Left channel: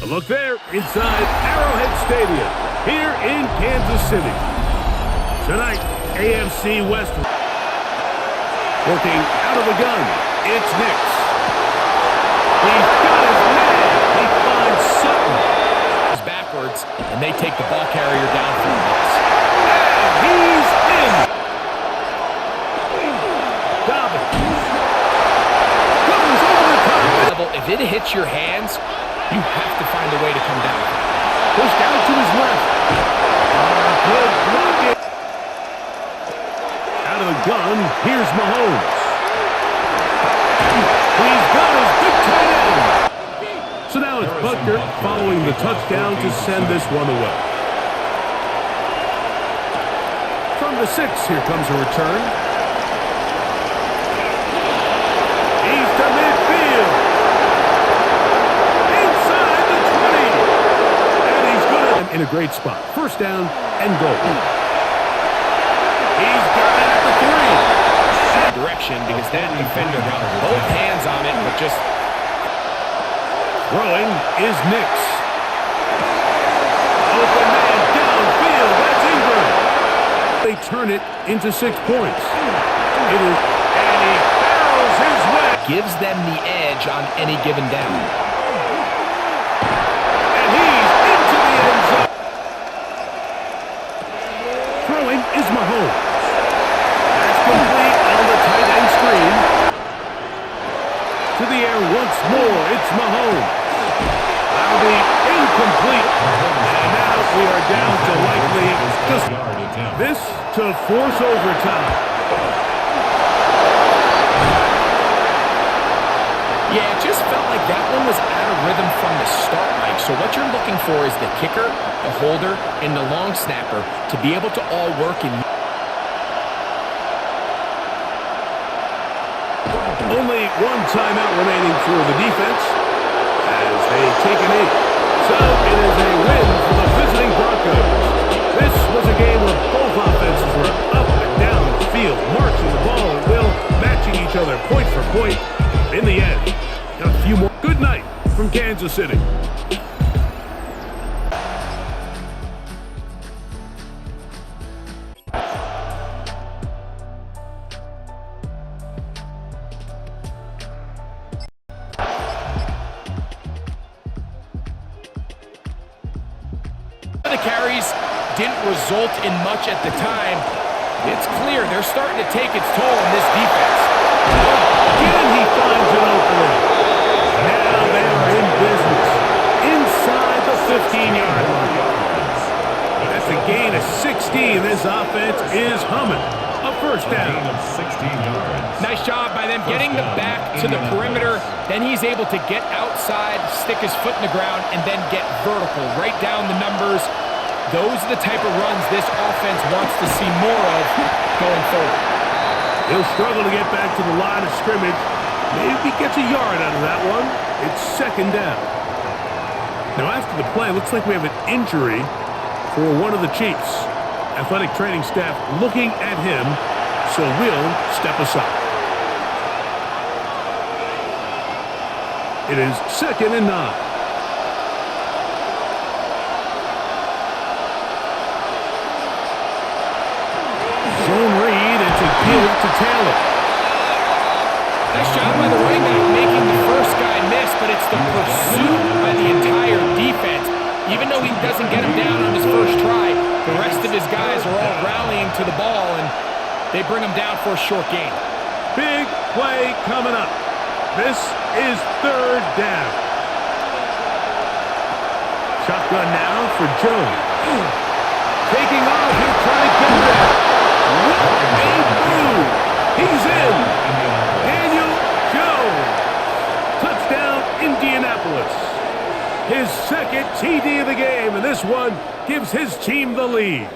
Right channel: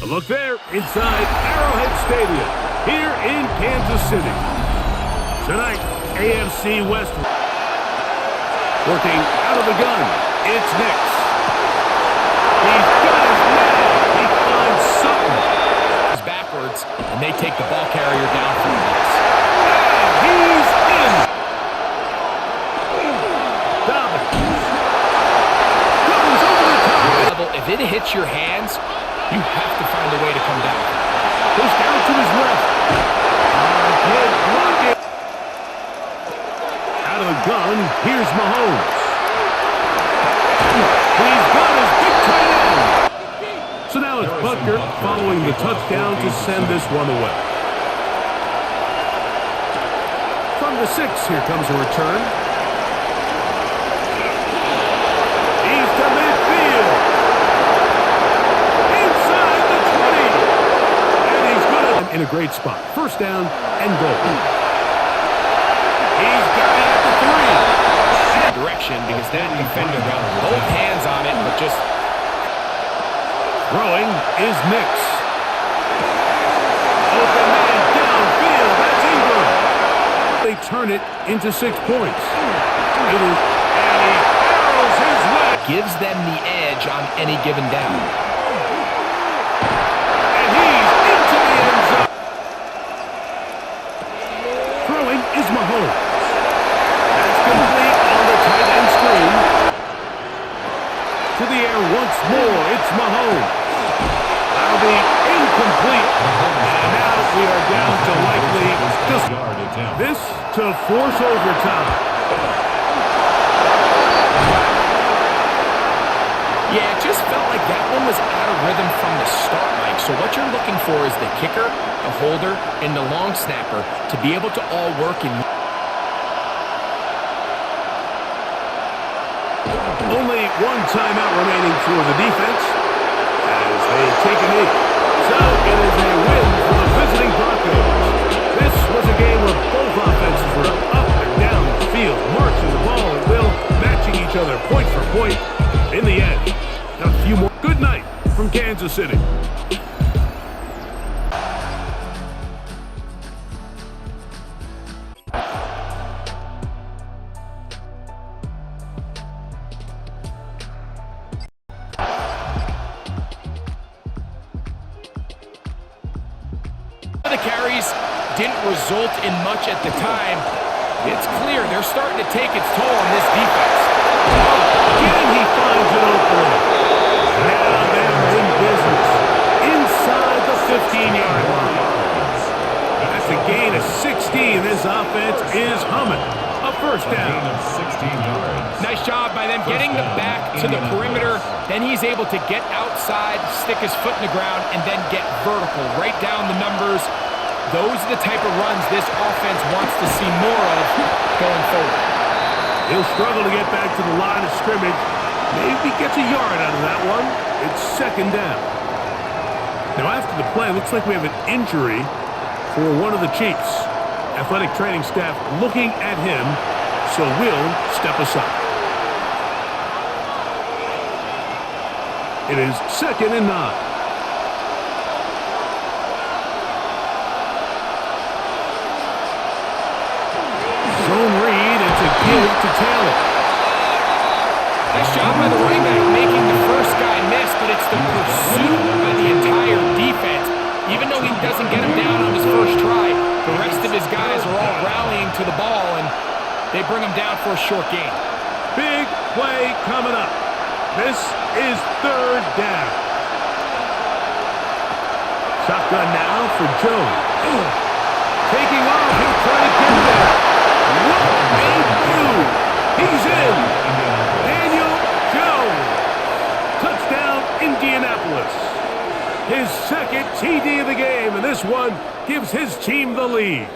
A look there inside Arrowhead Stadium here in Kansas City. Tonight, AFC West working out of the gun. It's Nix. He's got his man. He finds Sutton. He's backwards, and they take the ball carrier down for a loss. And he's in. Dobbins goes over the top. If it hits your hands, you have to find a way to come down. Pushed out to his left. Good blocking. Out of the gun, here's Mahomes. He's got his big tight end. So now it's Butker following the touchdown to send this one away. From the 6, here comes a return. He's to midfield. Inside the 20. And he's good in a great spot. First down and goal. He's got it at the 3. Direction because that defender got both hands on it, but just throwing is Nix. Open man downfield. That's Ingram. They turn it into 6 points. It is, and he barrels his way. Gives them the edge on any given down. And he's into the end zone. Throwing is Mahomes. That's complete on the tight end screen. To the air once more. It's Mahomes. That'll be incomplete. And now we are down to likely just this to force overtime. Yeah, it just felt like that one was out of rhythm from the start, Mike. So what you're looking for is the kicker, the holder, and the long snapper to be able to all work in. Only one timeout remaining for the defense as they take a knee. So it is a win for the visiting Broncos. This was a game where both offenses were up and down the field, marching the ball at will, matching each other point for point. In the end, got a few more. Good night from Kansas City. The carries didn't result in much at the time. It's clear they're starting to take its toll on this defense. Again, he finds an opening. Now they are in business inside the 15-yard line. That's a gain of 16. This offense is humming. A first down. Of 16 yards. Nice job by them getting the back to the perimeter. Then he's able to get outside, stick his foot in the ground, and then get vertical. Right down the numbers. Those are the type of runs this offense wants to see more of going forward. He'll struggle to get back to the line of scrimmage. Maybe gets a yard out of that one. It's second down. Now after the play, looks like we have an injury for one of the Chiefs. Athletic training staff looking at him, so we'll step aside. It is 2nd and 9. Zone read, it's a give to Taylor. Nice job by the running back making the first guy miss, but it's the pursuit by the entire defense. Even though he doesn't get him down on his first try, the rest of his guys are all rallying to the ball, and they bring him down for a short gain. Big play coming up. This is 3rd down. Shotgun now for Jones. Taking off, he'll try to get there. What a move! He's in. Daniel Jones. Touchdown, Indianapolis. His 2nd TD of the game, and this one gives his team the lead.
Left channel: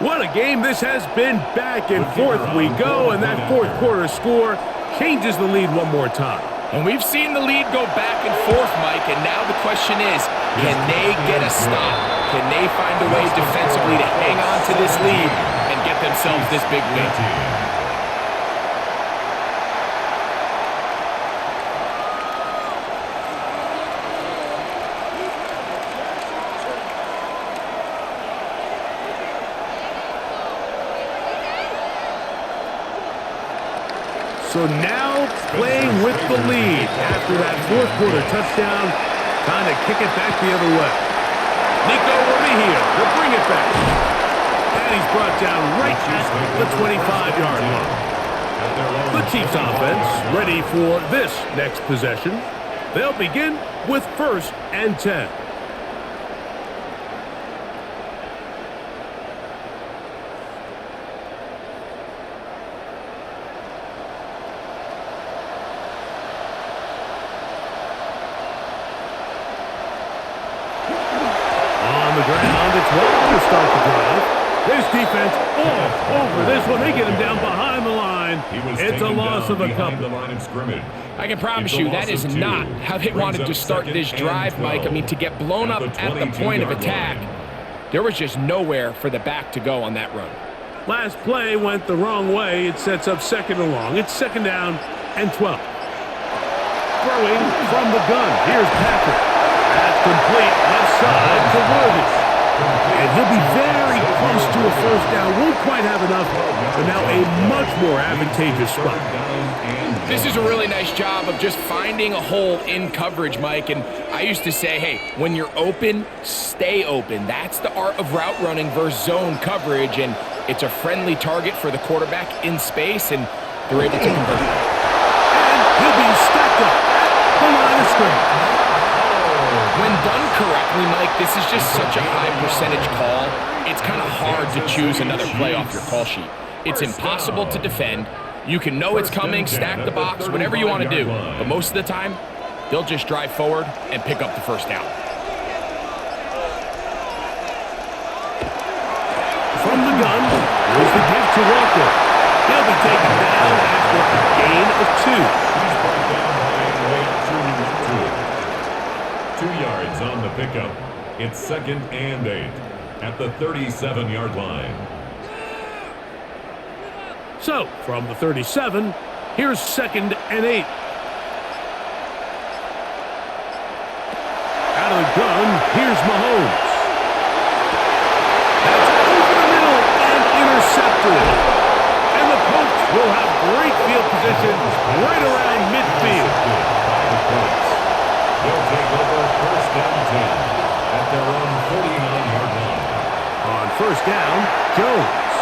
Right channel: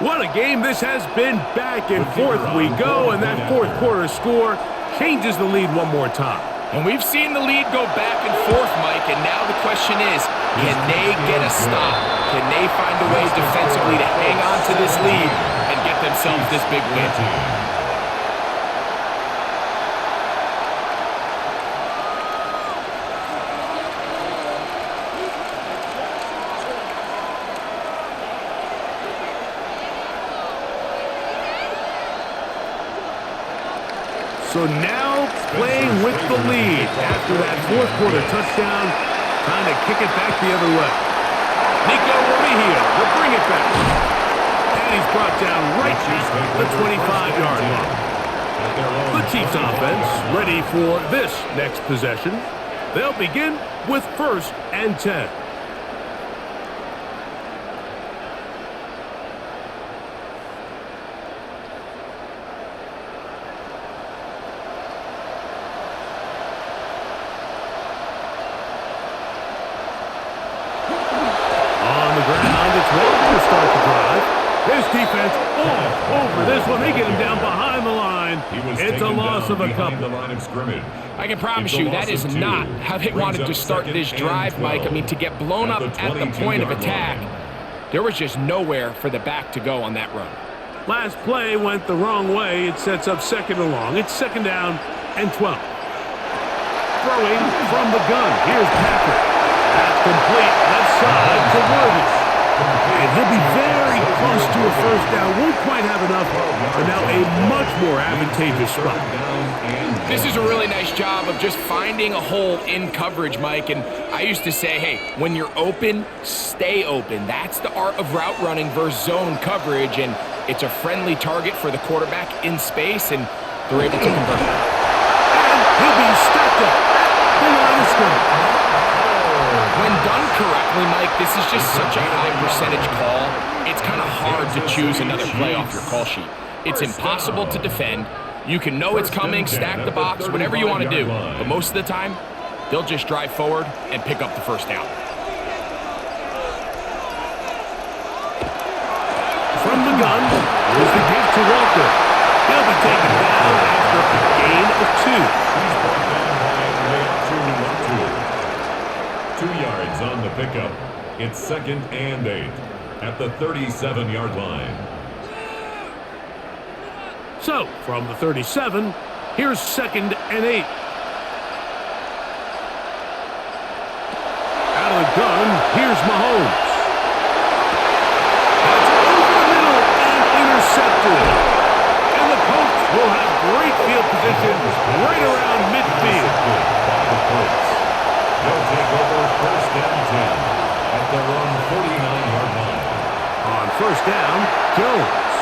What a game this has been. Back and forth we go, and that 4th quarter score changes the lead one more time. And we've seen the lead go back and forth, Mike, and now the question is, can they get a stop? Can they find a way defensively to hang on to this lead and get themselves this big win? So now playing with the lead after that fourth quarter touchdown, trying to kick it back the other way. Nico Remigio to bring it back. And he's brought down right at the 25-yard line. The Chiefs offense ready for this next possession. They'll begin with 1st and 10. On the ground, it's Walker to start the drive. This defense all over this one. They get him down behind the line. It's a loss of a couple. I can promise you that is not how they wanted to start this drive, Mike. I mean, to get blown up at the point of attack, there was just nowhere for the back to go on that run. Last play went the wrong way. It sets up 2nd and long. It's 2nd down and 12. Throwing from the gun. Here's Patrick. That's complete left side to Worthy. And he'll be very close to a 1st down. Won't quite have enough, but now a much more advantageous spot. This is a really nice job of just finding a hole in coverage, Mike. And I used to say, hey, when you're open, stay open. That's the art of route running versus zone coverage. And it's a friendly target for the quarterback in space, and they're able to convert. And he'll be stacked up at the line of scrimmage. When done correctly, Mike, this is just such a high percentage call. It's kind of hard to choose another play off your call sheet. It's impossible to defend. You can know it's coming, stack the box, whatever you want to do. But most of the time, they'll just drive forward and pick up the 1st down. From the gun, here's the give to Walker. He'll be taken down after a gain of 2. He's brought down by Leatu. 2 yards on the pickup. It's 2nd and 8 at the 37-yard line. So, from the 37, here's 2nd and 8. Out of the gun, here's Mahomes. That's over the middle and intercepted. And the Colts will have great field position right around midfield. By the Colts. They'll take over 1st and 10 at their own 49-yard line. On 1st down, Jones.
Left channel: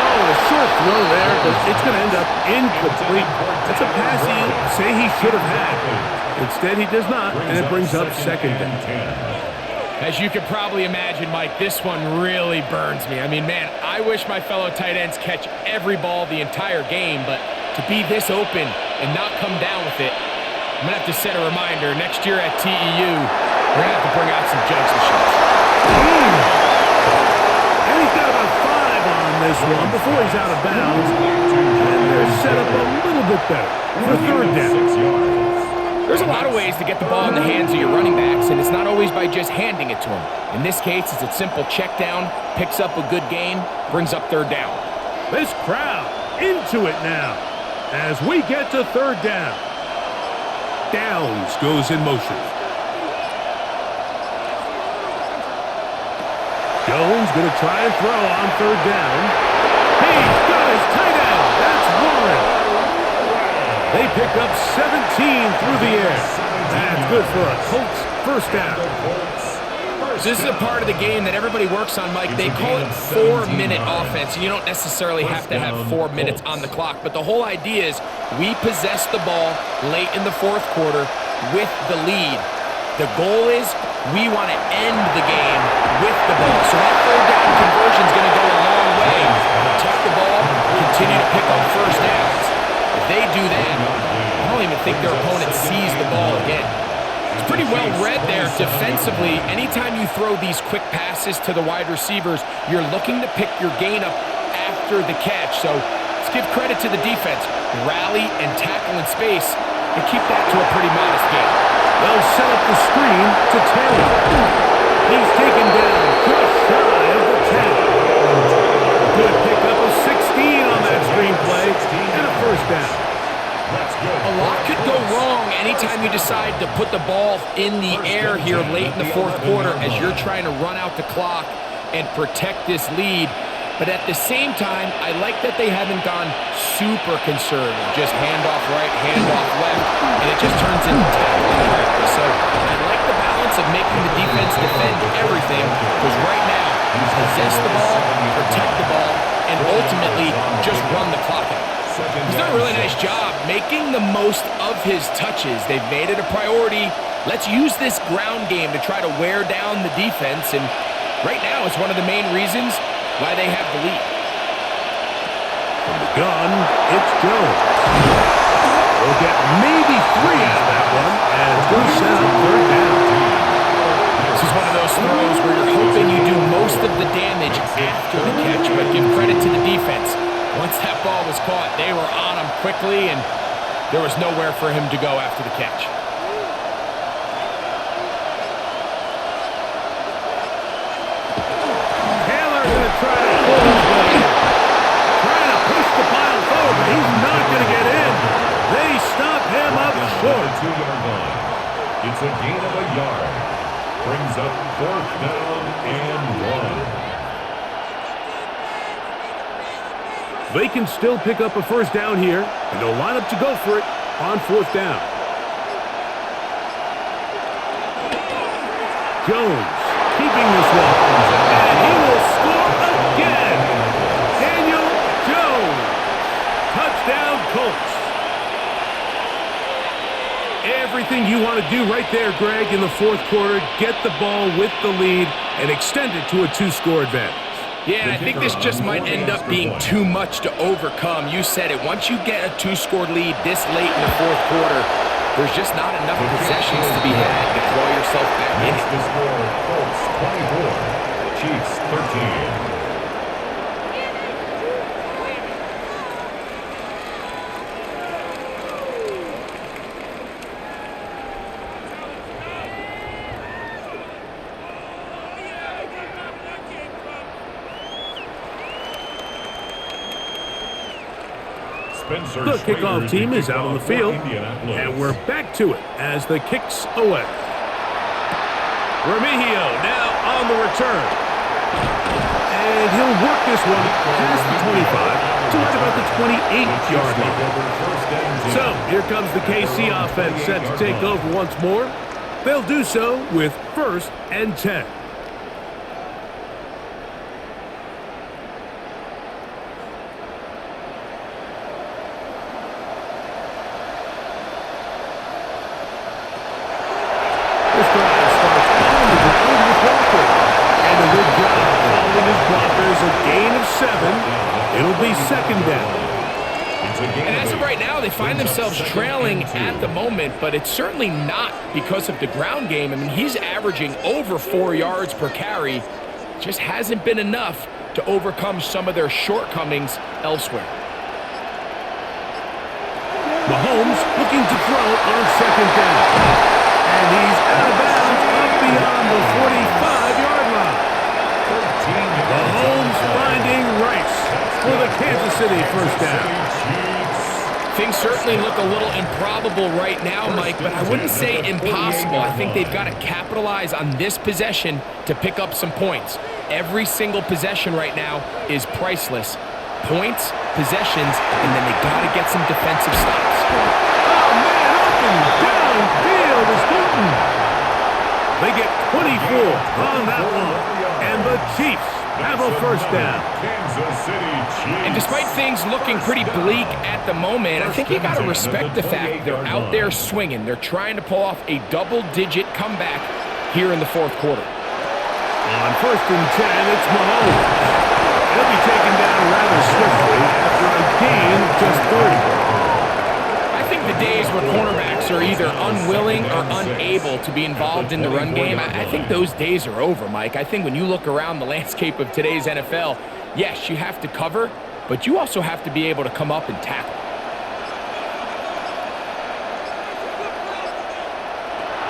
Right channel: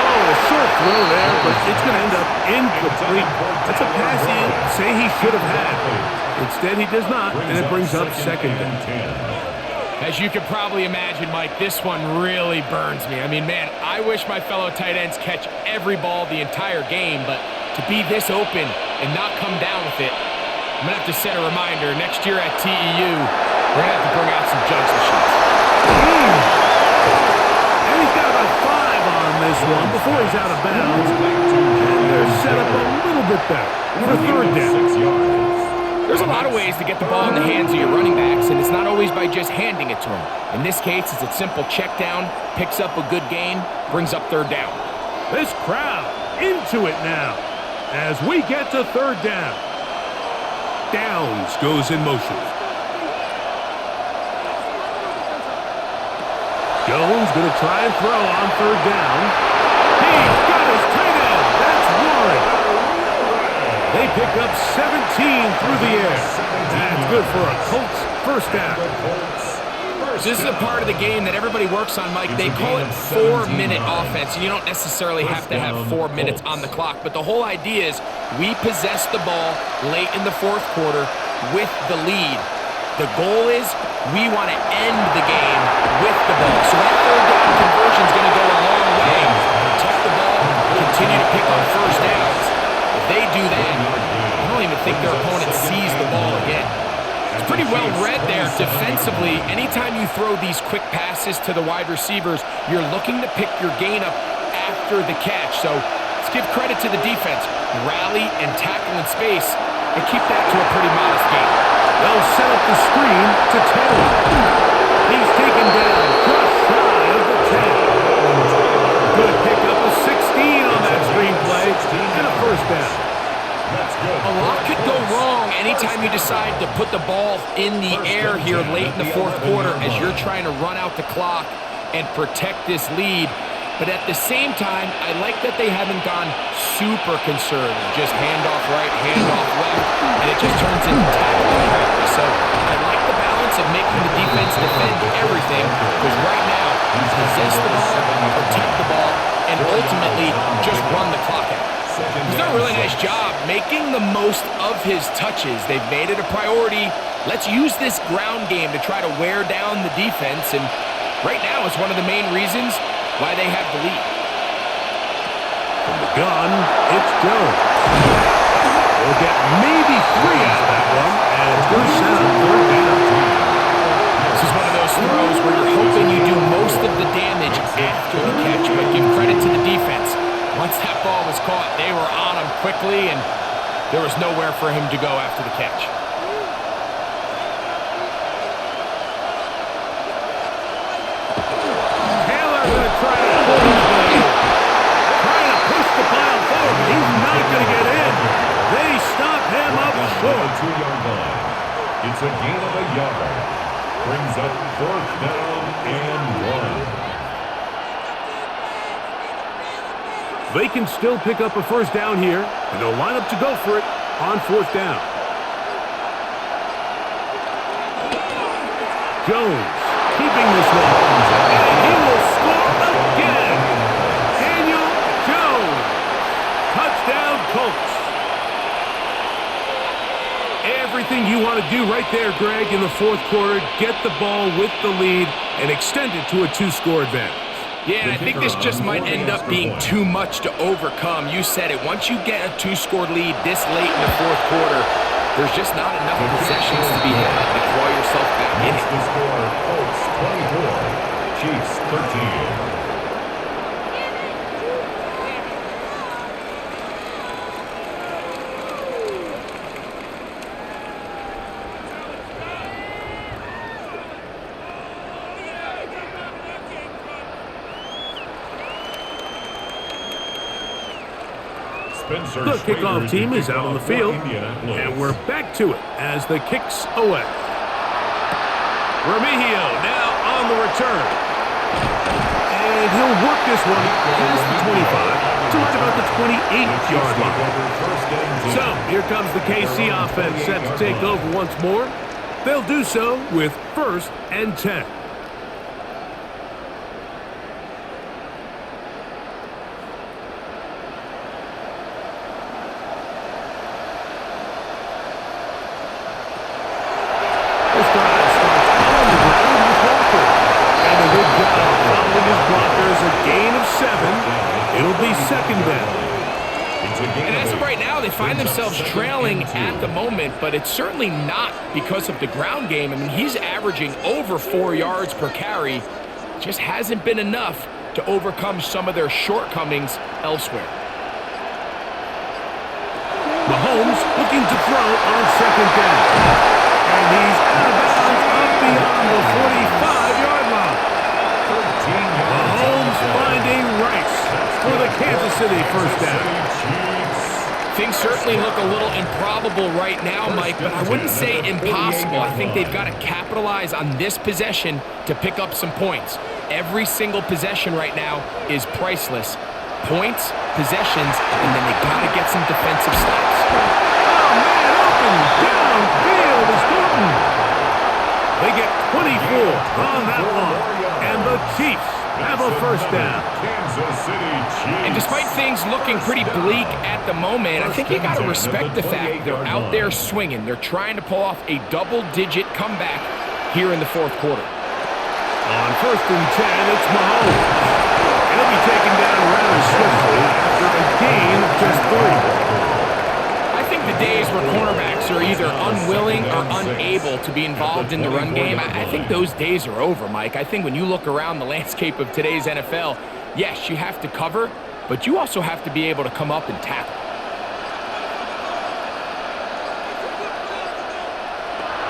Oh, a short throw there, but it's going to end up incomplete. That's a pass he'd say he should have had. Instead, he does not, and it brings up 2nd and 10. As you can probably imagine, Mike, this one really burns me. I mean, man, I wish my fellow tight ends catch every ball the entire game, but to be this open and not come down with it, I'm going to have to set a reminder. Next year at TEU, we're going to have to bring out some jugs machines. And he's got about 5 on this one before he's out of bounds. And they're set up a little bit better for 3rd down. 6 yards. There's a lot of ways to get the ball in the hands of your running backs, and it's not always by just handing it to them. In this case, it's a simple check down, picks up a good gain, brings up 3rd down. This crowd into it now as we get to 3rd down. Downs goes in motion. Jones going to try and throw on 3rd down. He's got his tight end. That's Warren. They pick up 17 through the air. That's good for a Colts 1st down. This is a part of the game that everybody works on, Mike. They call it 4-minute offense, and you don't necessarily have to have 4 minutes on the clock. But the whole idea is we possess the ball late in the 4th quarter with the lead. The goal is we want to end the game with the ball. So that 3rd down conversion is going to go a long way. Protect the ball, continue to pick up 1st downs. If they do that, I don't even think their opponent sees the ball again. It's pretty well read there defensively. Anytime you throw these quick passes to the wide receivers, you're looking to pick your gain up after the catch. So let's give credit to the defense. Rally and tackle in space and keep that to a pretty modest gain. They'll set up the screen to Taylor. He's taken down just shy of the 10. Good pickup of 16 on that screen play and a 1st down. That's good. A lot could go wrong anytime you decide to put the ball in the air here late in the 4th quarter as you're trying to run out the clock and protect this lead. But at the same time, I like that they haven't gone super conservative. Just handoff right, handoff left, and it just turns into tackling practice. So I like the balance of making the defense defend everything, because right now, possess the ball, protect the ball, and ultimately just run the clock out. He's done a really nice job making the most of his touches. They've made it a priority. Let's use this ground game to try to wear down the defense, and right now it's one of the main reasons why they have the lead. From the gun, it's Jones. They'll get maybe 3 out of that one, and it's going to set up 3rd down. This is one of those throws where you're hoping you do most of the damage after the catch, but give credit to the defense. Once that ball was caught, they were on him quickly, and there was nowhere for him to go after the catch. Going to try to pull his way in. Trying to push the pile forward, but he's not going to get in. They stop him up short. 2-yard line. It's a gain of a yard. Brings up 4th down and 1. They can still pick up a 1st down here, and they'll line up to go for it on 4th down. Jones keeping this one, and he will score again. Daniel Jones, touchdown Colts. Everything you want to do right there, Greg, in the 4th quarter, get the ball with the lead and extend it to a 2-score advantage. Yeah, and I think this just might end up being too much to overcome. You said it. Once you get a 2-score lead this late in the 4th quarter, there's just not enough possessions to be had to claw yourself back in it. The score, Colts 24, Chiefs 13. The kickoff team is out on the field, and we're back to it as the kick's away. Remigio now on the return. And he'll work this one past the 25 to right about the 28-yard line. So here comes the KC offense set to take over once more. They'll do so with 1st and 10. This drive starts on the ground with Walker. And a good job following his blockers, a gain of 7. It'll be 2nd down. And as of right now, they find themselves trailing at the moment, but it's certainly not because of the ground game. I mean, he's averaging over 4 yards per carry. Just hasn't been enough to overcome some of their shortcomings elsewhere. Mahomes looking to throw on 2nd down. And he's out of bounds up beyond the 45-yard line. 13 yards. Mahomes finding Rice for the Kansas City 1st down. Things certainly look a little improbable right now, Mike, but I wouldn't say impossible. I think they've got to capitalize on this possession to pick up some points. Every single possession right now is priceless. Points, possessions, and then they got to get some defensive stops. Oh, man, open downfield is Thornton. They get 24 on that one, and the Chiefs have a 1st down. Kansas City Chiefs. And despite things looking pretty bleak at the moment, I think you got to respect the fact they're out there swinging. They're trying to pull off a double-digit comeback here in the 4th quarter. On 1st and 10, it's Mahomes. He'll be taken down rather swiftly after a gain of just 3. I think the days where cornerbacks are either unwilling or unable to be involved in the run game, I think those days are over, Mike. I think when you look around the landscape of today's NFL, yes, you have to cover, but you also have to be able to come up and tackle.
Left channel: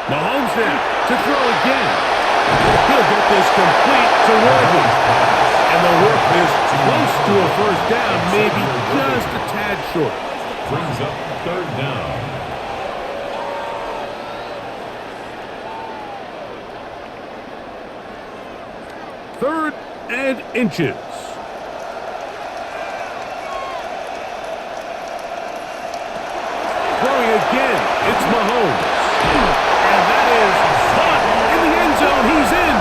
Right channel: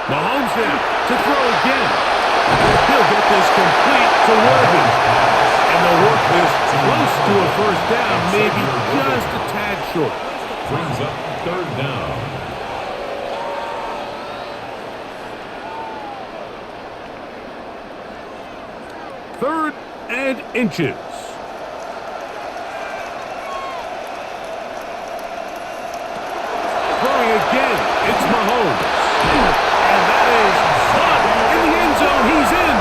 Mahomes now to throw again. He'll get this complete to Worthy. And they'll work this close to a 1st down, maybe just a tad short. Brings up 3rd down. Third and inches. throwing again. It's Mahomes. And that is caught in the end zone. He's in.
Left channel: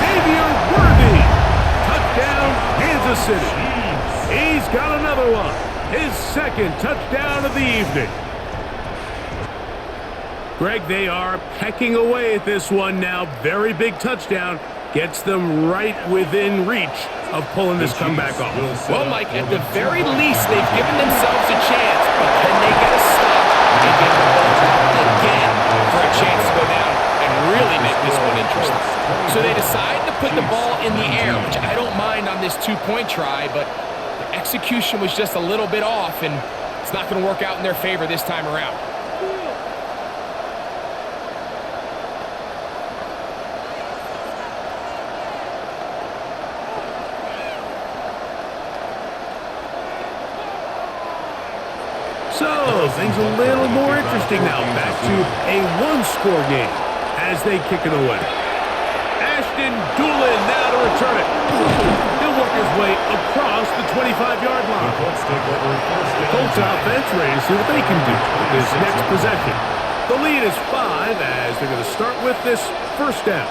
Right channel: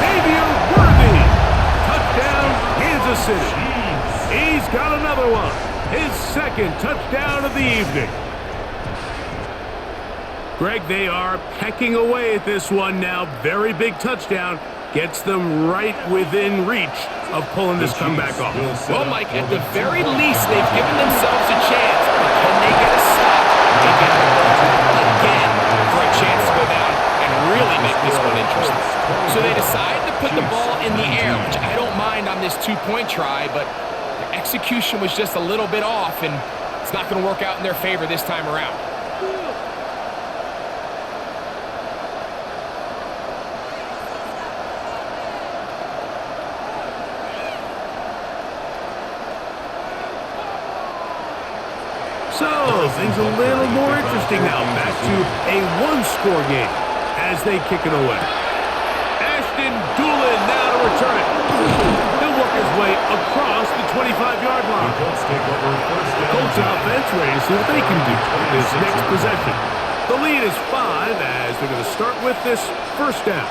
Xavier Worthy. Touchdown, Kansas City. He's got another one. His second touchdown of the evening. Greg, they are pecking away at this one now. Very big touchdown. Gets them right within reach of pulling this comeback off. Well, Mike, at the very least, they've given themselves a chance, but can they get a stop and get the ball back again for a chance to go down and really make this one interesting? So they decide to put the ball in the air, which I don't mind on this two-point try, but their execution was just a little bit off, and it's not going to work out in their favor this time around. So, things a little more interesting now. Back to a one-score game as they kick it away. Ashton Doolin now to return it. He'll work his way across the 25-yard line. Colts offense ready to see what they can do with this next possession. The lead is 5 as they're going to start with this first down.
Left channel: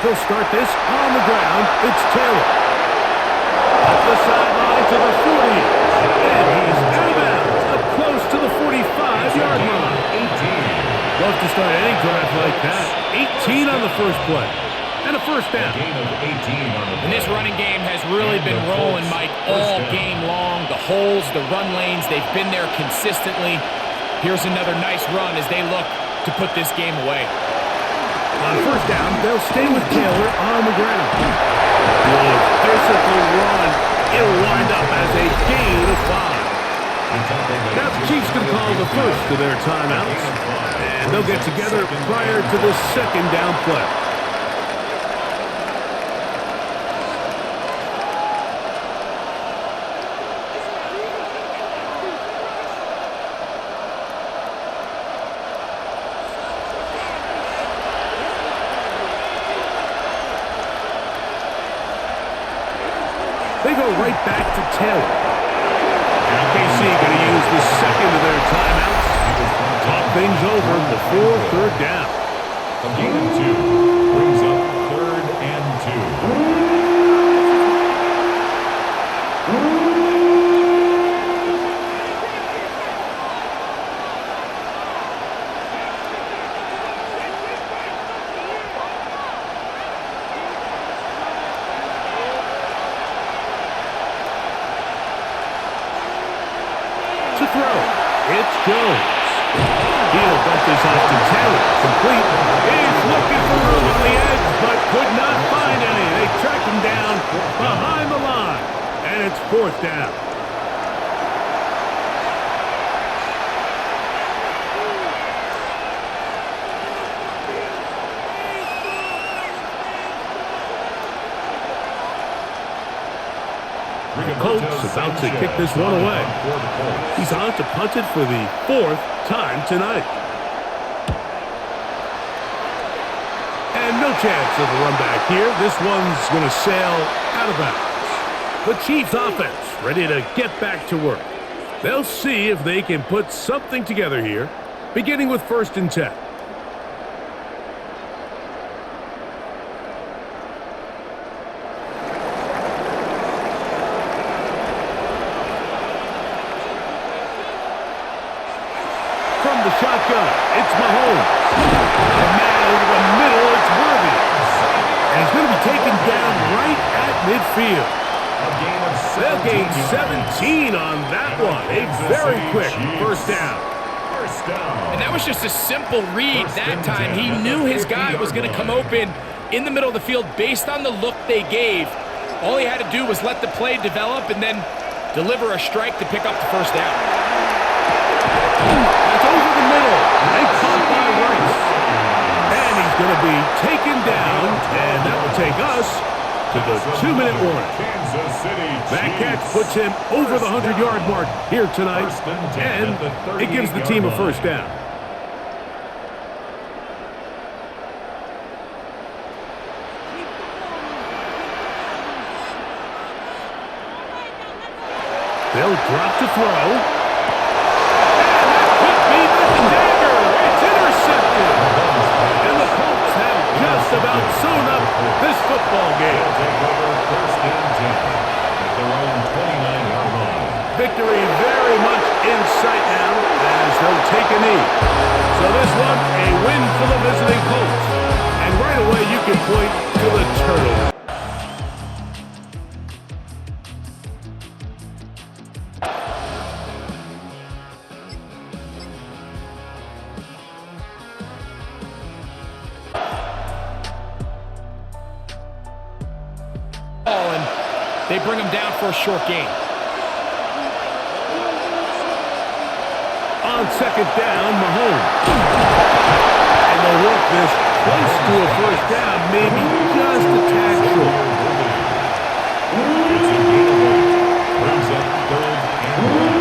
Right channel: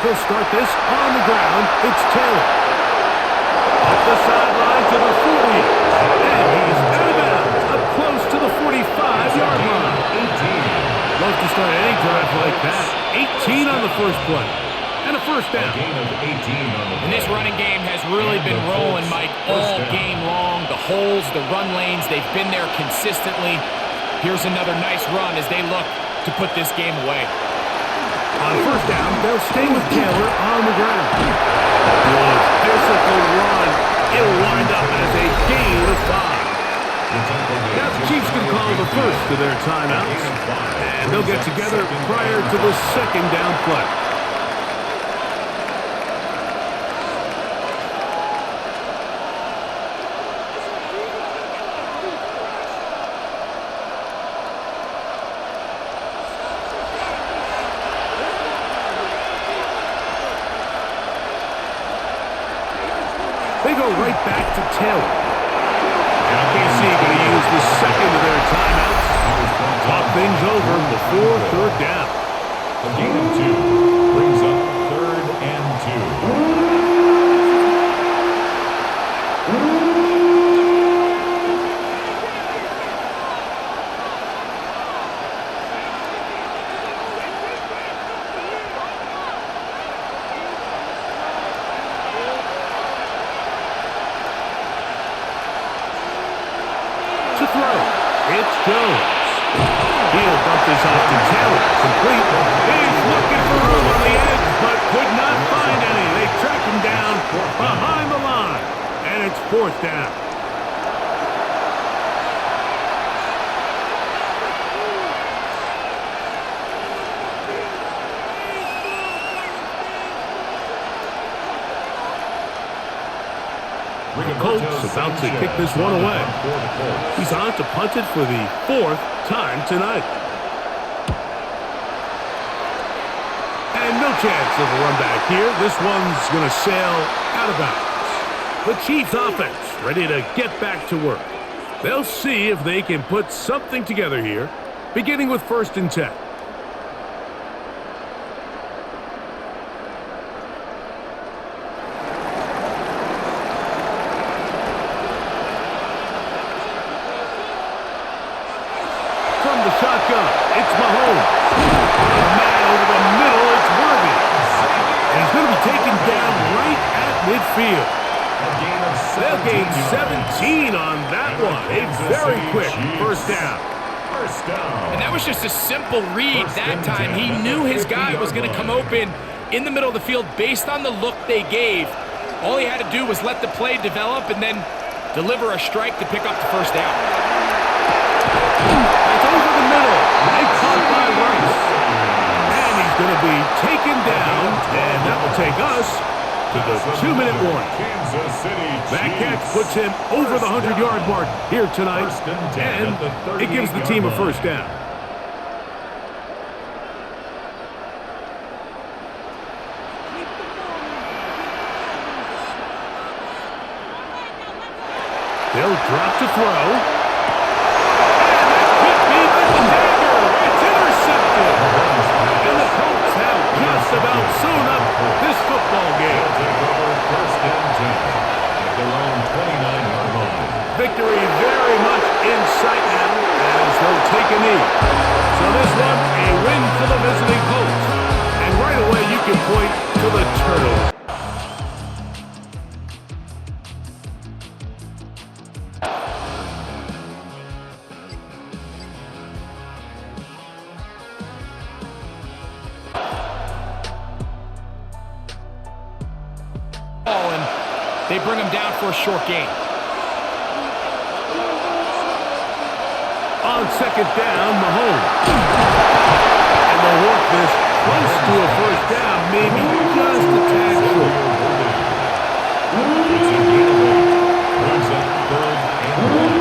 They'll start this on the ground. It's Taylor. Up the sideline to the 40. And he's out of bounds. Up close to the 45-yard line. 18. Love to start any drive like that. 18 on the first play. And a first down. And this running game has really been rolling, Mike, all game long. The holes, the run lanes, they've been there consistently. Here's another nice run as they look to put this game away. On first down, they'll stay with Taylor on the ground. Good physical run. It'll wind up as a gain of 5. Now the Chiefs can call the first of their timeouts, and they'll get together prior to the second down play. They go right back to Taylor. Now KC going to use the second of their timeouts. Talk things over before third down. A gain of 2 brings up 3rd and 2. To throw, it's Jones. He'll dump this off to Taylor. Complete. He's looking for room on the edge, but could not find any. They track him down behind the line, and it's fourth down. The Colts about to kick this one away. He's on to punt it for the 4th time tonight. And no chance of a run back here. This one's going to sail out of bounds. The Chiefs offense ready to get back to work. They'll see if they can put something together here, beginning with 1st and 10. From the shotgun, it's Mahomes. Not a man over the middle, it's Worthy. And he's going to be taken down right at midfield. They'll gain 17 on that one. A very quick first down. And that was just a simple read that time. He knew his guy was going to come open in the middle of the field based on the look they gave. All he had to do was let the play develop and then deliver a strike to pick up the first down. That's over the middle and caught by Rice. And he's going to be taken down, and that will take us to the 2-minute warning. That catch puts him over the 100-yard mark here tonight, and it gives the team a first down. They'll drop to throw. And that could be the dagger. It's intercepted. And the Colts have just about sewn up this football game. They'll take over first and 10 at their own 29-yard line. Victory very much in sight now as they'll take a knee. So this one, a win for the visiting Colts. And right away you can point to the turtle. And they bring him down for a short gain. On second down, Mahomes. And they'll work this close to a first down, maybe just a tad short. It's a gain of 8. Brings up 3rd and 1.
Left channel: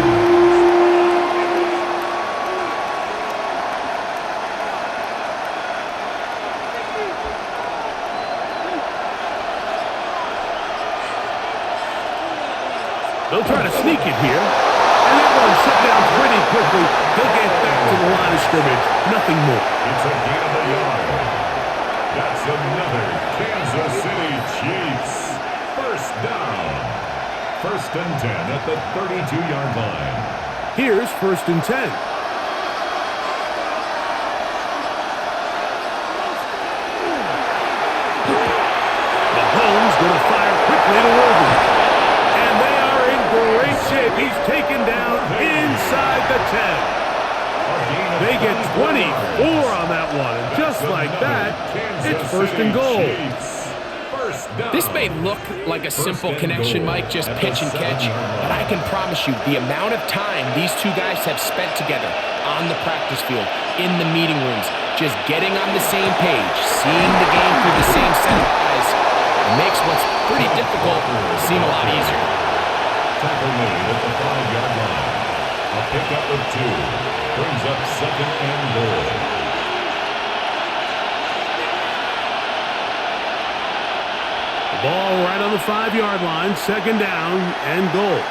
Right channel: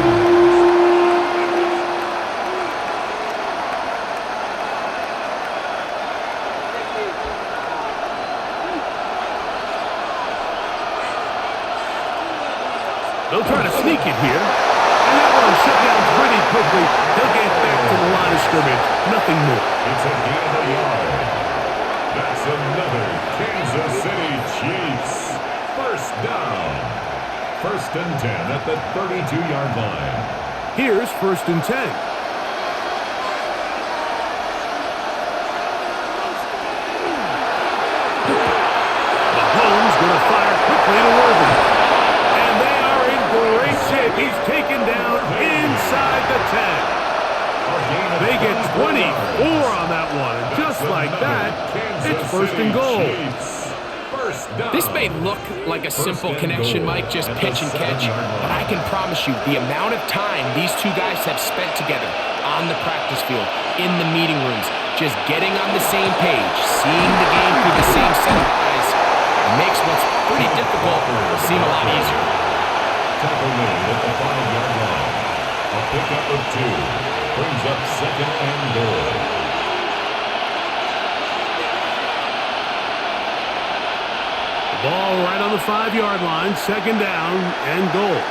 They'll try to sneak it here. And that one shut down pretty quickly. He'll get back to the line of scrimmage. Nothing more. It's a gain of a yard. That's another Kansas City Chiefs first down. 1st and 10 at the 32-yard line. Here's 1st and 10. Mahomes going to fire quickly to Worthy. And they are in great shape. He's taken down inside the 10. They get 24 on that one. And just like that, it's 1st and goal. This may look like a simple connection, Mike, just pitch and catch, but I can promise you the amount of time these two guys have spent together on the practice field, in the meeting rooms, just getting on the same page, seeing the game through the same set of eyes, makes what's pretty difficult seem a lot easier. Tackle made at the 5-yard line. A pickup of 2. Brings up 2nd and goal. The ball right on the 5-yard line. 2nd down and goal.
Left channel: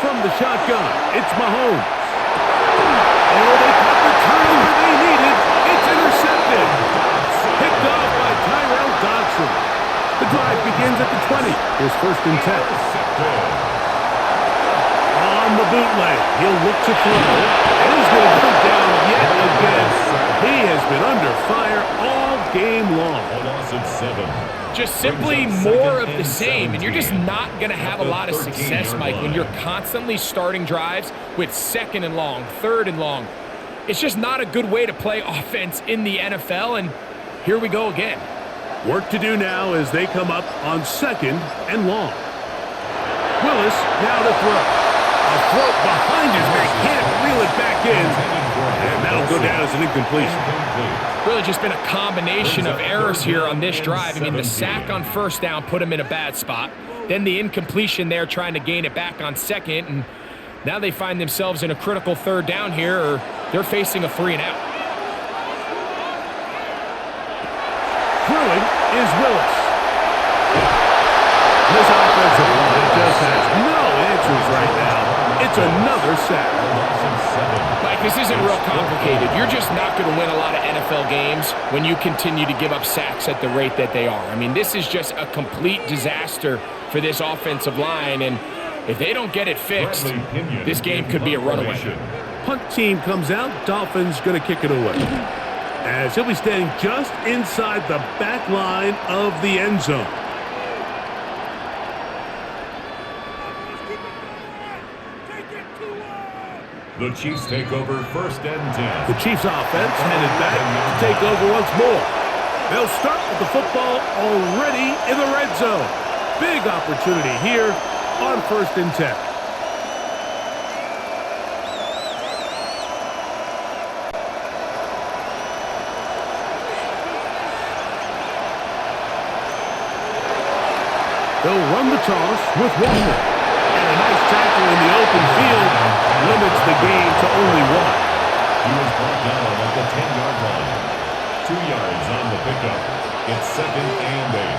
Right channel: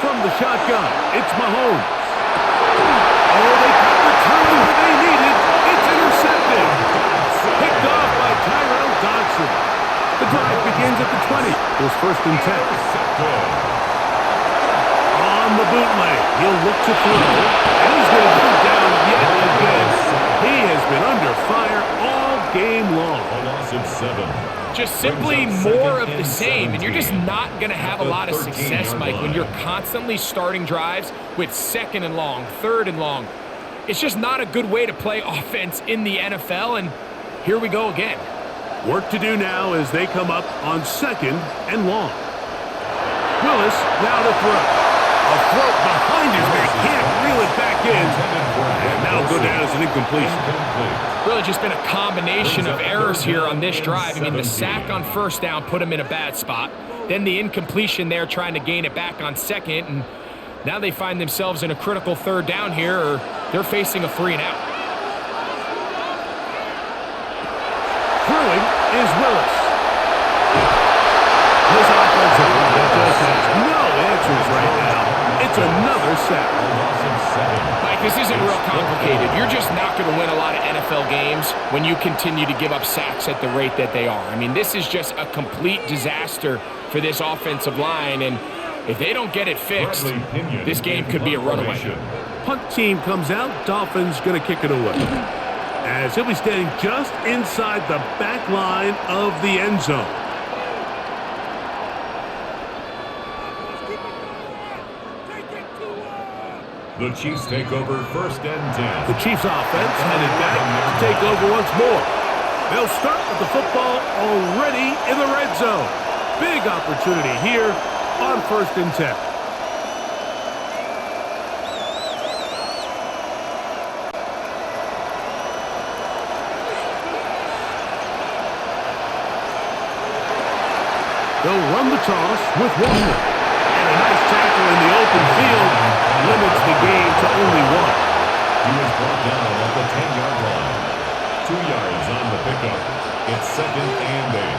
From the shotgun, it's Mahomes. Oh, they got the turnover they needed. It's intercepted. Picked off by Tyrell Dodson. The drive begins at the 20. Here's 1st and 10. On the bootleg, he'll look to throw, and he's going to go down yet again. He has been under fire all game long. A loss of 7. Just simply more of the same, and you're just not going to have a lot of success, Mike, when you're constantly starting drives with 2nd and long, 3rd and long. It's just not a good way to play offense in the NFL, and here we go again. Work to do now as they come up on 2nd and long. Willis now to throw. A throw behind his man, can't reel it back in. And that'll go down as an incompletion. Really just been a combination of errors here on this drive. I mean, the sack on 1st down put him in a bad spot. Then the incompletion there trying to gain it back on 2nd. And now they find themselves in a critical 3rd down here, or they're facing a 3 and out. Throwing is Willis. This offensive line just has no answers right now. It's another sack. Mike, this isn't real complicated. You're just not going to win a lot of NFL games when you continue to give up sacks at the rate that they are. I mean, this is just a complete disaster for this offensive line, and if they don't get it fixed, this game could be a runaway. Punt team comes out. Dolphins going to kick it away, as he'll be standing just inside the back line of the end zone. The Chiefs take over 1st and 10. The Chiefs offense headed back to take over once more. They'll start with the football already in the red zone. Big opportunity here on 1st and 10. They'll run the toss with Walker. And a nice tackle in the open field limits the game to only 1. He was brought down at the 10-yard line. 2 yards on the pickup. It's 2nd and 8.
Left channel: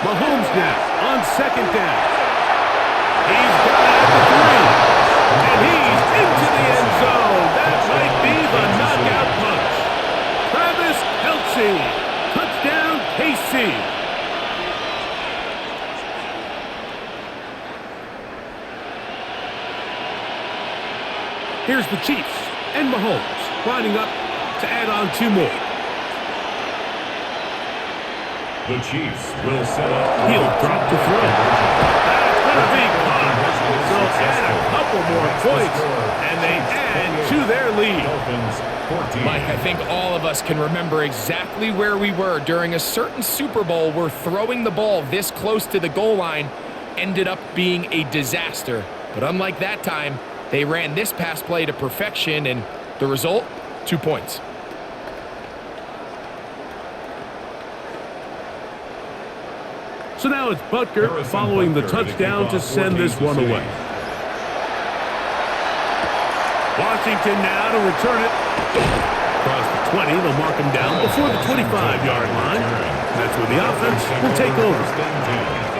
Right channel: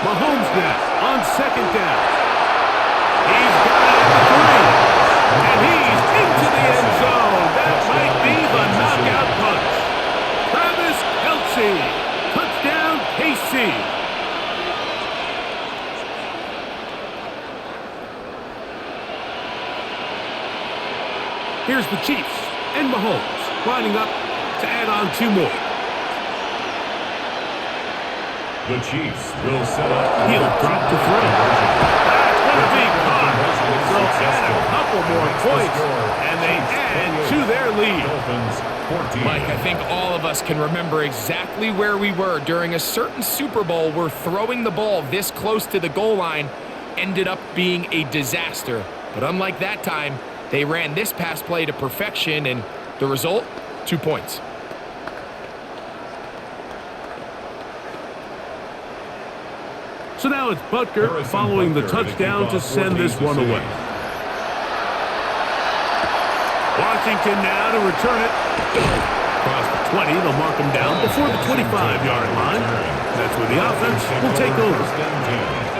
Mahomes now on second down. He's got it at the 3. And he's into the end zone. That might be the knockout punch. Travis Kelce. Touchdown, KC. Here's the Chiefs and Mahomes lining up to add on 2 more. The Chiefs will set up. He'll drop to throw. That's going to be caught. So add a couple more points, and they add to their lead. Dolphins 14. Mike, I think all of us can remember exactly where we were during a certain Super Bowl where throwing the ball this close to the goal line ended up being a disaster. But unlike that time, they ran this pass play to perfection, and the result, 2 points. So now it's Butker following the touchdown to send this one away. Washington now to return it. Across the 20, they'll mark him down before the 25-yard line. That's where the offense will take over.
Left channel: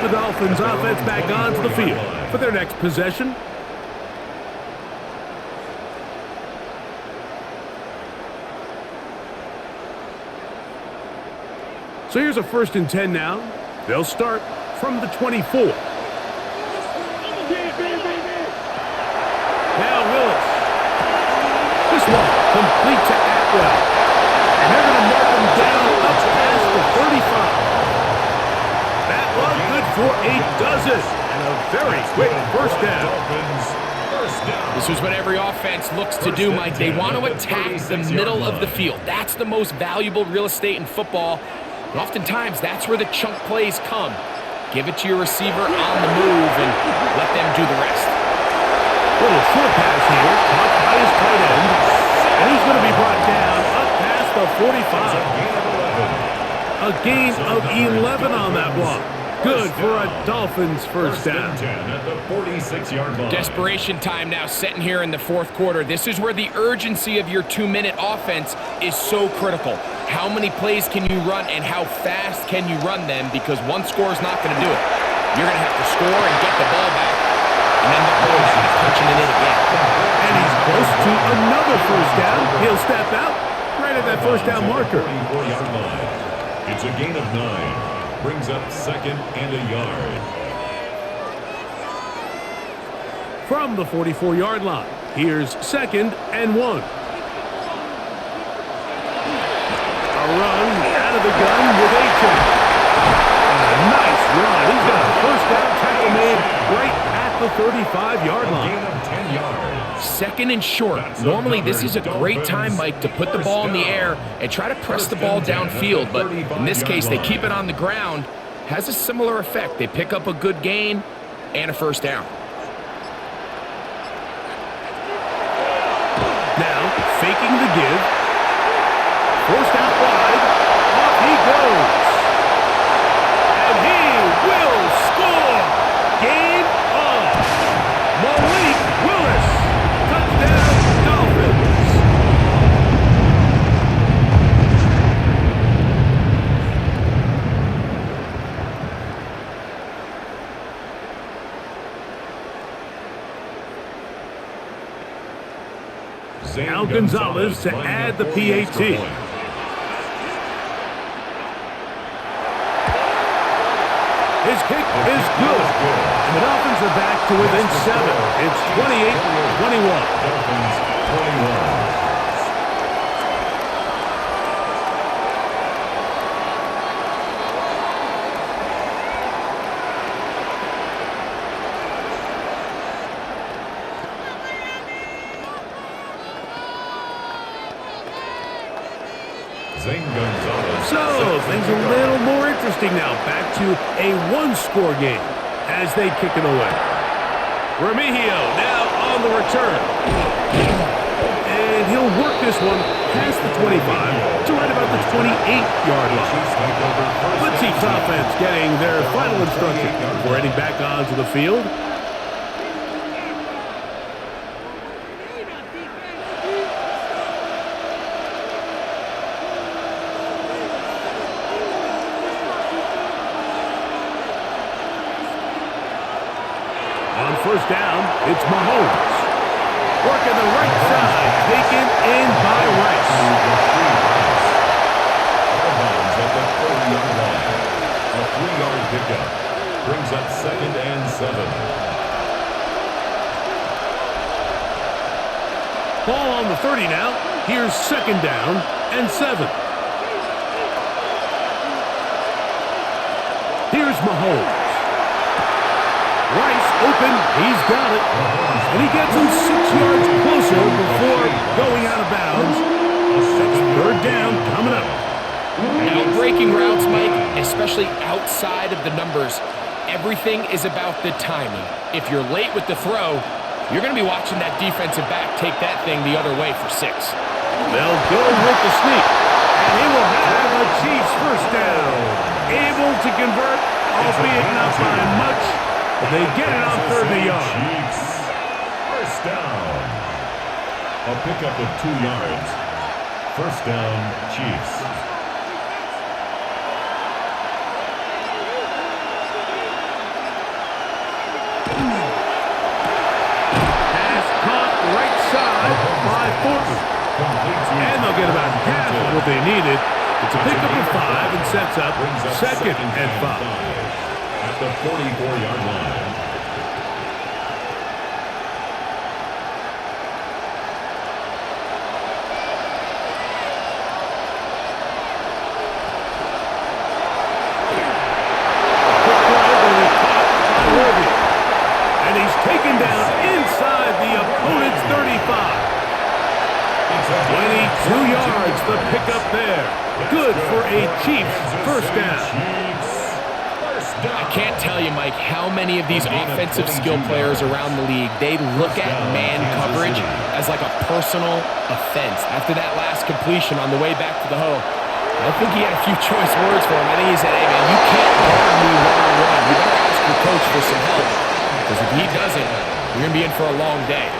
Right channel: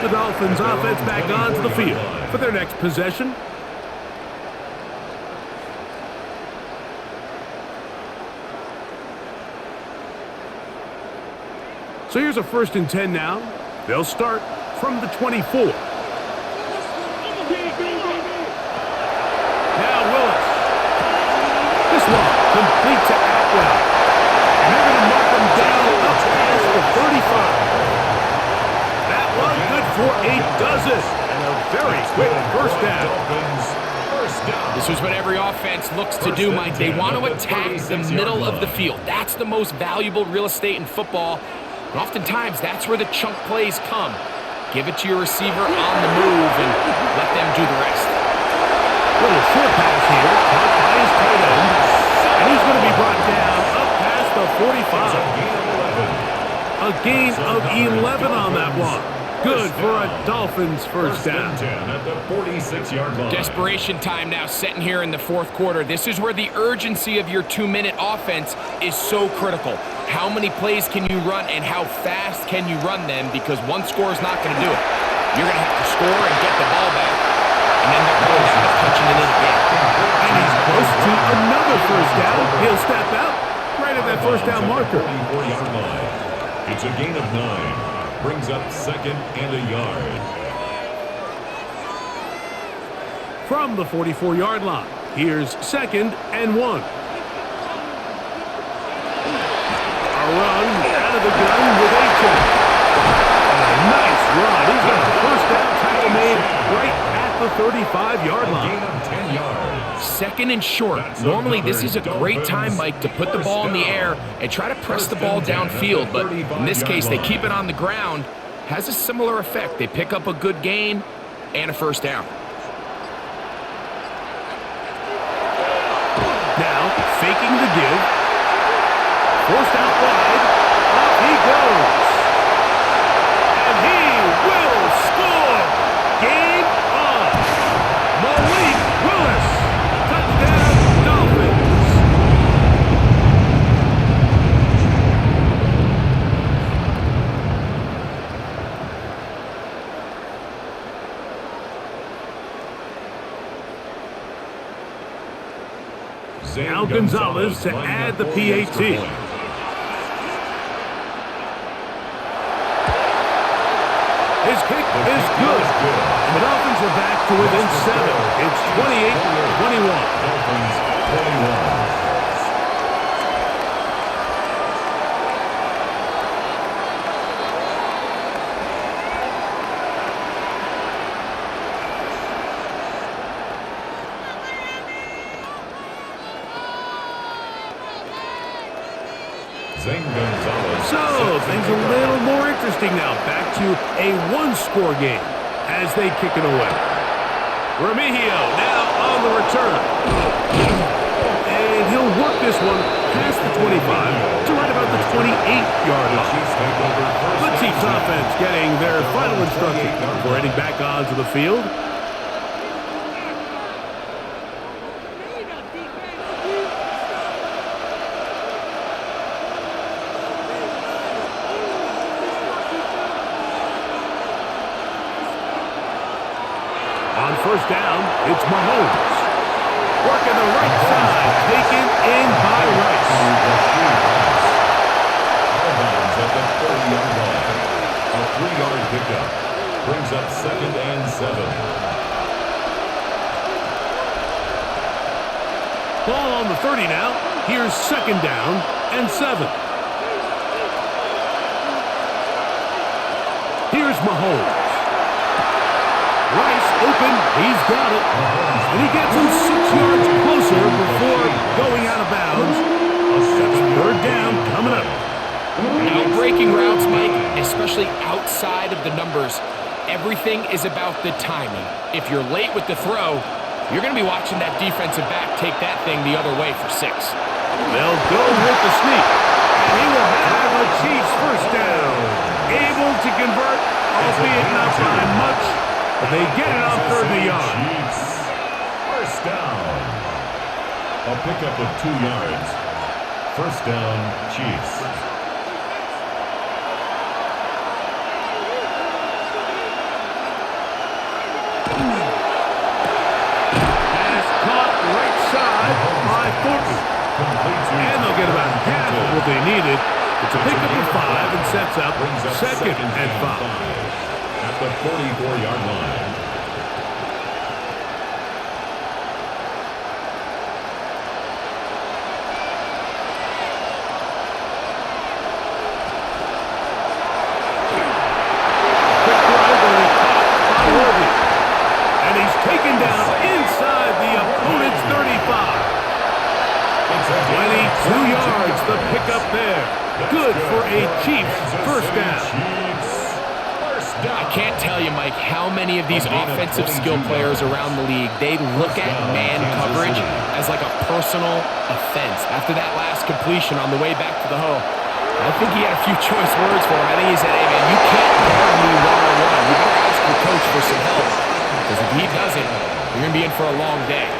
The Dolphins offense back onto the field for their next possession. So here's a 1st and 10 now. They'll start from the 24. Now Willis. This one complete to Atwell. And they're going to mark him down up past the 35. That one good for a dozen. And a very quick first down. This is what every offense looks to do, Mike. They want to attack the middle of the field. That's the most valuable real estate in football. And oftentimes, that's where the chunk plays come. Give it to your receiver on the move and let them do the rest. Little short pass here, caught by his tight end. And he's going to be brought down up past the 45. A gain of 11 on that one. Good for a Dolphins first down. 10 at the 46-yard line. Desperation time now setting here in the 4th quarter. This is where the urgency of your 2-minute offense is so critical. How many plays can you run and how fast can you run them? Because one score is not going to do it. You're going to have to score and get the ball back and end up going down and punching it in again. And he's close to another first down. He'll step out right at that first down marker. 44-yard line. It's a gain of 9. Brings up 2nd and a yard. From the 44-yard line, here's 2nd and 1. A run out of the gun with Achane. And a nice run. He's got a first down tackle made right at the 35-yard line. A gain of 10 yards. 2nd and short. Normally, this is a great time, Mike, to put the ball in the air and try to press the ball downfield. But in this case, they keep it on the ground. Has a similar effect. They pick up a good gain and a first down. Now, faking the give. Forced out wide. Off he goes. And he will score. Game on. Malik Willis. Touchdown, Dolphins. Now Gonzalez to add the PAT. His kick is good. And the Dolphins are back to within 7. It's 28-21. Dolphins 21. So, things a little more interesting now. Back to a one-score game as they kick it away. Remigio now on the return. And he'll work this one past the 25 to right about the 28-yard line. The Chiefs offense getting their final instruction before heading back onto the field. On first down, it's Mahomes. Working the right side, taken in by Rice. Out of bounds at the 30-yard line. A 3-yard pickup brings up 2nd and 7. Ball on the 30 now. Here's 2nd down and 7. Here's Mahomes. Rice open. He's got it. And he gets him 6 yards closer before going out of bounds. That's 3rd down coming up. Now, breaking routes, Mike, especially outside of the numbers, everything is about the timing. If you're late with the throw, you're going to be watching that defensive back take that thing the other way for 6. They'll go with the sneak. And he will have a Chiefs first down. Able to convert, albeit not by much, but they get it on 3rd and yard. Chiefs. First down. A pickup of 2 yards. First down, Chiefs. Pass caught right side by Thornton. And they'll get about half of what they needed. It's a pickup of 5 and sets up 2nd and 5. At the 44-yard line. Quick throw going to be caught by Worthy. And he's taken down inside the opponent's 35. 22 yards, the pickup there. Good for a Chiefs first down. I can't tell you, Mike, how many of these offensive skill players around the league, they look at man coverage as like a personal offense. After that last completion on the way back to the huddle, I think he had a few choice words for him. I think he said, hey, man, you can't guard me one-on-one. You better ask your coach for some help, because if he doesn't, you're going to be in for a long day.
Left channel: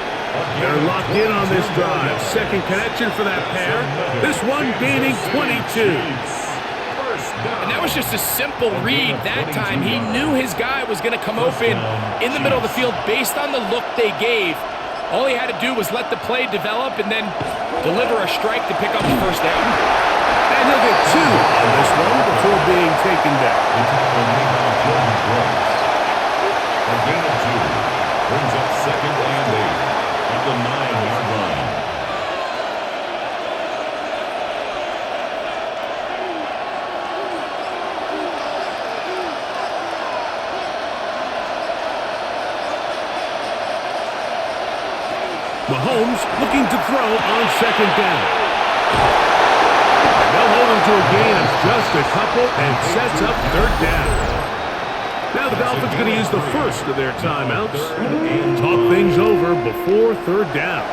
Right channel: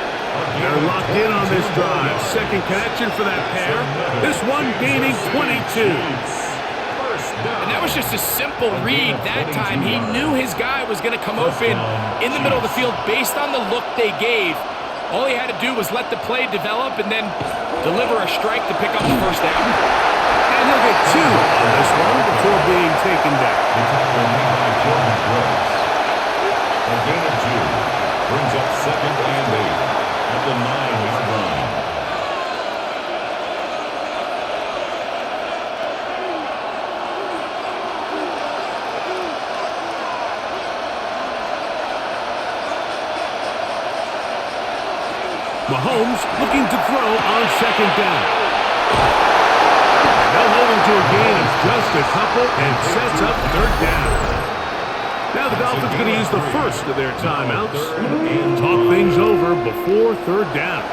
They're locked in on this drive. Second connection for that pair. This one gaining 22. And that was just a simple read that time. He knew his guy was going to come open in the middle of the field based on the look they gave. All he had to do was let the play develop and then deliver a strike to pick up the first down. And he'll get 2 on this one before being taken down. The tackle made by Jordan Brooks. A gain of 2 brings up 2nd and 8 at the 9-yard line. Mahomes looking to throw on 2nd down. And they'll hold him to a gain of just a couple and sets up 3rd down. Now the Dolphins going to use the first of their timeouts and talk things over before 3rd down.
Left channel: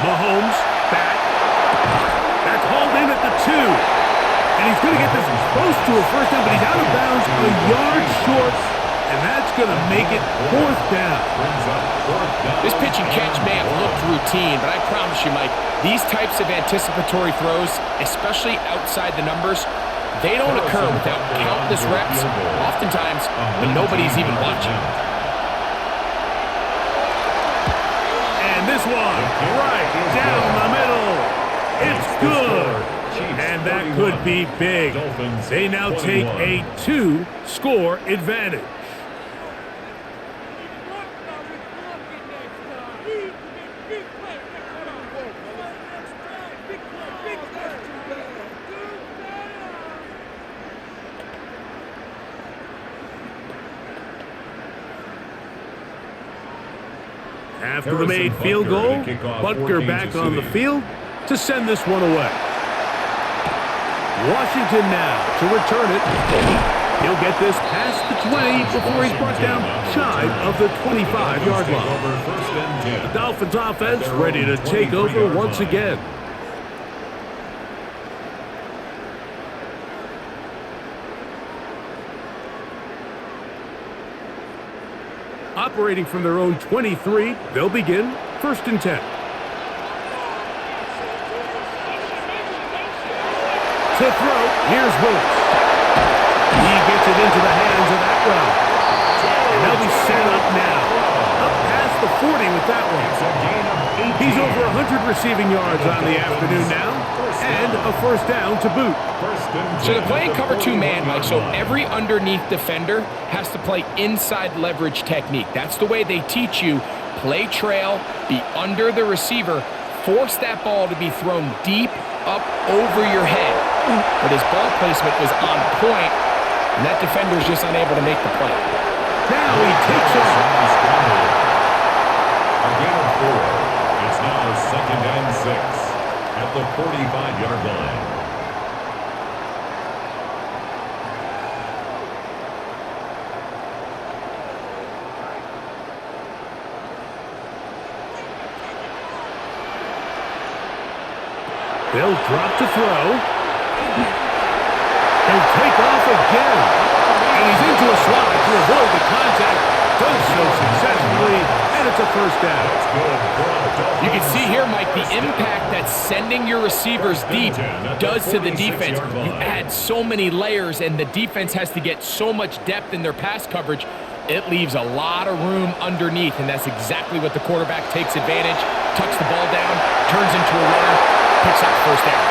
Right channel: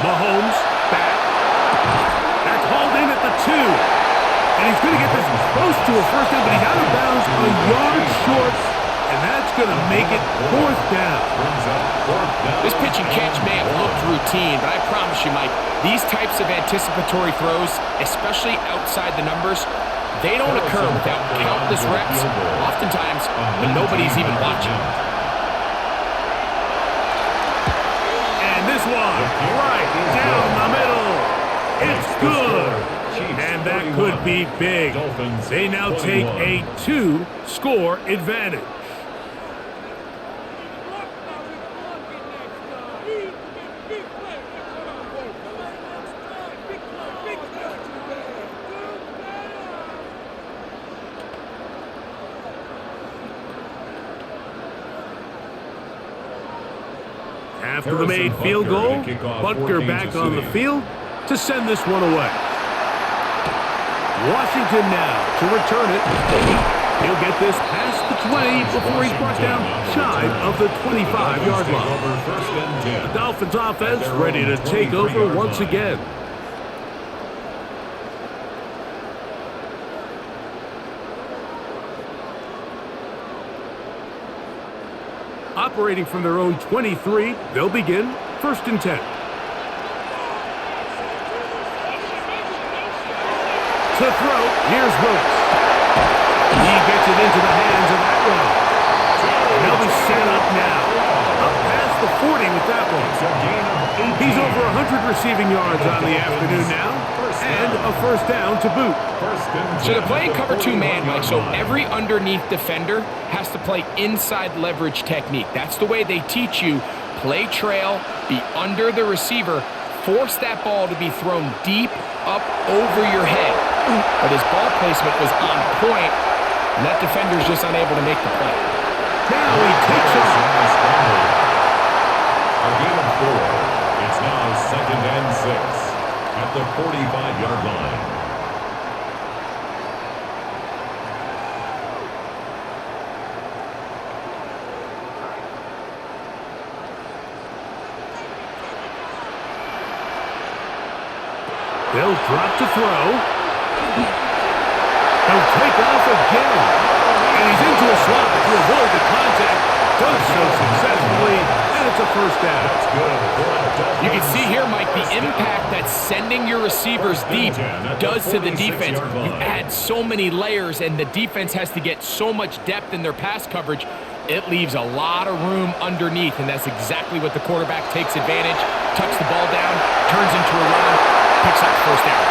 Mahomes back. That's hauled in at the 2. And he's going to get this close to a first down, but he's out of bounds a yard short, and that's going to make it 4th down. This pitch and catch may have looked routine, but I promise you, Mike, these types of anticipatory throws, especially outside the numbers, they don't occur without countless reps, oftentimes when nobody's even watching. And this one, right down the middle. It's good. And that could be big. They now take a 2-score advantage. After the made field goal, Butker back on the field to send this one away. Washington now to return it. He'll get this past the 20 before he's brought down shy of the 25-yard line. The Dolphins offense ready to take over once again. operating from their own 23. They'll begin 1st and 10. To throw, here's Willis. He gets it into the hands of Atwell. And they'll be set up now. Up past the 40 with that one. It's a gain of 18. He's over 100 receiving yards on the afternoon now. And a first down to boot. So they're playing cover 2 man, Mike, so every underneath defender has to play inside leverage technique. That's the way they teach you. Play trail, be under the receiver, force that ball to be thrown deep up over your head. But his ball placement was on point, and that defender's just unable to make the play. Now he takes off. A gain of 4. It's now 2nd and 6 at the 45-yard line. They'll drop to throw. He'll take off again. And he's into a slide to avoid the contact. Does so successfully, and it's a first down. That's good. You can see here, Mike, the impact that sending your receivers deep does to the defense. You add so many layers, and the defense has to get so much depth in their pass coverage. It leaves a lot of room underneath, and that's exactly what the quarterback takes advantage. Tucks the ball down, turns into a runner, picks up the first down.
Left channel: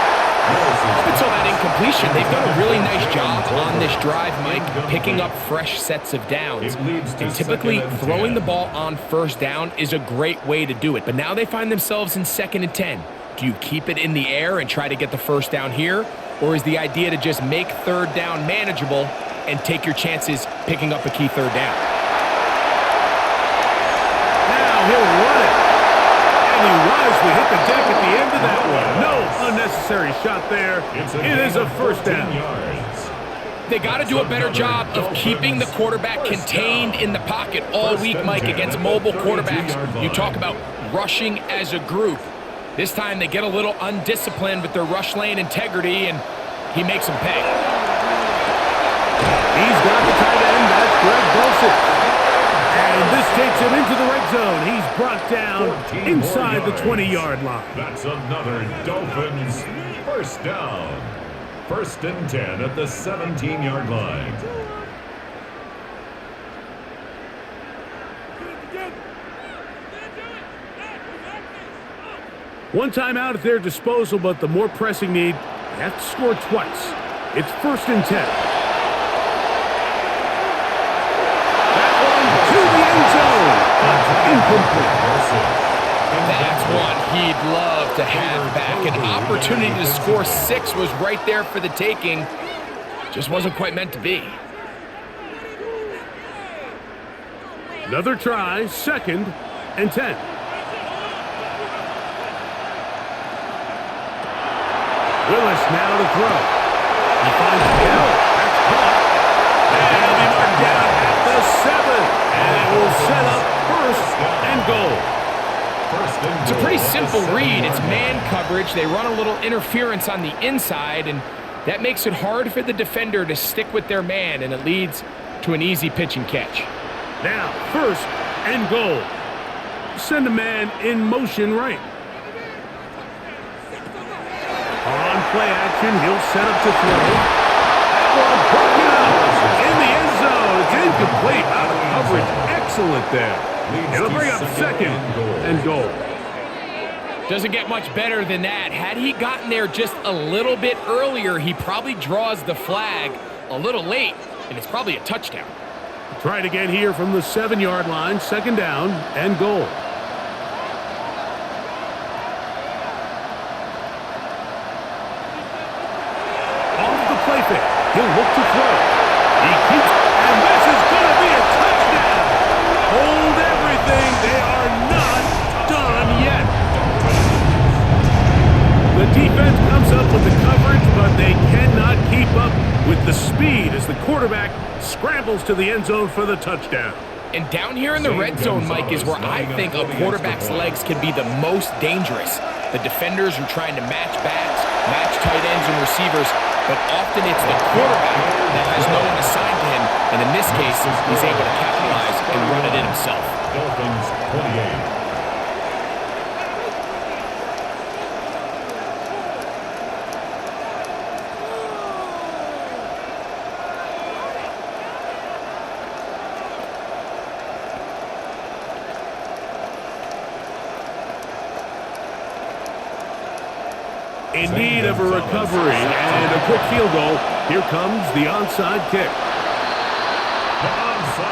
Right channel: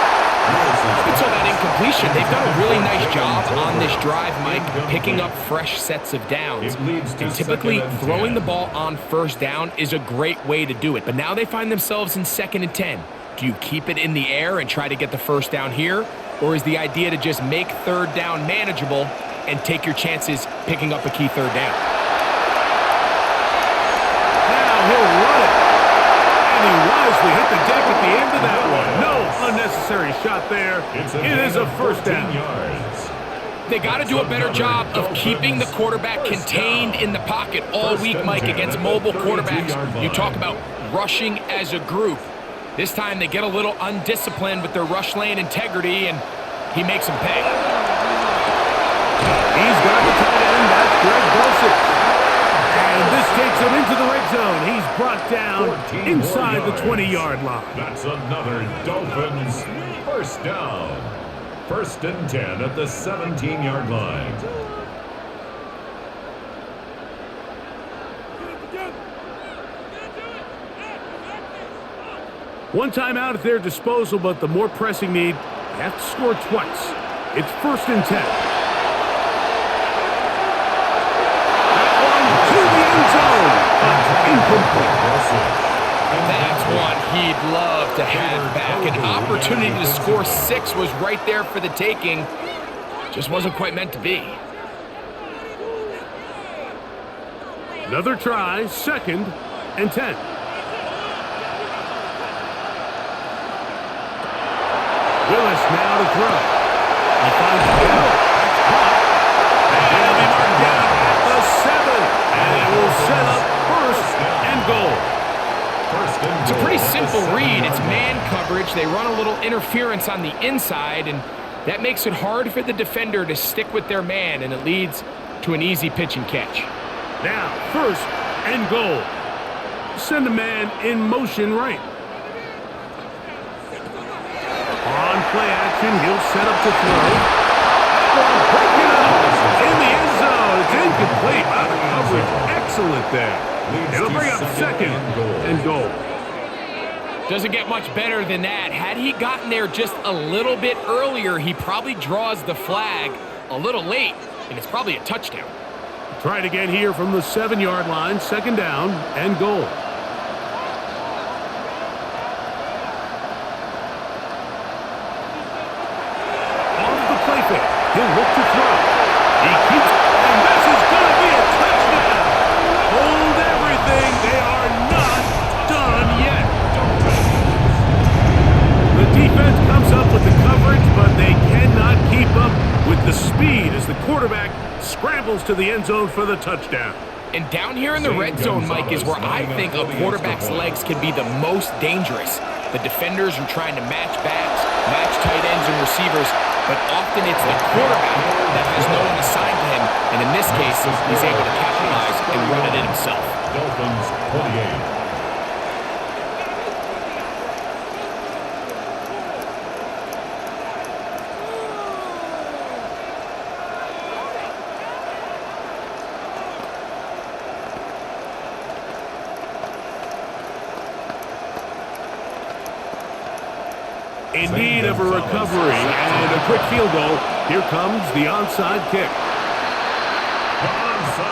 Up until that incompletion, they've done a really nice job on this drive, Mike, picking up fresh sets of downs. And typically, throwing the ball on first down is a great way to do it. But now they find themselves in 2nd and 10. Do you keep it in the air and try to get the first down here? Or is the idea to just make 3rd down manageable and take your chances picking up a key 3rd down? Now he'll run it. And he wisely hit the deck at the end of that one. No unnecessary shot there. It is a first down. They got to do a better job of keeping the quarterback contained in the pocket all week, Mike, against mobile quarterbacks. You talk about rushing as a group. This time they get a little undisciplined with their rush lane integrity, and he makes them pay. He's got the tight end. That's Greg Dulcich. And this takes him into the red zone. He's brought down inside the 20-yard line. That's another Dolphins first down. 1st and 10 at the 17-yard line. One timeout at their disposal, but the more pressing need, they have to score twice. It's 1st and 10. To the end zone, but incomplete. That's one he'd love to have back. An opportunity to score 6 was right there for the taking. Just wasn't quite meant to be. Another try, 2nd and 10. Willis now to throw. He finds Hill. That's caught. And he'll be marked down at the 7. And it will set up 1st and goal. It's a pretty simple read. It's man coverage. They run a little interference on the inside, and that makes it hard for the defender to stick with their man, and it leads to an easy pitch and catch. Now, 1st and goal. Send a man in motion right. On play action, he'll set up to throw. One broken up in the end zone. It's incomplete. Out of coverage. Excellent there. It'll bring up 2nd and goal. Doesn't get much better than that. Had he gotten there just a little bit earlier, he probably draws the flag a little late, and it's probably a touchdown. Try it again here from the 7-yard line. 2nd down and goal. Off the play fake. He'll look to throw. He keeps, and this is going to be a touchdown. Hold everything. They are not done yet. The defense comes up with the coverage, but they cannot keep up with the speed as the quarterback scrambles to the end zone for the touchdown. And down here in the red zone, Mike, is where I think a quarterback's legs can be the most dangerous. The defenders are trying to match backs, match tight ends and receivers, but often it's the quarterback that has no one assigned to him, and in this case, he's able to capitalize and run it in himself. Dolphins 28. In need of a recovery and a quick field goal, here comes the onside kick.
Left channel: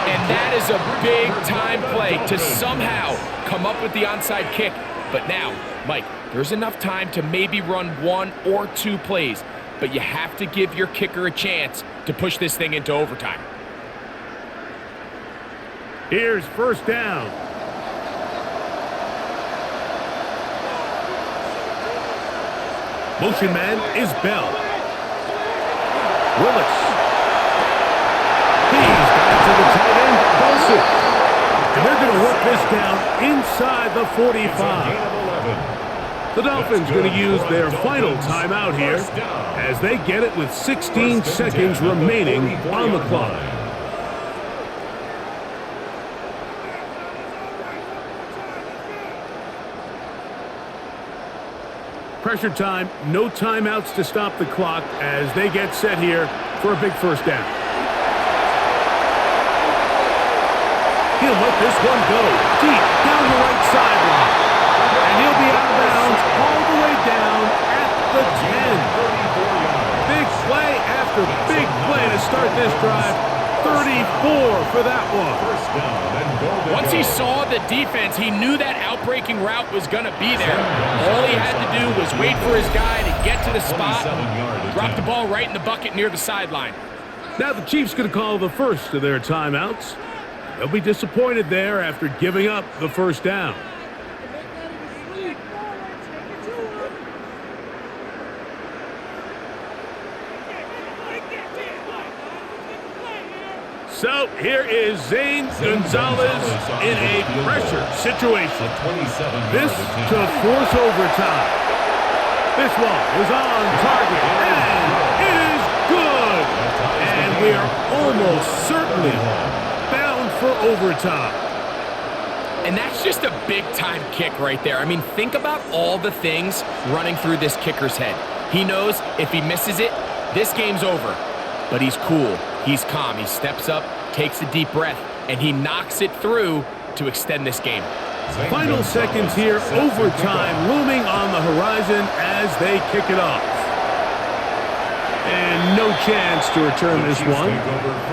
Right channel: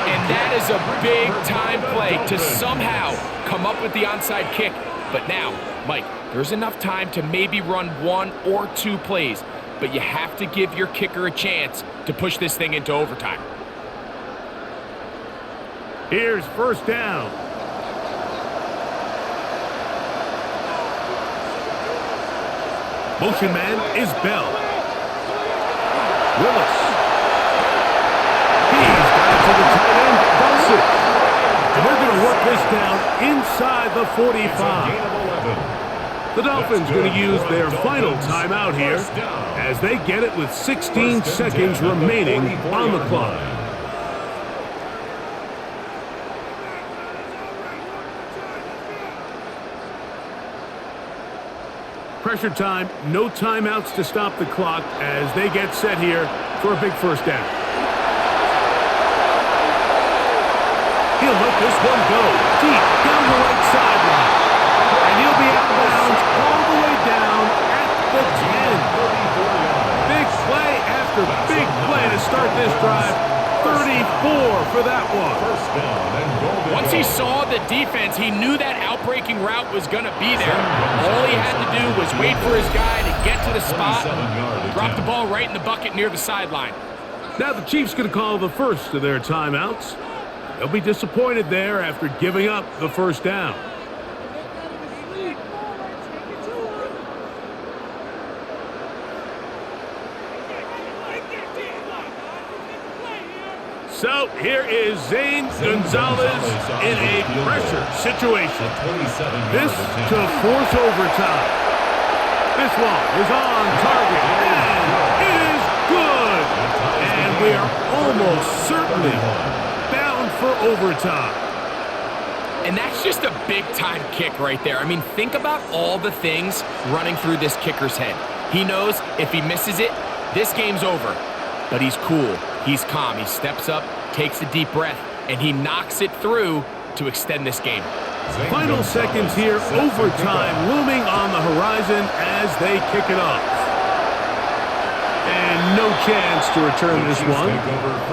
And that is a big-time play to somehow come up with the onside kick. But now, Mike, there's enough time to maybe run 1 or 2 plays, but you have to give your kicker a chance to push this thing into overtime. Here's first down. Motion man is Bell. Willis. He's got it to the tight end, Dulcich. And they're going to work this down inside the 45. The Dolphins going to use their final timeout here as they get it with 16 seconds remaining on the clock. Pressure time, no timeouts to stop the clock as they get set here for a big first down. He'll let this one go deep down the right sideline. And he'll be out of bounds all the way down at the 10. Big play after big play to start this drive. 34 for that one. First down and goal to Once go. he saw the defense, he knew that outbreaking route was going to be there. All he had to do was wait for his guy to get to the spot, drop the ball right in the bucket near the sideline. Now the Chiefs going to call the first of their timeouts. They'll be disappointed there after giving up the first down. So here is Zane Gonzalez in a pressure situation. This to force overtime. This one is on target, and it is good. And we are almost certainly bound for overtime. And that's just a big-time kick right there. I mean, think about all the things running through this kicker's head. He knows if he misses it, this game's over. But he's cool. He's calm. He steps up, takes a deep breath, and he knocks it through to extend this game. Final seconds here, overtime looming on the horizon as they kick it off. And no chance to return this one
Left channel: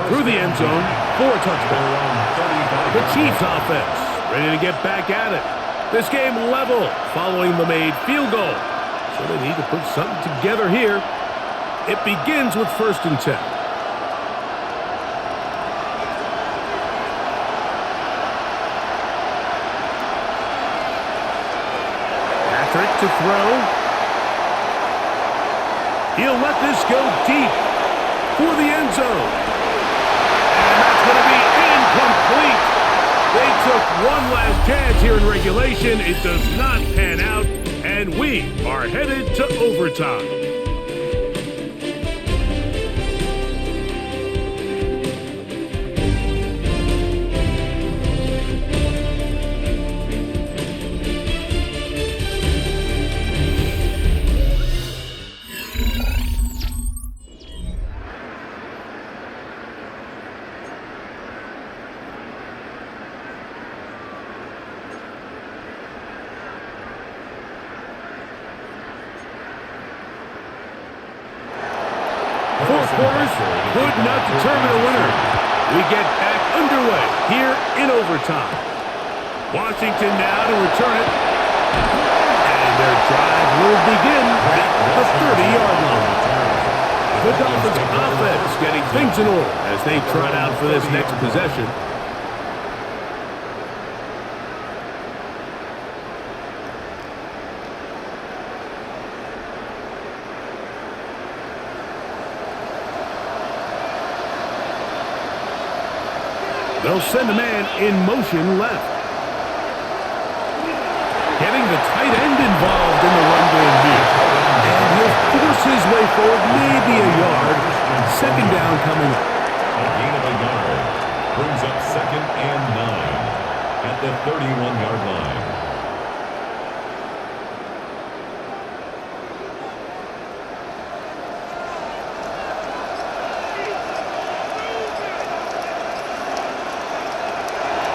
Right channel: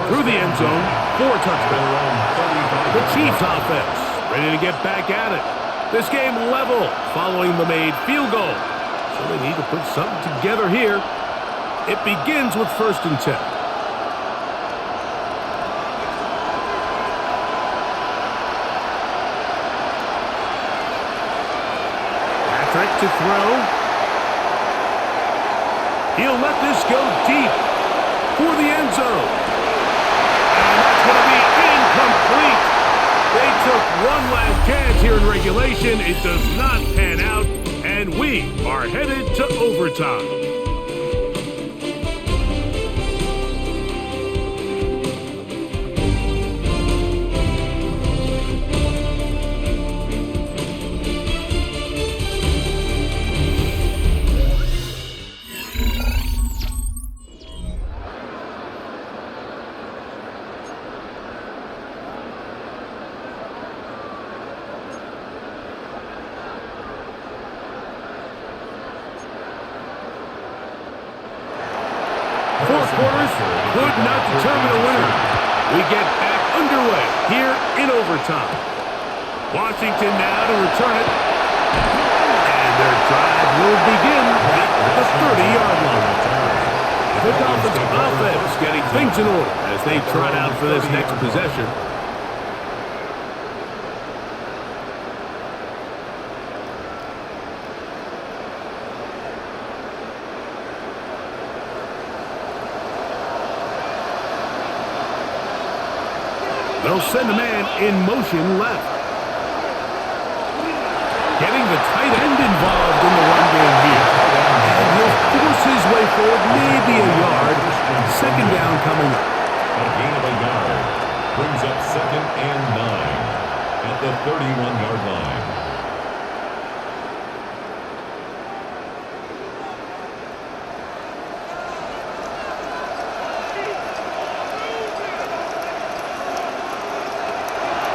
through the end zone for a touchdown. The Chiefs offense ready to get back at it. This game level following the made field goal. So they need to put something together here. It begins with 1st and 10. Patrick to throw. He'll let this go deep for the end zone. And that's going to be incomplete. They took one last chance here in regulation. It does not pan out, and we are headed to overtime. Four quarters could not determine a winner. We get back underway here in overtime. Washington now to return it. And their drive will begin at the 30-yard line. The Dolphins offense getting things in order as they trot out for this next possession. They'll send a man in motion left. Getting the tight end involved in the run game here. And he'll force his way forward, maybe a yard. Second down coming up. A gain of a yard brings up 2nd and 9 at the 31-yard line.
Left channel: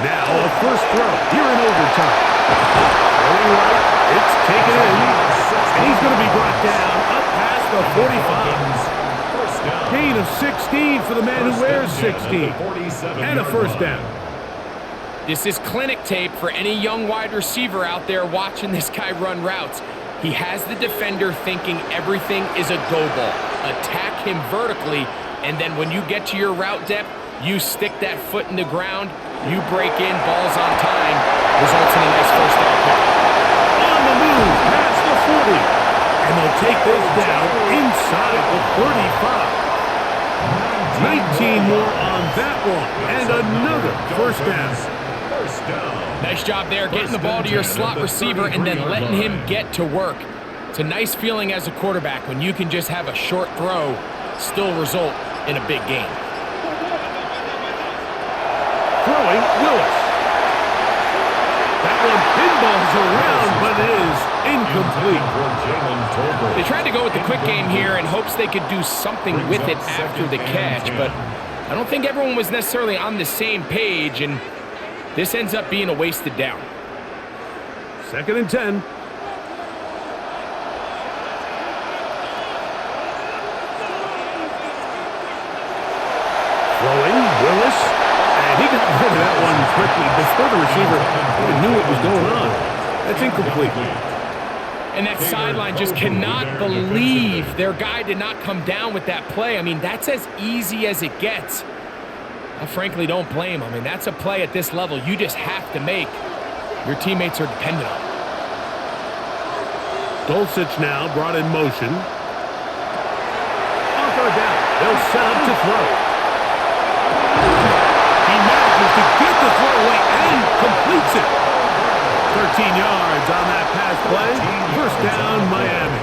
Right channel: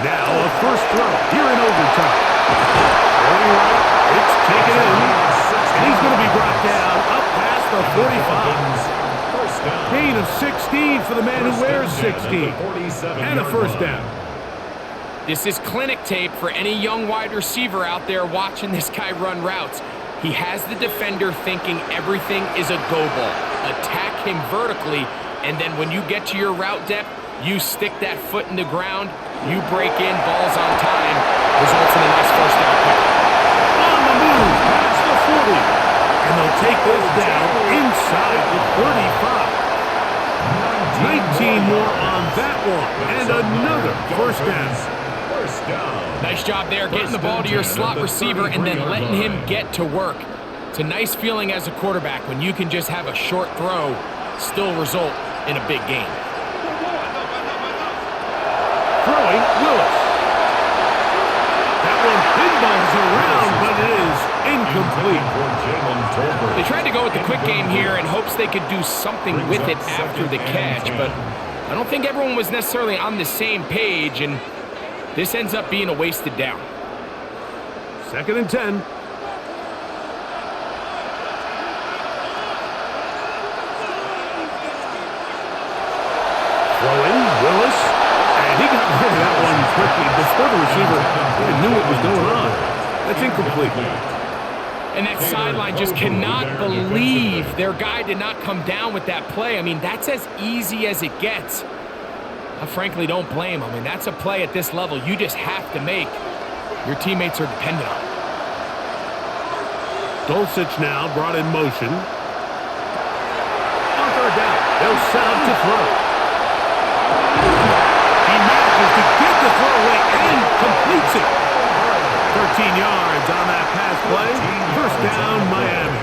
Now a first throw here in overtime. Throwing right, it's taken in, and he's going to be brought down up past the 45. First down. Gain of 16 for the man who wears 16. And a first down. This is clinic tape for any young wide receiver out there watching this guy run routes. He has the defender thinking everything is a go ball. Attack him vertically, and then when you get to your route depth, you stick that foot in the ground, you break in, balls on time, results in a nice first down pick. On the move, past the 40. And they'll take this down inside the 35. 19 more on that one, and another first down. First down. Nice job there, getting the ball to your slot receiver and then letting him get to work. It's a nice feeling as a quarterback when you can just have a short throw, still result in a big game. Throwing, Willis. That one pinballs around, but it is incomplete. They tried to go with the quick game here in hopes they could do something with it after the catch, but I don't think everyone was necessarily on the same page, and this ends up being a wasted down. 2nd and 10. Throwing, Willis. And he got rid of that one quickly before the receiver even knew what was going on. That's incomplete. And that sideline just cannot believe their guy did not come down with that play. I mean, that's as easy as it gets. I frankly don't blame him. I mean, that's a play at this level you just have to make. Your teammates are dependent on it. Dulcich now brought in motion. On third down, they'll set up to throw. He manages to get the throwaway and completes it. 13 yards on that pass play. First down, Miami.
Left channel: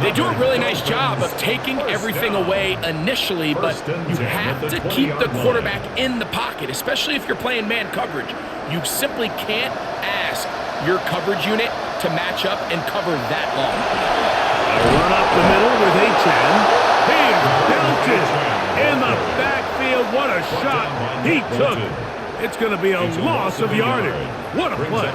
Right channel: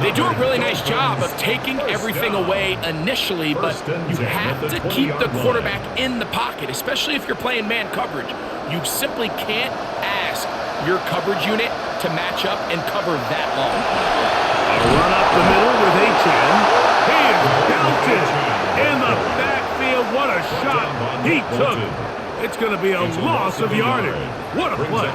They do a really nice job of taking everything away initially, but you have to keep the quarterback in the pocket, especially if you're playing man coverage. You simply can't ask your coverage unit to match up and cover that long. A run up the middle with Achan. He is belted in the backfield. What a shot he took. It's going to be a loss of yardage. What a play.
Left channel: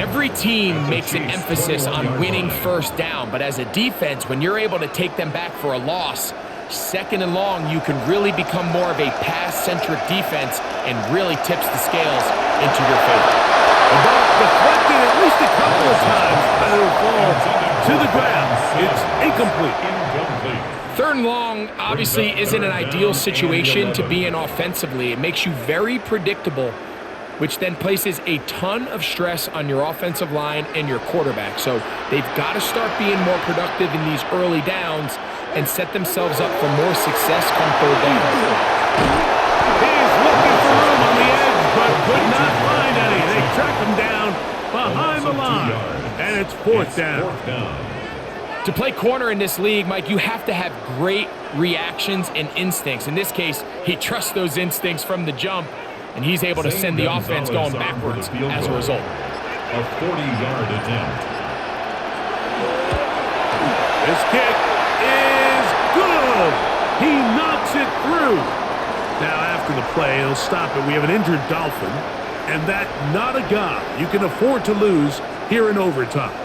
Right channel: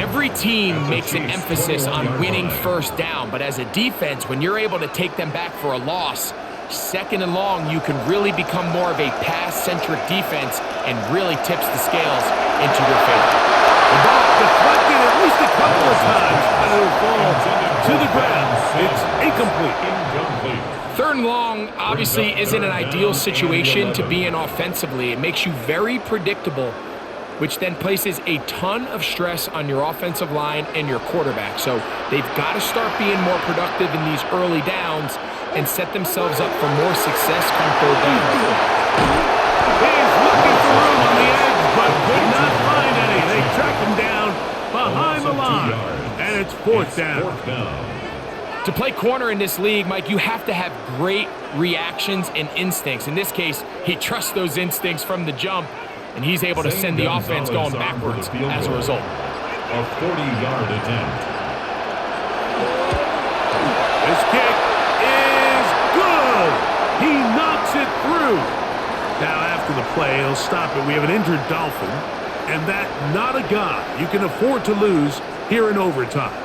Every team makes an emphasis on winning first down, but as a defense, when you're able to take them back for a loss, 2nd and long, you can really become more of a pass-centric defense and really tips the scales into your favor. The ball deflected at least a couple of times, but it'll fall to the ground. It's incomplete. 3rd and long obviously isn't an ideal situation to be in offensively. It makes you very predictable, which then places a ton of stress on your offensive line and your quarterback. So they've got to start being more productive in these early downs and set themselves up for more success come 3rd down. He's looking for room on the edge, but could not find any. They track him down behind the line, and it's 4th down. To play corner in this league, Mike, you have to have great reactions and instincts. In this case, he trusts those instincts from the jump, and he's able to send the offense going backwards as a result. A 40-yard attempt. This kick is good. He knocks it through. Now, after the play, he'll stop it. We have an injured Dolphin, and that not a guy you can afford to lose here in overtime.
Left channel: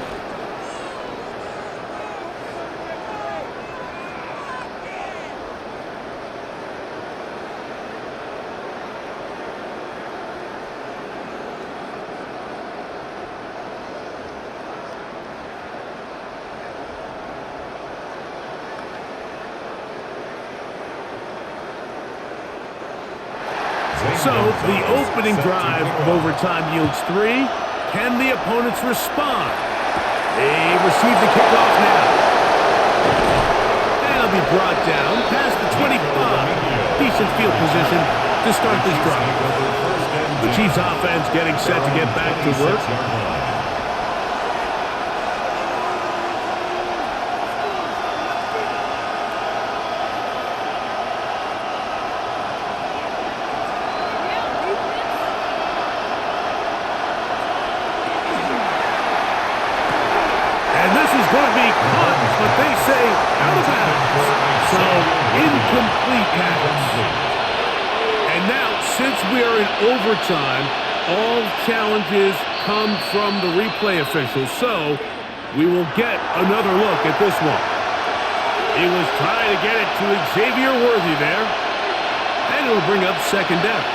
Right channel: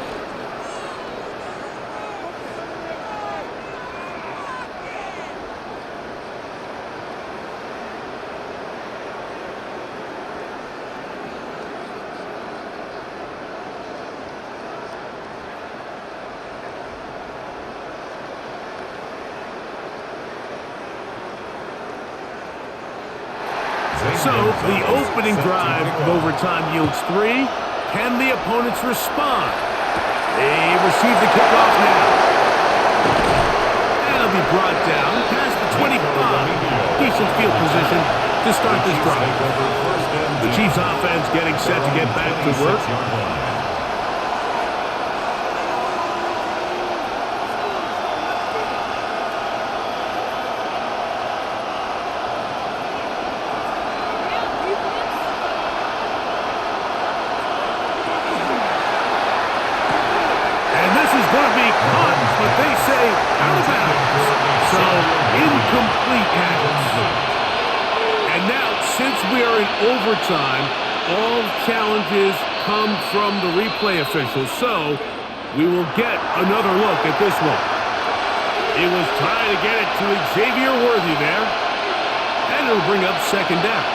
So, the opening drive of overtime yields 3. Can the opponents respond? They receive the kickoff now. And it'll be brought down past the 25. Decent field position to start this drive. The Chiefs offense getting set to get back to work. And this is going to be caught, but they say out of bounds. So, incomplete pass. And now, since we are in overtime, all challenges come from the replay officials. So, we will get another look at this one. He was trying to get it to Xavier Worthy there. And it'll bring up second down.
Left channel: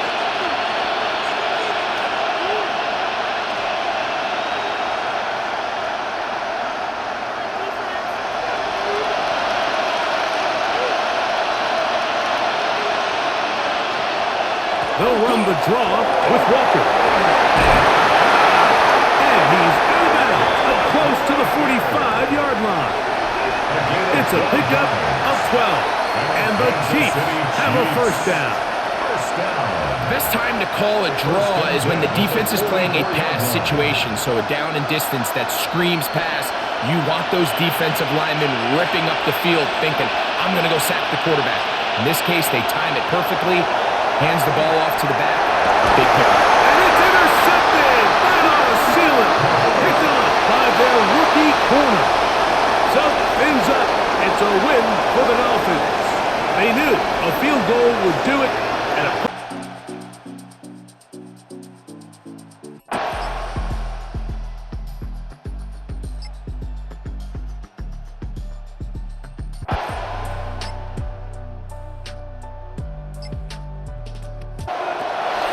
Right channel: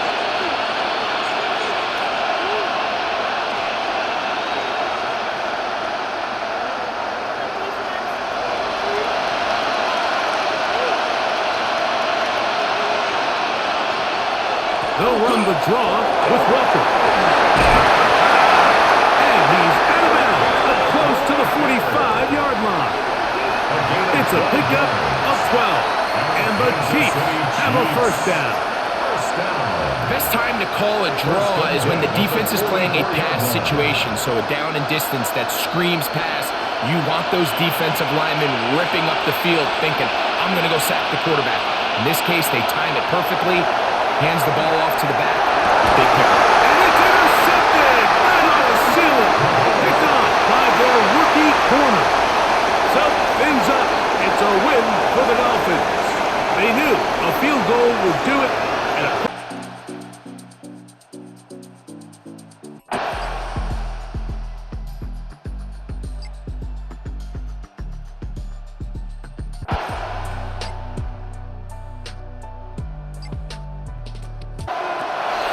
They'll run the draw with Walker. And he's out of bounds, up close to the 45-yard line. It's a pickup of 12. And the Chiefs have a first down. The best time to call a draw is when the defense is playing a pass situation, so a down and distance that screams pass. You want those defensive linemen ripping up the field thinking, I'm going to go sack the quarterback. In this case, they time it perfectly. Hands the ball off to the back. Big pickup. And it's intercepted. That ought to seal it. Picked off by their rookie corner. So, fins up. It's a win for the Dolphins. They knew a field goal would do it. And a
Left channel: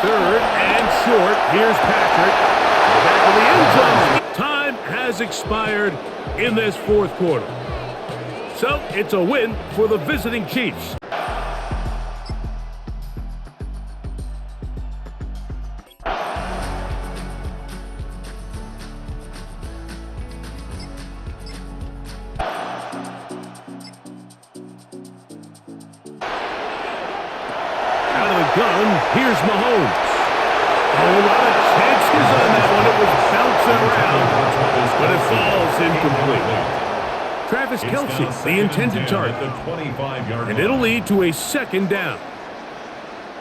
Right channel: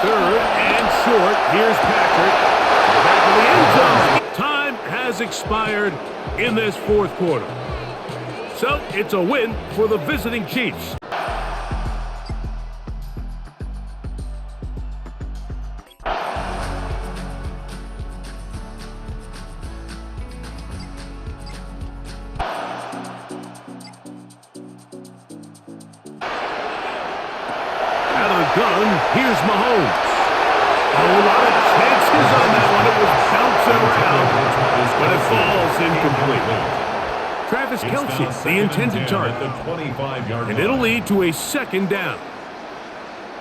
third and short. Here's Patrick to the back of the end zone. Time has expired in this fourth quarter. So it's a win for the visiting Chiefs. Out of the gun, here's Mahomes. A whole lot of chances on that one. It was bouncing around, but it falls incomplete. Travis Kelce, the intended target. And it'll lead to a second down.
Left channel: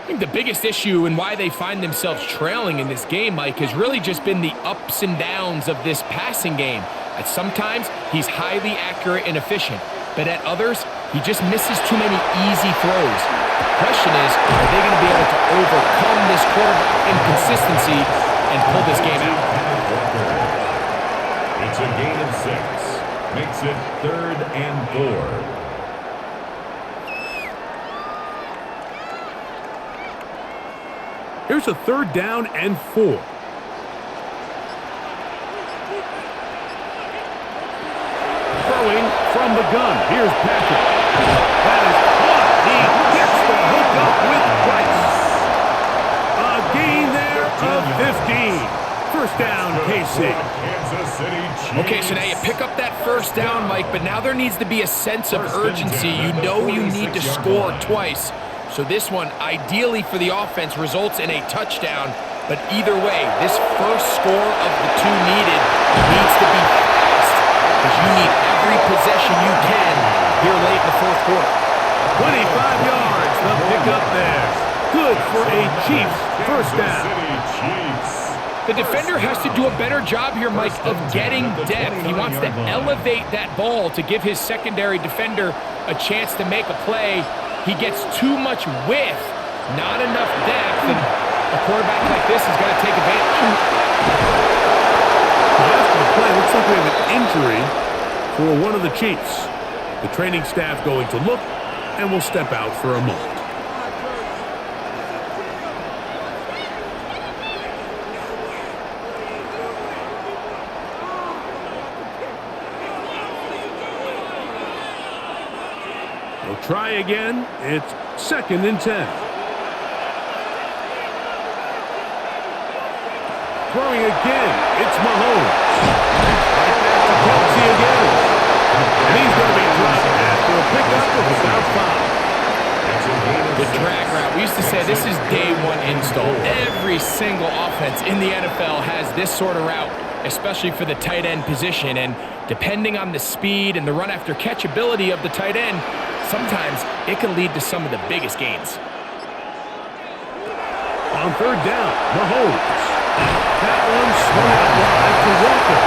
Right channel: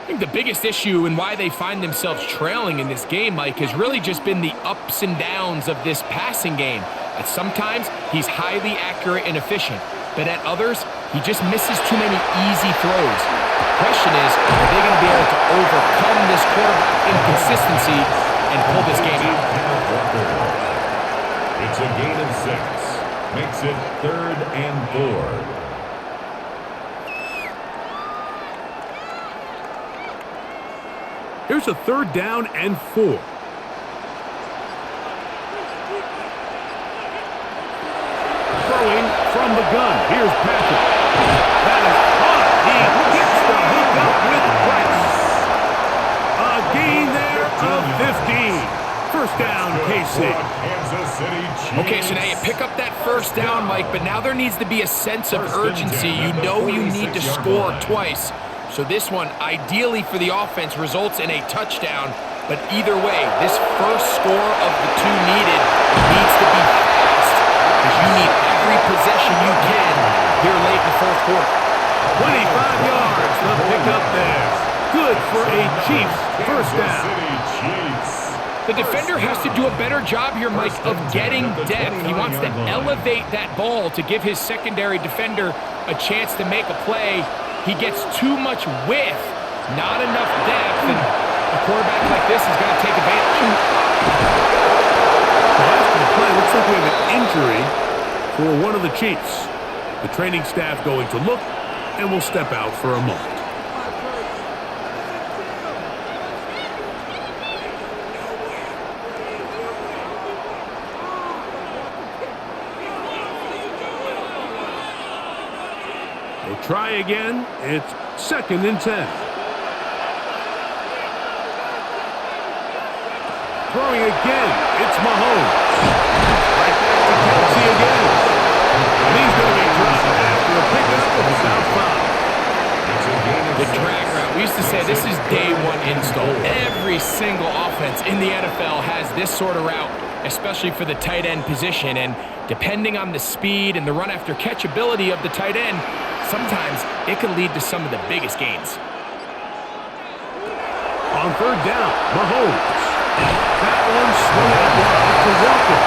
I think the biggest issue and why they find themselves trailing in this game, Mike, has really just been the ups and downs of this passing game. At sometimes, he's highly accurate and efficient, but at others, he just misses too many easy throws. The question is, are they going to be able to overcome this quarterback inconsistency and pull this game out? It's a gain of 6. Makes it 3rd and 4. Here's a 3rd down and 4. Throwing from the gun. Here's Patrick. That is caught. He gets the hook up with Bryce. A gain there of 15. First down, KC. Okay, so now you pick up that first down, Mike, but now there needs to be a sense of urgency. You know you need to score twice. So this one, ideally for the offense, results in a touchdown. But either way, this first score of the two needed needs to be fast, because you need every possession you can here late in the fourth quarter. 25 yards, the pickup there. Good for a Chiefs first down. The defender has to do a better job here, Mike, of getting depth. He wants to elevate that ball to give his secondary defender a chance to make a play. He gets too much width, not enough depth, and a quarterback like this is going to take advantage. Now after the play, looks like we have an injury for one of the Chiefs. The training staff going to look, and will step out for a moment. We'll try again. It's 2nd and 10. Throwing again. It's Mahomes. Right back to Kelce again. And he's going to be dropped after a pickup of about 5. That's a gain of The 6. drag route, we used to say this is day one install. Every single offense in the NFL has this sort of route, especially for the tight end position. And depending on the speed and the run after catch ability of the tight end, sometimes it can lead to some of the biggest gains. On third down, Mahomes. That one swung out wide to Walker.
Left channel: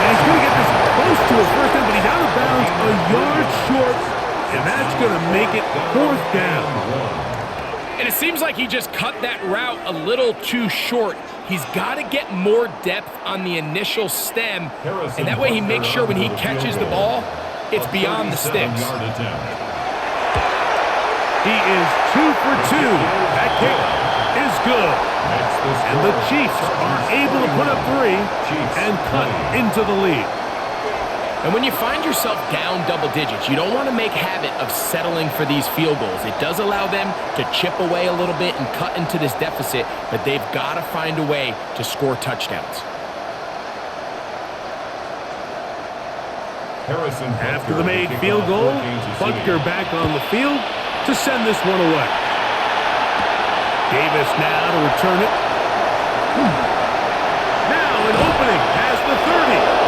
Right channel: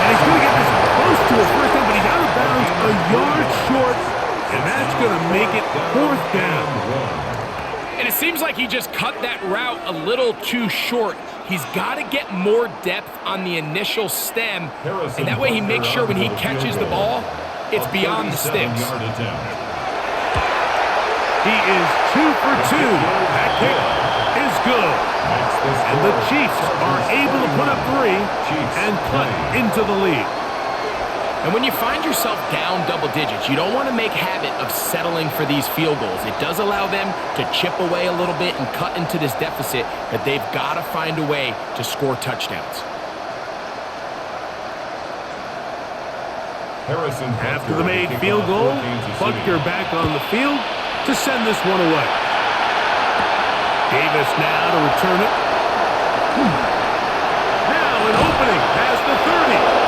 And he's going to get this close to a first down, but he's out of bounds a yard short. And that's going to make it fourth down. And it seems like he just cut that route a little too short. He's got to get more depth on the initial stem. And that way he makes sure when he catches the ball, it's beyond the sticks. He is 2 for 2. That kick is good. And the Chiefs are able to put up 3 and cut into the lead. And when you find yourself down double digits, you don't want to make habit of settling for these field goals. It does allow them to chip away a little bit and cut into this deficit, but they've got to find a way to score touchdowns. After the made field goal, Butker back on the field to send this one away. Davis now to return it. Now an opening has the 30.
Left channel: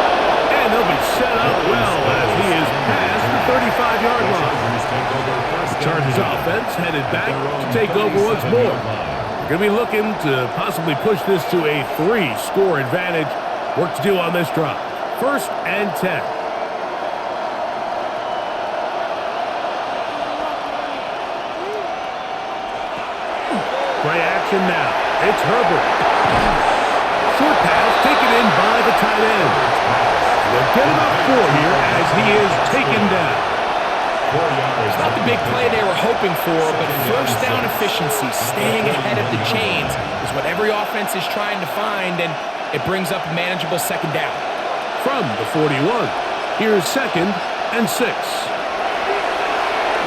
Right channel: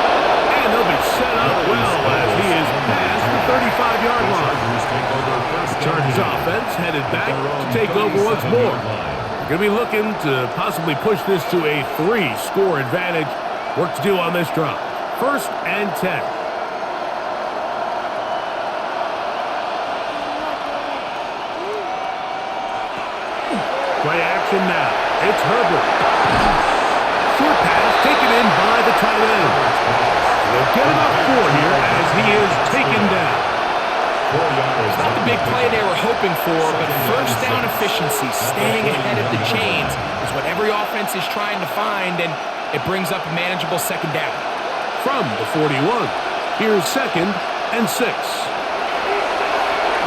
And they'll be set up well as he is past the 35-yard line. The Chargers offense headed back to take over once more. They're going to be looking to possibly push this to a 3-score advantage. Work to do on this drive. 1st and 10. Play action now. It's Herbert. Short pass taken in by the tight end. They'll get about 4 here as he is taken down. 4 yards. It's not the big play they were hoping for, but first down efficiency, staying ahead of the chains, is what every offense is trying to find, and it brings up a manageable second down. From the 41, here's 2nd and 6.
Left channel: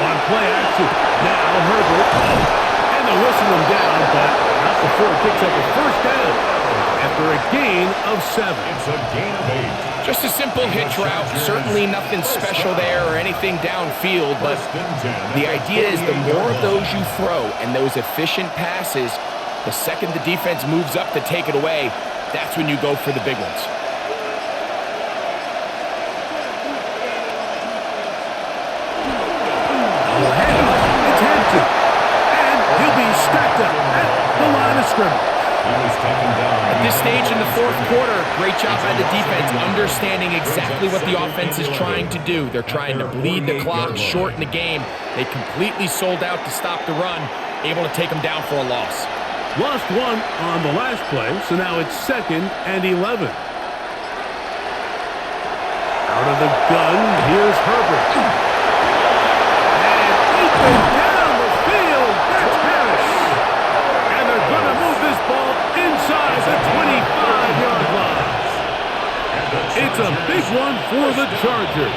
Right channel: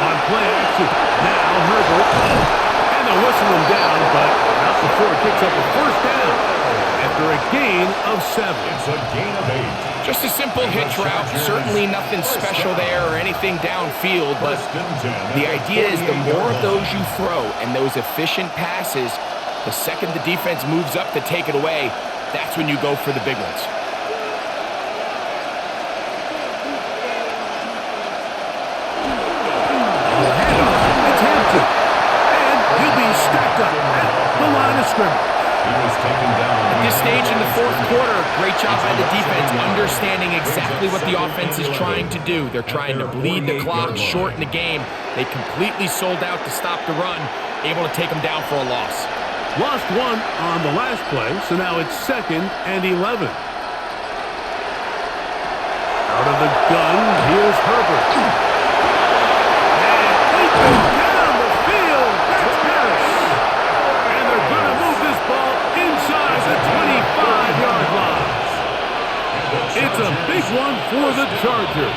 On play action, now Herbert. And they'll whistle him down, but not before it picks up a first down. After a gain of 7. It's a gain of 8. Just a simple hitch route. Certainly nothing special there or anything downfield, but the idea is the more of those you throw and those efficient passes, the second the defense moves up to take it away, that's when you go for the big ones. On the handoff, it's Hampton. And he'll be stacked up at the line of scrimmage. He was taken down. At this stage in the fourth quarter, great job by the defense understanding exactly what the offense is trying to do. They're trying to bleed the clock, shorten the game. They completely sold out to stop the run, able to take them down for a loss. Lost 1 on the last play, so now it's 2nd and 11. Out of the gun, here's Herbert. And open down the field, that's Harris. And they're going to move this ball inside the 25-yard line. It's a big one for the Chargers.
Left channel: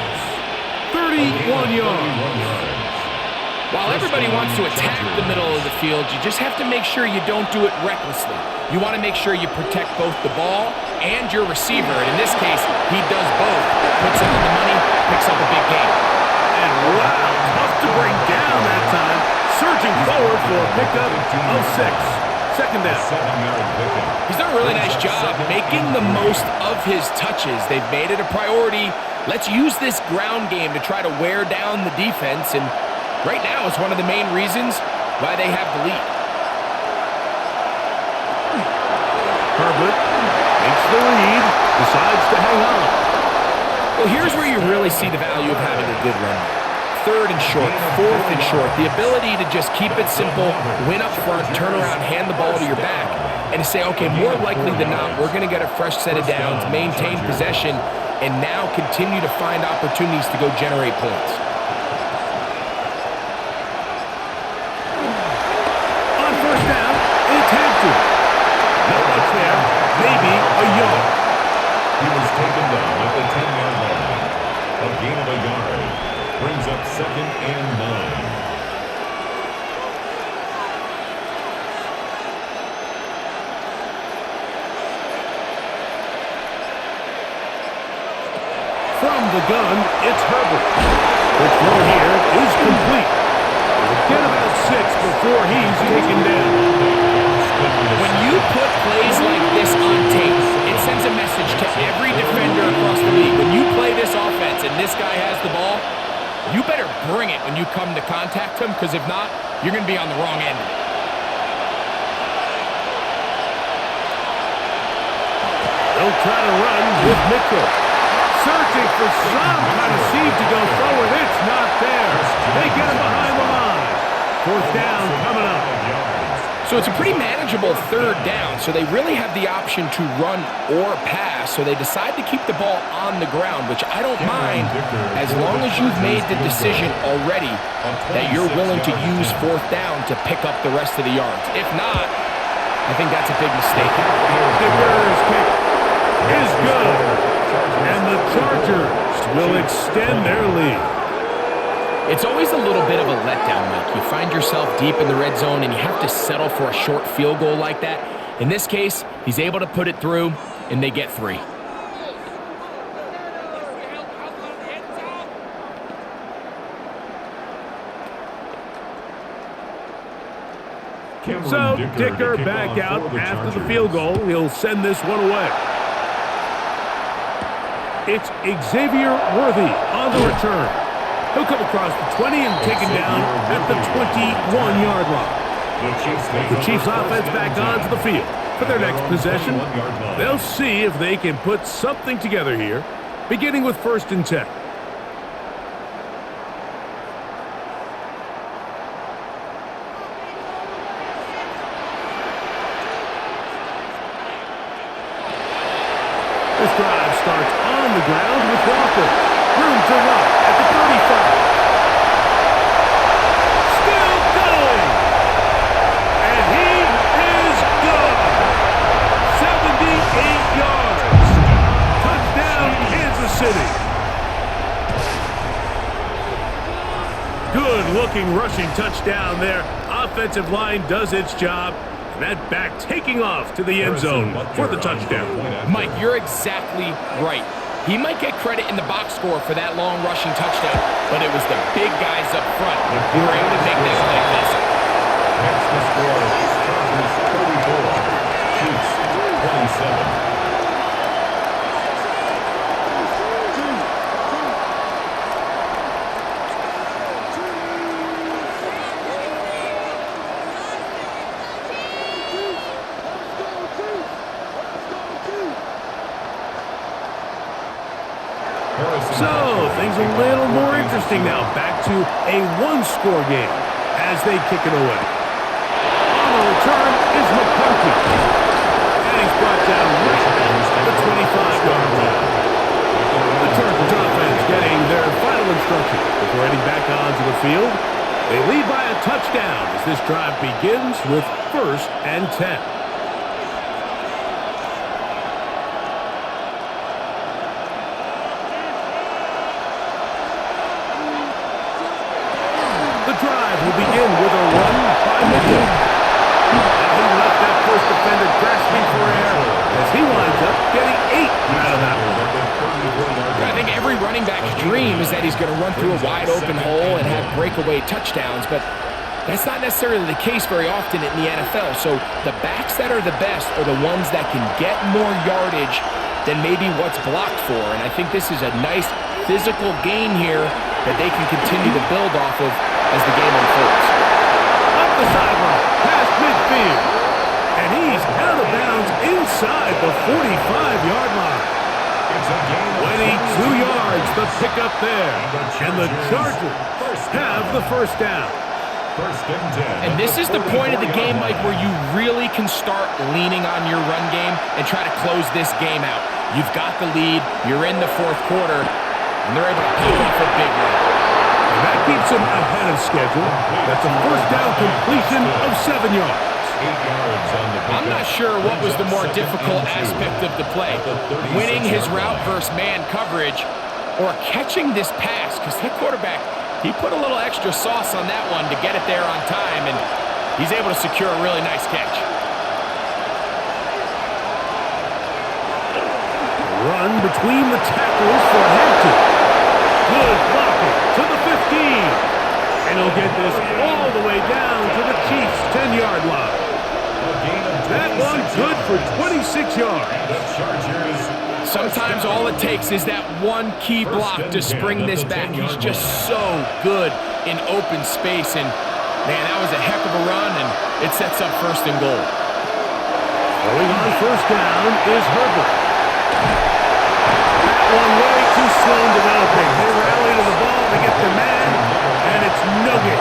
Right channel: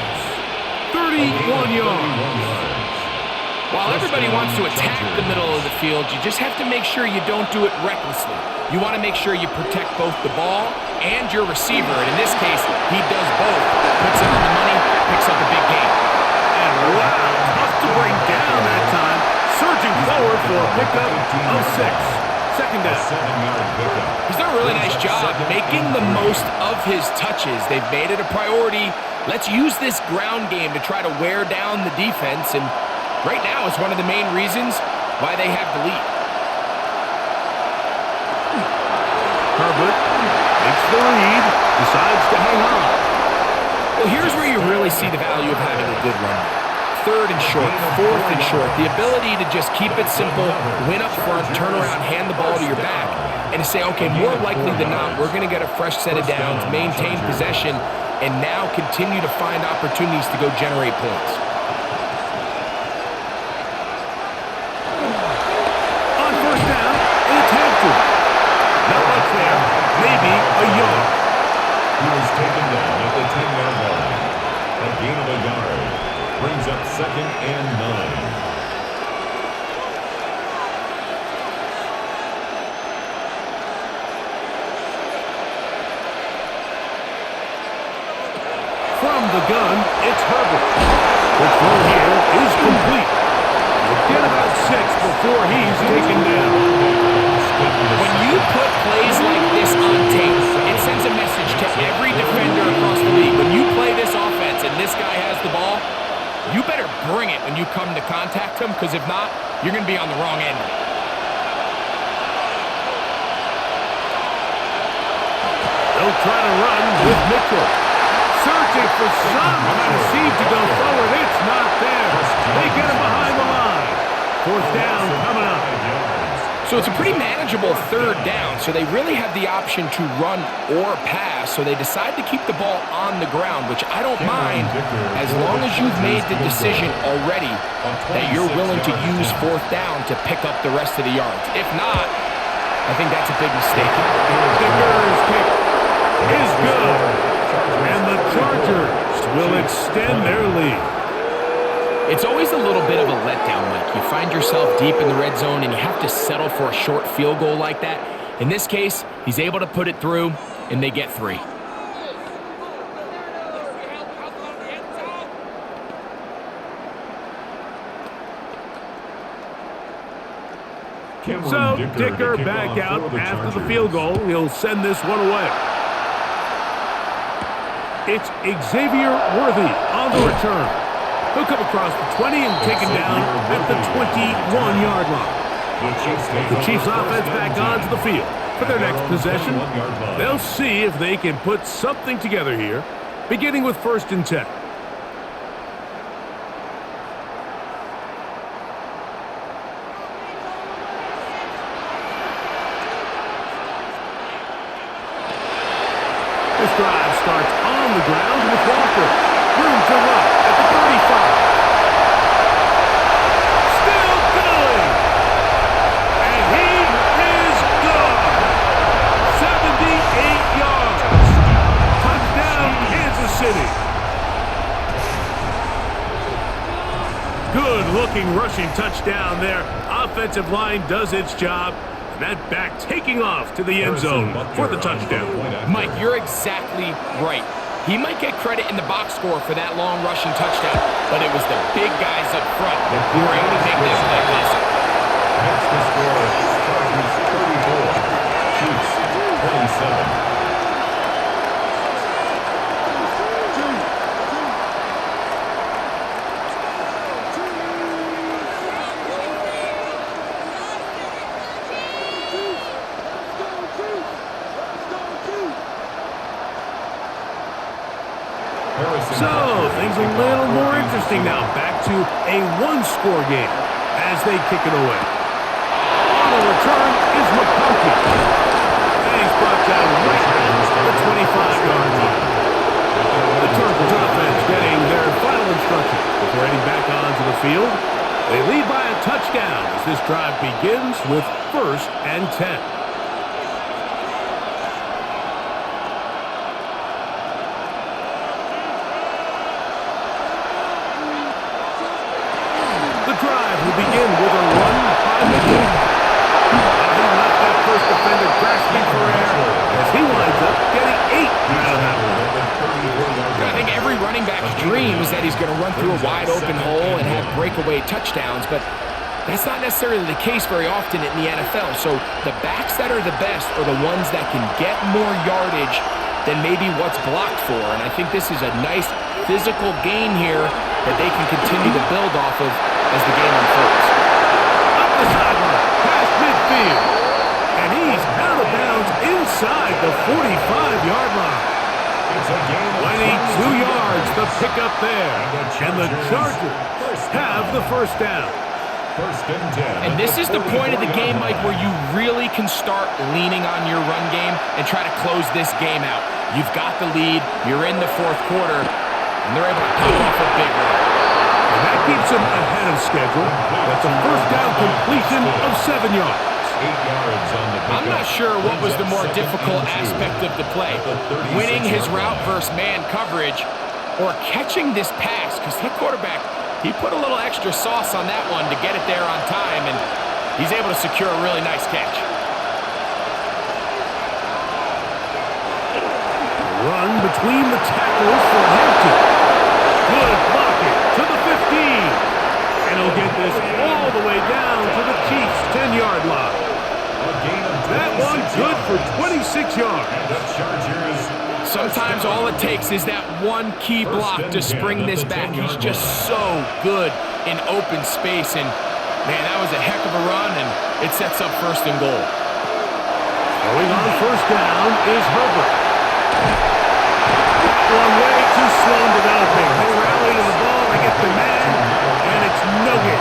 31 yards. While everybody wants to attack the middle of the field, you just have to make sure you don't do it recklessly. You want to make sure you protect both the ball and your receiver. And in this case, he does both. Puts it on the money, picks up a big gain. And wow, tough to bring down that time. Surging forward for a pickup of 6. Second down. 7-yard pickup. He's done a really nice job making the most of his touches. They've made it a priority. Let's use this ground game to try to wear down the defense. And right now, it's one of the main reasons why they have the lead. Herbert makes the read, decides to hang on. Well, here's where you really see the value of having a good run game. 3rd and short, 4th and short. The ability to just keep it simple, win up front, turn around, hand the ball to your back, and to say, okay, more likely than not, we're going to get a fresh set of downs, maintain possession, and now continue to find opportunities to go generate points. On first down, it's Hampton. Not much there, maybe a yard. He was taken down at the 10-yard line. A gain of a yard. Brings up 2nd and 9. From the gun, it's Herbert. Quick throw here is complete. He'll get about 6 before he's taken down. When you put plays like this on tape, it sends a message to every defender across the league. When you play this offense and this guy has the ball, you better bring it when you come to contact him, because if not, you're going to be on the wrong end of it. They'll try to run with Mitchell. Searching for some kind of seed to go forward. It's not there. They get him behind the line. 4th down coming up. So it's a pretty manageable 3rd down, so they really have the option to run or pass, so they decide to keep the ball on the ground, which I don't mind as long as you've made the decision already that you're willing to use 4th down to pick up the rest of the yards. If not, I think that's a big mistake. Dicker's kick is good, and the Chargers will extend their lead. It's always a little bit of a letdown, Mike. You find yourself deep in the red zone and you have to settle for a short field goal like that. In this case, he's able to put it through, and they get 3. So Dicker back out after the field goal. He'll send this one away. It's Xavier Worthy on the return. He'll come across the 20 and taken down at the 21-yard line. The Chiefs offense back onto the field for their next possession. They'll see if they can put something together here, beginning with 1st and 10. This drive starts on the ground with Walker. Room to run at the 35. Still going. And he is gone. 78 yards. Touchdown, Kansas City. Good-looking rushing touchdown there. Offensive line does its job. And that back taking off to the end zone for the touchdown. Mike, you're exactly right. He might get credit in the box score for that long rushing touchdown, but it was the big guys up front who were able to make that play possible. Makes the score Chargers 34, Chiefs 27. So, things a little more interesting now. Back to a 1-score game as they kick it away. On the return is McConkey. And he's brought down right at the 25-yard line. The Chargers offense getting their final instruction before heading back onto the field. They lead by a touchdown as this drive begins with 1st and 10. The drive will begin with a run by Mitchell. He left that first defender grasping for air as he winds up getting 8 out of that one. I think every running back's dream is that he's going to run through a wide open hole and have breakaway touchdowns, but that's not necessarily the case very often in the NFL. So the backs that are the best are the ones that can get more yardage than maybe what's blocked for. And I think this is a nice physical gain here that they can continue to build off of as the game unfolds. Up the sideline, past midfield. And he's out of bounds inside the 45-yard line. It's a gain of 22 yards, the pickup there. And the Chargers have the 1st down. 1st and 10. And this is the point of the game, Mike, where you really can start leaning on your run game and try to close this game out. You've got the lead, you're in the 4th quarter, and they're able to pop off a big run. And that keeps them ahead of schedule. That's a 1st down completion of 7 yards. 8 yards on the pickup. I'm not sure what was the more difficult aspect of the play, winning his route versus man coverage or catching this pass, because that quarterback, he put a little extra sauce on that one to get it there on time, and he's able to secure a really nice catch. Run between the tackles for Hampton. Good blocking to the 15. And he'll get this all the way down to the Chiefs' 10-yard line. That one good for 26 yards. And the Chargers. Sometimes all it takes is that one key block to spring this back. He's just so good in open space. And, man, that was a heck of a run, and it sets up 1st and goal. Throwing on 1st down is Herbert. That one way too slow in developing. They rally to the ball, they get the man, and it's no gain.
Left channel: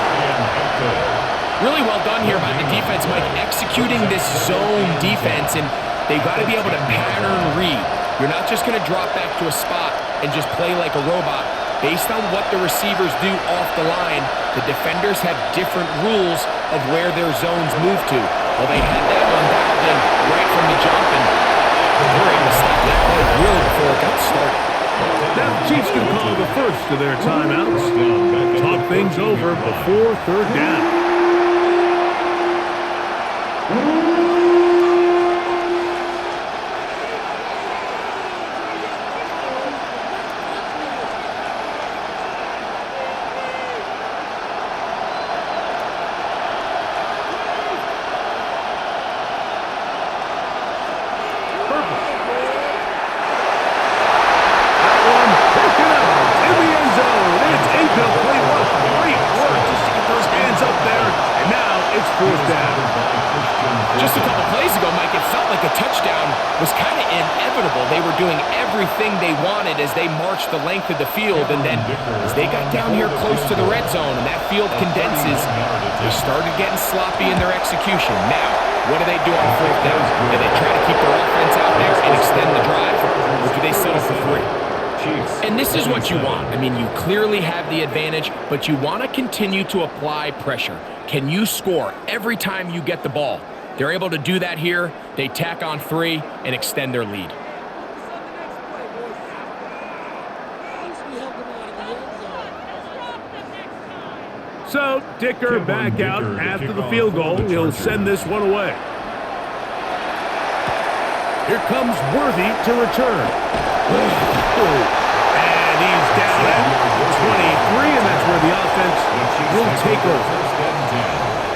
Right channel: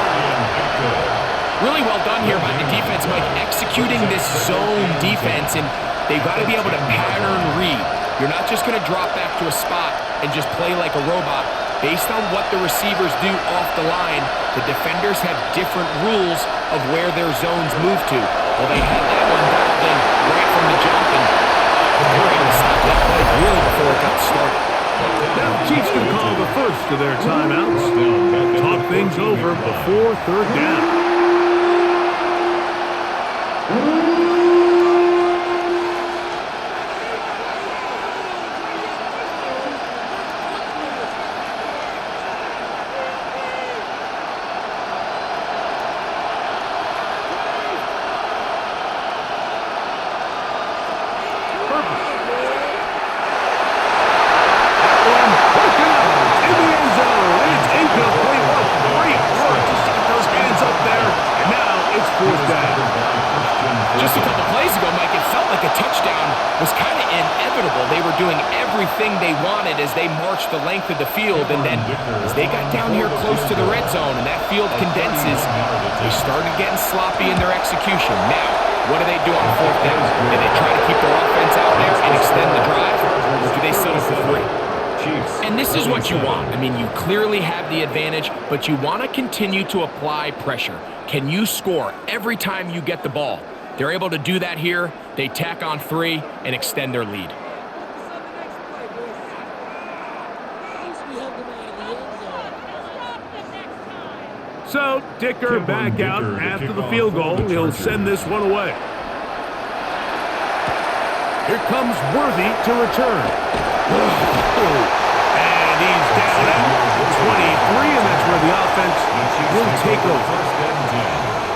Really well done here by the defense, Mike, executing this zone defense, and they've got to be able to pattern read. You're not just going to drop back to a spot and just play like a robot. Based on what the receivers do off the line, the defenders have different rules of where their zones move to. Well, they had that one dialed in right from the jump, and they were able to stop that play really before it got started. Now the Chiefs going to call the first of their timeouts. Talk things over before 3rd down. Just a couple plays ago, Mike, it felt like a touchdown was kind of inevitable. They were doing everything they wanted as they marched the length of the field, and then as they got down here close to the red zone and that field condenses, they started getting sloppy in their execution. Now, what do they do on 4th down? Do they try to keep their offense out there and extend the drive, or do they settle for 3? And this is what you want. I mean, you clearly have the advantage, but you want to continue to apply pressure. Can you score every time you get the ball? They're able to do that here. They tack on 3 and extend their lead. So, Dicker back out after the field goal. He'll send this one away. Here comes Worthy to return. And he's down at 23, and that's where the offense will take over.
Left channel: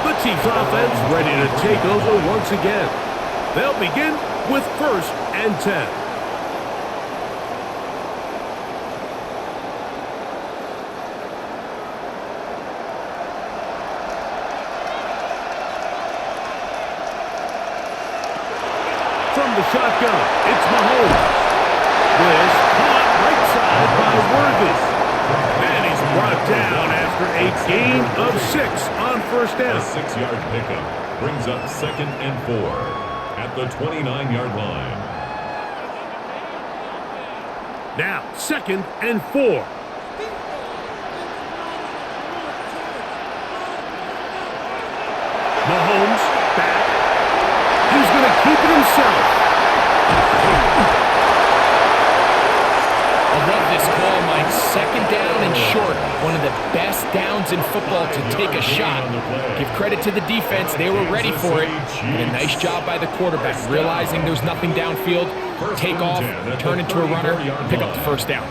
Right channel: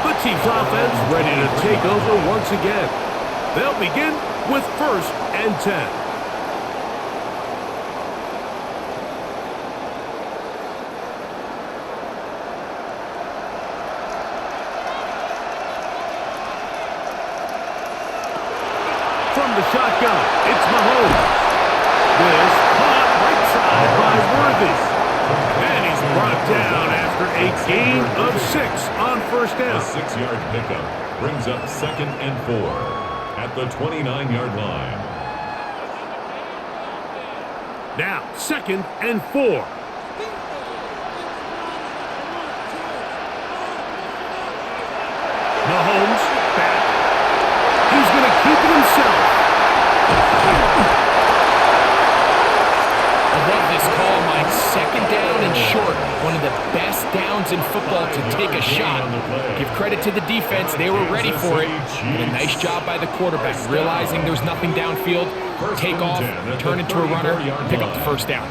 The Chiefs offense ready to take over once again. They'll begin with 1st and 10. From the shotgun, it's Mahomes. This caught right side by Worthy. And he's brought down after a gain of 6 on 1st down. A 6-yard pickup brings up 2nd and 4 at the 29-yard line. Now, 2nd and 4. Mahomes back. He's going to keep it himself. I love this call, Mike. 2nd down and short. One of the best downs in football to take a shot. Give credit to the defense. They were ready for it. But a nice job by the quarterback, realizing there's nothing downfield. Take off, turn into a runner, pick up the 1st down.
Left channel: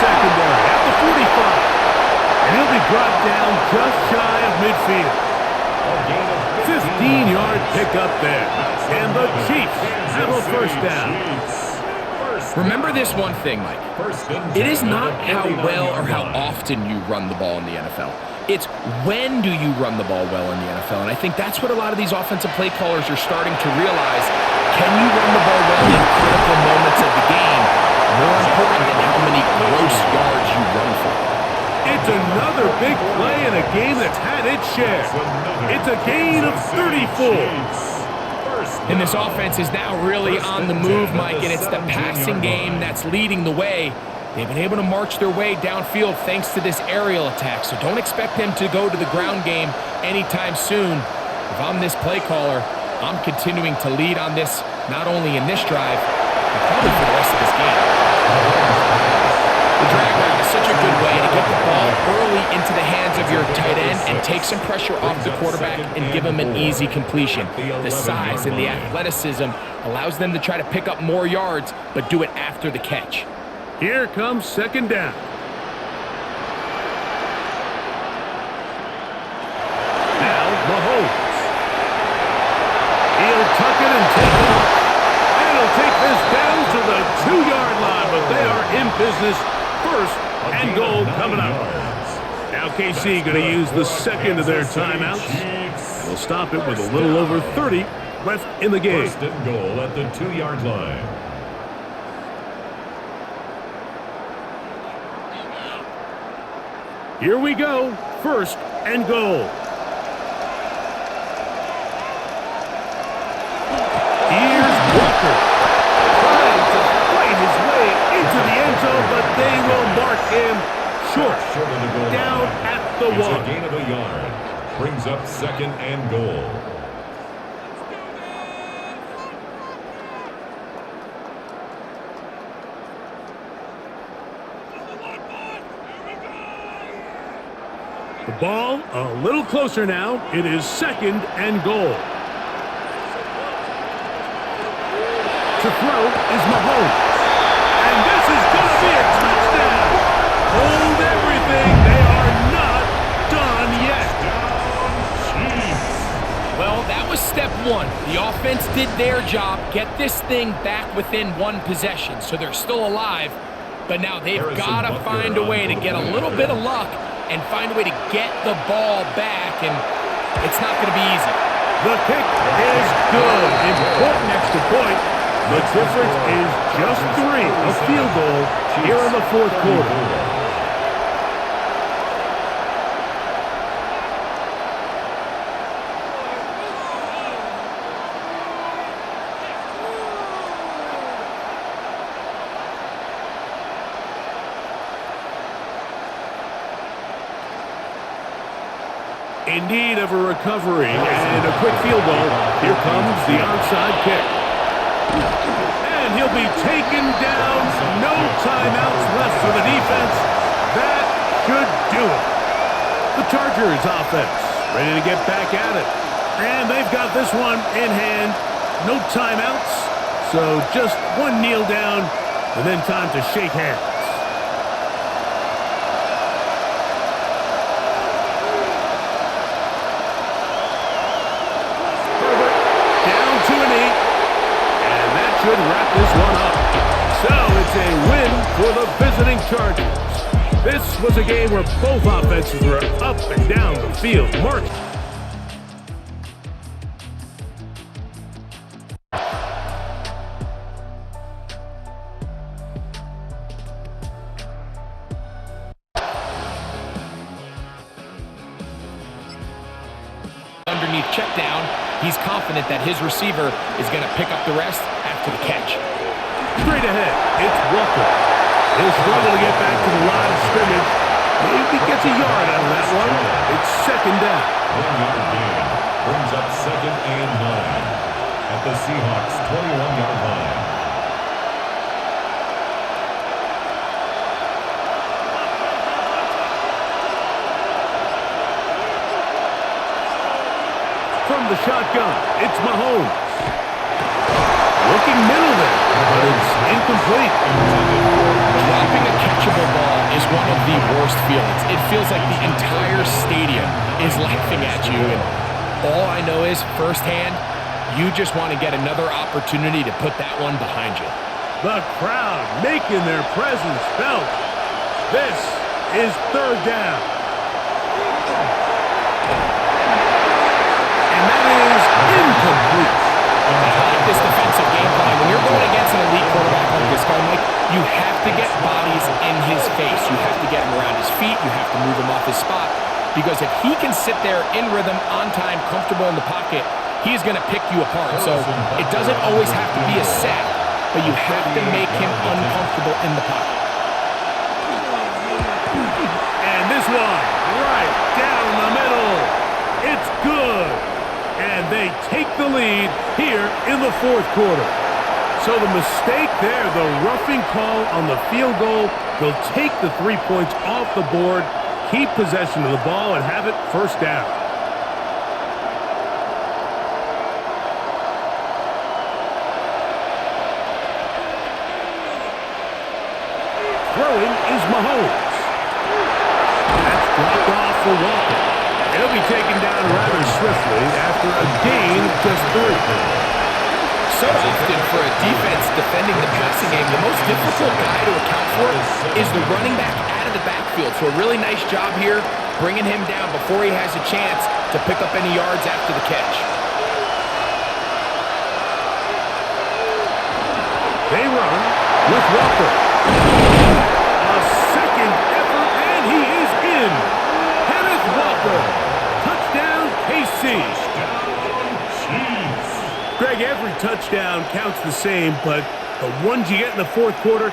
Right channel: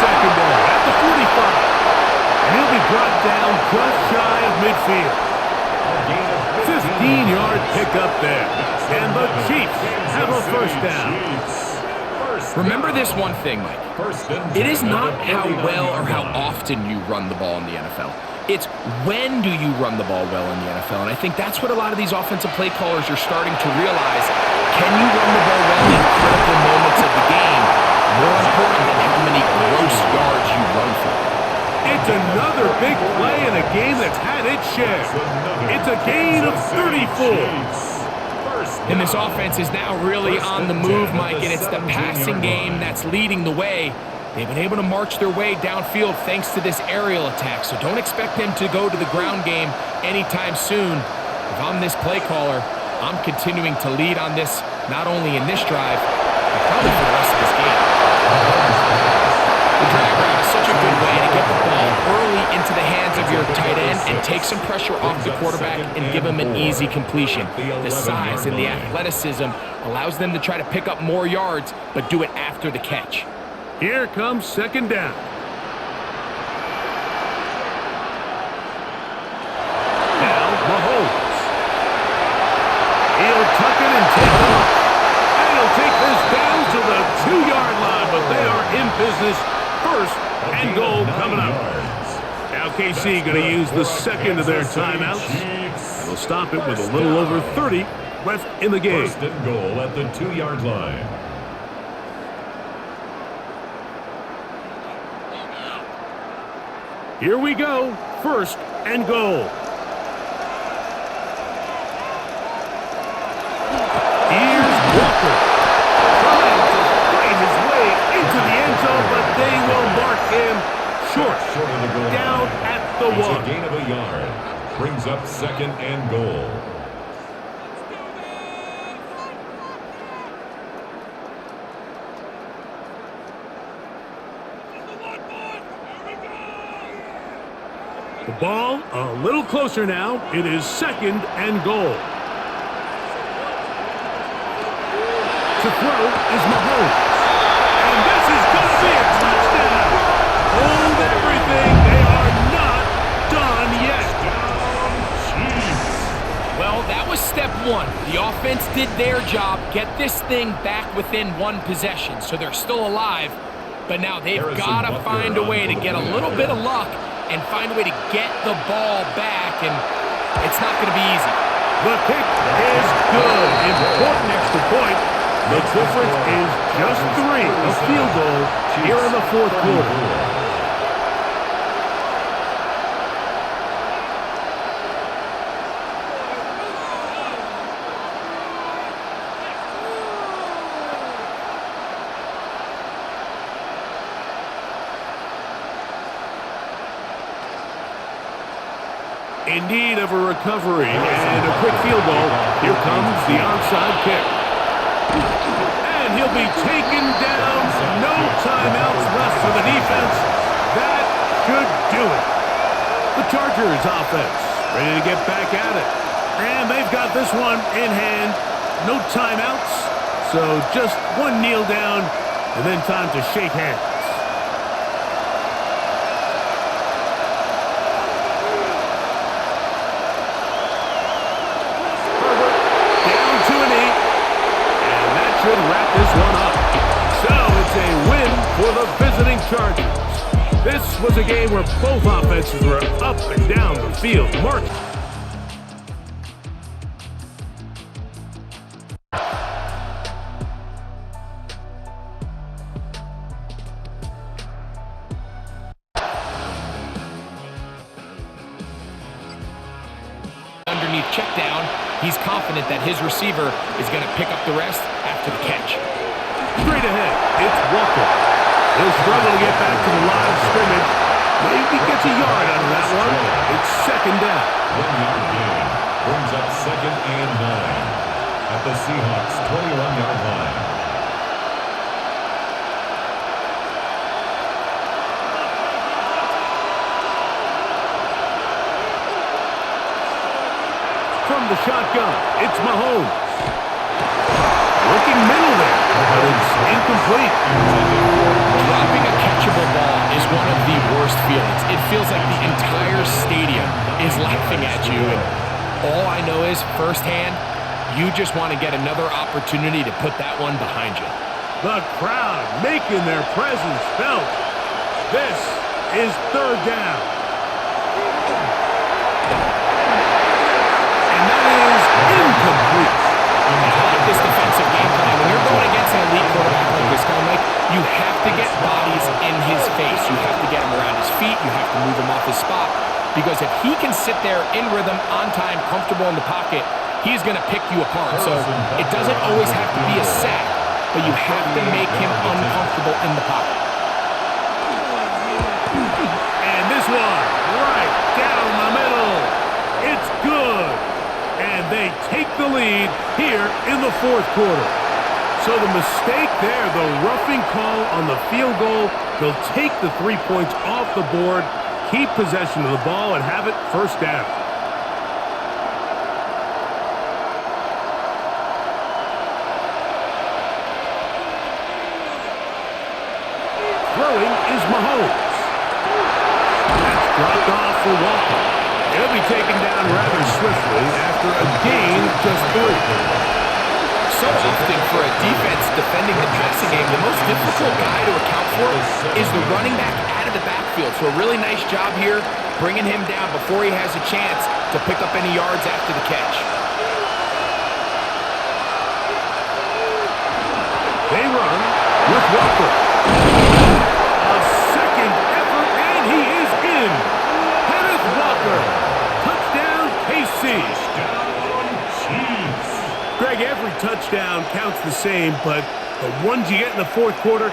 Secondary at the 45. And he'll be brought down just shy of midfield. 15-yard pickup there. And the Chiefs have a 1st down. Remember this one thing, Mike. It is not how well or how often you run the ball in the NFL. It's when do you run the ball well in the NFL. And I think that's what a lot of these offensive play callers are starting to realize. Can you run the ball well in critical moments of the game? More important than how many gross yards you run for. It's another big play in a game that's had its share. It's a gain of 34. And this offense is now really on the move, Mike, and it's the passing game that's leading the way. They've been able to march their way downfield thanks to this aerial attack, so don't expect them to go to the ground game anytime soon. If I'm this play caller, I'm continuing to lead on this, not only in this drive, but probably for the rest of this game. The drag route is such a good way to get the ball early into the hands of your tight end and take some pressure off the quarterback and give him an easy completion. The size and the athleticism allows them to try to pick up more yards, but do it after the catch. Here comes second down. Now, Mahomes. He'll tuck it and take off. And he'll take this down to the 2-yard line, but they are in business. First and goal coming up. Now KC going to use the second of their timeouts. And they'll stop it with a little over 30 left in the game. First and goal at the 2-yard line. Here we go. First and goal. Here's Walker, trying to fight his way into the end zone, but they will mark him short Of the goal down line. at the It's 1. a gain of a yard. Brings up second and goal. The ball a little closer now. It is second and goal. To throw is Mahomes. And this is going to be a touchdown. Hold everything. They are not done yet. Touchdown, Chiefs. Well, that was step one. The offense did their job, get this thing back within one possession, so they're still alive. But now they've got to find a way to get a little bit of luck and find a way to get the ball back, and it's not going to be easy. The kick is good. Important extra point. The difference is just 3, a field goal here in the fourth quarter. In need of a recovery and a quick field goal, here comes the onside kick. And he'll be taken down. No timeouts left for the defense. That should do it. The Chargers offense ready to get back at it. And they've got this one in hand. No timeouts. So just one kneel down and then time to shake hands. Herbert down to a knee. And that should wrap this one up. So it's a win for the visiting Chargers. This was a game where both offenses were up and down the field, marching. Underneath check down, he's confident that his receiver is going to pick up the rest after the catch. Straight ahead, it's Walker. He'll struggle to get back to the line of scrimmage. Maybe gets a yard out of that one. It's second down. 1-yard gain. Brings up second and 9 at the Seahawks' 21-yard line. From the shotgun, it's Mahomes. Looking middle there, but it's incomplete. Dropping a catchable ball is one of the worst feelings. It feels like the entire stadium is laughing at you, and all I know is firsthand, you just want to get another opportunity to put that one behind you. The crowd making their presence felt. This is third down. And that is incomplete. And I like this defensive game plan. When you're going against an elite quarterback like this guy, Mike, you have to get bodies in his face. You have to get him around his feet. You have to move him off his spot. Because if he can sit there in rhythm, on time, comfortable in the pocket, he's going to pick you apart. So it doesn't always have to be a sack, but you have to make him uncomfortable in the pocket. And this one, right down the middle. It's good. And they take the lead here in the fourth quarter. So the mistake there, the roughing call on the field goal, they'll take the 3 points off the board, keep possession of the ball, and have it first down. Throwing is Mahomes. That's dropped off for Walker. It'll be taken down rather swiftly after a gain of just 3. So often for a defense defending the passing game, the most difficult guy to account for is the running back out of the backfield. So a really nice job here bringing him down before he has a chance to pick up any yards after the catch. They run with Walker. A second effort, and he is in. Kenneth Walker. Touchdown, KC. Touchdown, Chiefs. Greg, every touchdown counts the same, but the ones you get in the fourth quarter,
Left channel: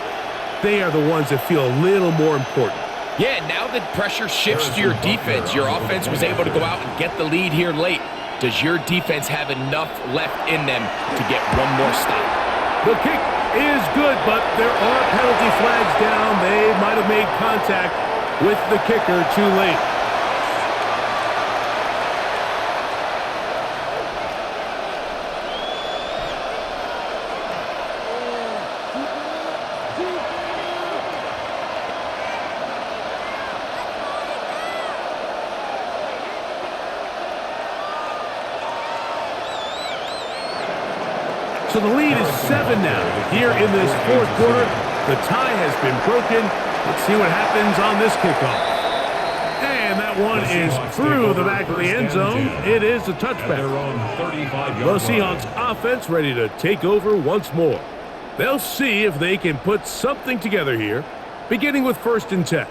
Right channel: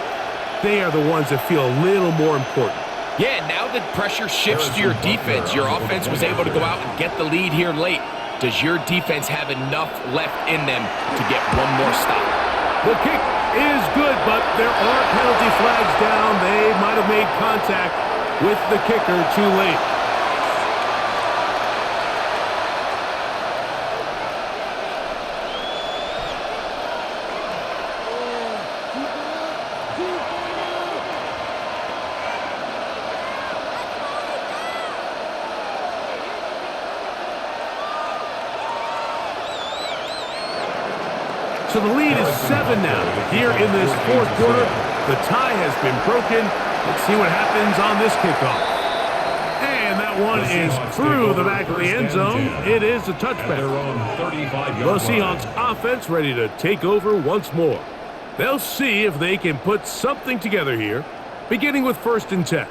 they are the ones that feel a little more important. Yeah, now that pressure shifts to your defense, your offense was able to go out and get the lead here late. Does your defense have enough left in them to get one more stop? The kick is good, but there are penalty flags down. They might have made contact with the kicker too late. So the lead is 7 now. Here in this fourth quarter, the tie has been broken. Let's see what happens on this kickoff. And that one is through the back of the end zone. It is a touchback. The Seahawks offense ready to take over once more. They'll see if they can put something together here, beginning with 1st and 10.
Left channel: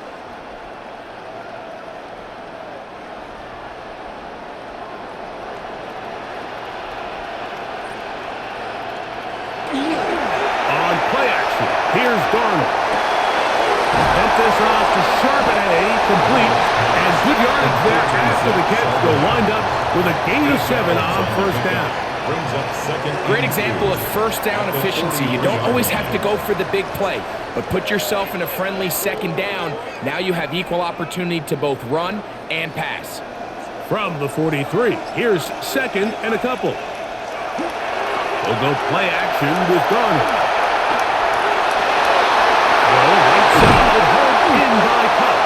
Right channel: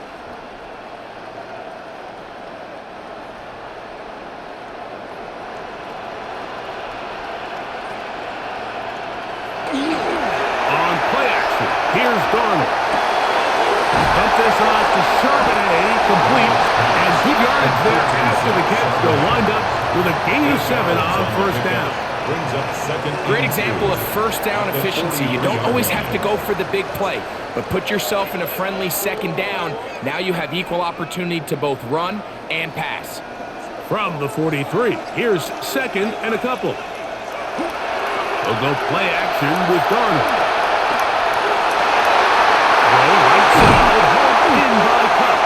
On play action, here's Darnold. Dump this off to Charbonnet, complete, and good yardage there after the catch. They'll wind up with a gain of 7 on 1st down. Brings up 2nd. Great example of first down efficiency. You don't always have to go for the big play, but put yourself in a friendly 2nd down. Now you have equal opportunity to both run and pass. From the 43, here's 2nd and a couple. They'll go play action with Darnold. Throw right side, hauled in by Cup.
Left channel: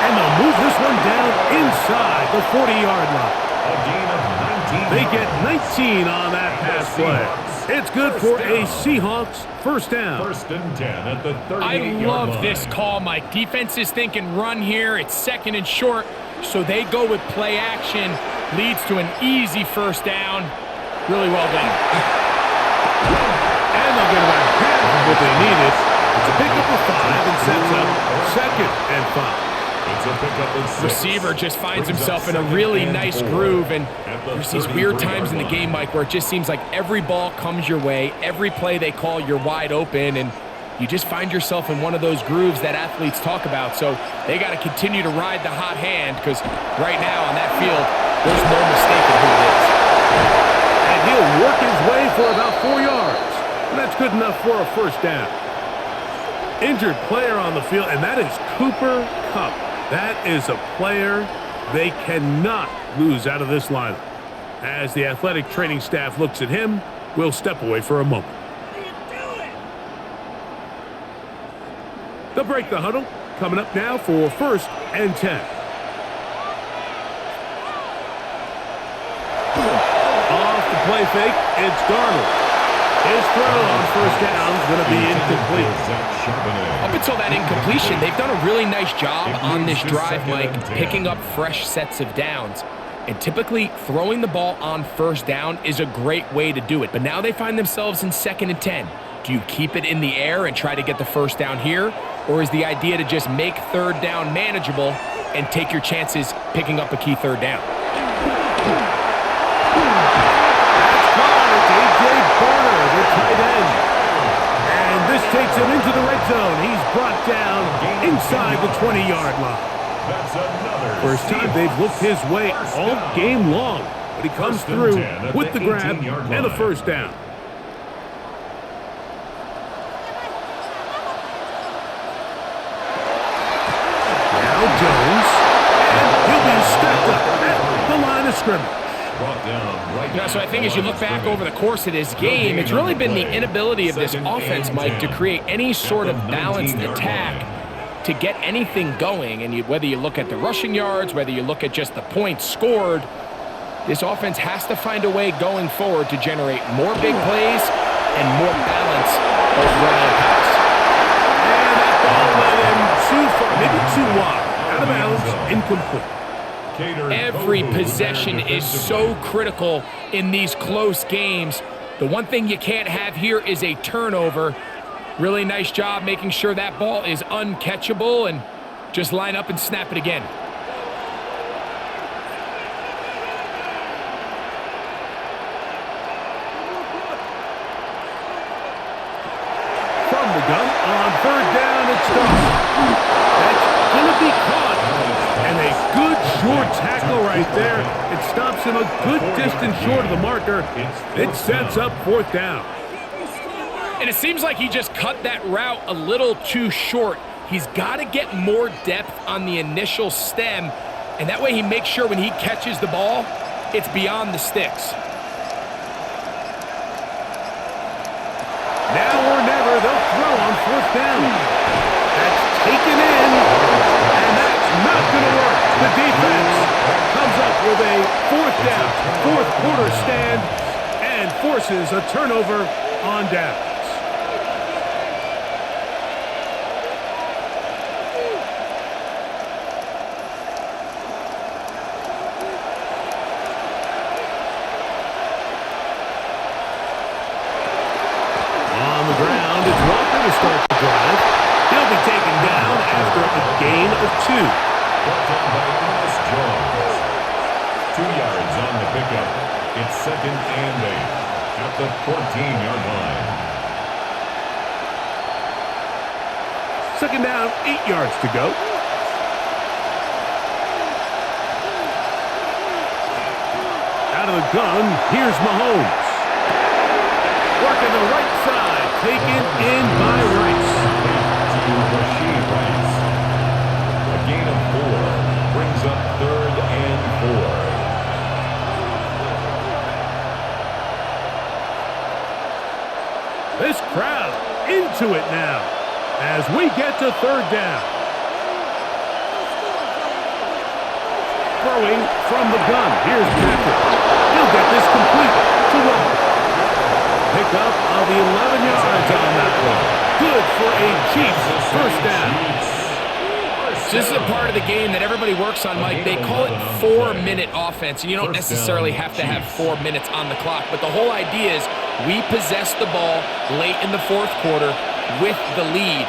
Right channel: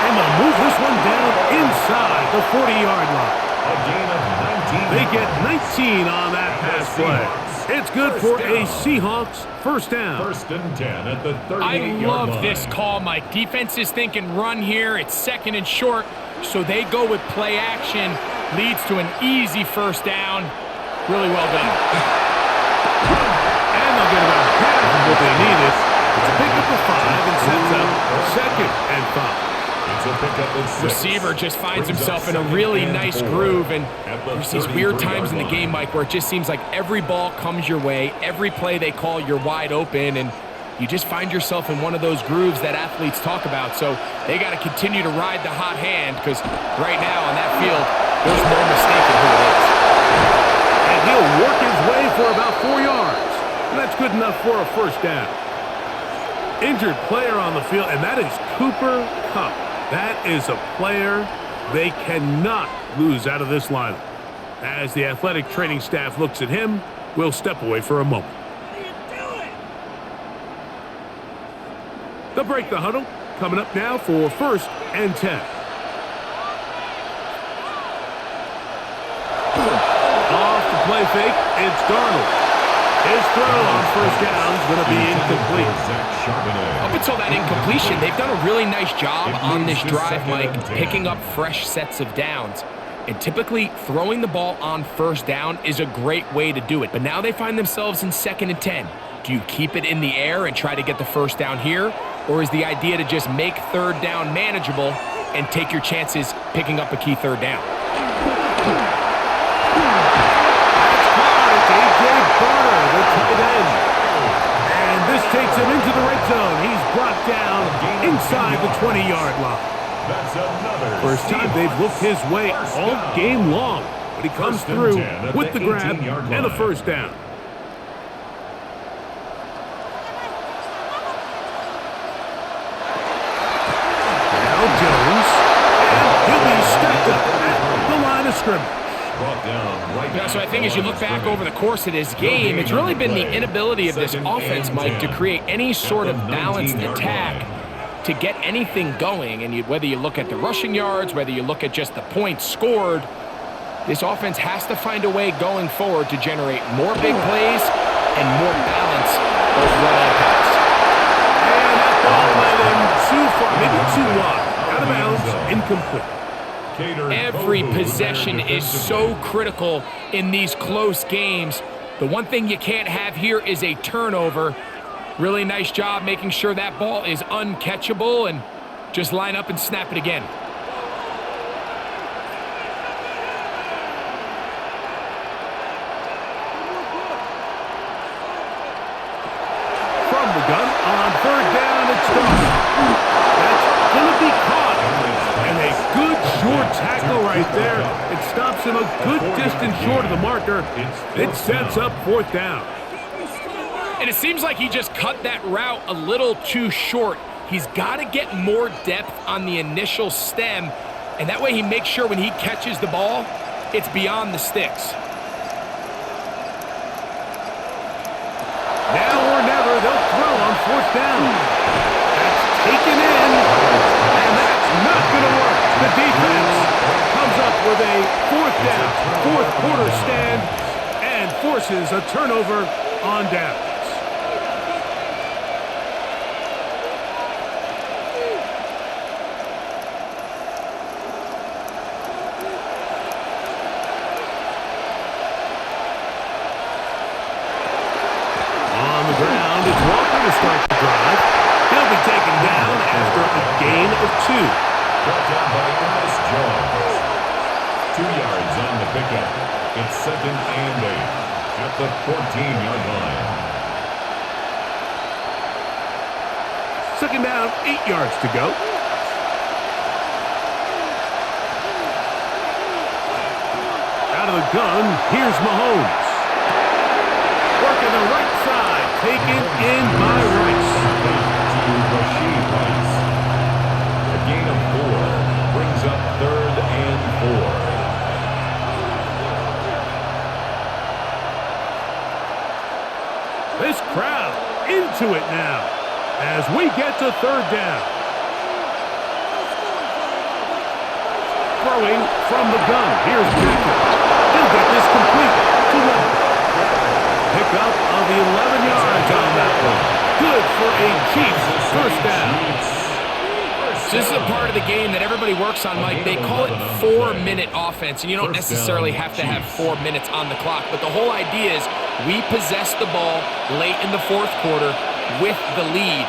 And they'll move this one down inside the 40-yard line. A gain of 19. They get 19 on that pass play. It's good for a Seahawks first down. 1st and 10 at the 38-yard I line. love this call, Mike. Defense is thinking run here. It's 2nd and short, so they go with play action. Leads to an easy first down. Really well done. And they'll get about half of what they needed. It's a pickup of 5 and sets up 2nd and 5. It's a pickup of 6. Receiver just finds himself in a really nice groove, and there's these weird times in the game, Mike, where it just seems like every ball comes your way, every play they call, you're wide open, and you just find yourself in one of those grooves that athletes talk about. So they got to continue to ride the hot hand, because right now on that field, there's no mistaking who it is. And he'll work his way for about 4 yards. And that's good enough for a first down. Injured player on the field, and that is Cooper Kupp. That is a player they cannot lose out of this lineup. As the athletic training staff looks at him, we'll step away for a moment. What are you doing? They'll break the huddle. Coming up now for 1st and 10. Off the play fake, it's Darnold. His throw on first down is going to be incomplete. Up until that incompletion, they've done a really nice job on this drive, Mike, picking up fresh sets of downs. And typically, throwing the ball on first down is a great way to do it. But now they find themselves in 2nd and 10. Do you keep it in the air and try to get the first down here? Or is the idea to just make 3rd down manageable and take your chances picking up a key 3rd down? A.J. Barner, the tight end. And this takes him into the red zone. He's brought down inside the 20-yard line. That's another First time they've looked his way all game long. But he comes through with the grab and a first down. Jones, and he'll be stacked up at the line of scrimmage. Brought down right So I think as you look back over the course of this game, it's really been the inability of this offense, Mike, to create any sort of balanced attack to get anything going. And whether you look at the rushing yards, whether you look at just the points scored, this offense has to find a way going forward to generate more big plays and more balance, both run and pass. And that ball led him too far, maybe too wide. Out of bounds, incomplete. Every possession is so critical in these close games. The one thing you can't have here is a turnover. Really nice job making sure that ball is uncatchable, and just line up and snap it again. From the gun on third down, it's done. That's going to be caught. And a good short tackle right there. It stops him a good distance short of the marker. It sets up fourth down. And it seems like he just cut that route a little too short. He's got to get more depth on the initial stem, and that way he makes sure when he catches the ball, it's beyond the sticks. Now or never, they'll throw on fourth down. That's taken in, and that's not going to work. The defense comes up with a fourth down, fourth quarter stand, and forces a turnover on downs. On the ground, it's Walker to start the drive. He'll be taken down after a gain of 2. Brought down by Ernest Jones. 2 yards on the pickup. It's 2nd and 8 at the 14-yard line. 2nd down, 8 yards to go. Out of the gun, here's Mahomes. Working the right side, taken in by Rice. To Rashid Rice. A gain of 4 brings up 3rd and 4. This crowd into it now as we get to 3rd down. Throwing from the gun. Here's Patrick. He'll get this complete to Walker. Pickup of 11 yards on that one. Good for a Chiefs first down. This is a part of the game that everybody works on, Mike. They call it 4-minute offense, and you don't necessarily have to have 4 minutes on the clock. But the whole idea is we possess the ball late in the fourth quarter with the lead.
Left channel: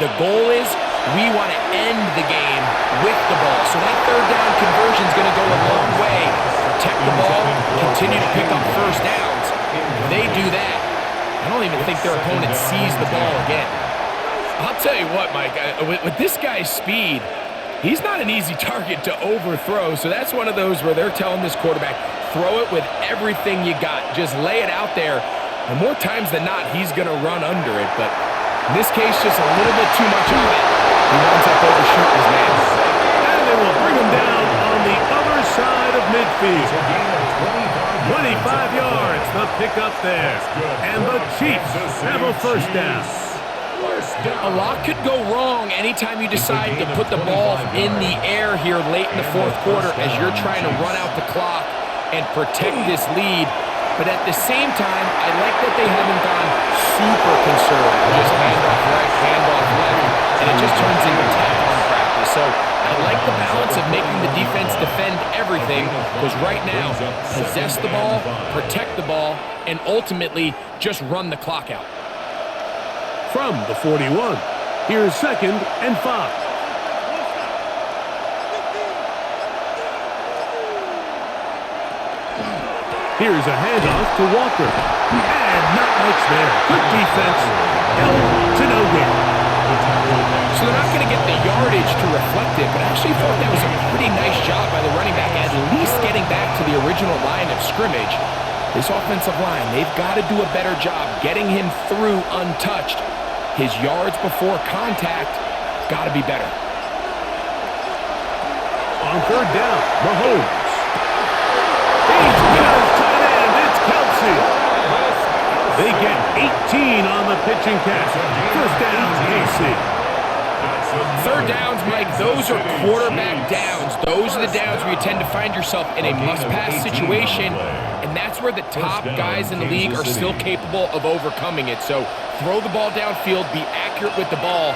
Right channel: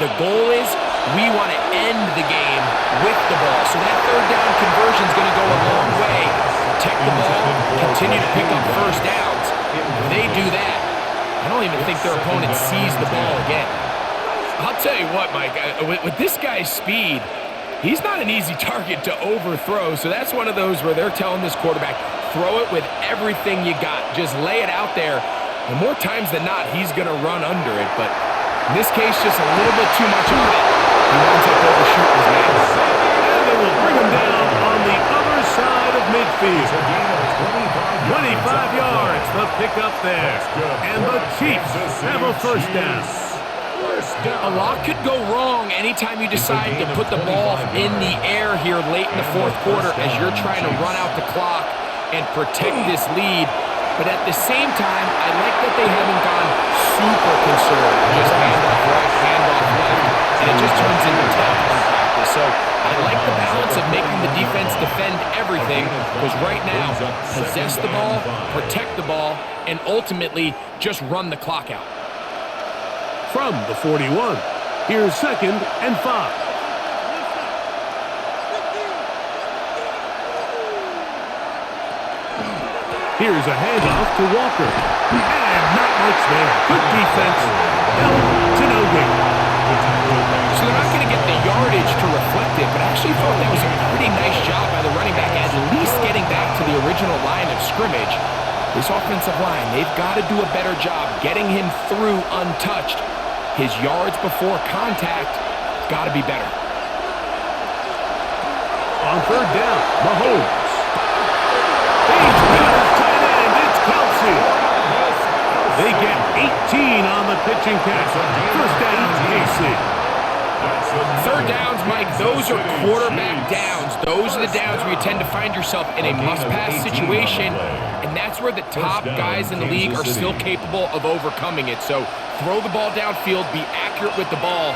The goal is we want to end the game with the ball. So that 3rd down conversion is going to go a long way. Protect the ball, continue to pick up first downs. If they do that, I don't even think their opponent sees the ball again. I'll tell you what, Mike, with this guy's speed, he's not an easy target to overthrow. So that's one of those where they're telling this quarterback, throw it with everything you got. Just lay it out there. And more times than not, he's going to run under it. But in this case, just a little bit too much on it. He winds up overshooting his man. And they will bring him down on the other side of midfield. 25 yards, the pickup there. And the Chiefs have a first down. A lot could go wrong anytime you decide to put the ball in the air here late in the fourth quarter as you're trying to run out the clock and protect this lead. But at the same time, I like that they haven't gone super conservative. Just handoff right, handoff left, and it just turns into tackling practice. So I like the balance of making the defense defend everything, because right now, possess the ball, protect the ball, and ultimately just run the clock out. From the 41, here's 2nd and 5. Here's a handoff to Walker. And not much there. Good defense. Held to no gain. So they're not going to get the yardage to reflect it, but I actually thought that was a pretty nice job by the running back, at least getting back to the original line of scrimmage. This offensive line, they've got to do a better job getting him through untouched. His yards before contact got to be better. on third down. Mahomes. He's got his tight end. It's Kelsey. They get 18 on the pitch and catch. First down, KC. Third downs, Mike, those are quarterback downs. Those are the downs where you tend to find yourself in a must-pass situation, and that's where the top guys in the league are still capable of overcoming it. So throw the ball downfield, be accurate with the ball.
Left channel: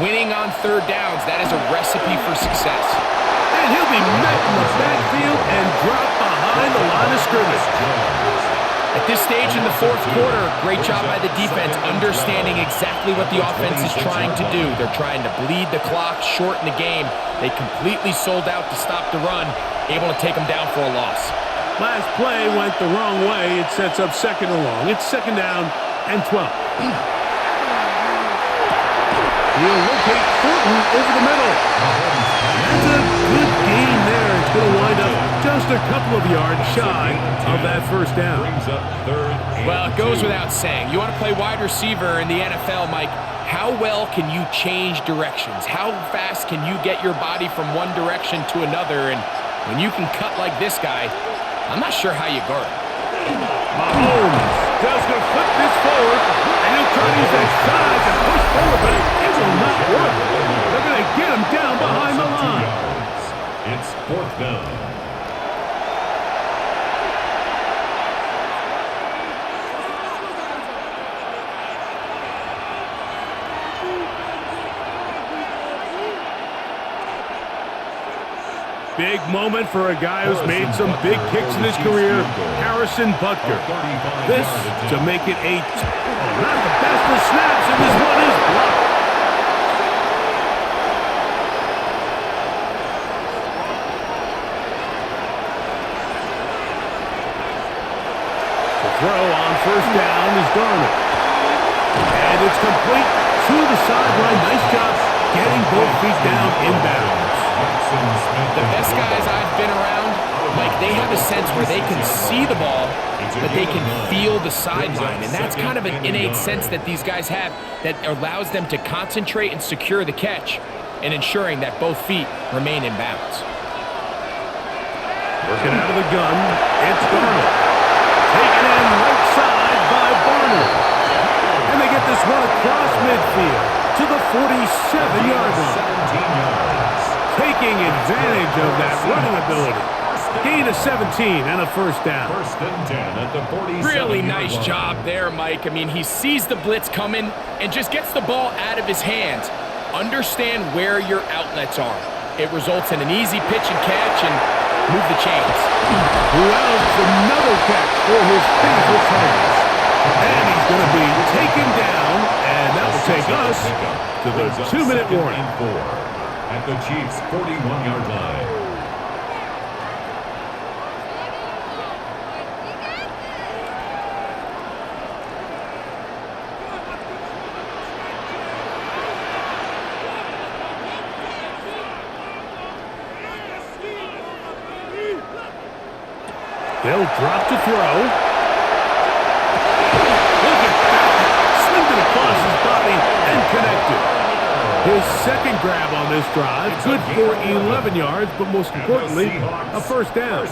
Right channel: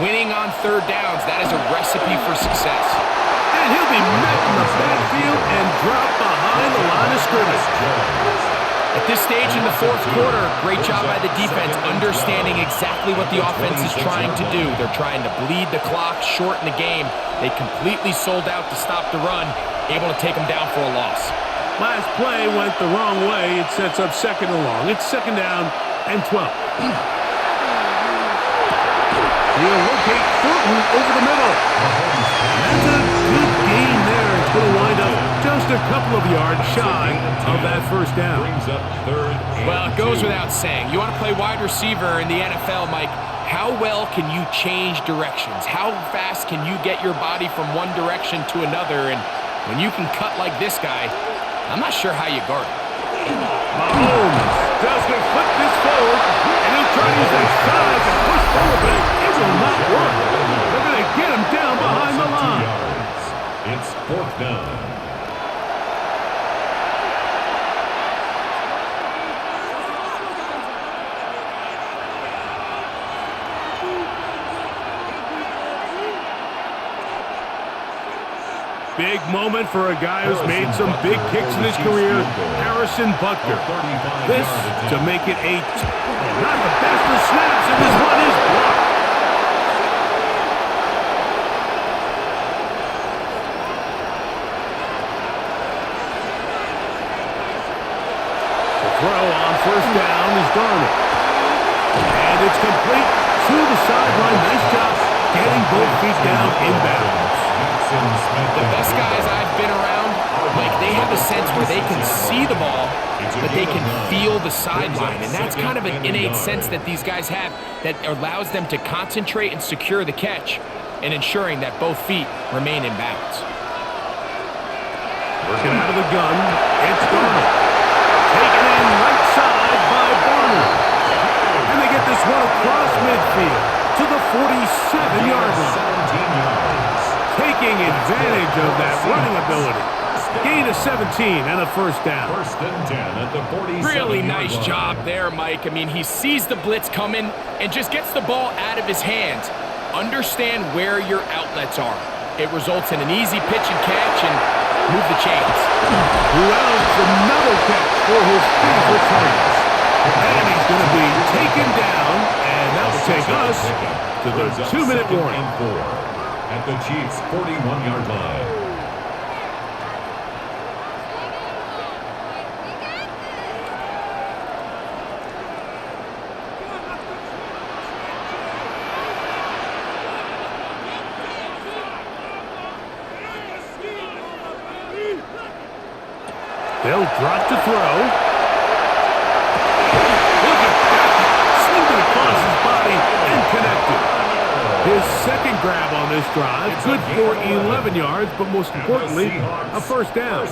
Winning on third downs, that is a recipe for success. And he'll be met in the backfield and dropped behind the line of scrimmage. At this stage in the fourth quarter, great job by the defense understanding exactly what the offense is trying to do. They're trying to bleed the clock, shorten the game. They completely sold out to stop the run, able to take them down for a loss. Last play went the wrong way. It sets up second and long. It's second down and 12. He'll locate Thornton over the middle. And that's a good gain there. It's going to wind up just a couple of yards shy of that first down. Well, it goes without saying. You want to play wide receiver in the NFL, Mike, how well can you change directions? How fast can you get your body from one direction to another? And when you can cut like this guy, I'm not sure how you guard him. Mahomes just going to flip this forward, and he'll try to use that size and push forward, but it will not work. They're going to get him down behind the line. It's fourth down. Big moment for a guy who's made some big kicks in his career, Harrison Butker. This to make it not the best of snaps, and this one is blocked. The throw on first down is Darnold. And it's complete to the sideline. Nice job getting both feet down inbounds. The best guys I've been around, Mike, they have a sense where they can see the ball, but they can feel the sideline. And that's kind of an innate sense that these guys have that allows them to concentrate and secure the catch and ensuring that both feet remain in bounds. Working out of the gun, it's Darnold. Taken in right side by Barner. And they get this one across midfield to the 47-yard line. 17 yards. Taking advantage of that running ability. Gain of 17 and a first down. First and 10 at the 47. Really nice job there, Mike. I mean, he sees the blitz coming and just gets the ball out of his hands. Understand where your outlets are. It results in an easy pitch and catch and move the chains. Who else? Another catch for his favorite targets. And he's going to be taken down, and that will take us to the 2-minute warning. At the Chiefs' 41-yard line. They'll drop to throw. Look at that. Slinged it across his body and connected. His second grab on this drive, good for 11 yards, but most importantly, a first down.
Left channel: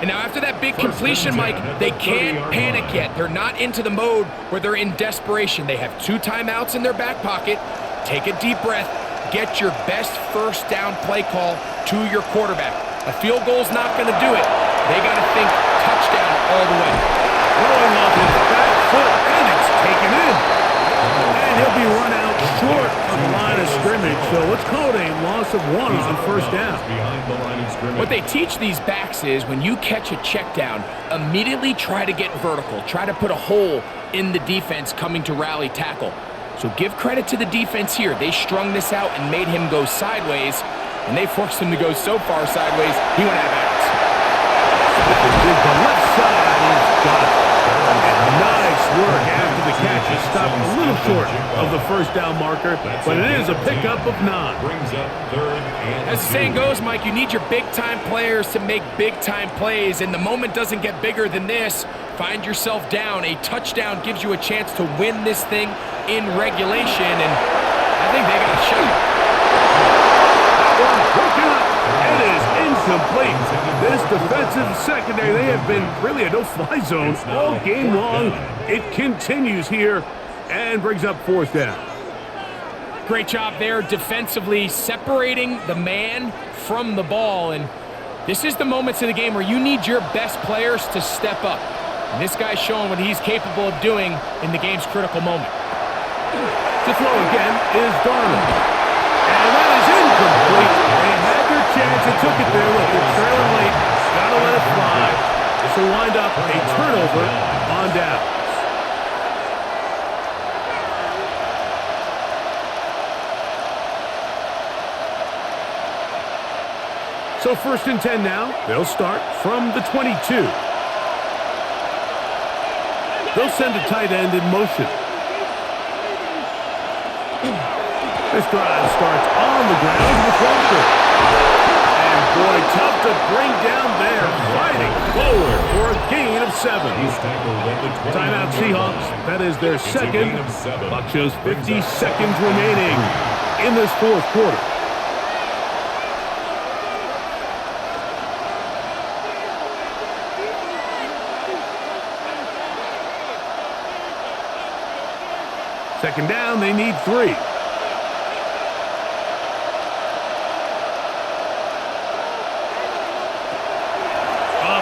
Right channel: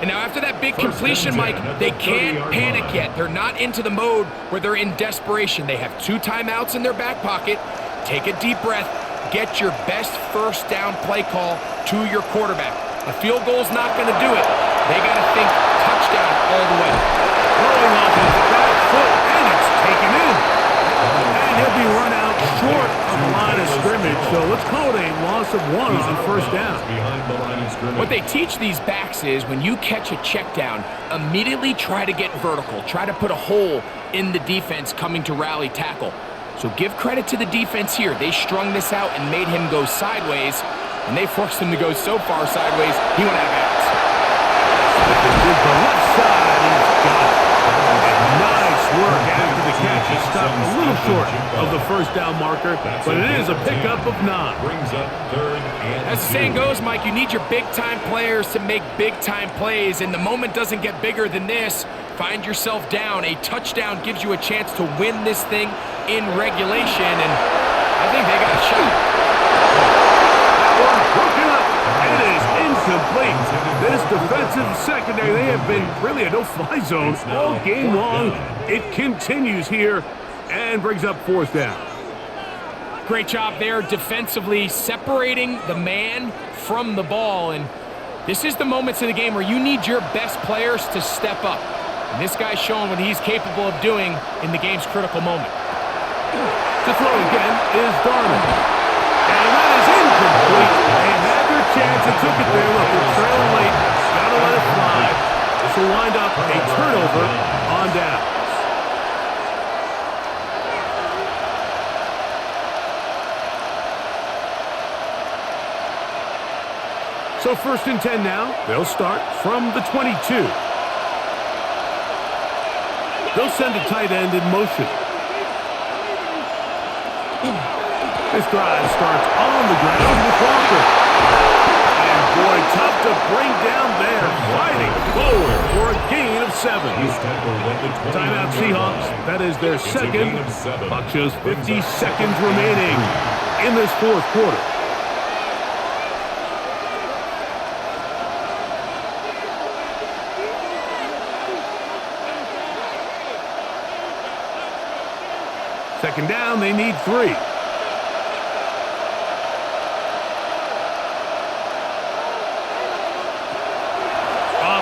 And now after that big completion, Mike, they can't panic yet. They're not into the mode where they're in desperation. They have 2 timeouts in their back pocket. Take a deep breath. Get your best first down play call to your quarterback. A field goal's not going to do it. They got to think touchdown all the way. Throwing off his back foot, and it's taken in. And he'll be run out short of the line of scrimmage, so let's call it a loss of 1 on first down. What they teach these backs is when you catch a check down, immediately try to get vertical. Try to put a hole in the defense coming to rally tackle. So give credit to the defense here. They strung this out and made him go sideways, and they forced him to go so far sideways, he went out of bounds. The left side, he's got it. And nice work after the catch. He stopped a little short of the first down marker, but it is a pickup of 9. Brings up third and As the saying goes, Mike, you need your big-time players to make big-time plays, and the moment doesn't get bigger than this. Find yourself down. A touchdown gives you a chance to win this thing in regulation, and I think they got a shot. That one broken up. It is incomplete. This defensive secondary, they have been really a no-fly zone all game long. It continues here and brings up fourth down. Great job there defensively, separating the man from the ball. And this is the moments of the game where you need your best players to step up. And this guy's showing what he's capable of doing in the game's critical moment. To throw again is Darnold. And that is incomplete. They had their chance and took it there. Look, they're trailing late. Got to let it fly. This will wind up a turnover on downs. So 1st and 10 now. They'll start from the 22. They'll send a tight end in motion. This drive starts on the ground with Walker. And boy, tough to bring down there. Fighting forward for a gain of 7. Timeout Seahawks. That is their second. Clock shows 50 seconds remaining in this fourth quarter. Second down, they need 3.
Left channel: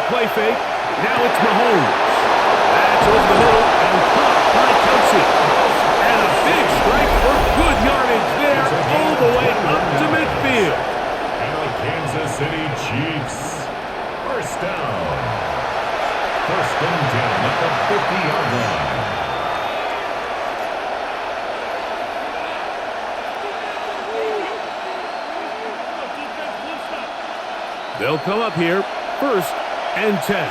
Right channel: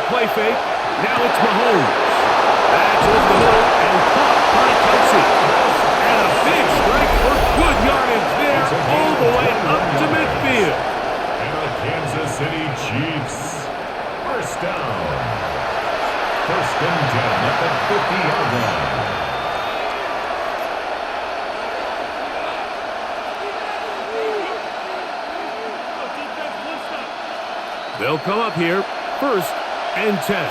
Play fake. Now it's Mahomes. That's over the middle and caught by Kelsey. And a big strike for good yardage there all the way up to midfield. And the Kansas City Chiefs. First down. 1st and 10 at the 50-yard line. They'll come up here. 1st and 10.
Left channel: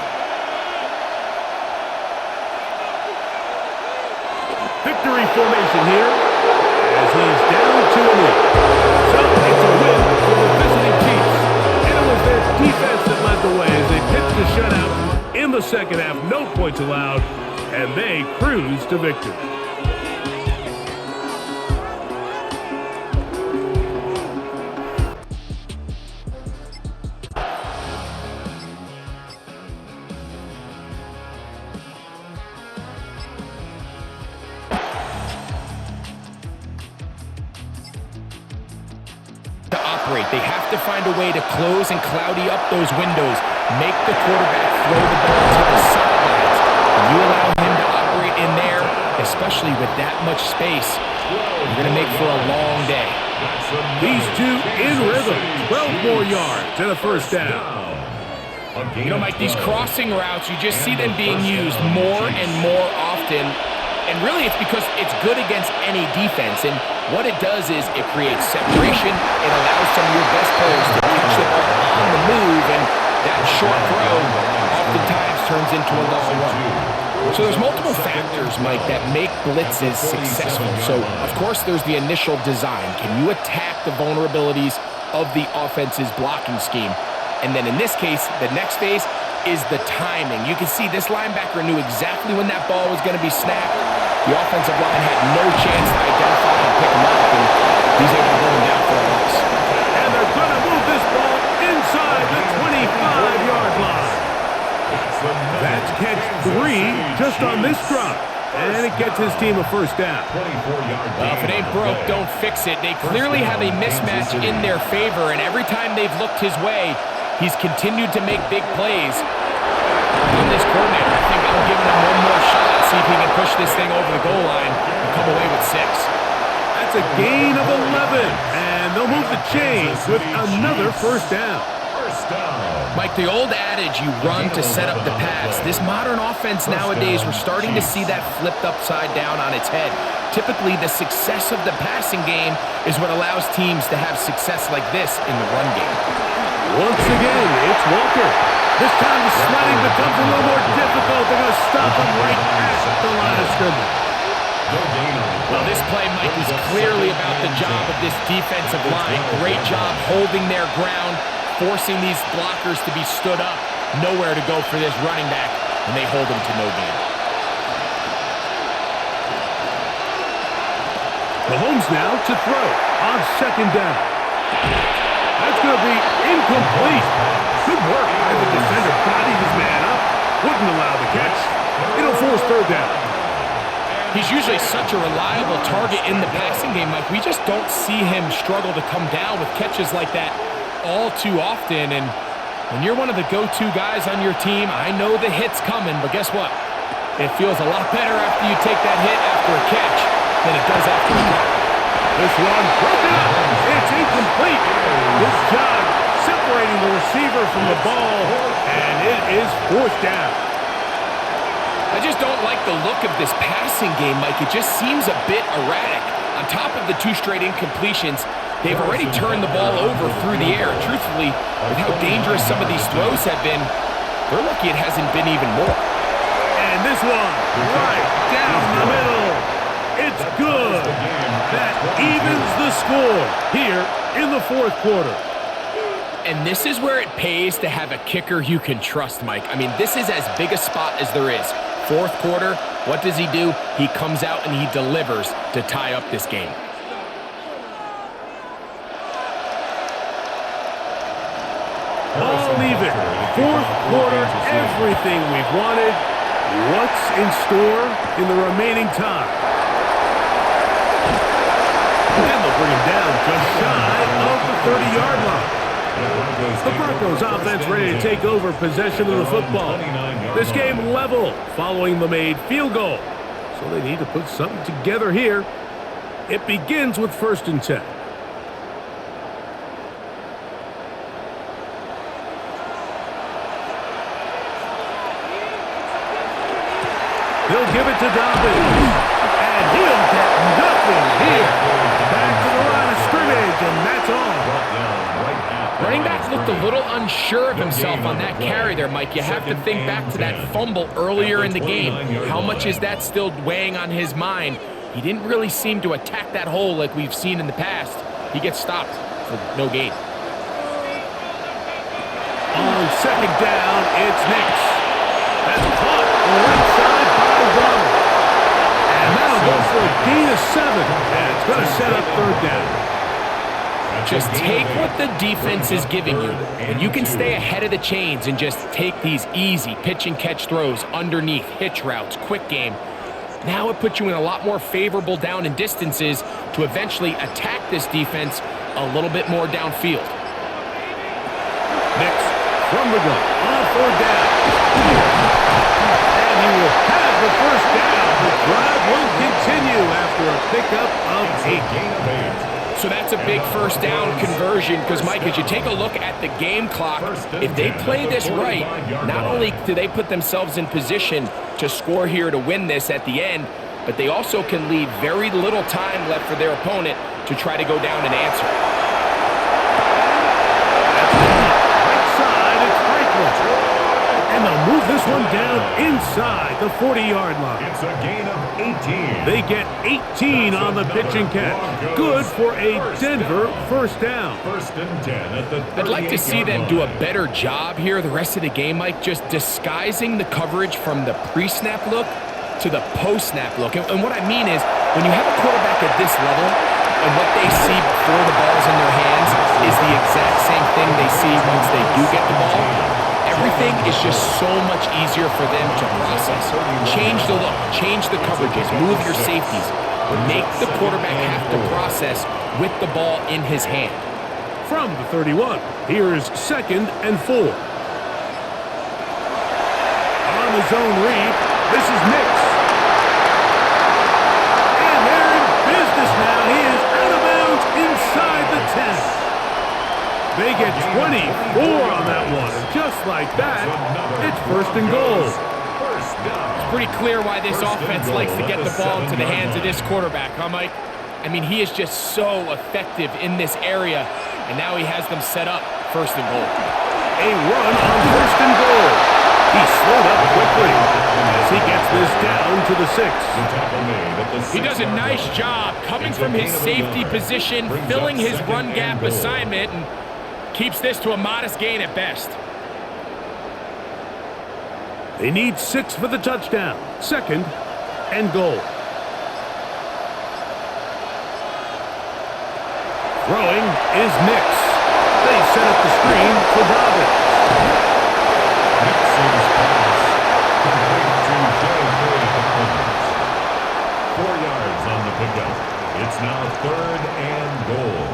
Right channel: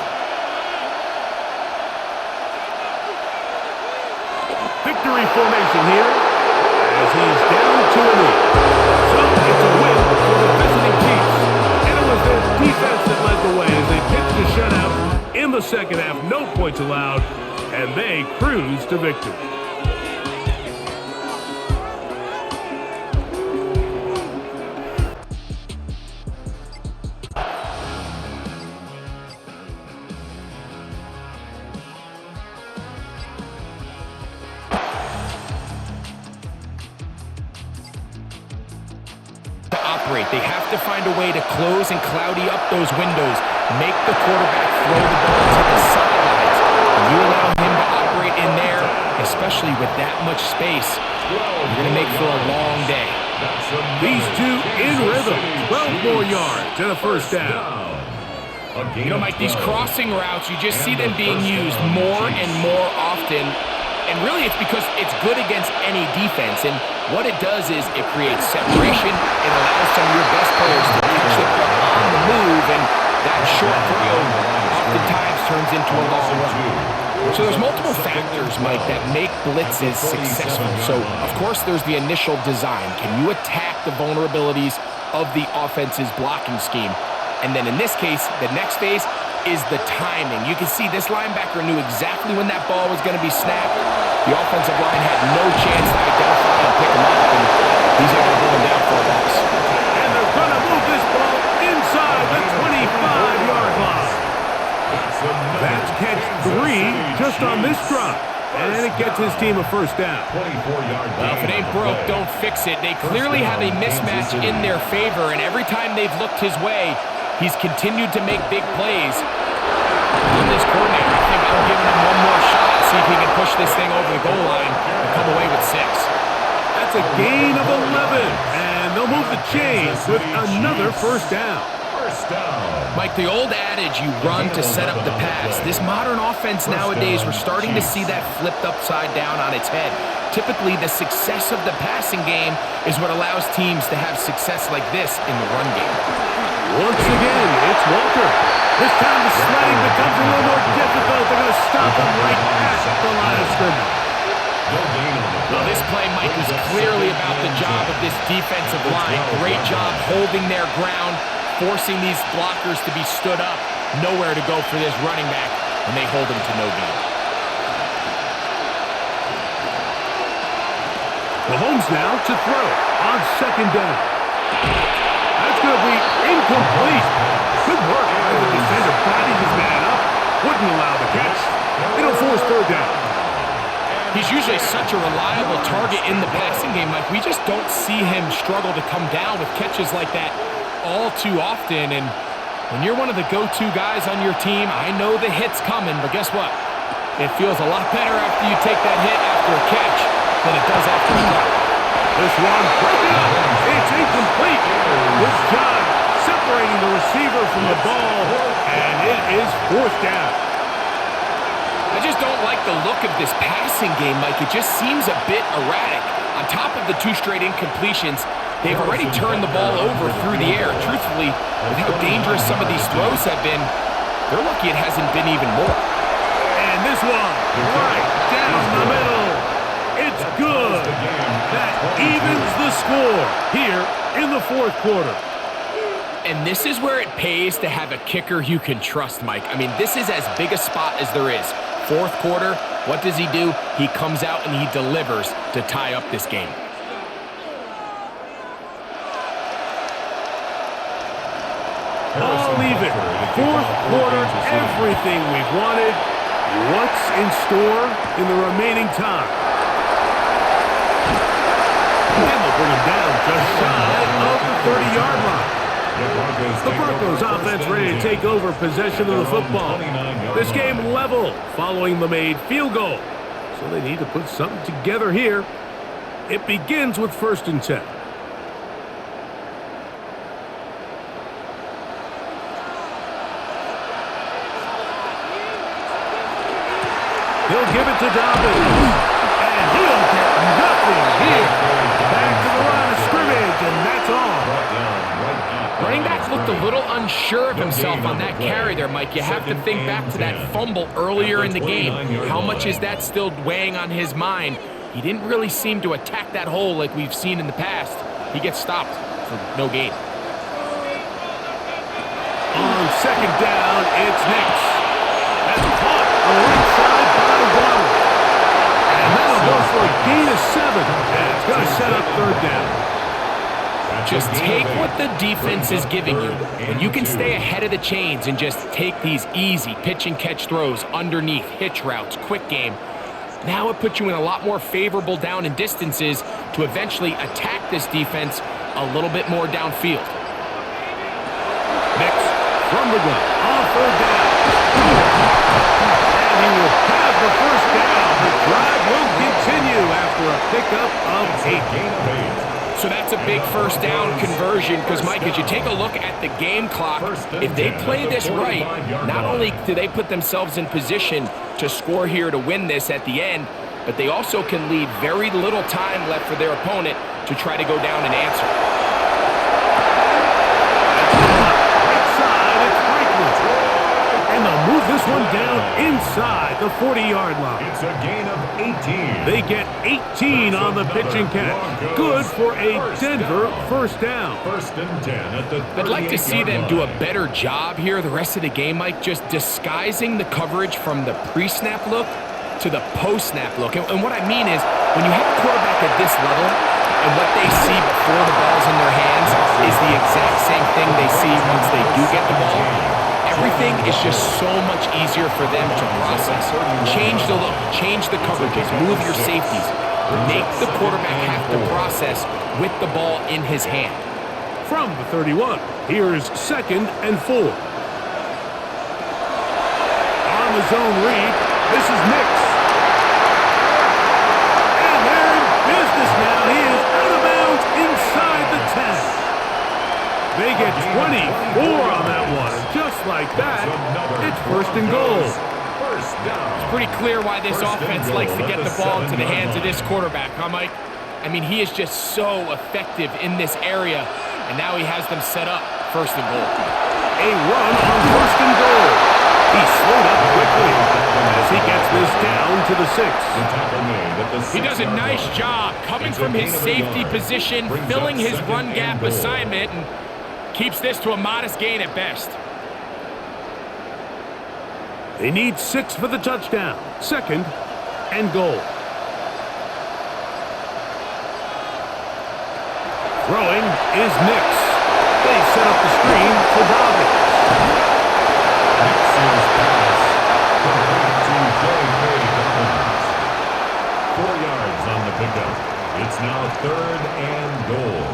Victory formation here as he's down to a knee. So it's a win for the visiting Chiefs. And it was their defense that led the way as they pitched a shutout in the second half. No points allowed, and they cruise to victory. Operate. They have to find a way to close and cloudy up those windows, make the quarterback throw the ball to the sidelines. When you allow him to operate in there, especially with that much space, you're going to make for a long day. These two in rhythm. 12 more yards and a first down. You know, Mike, these crossing routes, you just see them being used more and more often. And really, it's because it's good against any defense. And what it does is it creates separation. It allows some of your best players to catch the ball on the move. And that short throw oftentimes turns into a long run. So there's multiple factors, Mike, that make blitzes successful. So, of course, there's the initial design. Can you attack the vulnerabilities of the offense's blocking scheme? And then in this case, the next phase is the timing. You can see this linebacker knew exactly when that ball was going to be snapped. The offensive line had no chance to identify and pick him up, and he's able to bring him down for a loss. And they're going to move this ball inside the 25-yard line. That's catch 3 just on this drive. And it gets his team a first down. Well, if it ain't broke, don't fix it. They clearly have a mismatch in their favor, and every time they've looked his way, he's continued to make big plays. On this coordinator, I think I'm giving him one more shot, see if he can push this thing over the goal line and come away with 6. That's a gain of 11, and they'll move the chains with another first down. Mike, the old adage, you run to set up the pass. This modern offense nowadays, we're starting to see that flipped upside down on its head. Typically, the success of the passing game is what allows teams to have success like this in the run game. Once again, it's Walker. This time the sledding becomes a little more difficult. They're going to stop him right at the line of scrimmage. Well, this play, Mike, was clearly about the job of this defensive line. Great job holding their ground, forcing these blockers to be stood up. Nowhere to go for this running back, and they hold him to no gain. Mahomes now to throw on second down. That's going to be incomplete. Good work by the defender. Bodied his man up. Wouldn't allow the catch. It'll force third down. He's usually such a reliable target in the passing game, Mike. We just don't see him struggle to come down with catches like that all too often. And when you're one of the go-to guys on your team, I know the hit's coming, but guess what? It feels a lot better after you take that hit after a catch than it does after a drop. This one broken up. It's incomplete. Good job separating the receiver from the ball, and it is fourth down. I just don't like the look of this passing game, Mike. It just seems a bit erratic. On top of the 2 straight incompletions, they've already turned the ball over through the air. Truthfully, with how dangerous some of these throws have been, they're lucky it hasn't been even more. And this one, right down the middle. It's good. That evens the score here in the fourth quarter. And this is where it pays to have a kicker you can trust, Mike. I mean, this is as big a spot as there is. Fourth quarter, what does he do? He comes out and he delivers to tie up this game. All even. Fourth quarter, everything we've wanted. What's in store in the remaining time? And they'll bring him down just shy of the 30-yard line. The Broncos offense ready to take over possession of the football. This game level following the made field goal. So they need to put something together here. It begins with 1st and 10. They'll give it to Dobbins. And he'll get nothing here. Back to the line of scrimmage, and that's all. Running back looked a little unsure of himself on that carry there, Mike. You have to think back to that fumble earlier in the game. How much is that still weighing on his mind? He didn't really seem to attack that hole like we've seen in the past. He gets stopped for no gain. On 2nd down, it's Nix. That's caught on the right side by Waddle. And that'll go for a gain of 7. And it's going to set up 3rd down. Just take what the defense is giving you. When you can stay ahead of the chains and just take these easy pitch and catch throws underneath, hitch routes, quick game, now it puts you in a lot more favorable down and distances to eventually attack this defense a little bit more downfield. Nix from the gun on 3rd down. And he will have the 1st down. The drive will continue after a pickup of 8. So that's a big 1st down conversion because, Mike, as you take a look at the game clock, if they play this right, not only do they put themselves in position to score here to win this at the end, but they also can leave very little time left for their opponent to try to go down and answer. That's on right side. It's Franklin. And they'll move this one down inside the 40-yard line. It's a gain of 18. They get 18 on the pitch and catch. Good for a Denver 1st down. 1st and 10 at the 38-yard line. I'd like to see them do a better job here the rest of the game, Mike, just disguising the coverage from the pre-snap look to the post-snap look. And what I mean is, when you have a quarterback at this level, and what they see before the ball's in their hands is the exact same thing they see once they do get the ball, everything is just so much easier for them to process. Change the look, change the coverages, move your safeties. Make the quarterback have to process with the ball in his hand. From the 31, here's 2nd and 4. On the zone read, this is Nix. And they're in business now. He is out of bounds inside the 10. They get 24 on that one, and just like that, it's 1st and goal. It's pretty clear why this offense likes to get the ball into the hands of this quarterback, huh, Mike? I mean, he is just so effective in this area, and now he has them set up 1st and goal. A run on 1st and goal. He slowed up quickly as he gets this down to the 6. He does a nice job coming from his safety position, filling his run gap assignment, and keeps this to a modest gain at best. They need 6 for the touchdown. 2nd and goal. Throwing is Nix. They set up the screen for Dobbins. Mixon's pass complete to J.K. Dobbins. 4 yards on the pickup. It's now 3rd and goal.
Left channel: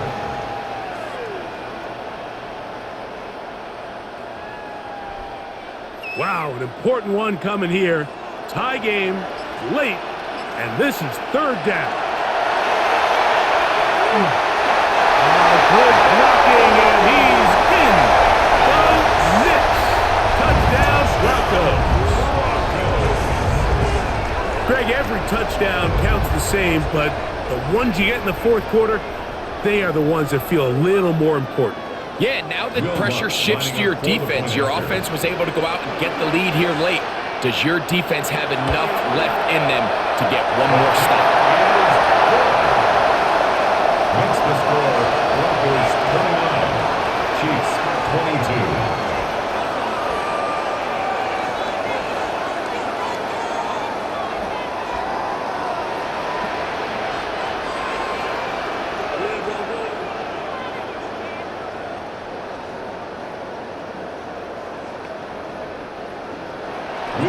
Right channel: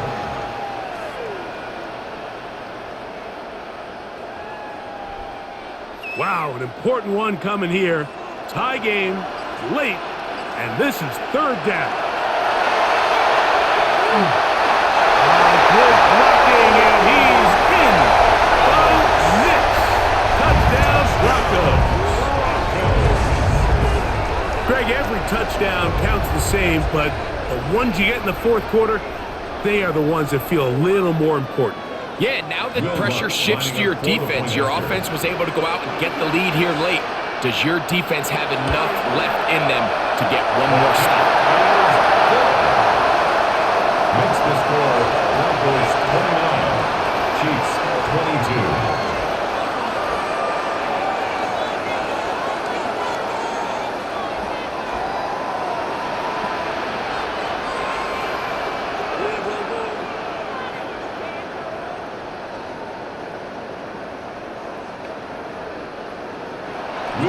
Wow, an important one coming here. Tie game, late, and this is 3rd down. Good blocking, and he's in. Bo Nix. Touchdown, Broncos. Greg, every touchdown counts the same, but the ones you get in the 4th quarter, they are the ones that feel a little more important. Yeah, now the pressure shifts to your defense. Your offense was able to go out and get the lead here late. Does your defense have enough left in them to get one more stop? Makes the score Broncos 29, Chiefs 22.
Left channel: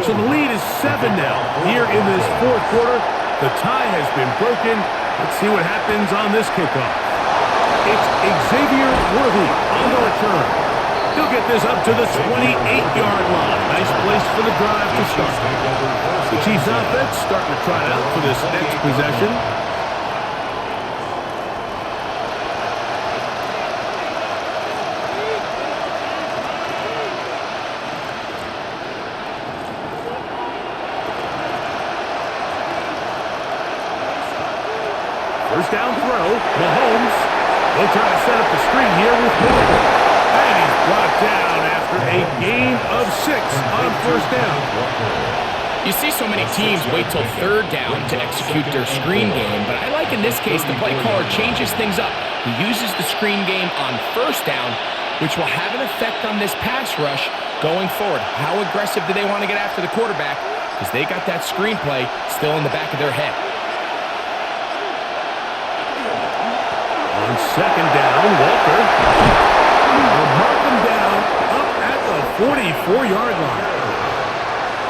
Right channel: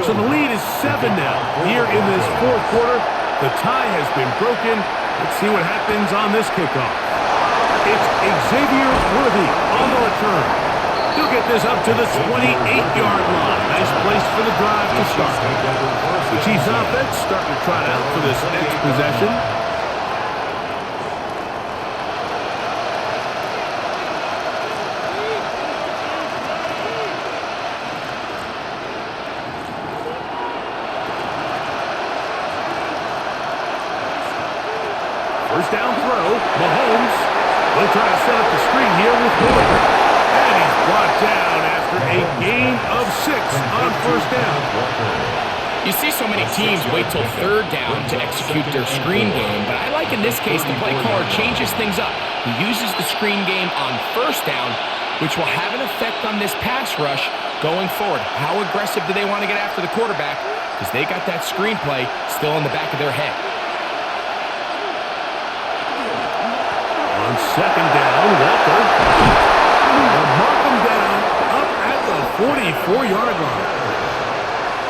So the lead is 7 now. Here in this 4th quarter, the tie has been broken. Let's see what happens on this kickoff. It's Xavier Worthy on the return. He'll get this up to the 28-yard line. Nice place for the drive to start. The Chiefs offense starting to trot out for this next possession. First down throw, Mahomes. They'll try to set up the screen here with Walker. And he's brought down after a gain of 6 on 1st down. You see so many teams wait till 3rd down to execute their screen game, but I like in this case the play caller changes things up. He uses the screen game on 1st down, which will have an effect on this pass rush going forward. How aggressive do they want to get after the quarterback? Because they got that screen play still in the back of their head. On 2nd down, Walker. They'll mark him down up at the 44-yard line.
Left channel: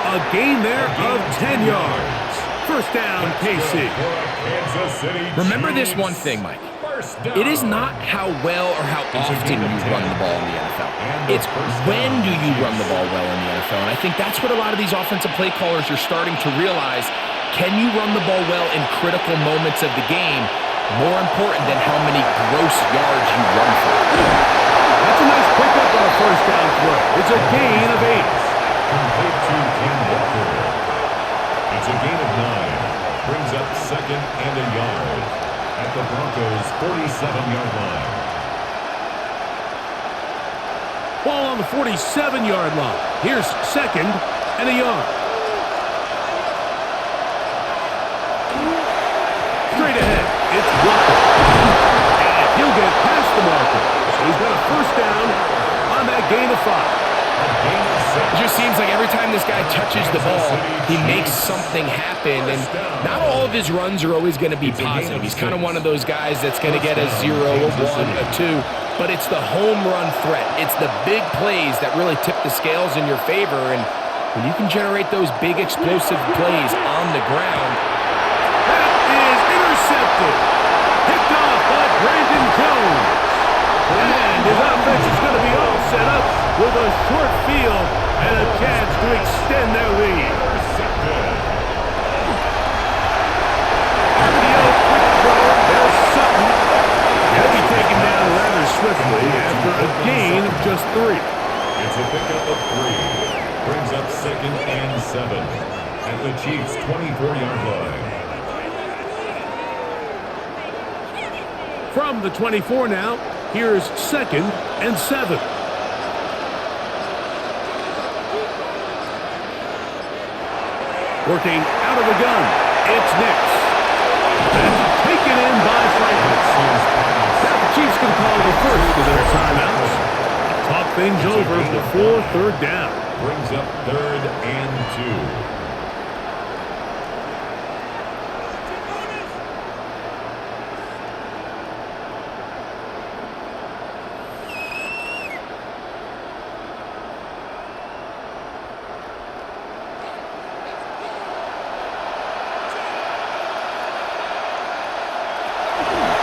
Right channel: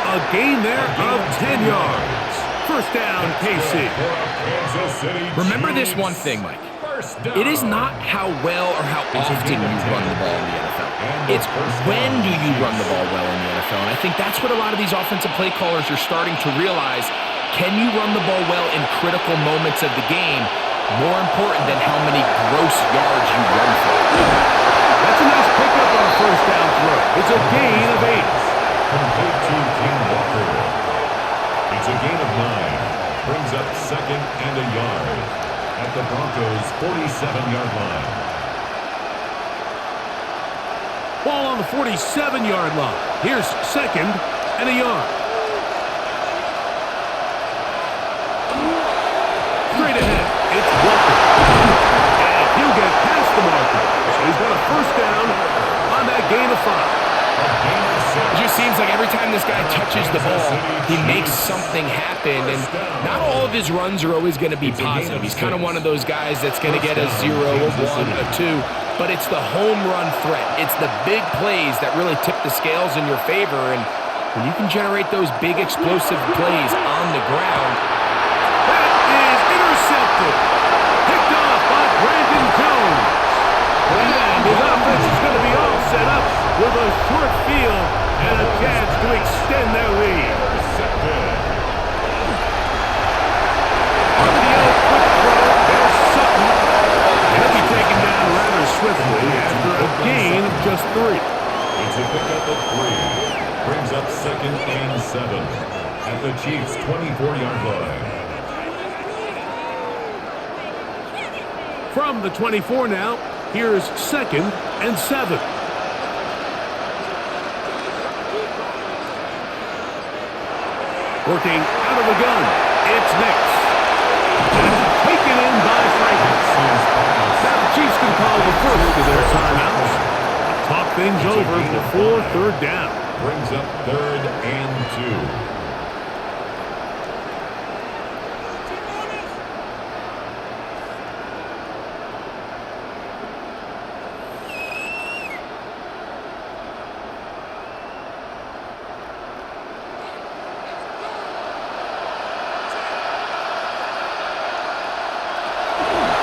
A gain there of 10 yards. First down, KC. Remember this one thing, Mike. It is not how well or how often you run the ball in the NFL. It's when do you run the ball well in the NFL. And I think that's what a lot of these offensive play callers are starting to realize. Can you run the ball well in critical moments of the game? More important than how many gross yards you run for. That's a nice pickup on a 1st down throw. It's a gain of 8. Complete to Ken Walker. It's a gain of 9. Brings up 2nd and a yard at the Broncos' 47-yard line. Ball on the 47-yard line. Here's 2nd and a yard. Straight ahead, it's Walker. And he'll get past the marker. So he's got a 1st down on that gain of 5. It just seems like every time this guy touches the ball, he makes something happen. And not all of his runs are always going to be positive. He's kind of one of those guys that's going to get a 0, a 1, a 2. But it's the home run threat. It's the big plays that really tip the scales in your favor. And when you can generate those big explosive plays on the ground, that is intercepted. Picked off by Brandon Jones. And his offense is going to be all set up with a short field and a chance to extend their lead. Intercepted. RPO quick throw. There's Sutton. He'll be taken down rather swiftly after a gain of just 3. It's a pickup of 3. Brings up 2nd and 7 at the Chiefs' 24-yard line. From the 24 now, here's 2nd and 7. Working out of the gun, it's Nix. That's taken in by Franklin. Now the Chiefs can call the first of their timeouts. Talk things over before 3rd down. Brings up 3rd and 2.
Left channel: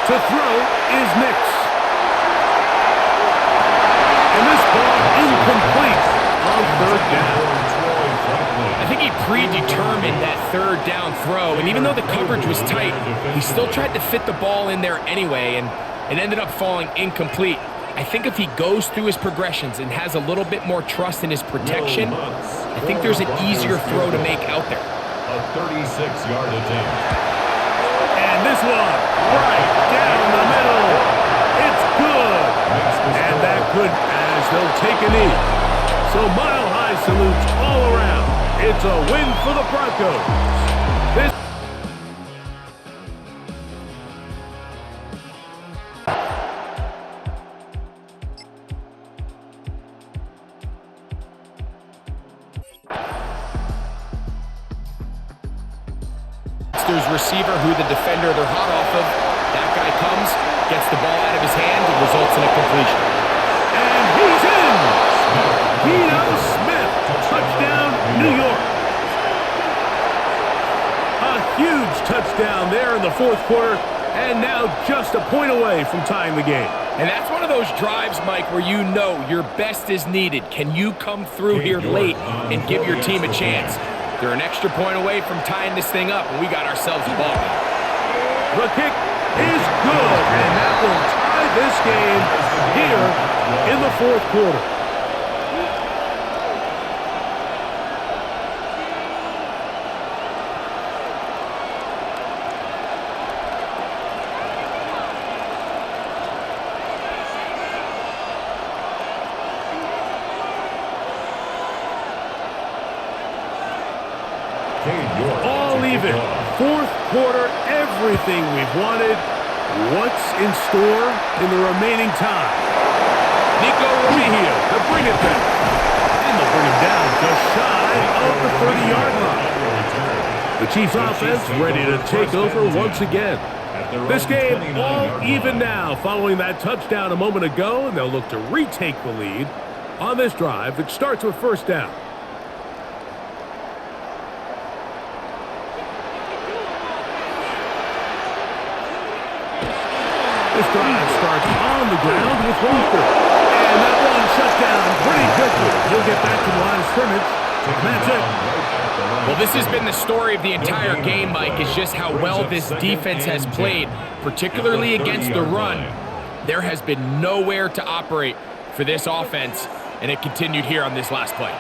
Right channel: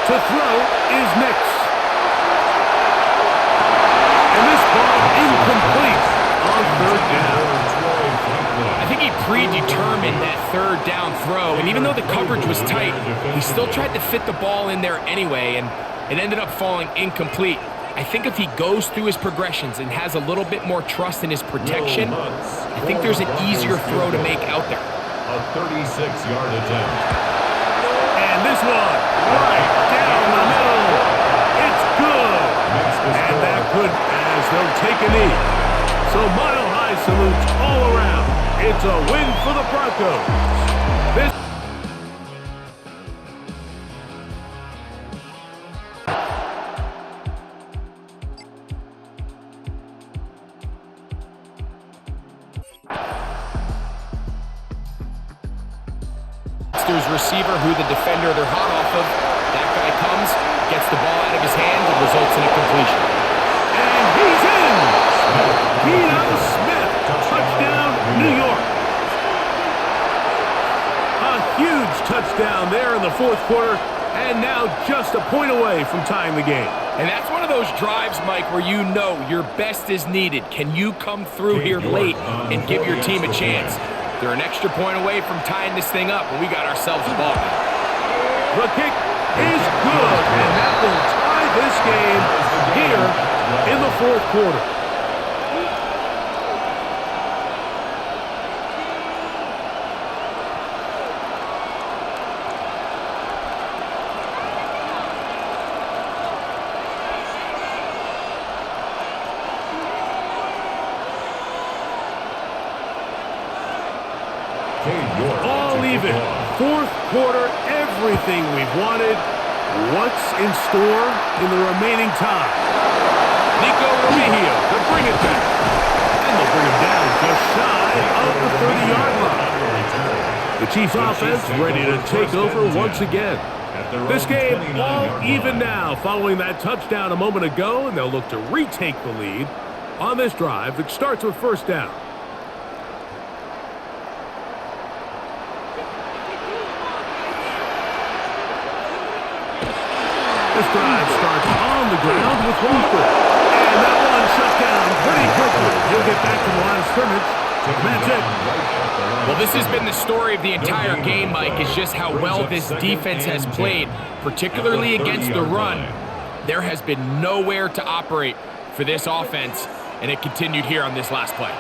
To throw is Nix. And this ball incomplete on third down. I think he predetermined that third down throw, and even though the coverage was tight, he still tried to fit the ball in there anyway, and it ended up falling incomplete. I think if he goes through his progressions and has a little bit more trust in his protection, I think there's an easier throw to make out there. A 36-yard attempt. And this one, right down the middle. It's good. And that could, as they'll take a knee. So mile-high salutes all around. It's a win for the Broncos. This receiver who the defender they're hot off of. That guy comes, gets the ball out of his hand, and results in a completion. And he's in! Geno Smith, touchdown, New York. A huge touchdown there in the fourth quarter, and now just a point away from tying the game. And that's one of those drives, Mike, where you know your best is needed. Can you come through here late and give your team a chance? They're an extra point away from tying this thing up, and we got ourselves a ball game. The kick is good, and that will tie this game here in the fourth quarter. All even. Fourth quarter, everything we've wanted. What's in store in the remaining time? Nico Romeo to bring it back. And they'll bring him down just shy of the 30-yard line. The Chiefs offense ready to take over once again. This game all even now following that touchdown a moment ago, and they'll look to retake the lead on this drive that starts with first down. This drive starts on the ground with Walker. And that one shut down pretty quickly. He'll get back to the line of scrimmage. And that's it. Well, this has been the story of the entire game, Mike, is just how well this defense has played, particularly against the run. There has been nowhere to operate for this offense, and it continued here on this last play.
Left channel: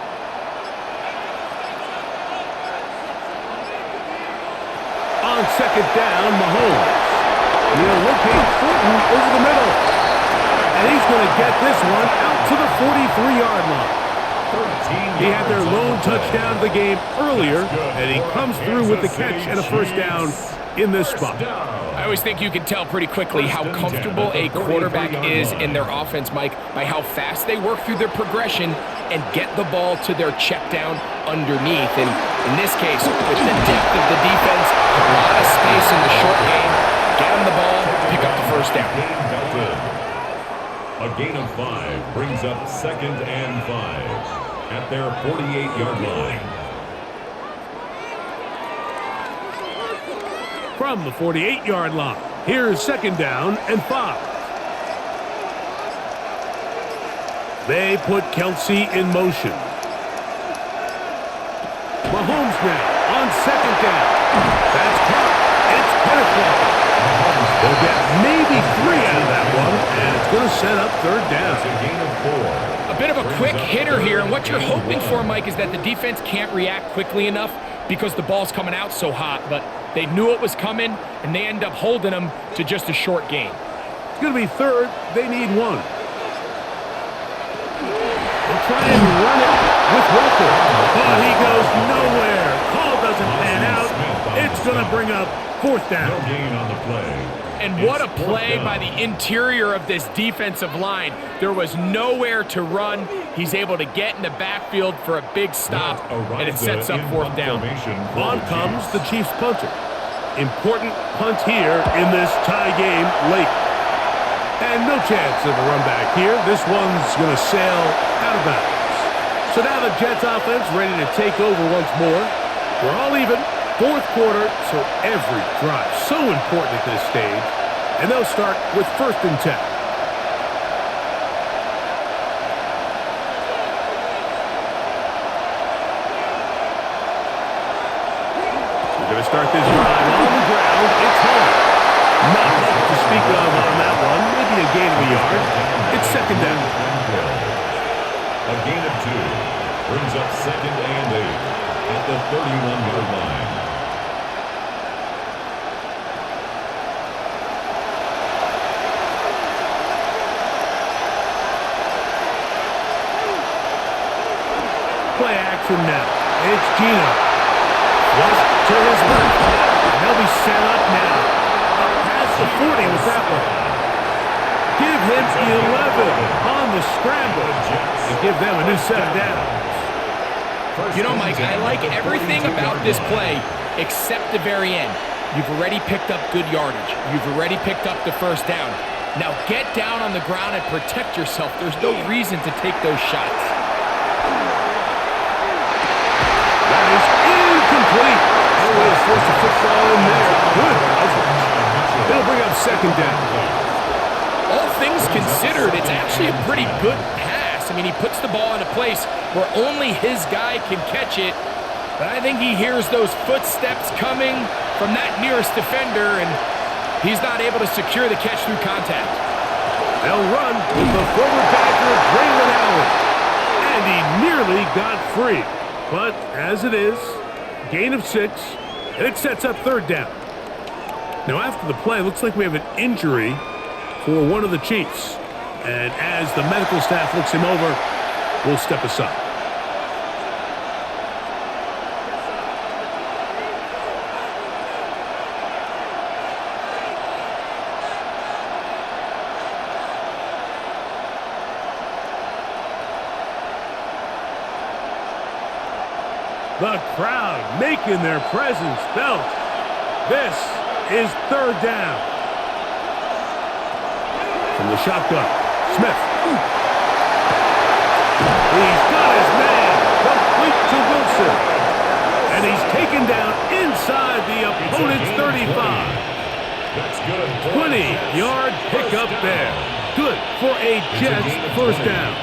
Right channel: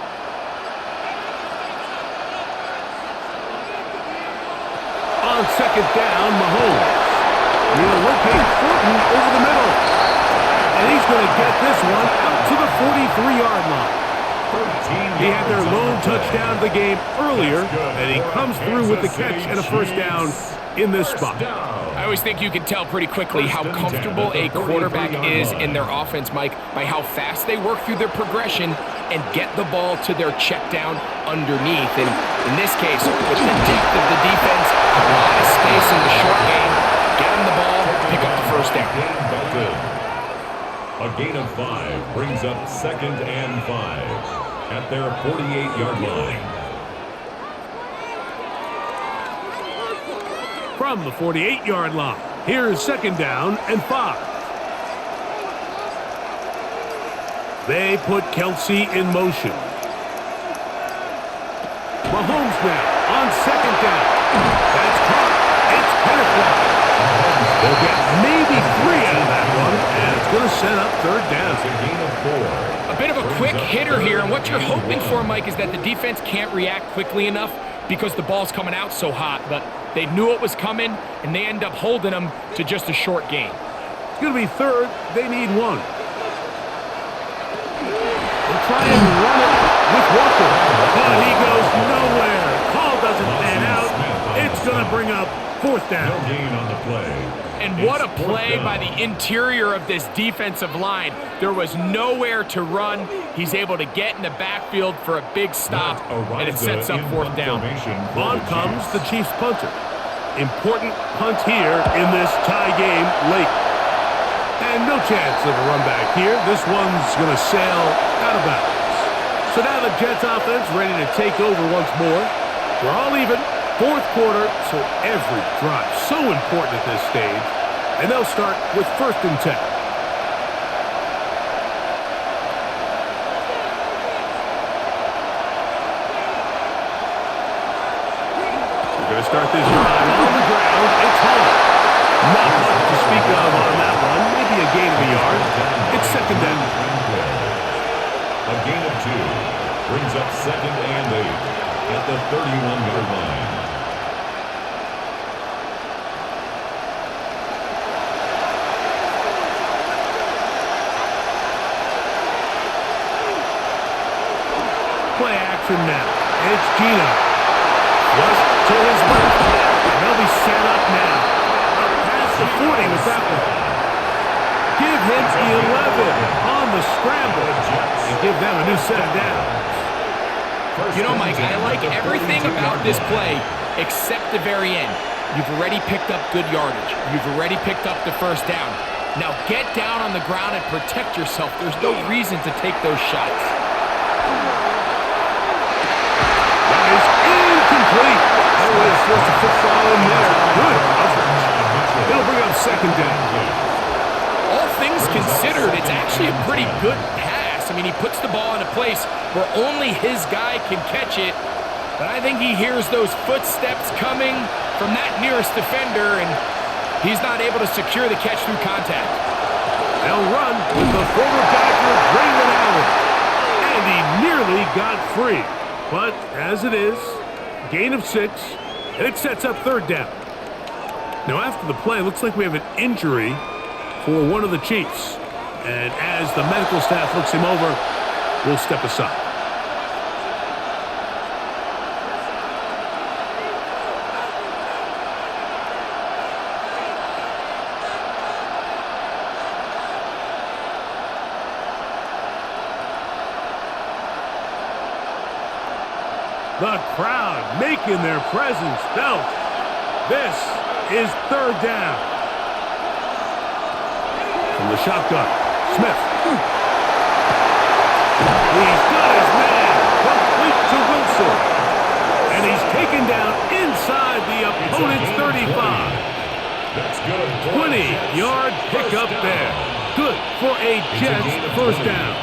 On second down, Mahomes. He'll locate Thornton over the middle. And he's going to get this one out to the 43-yard line. He had their lone touchdown of the game earlier, and he comes through with the catch and a first down in this spot. I always think you can tell pretty quickly how comfortable a quarterback is in their offense, Mike, by how fast they work through their progression and get the ball to their check down underneath. And in this case, with the depth of the defense, a lot of space in the short game, get them the ball, pick up the first down. A gain of 5 brings up 2nd and 5 at their 48-yard line. From the 48-yard line, here's 2nd down and 5. They put Kelsey in motion. Mahomes now on 2nd down. That's caught. It's Kenneth Walker. They'll get maybe 3 out of that one, and it's going to set up 3rd down. A gain of 4. A bit of a quick hitter here, and what you're hoping for, Mike, is that the defense can't react quickly enough because the ball's coming out so hot, but they knew it was coming, and they end up holding them to just a short gain. It's going to be 3rd. They need 1. They'll try and run it with Walker, but he goes nowhere. Call doesn't pan out. It's going to bring up 4th down. No gain on the play. And what a play by the interior of this defensive line. There was nowhere to run. He's able to get in the backfield for a big stop, and it sets up 4th down. On comes the Chiefs punter. Important punt here in this tie game late. And no chance of a run back here. This one's going to sail out of bounds. So now the Jets offense ready to take over once more. We're all even. 4th quarter, so every drive so important at this stage. and they'll start with 1st and 10. We're going to start this drive on the ground. It's home. Not much to speak of on that one. Maybe a gain of a yard. It's 2nd down. A gain of 2 brings up 2nd and 8 at the 31-yard line. Play action now. It's Gino. Flush to his left. And they'll be set up now. Up past the 40 with that one. Give him 11 on the scramble. And give them a new set of downs. You know, Mike, I like everything about this play except the very end. You've already picked up good yardage. You've already picked up the 1st down. Now get down on the ground and protect yourself. There's no reason to take those shots. That is incomplete. No way to force the football in there. Good coverage. It'll bring up 2nd down. All things considered, it's actually a pretty good pass. I mean, he puts the ball in a place where only his guy can catch it. But I think he hears those footsteps coming from that nearest defender, and he's not able to secure the catch through contact. They'll run with the former Badger, Braylon Allen. And he nearly got free. But as it is, gain of 6, and it sets up 3rd down. Now after the play, it looks like we have an injury for one of the Chiefs. And as the medical staff looks him over, we'll step aside. The crowd making their presence felt. This is 3rd down. From the shotgun, Smith. He's got his man, complete to Wilson. And he's taken down inside the opponent's 35. That's good. 20-yard pickup there. Good for a Jets 1st down.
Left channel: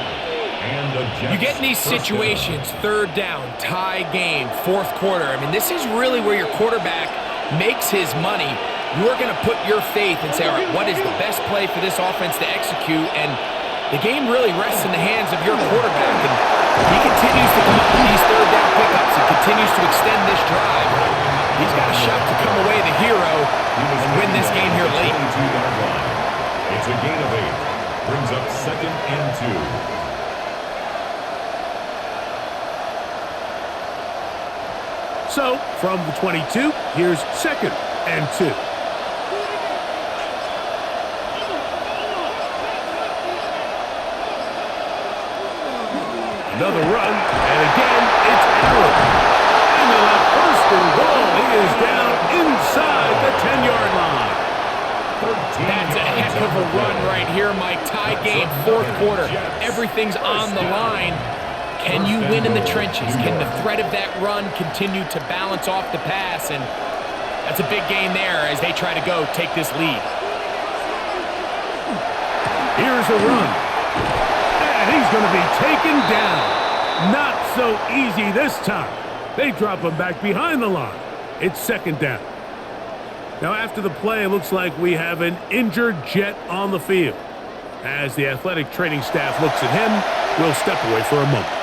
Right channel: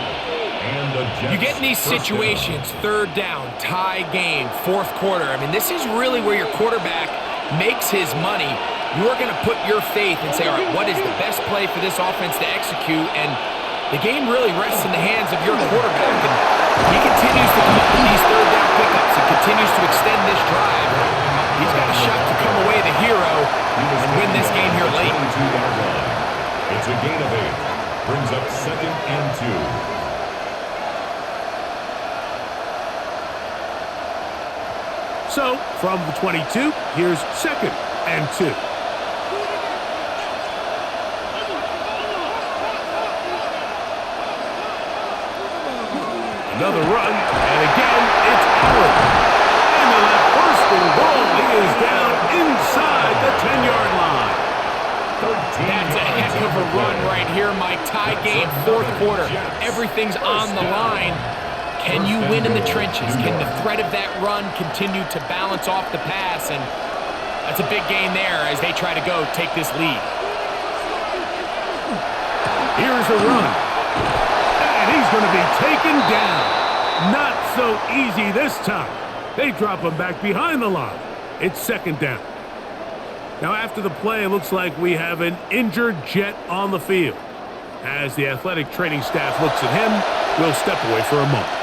You get in these situations, 3rd down, tie game, 4th quarter. I mean, this is really where your quarterback makes his money. You are going to put your faith and say, all right, what is the best play for this offense to execute? And the game really rests in the hands of your quarterback. And he continues to come up with these 3rd down pickups. He continues to extend this drive. He's got a shot to come away the hero and win this game here late. It's a gain of 8. Brings up 2nd and 2. So, from the 22, here's 2nd and 2. Another run, and again, it's Allen. And they'll have 1st and goal. He is down inside the 10-yard line. That's a heck of a run right here, Mike. Tie game, 4th quarter. Everything's on the line. Can you win in the trenches? Can the threat of that run continue to balance off the pass? And that's a big gain there as they try to go take this lead. Here's a run. And he's going to be taken down. Not so easy this time. They drop him back behind the line. It's 2nd down. Now after the play, it looks like we have an injured Jet on the field. As the athletic training staff looks at him, we'll step away for a moment.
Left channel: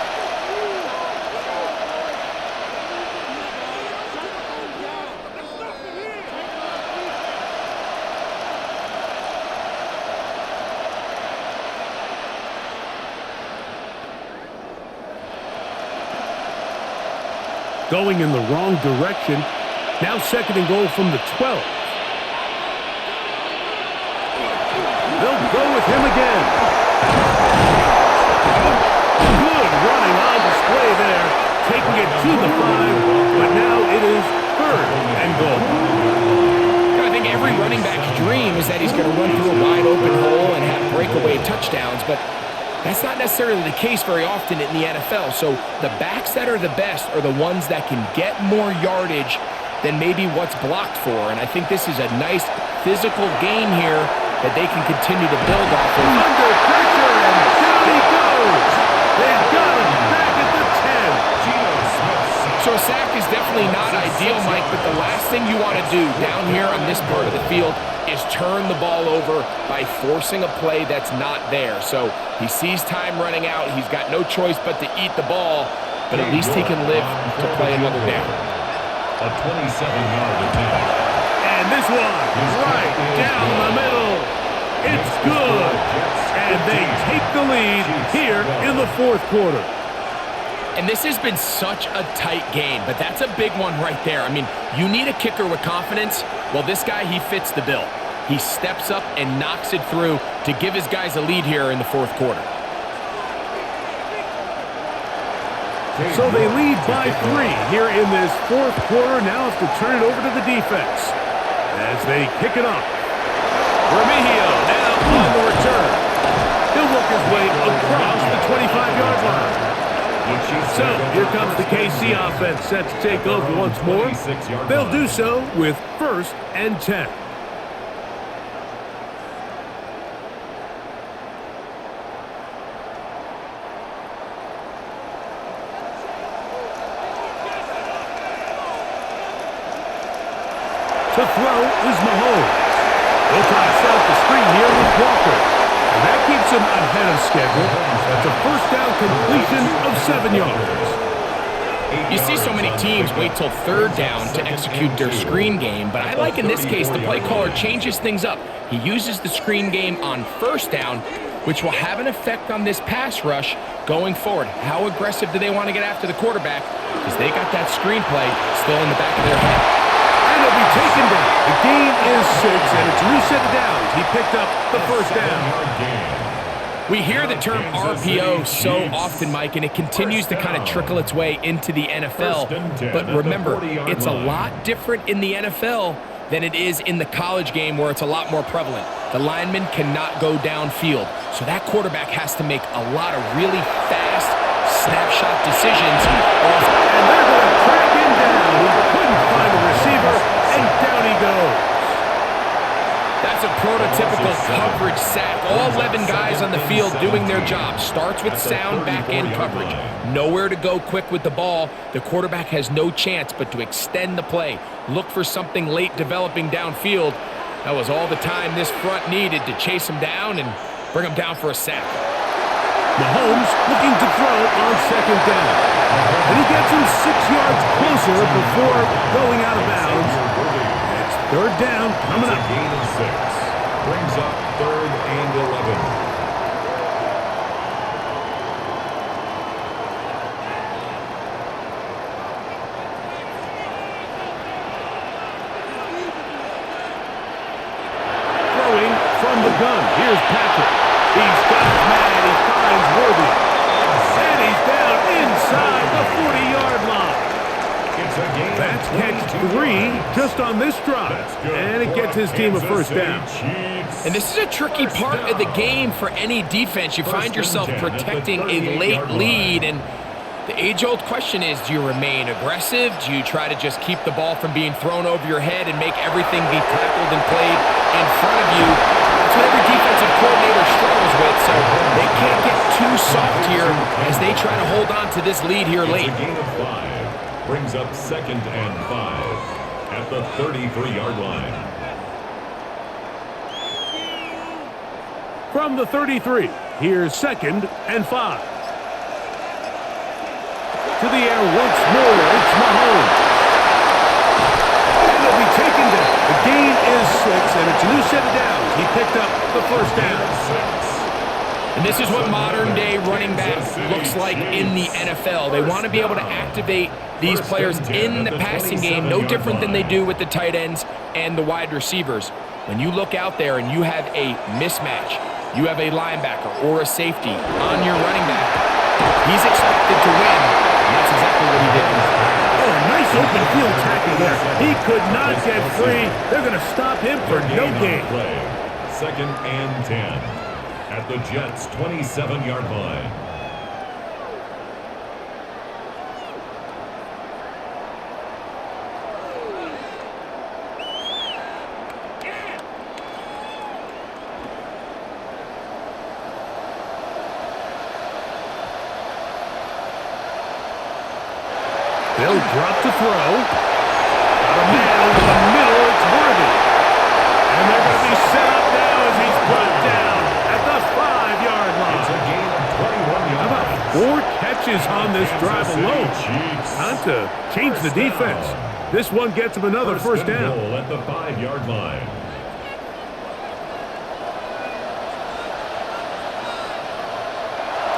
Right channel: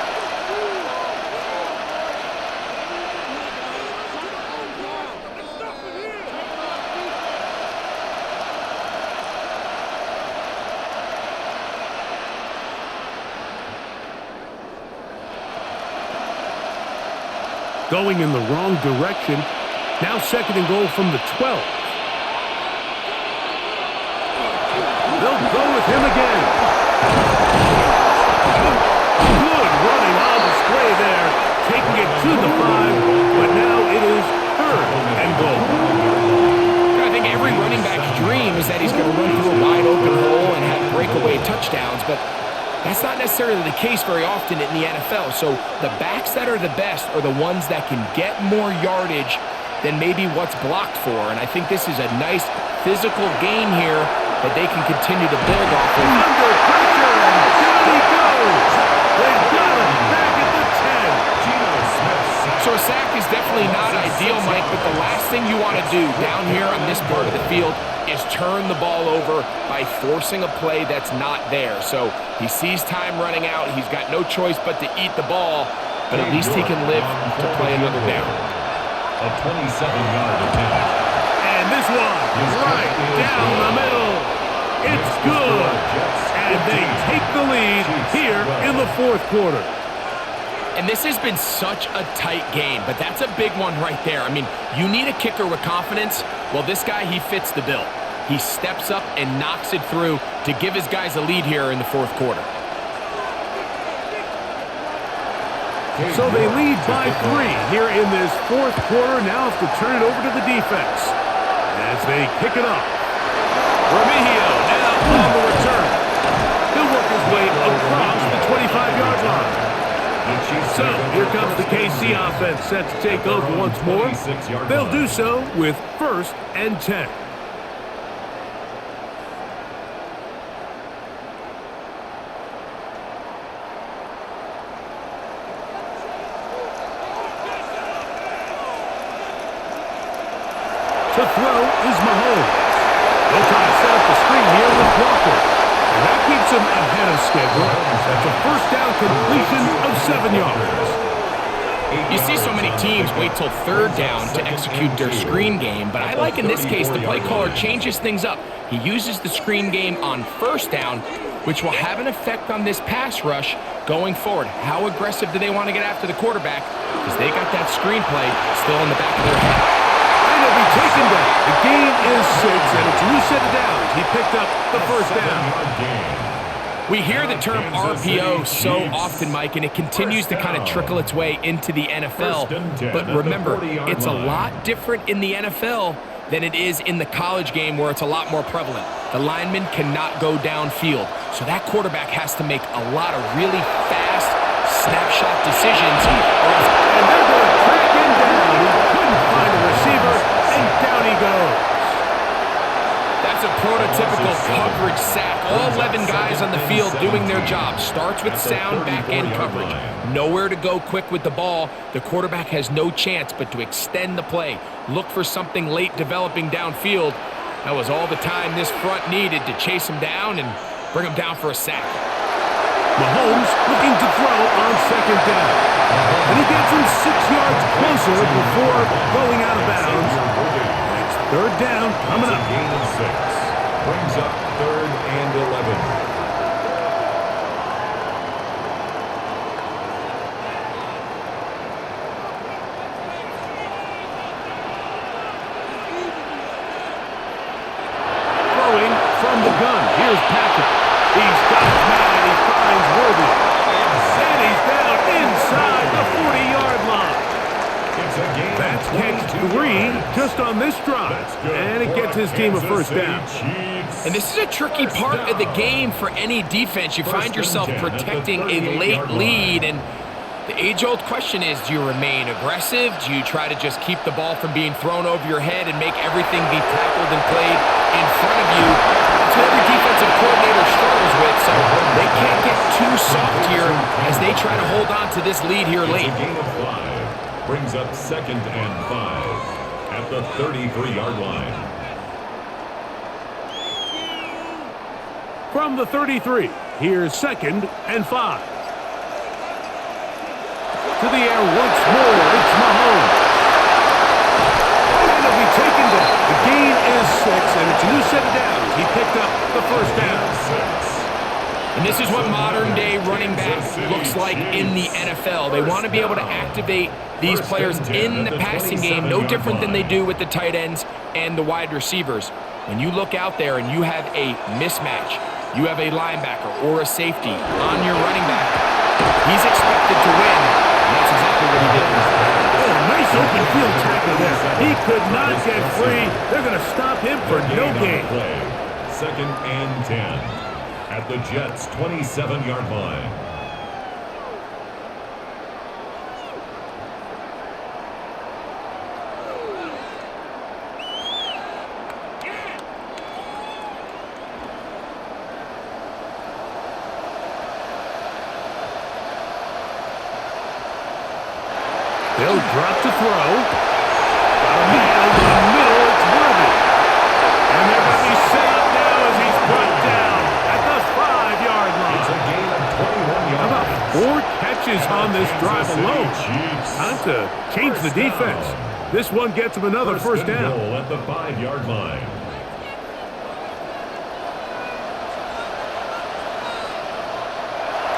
Going in the wrong direction. Now 2nd and goal from the 12. They'll go with him again. Good running on display there. Taking it to the 5, but now it is 3rd and goal. I think every running back's dream is that he's going to run through a wide open hole and have breakaway touchdowns, but that's not necessarily the case very often in the NFL. So the backs that are the best are the ones that can get more yardage than maybe what's blocked for. And I think this is a nice physical game here that they can continue to build off of. Under pressure, and down he goes. They've got him back at the 10. Geno Smith. So a sack is definitely not ideal, Mike, but the last thing you want to do down here on this part of the field is turn the ball over by forcing a play that's not there. So he sees time running out. He's got no choice but to eat the ball, but at least he can live to play another down. A 27-yard attempt. And this one, right down the middle. It's good. And they take the lead here in the fourth quarter. And this has been such a tight game, but that's a big one right there. I mean, you need a kicker with confidence. Well, this guy, he fits the bill. He steps up and knocks it through to give his guys a lead here in the fourth quarter. So they lead by 3 here in this fourth quarter. Now have to turn it over to the defense as they kick it off. Remigio now on the return. He'll work his way across the 25-yard line. So here comes the KC offense set to take over once more. They'll do so with 1st and 10. To throw is Mahomes. They'll try to set up the screen here with Walker. And that keeps him ahead of schedule. That's a first down completion of 7 yards. You see so many teams wait till 3rd down to execute their screen game, but I like in this case the play caller changes things up. He uses the screen game on 1st down, which will have an effect on this pass rush going forward. How aggressive do they want to get after the quarterback? Because they got that screen play still in the back of their head. And he'll be taken down. The gain is 6, and it's a new set of downs. He picked up the first down. We hear the term RPO so often, Mike, and it continues to kind of trickle its way into the NFL. But remember, it's a lot different in the NFL than it is in the college game where it's a lot more prevalent. The lineman cannot go downfield. So that quarterback has to make a lot of really fast snapshot decisions. And they're going to track him down. He couldn't find a receiver, and down he goes. That's a prototypical coverage sack. All 11 guys on the field doing their job. Starts with sound back-end coverage. Nowhere to go quick with the ball. The quarterback has no chance but to extend the play. Look for something late developing downfield. That was all the time this front needed to chase him down and bring him down for a sack. Mahomes looking to throw on 2nd down. And he gets him 6 yards closer before going out of bounds. And it's 3rd down coming up. Gain of 6. Brings up 3rd and 11. Throwing from the gun. Here's Patrick. He's got his man. He finds Worthy. And he's down inside the 40-yard line. It's a gain. That's catch 3 just on this drive. And it gets his team a first down. And this is a tricky part of the game for any defense. You find yourself protecting a late lead, and the age-old question is, do you remain aggressive? Do you try to just keep the ball from being thrown over your head and make everything be tackled and played in front of you? That's what every defensive coordinator struggles with, so they can't get too soft here as they try to hold on to this lead here late. It's a gain of 5. Brings up 2nd and 5 at the 33-yard line. From the 33, here's 2nd and 5. To the air once more, it's Mahomes. And he'll be taken down. The gain is 6, and it's a new set of downs. He picked up the first down. And this is what modern-day running back looks like in the NFL. They want to be able to activate these players in the passing game, no different than they do with the tight ends and the wide receivers. When you look out there and you have a mismatch, you have a linebacker or a safety on your running back, he's expected to win, and that's exactly what he did here. Oh, a nice open field tackle there. He could not get free. They're going to stop him for no gain. 2nd and 10 at the Jets' 27-yard line. They'll drop to throw. Got a man over the middle. It's Worthy. And they're going to be set up now as he's brought down at the 5-yard line. It's a gain of 21 yards. How about 4 catches on this drive alone? Time to change the defense. This one gets him another first down. Goal at the 5-yard line.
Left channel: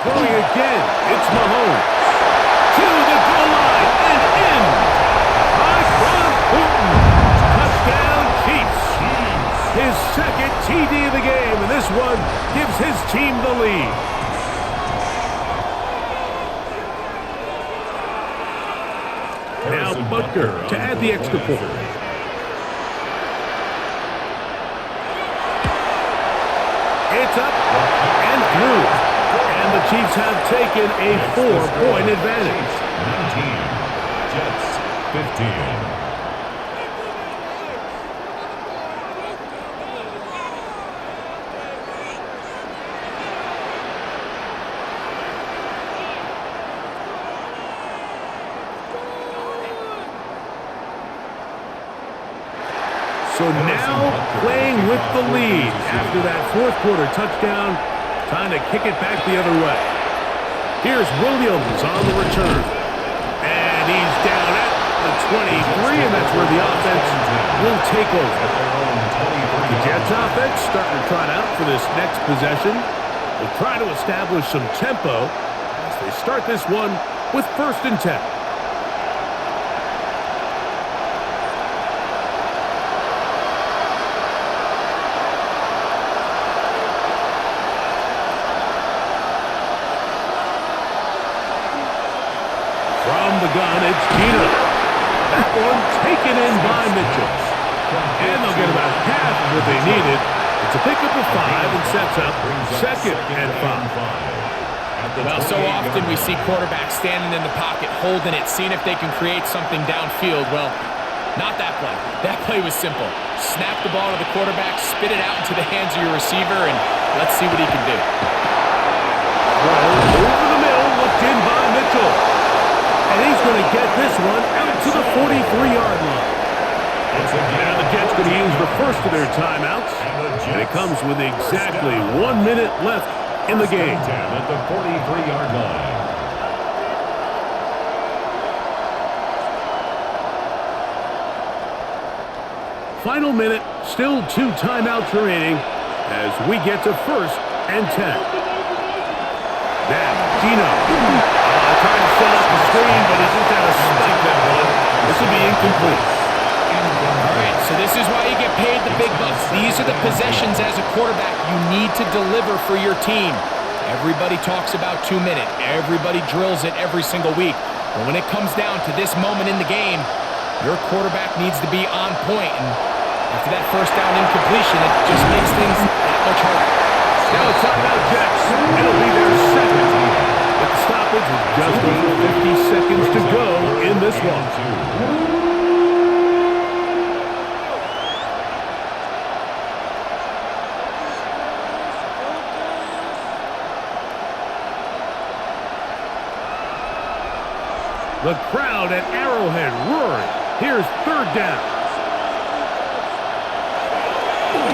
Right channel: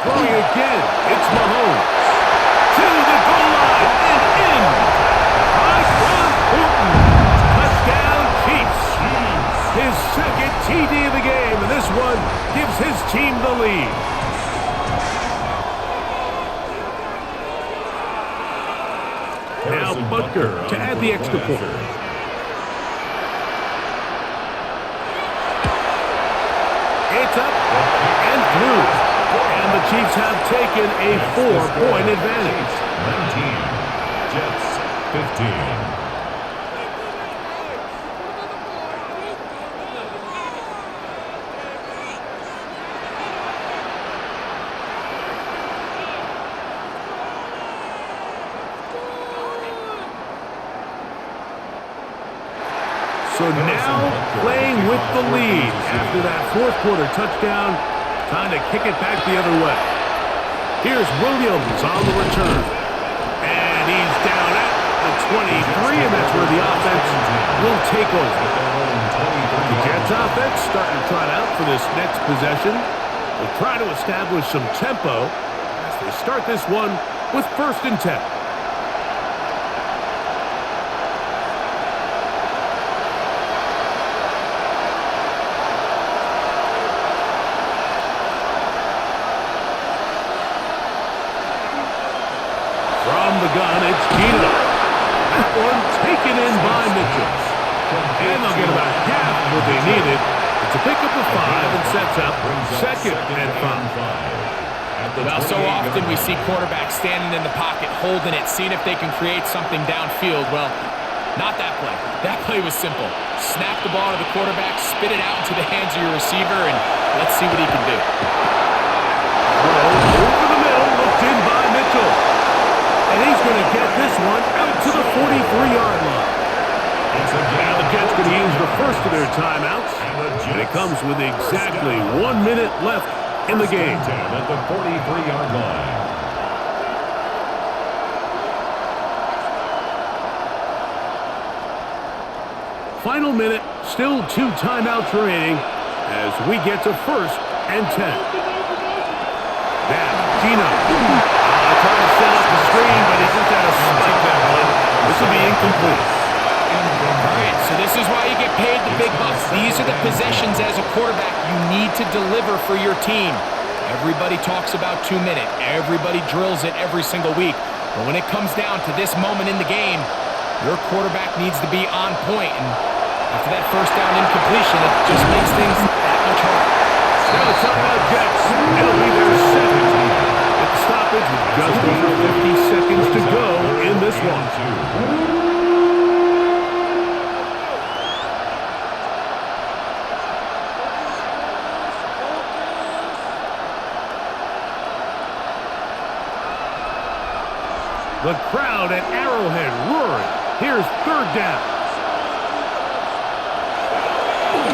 Throwing again, it's Mahomes. To the goal line and in. Tyquan Thornton. Touchdown Chiefs. His second TD of the game, and this one gives his team the lead. Now Butker to add the extra point. It's up and through. And the Chiefs have taken a 4-point advantage. 19, Jets 15. So now playing with the lead after that fourth quarter touchdown. Time to kick it back the other way. Here's Williams on the return. And he's down at the 23, and that's where the offense will take over. The Jets offense starting to trot out for this next possession. They'll try to establish some tempo as they start this one with 1st and 10. From the gun, it's Gino. That one taken in by Mitchell. And they'll get about half of what they needed. It's a pickup of 5 and sets up 2nd and 5. Well, so often we see quarterbacks standing in the pocket, holding it, seeing if they can create something downfield. Well, not that play. That play was simple. Snap the ball to the quarterback, spit it out into the hands of your receiver, and let's see what he can do. Throw over the middle, looked in by Mitchell. And he's going to get this one out to the 43-yard line. Now the Jets going to use the first of their timeouts. And it comes with exactly 1 minute left in the game. 10 at the 43-yard line. Final minute, still 2 timeouts remaining as we get to 1st and 10. Now, Gino. Trying to set up the screen, but he just had to spike that one. This will be incomplete. All right, so this is why you get paid the big bucks. These are the possessions as a quarterback you need to deliver for your team. Everybody talks about 2 minutes. Everybody drills it every single week. But when it comes down to this moment in the game, your quarterback needs to be on point. And after that first down incompletion, it just makes things that much harder. Now a timeout, Jets. It'll be their second. Get the stoppage with just over 50 seconds to go in this one. The crowd at Arrowhead roaring. Here's 3rd down.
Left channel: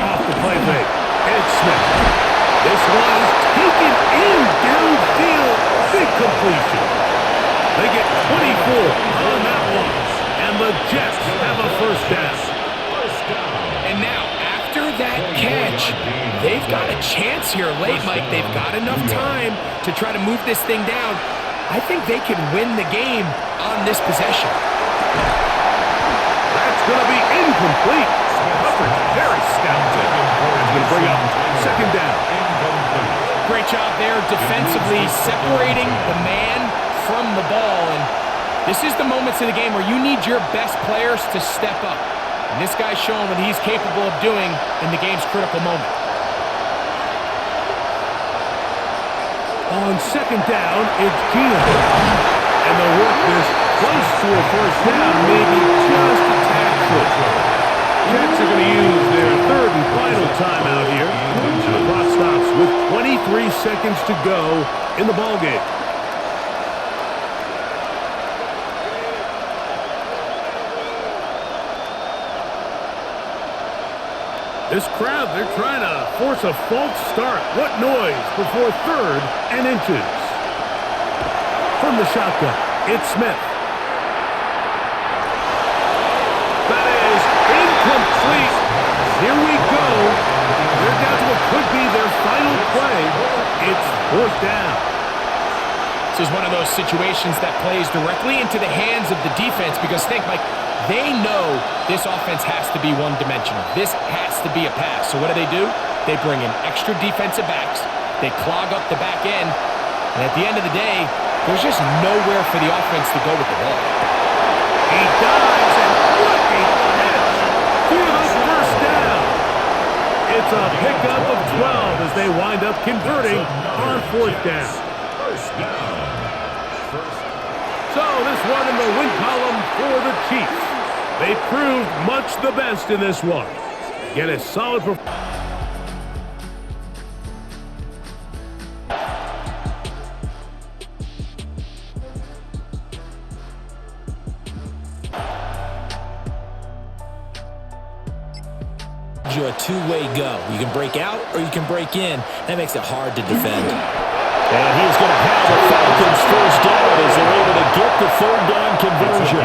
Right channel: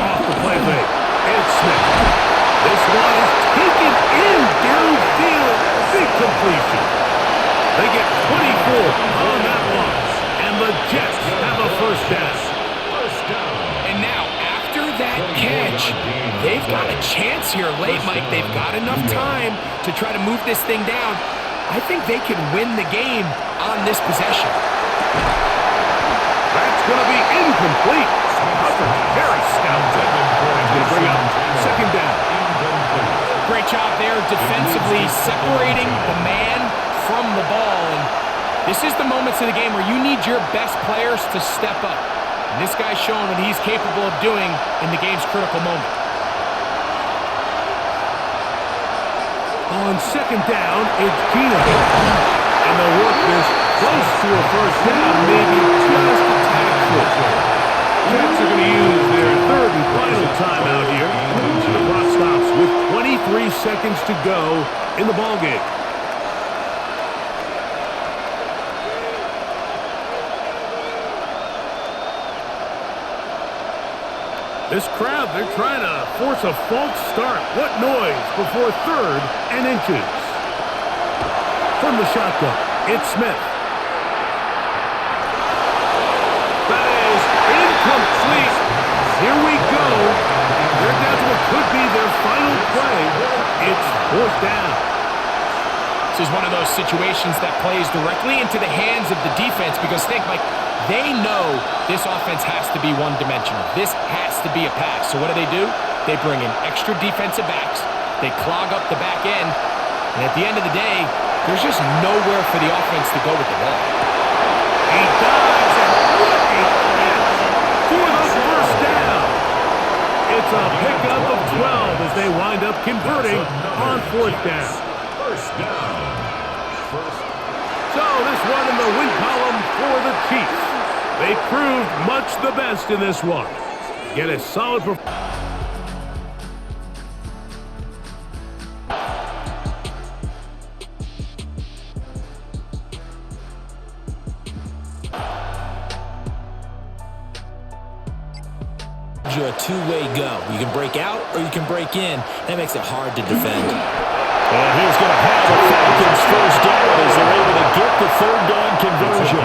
Off the play fake. It's Smith. This one is taken in downfield. Big completion. They get 24 on that one. And the Jets have a first down. And now, after that catch, they've got a chance here late, Mike. They've got enough time to try to move this thing down. I think they can win the game on this possession. That's going to be incomplete. Coverage very stout. That's going to bring up 2nd down. Great job there defensively, separating the man from the ball. And this is the moments of the game where you need your best players to step up. And this guy's showing what he's capable of doing in the game's critical moment. On 2nd down, it's Gino. And they'll work this close to a first down, maybe just a tad short. Jets are going to use their 3rd and final timeout here. And the clock stops with 23 seconds to go in the ballgame. This crowd, they're trying to force a false start. What noise before 3rd and inches. From the shotgun, it's Smith. That is incomplete. Here we go. They're down to what could be their final play. It's 4th down. This is one of those situations that plays directly into the hands of the defense because think, Mike, they know this offense has to be one-dimensional. This has to be a pass. So what do? They bring in extra defensive backs. They clog up the back end. And at the end of the day, there's just nowhere for the offense to go with the ball. He dives, and what a catch for the 1st down. It's a pickup of 12 as they wind up converting on 4th down. 1st down. So this one in the win column for the Chiefs. They proved much the best in this one. Get a solid performance. You a two-way go. You can break out or you can break in. That makes it hard to defend. And he's going to have the Falcons 1st down as they're able to get the 3rd down conversion.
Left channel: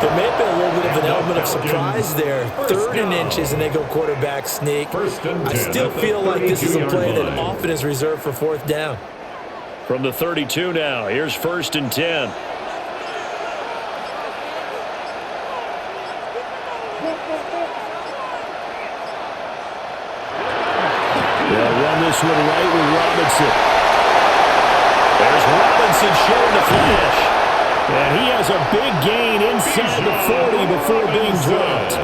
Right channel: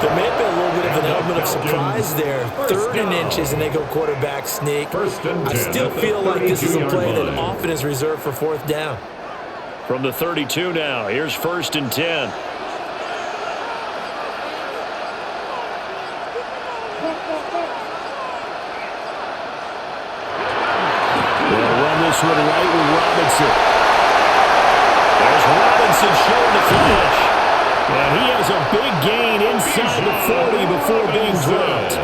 There may have been a little bit of an element of surprise there. 3rd and inches, and they go quarterback sneak. I still feel like this is a play that often is reserved for 4th down. From the 32 now, here's 1st and 10. They'll run this one right with Robinson. There's Robinson showing the flash. And he has a big gain inside the 40 before being dropped.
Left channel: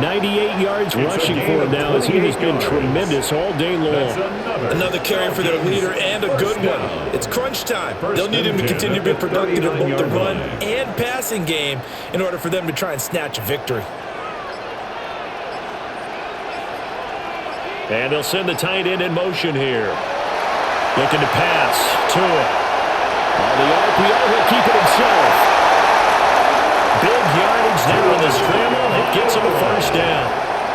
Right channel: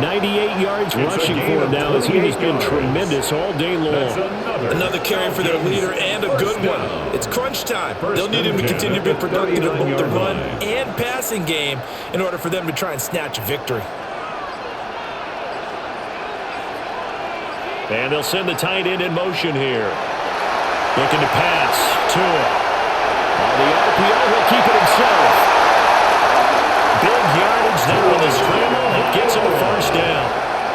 98 yards rushing for him now as he has been tremendous all day long. Another carry for their leader and a good one. It's crunch time. They'll need him to continue to be productive in both the run and passing game in order for them to try and snatch a victory. And they'll send the tight end in motion here. Looking to pass. Tua. On the RPO, he'll keep it himself. Big yardage there on the scramble. It gets him a 1st down.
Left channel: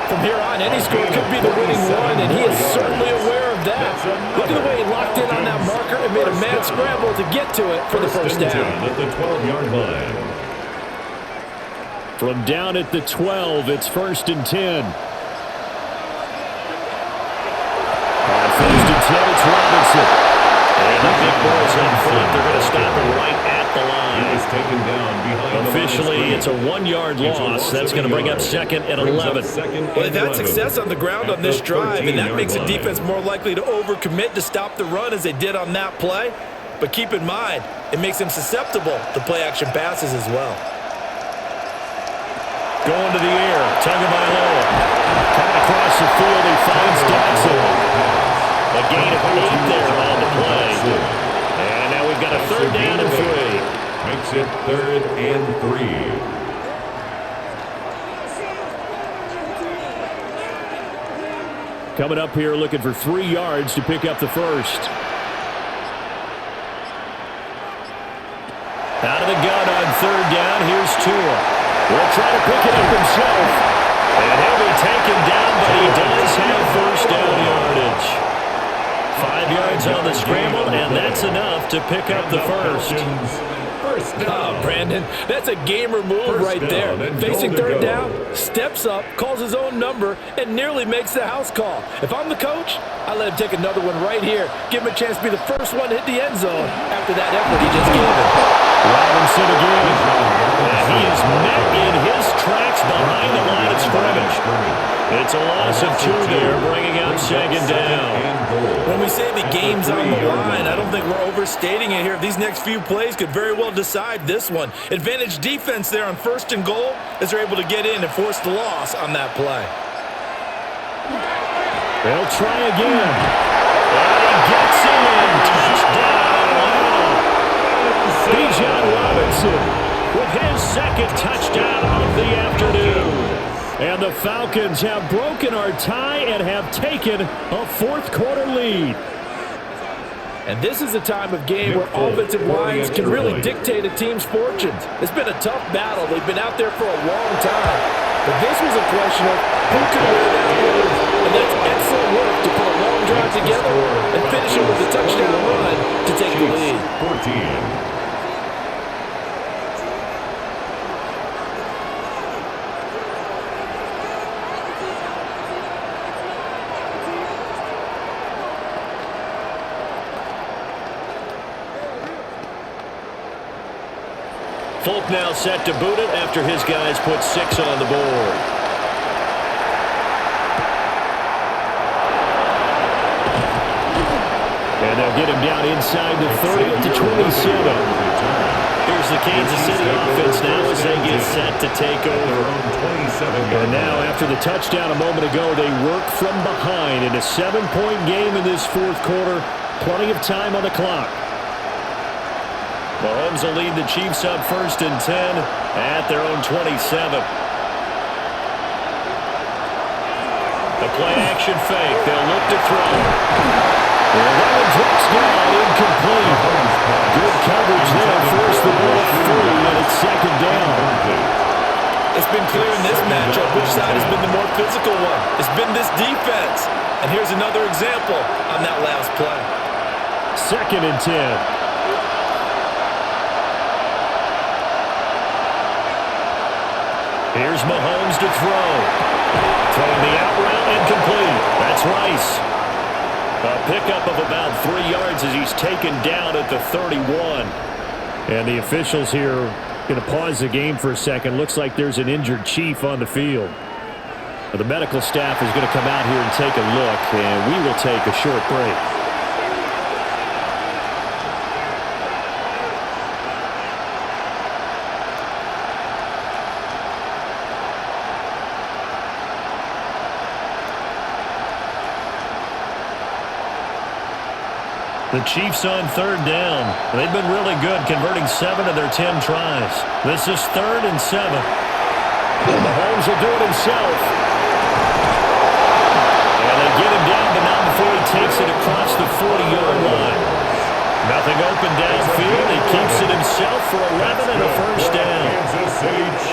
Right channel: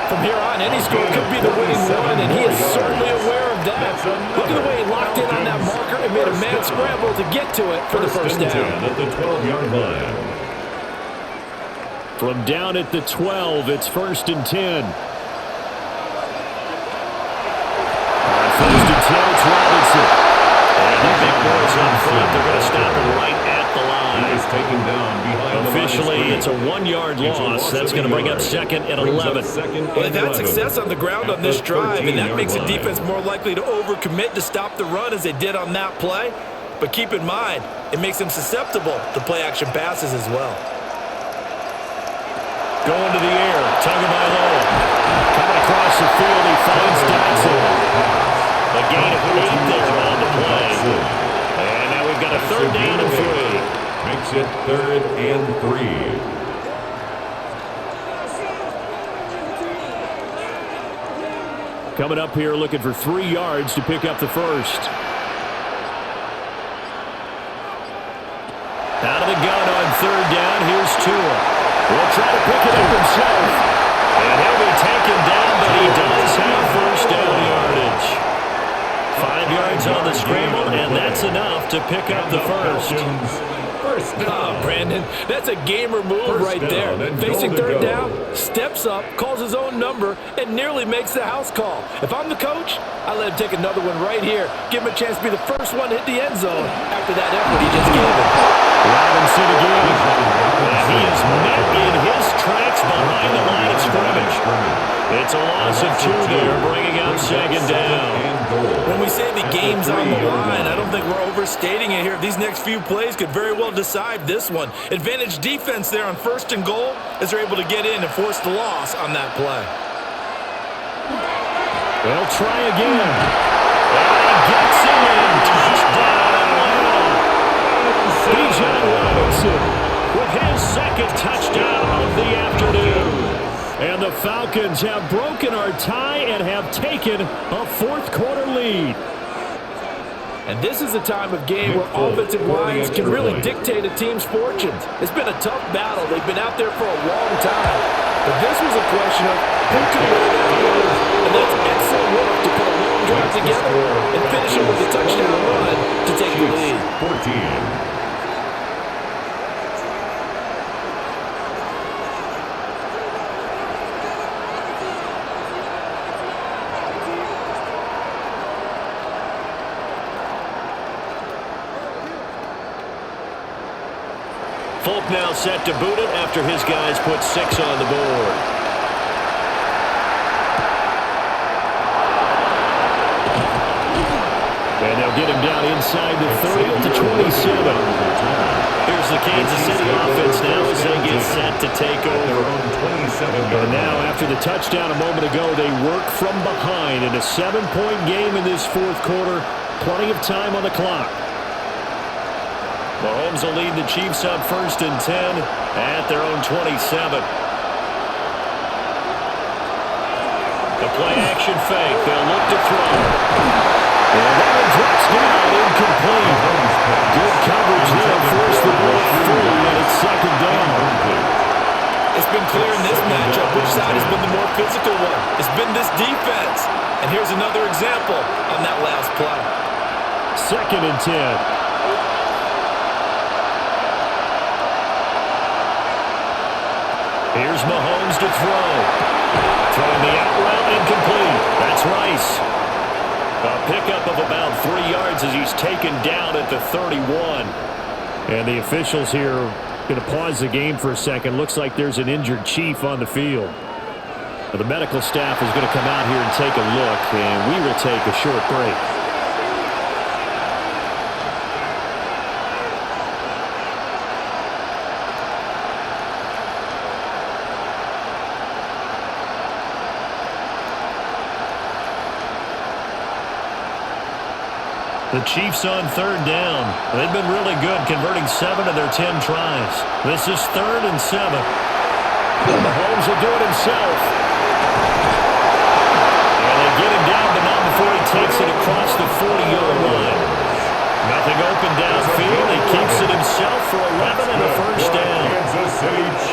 From here on, any score could be the winning one, and he is certainly aware of that. Look at the way he locked in on that marker and made a mad scramble to get to it for the 1st down. At the 12-yard line. From down at the 12, it's 1st and 10. On 1st and 10, it's Robinson. And the big boys up front, they're going to stop him right at the line. He was taken down behind Officially, it's a 1-yard loss. That's going to bring up 2nd and 11. Well, they've had success on the ground on this drive, and that makes the defense more likely to overcommit to stop the run as they did on that play. But keep in mind, it makes them susceptible to play-action passes as well. Going to the air, Tagovailoa. Coming across the field, he finds Dotson. A gain of 8 there on the play. And now we've got a 3rd down and 3. Makes it 3rd and 3. Coming up here looking for 3 yards to pick up the 1st. Out of the gun on 3rd down, here's Tua. He'll try to pick it up himself. And he'll be taken down, but he does have 1st down yardage. 5 yards on the scramble, and that's enough to pick up the 1st. Oh, Brandon, that's a gamer move right there. Facing 3rd down, steps up, calls his own number, and nearly makes the house call. If I'm the coach, I let him take another one right here. Give him a chance to be the first one to hit the end zone after that effort he just gave him. Robinson again. And he is met in his tracks behind the line of scrimmage. It's a loss of 2 there, bringing up 2nd down. When we say the game's on the line, I don't think we're overstating it here. These next few plays could very well decide this one. Advantage defense there on 1st and goal as they're able to get in and force the loss on that play. They'll try again. And he gets in. Touchdown, Atlanta. Bijan Robinson with his 2nd touchdown of the afternoon. And the Falcons have broken our tie and have taken a 4th quarter lead. And this is a time of game where offensive lines can really dictate a team's fortunes. It's been a tough battle. They've been out there for a long time. But this was a question of who could wear down who. And that's excellent work to put a long drive together and finish it with a touchdown run to take the lead. 14. Folk now set to boot it after his guys put 6 on the board. And they'll get him down inside the 30 to 27. Here's the Kansas City offense now as they get set to take over. And now after the touchdown a moment ago, they work from behind in a 7-point game in this fourth quarter. Plenty of time on the clock. Mahomes will lead the Chiefs up 1st and 10 at their own 27. The play action fake. They'll look to throw. And that one drops down, incomplete. Good coverage there, forced the ball free, and it's 2nd down. It's been clear in this matchup which side has been the more physical one. It's been this defense. And here's another example on that last play. 2nd and 10. Here's Mahomes to throw. Throwing the out route incomplete. That's Rice. A pickup of about 3 yards as he's taken down at the 31. And the officials here are going to pause the game for a second. Looks like there's an injured Chief on the field. The medical staff is going to come out here and take a look, and we will take a short break. The Chiefs on 3rd down. They've been really good, converting 7 of their 10 tries. This is 3rd and 7. Mahomes will do it himself. And they get him down, but not before he takes it across the 40-yard line. Nothing open downfield. He keeps it himself for 11 and a 1st down.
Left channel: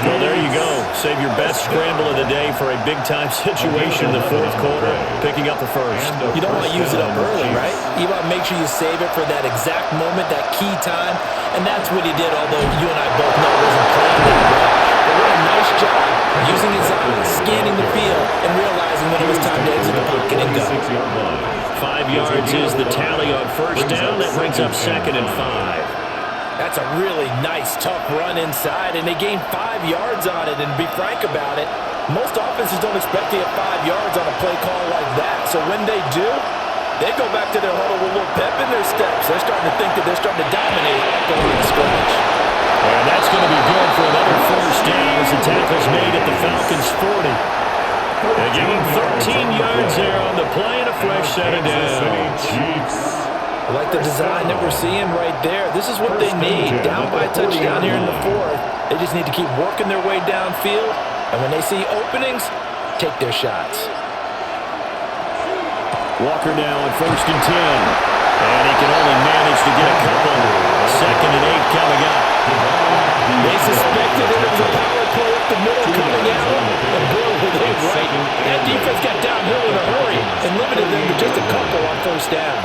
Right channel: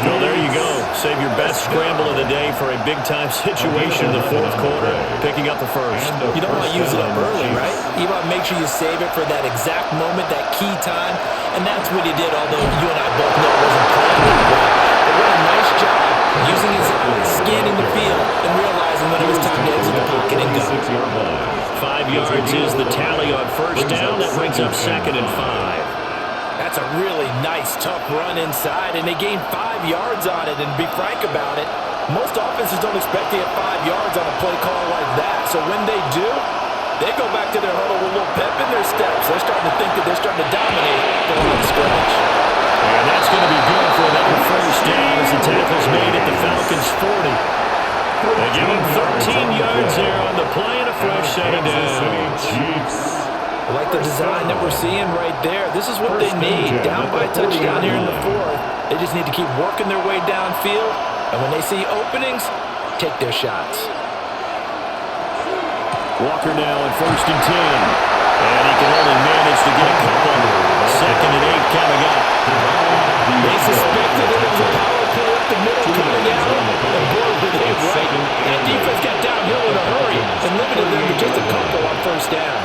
So there you go. Save your best scramble of the day for a big-time situation in the 4th quarter, picking up the 1st. You don't want to use it up early, right? You want to make sure you save it for that exact moment, that key time. And that's what he did, although you and I both know it wasn't planned that way. But what a nice job using his eyes, scanning the field, and realizing when it was time to exit the pocket and go. 5 yards is the tally on 1st down. That brings up 2nd and 5. That's a really nice, tough run inside, and they gained 5 yards on it. And to be frank about it, most offenses don't expect to get 5 yards on a play call like that. So when they do, they go back to their huddle with a little pep in their steps. They're starting to think that they're starting to dominate the line of scrimmage. And that's going to be good for another 1st down as the tackle's made at the Falcons' 40. They give him 13 yards there on the play and a fresh set of downs. I like the design that we're seeing right there. This is what they need. Down by a touchdown here in the 4th. They just need to keep working their way downfield. And when they see openings, take their shots. Walker now on 1st and 10. And he can only manage to get a couple. 2nd and 8 coming up. They suspected it was a power play up the middle coming out. And boy, were they right. That defense got downhill in a hurry and limited them to just a couple on 1st down.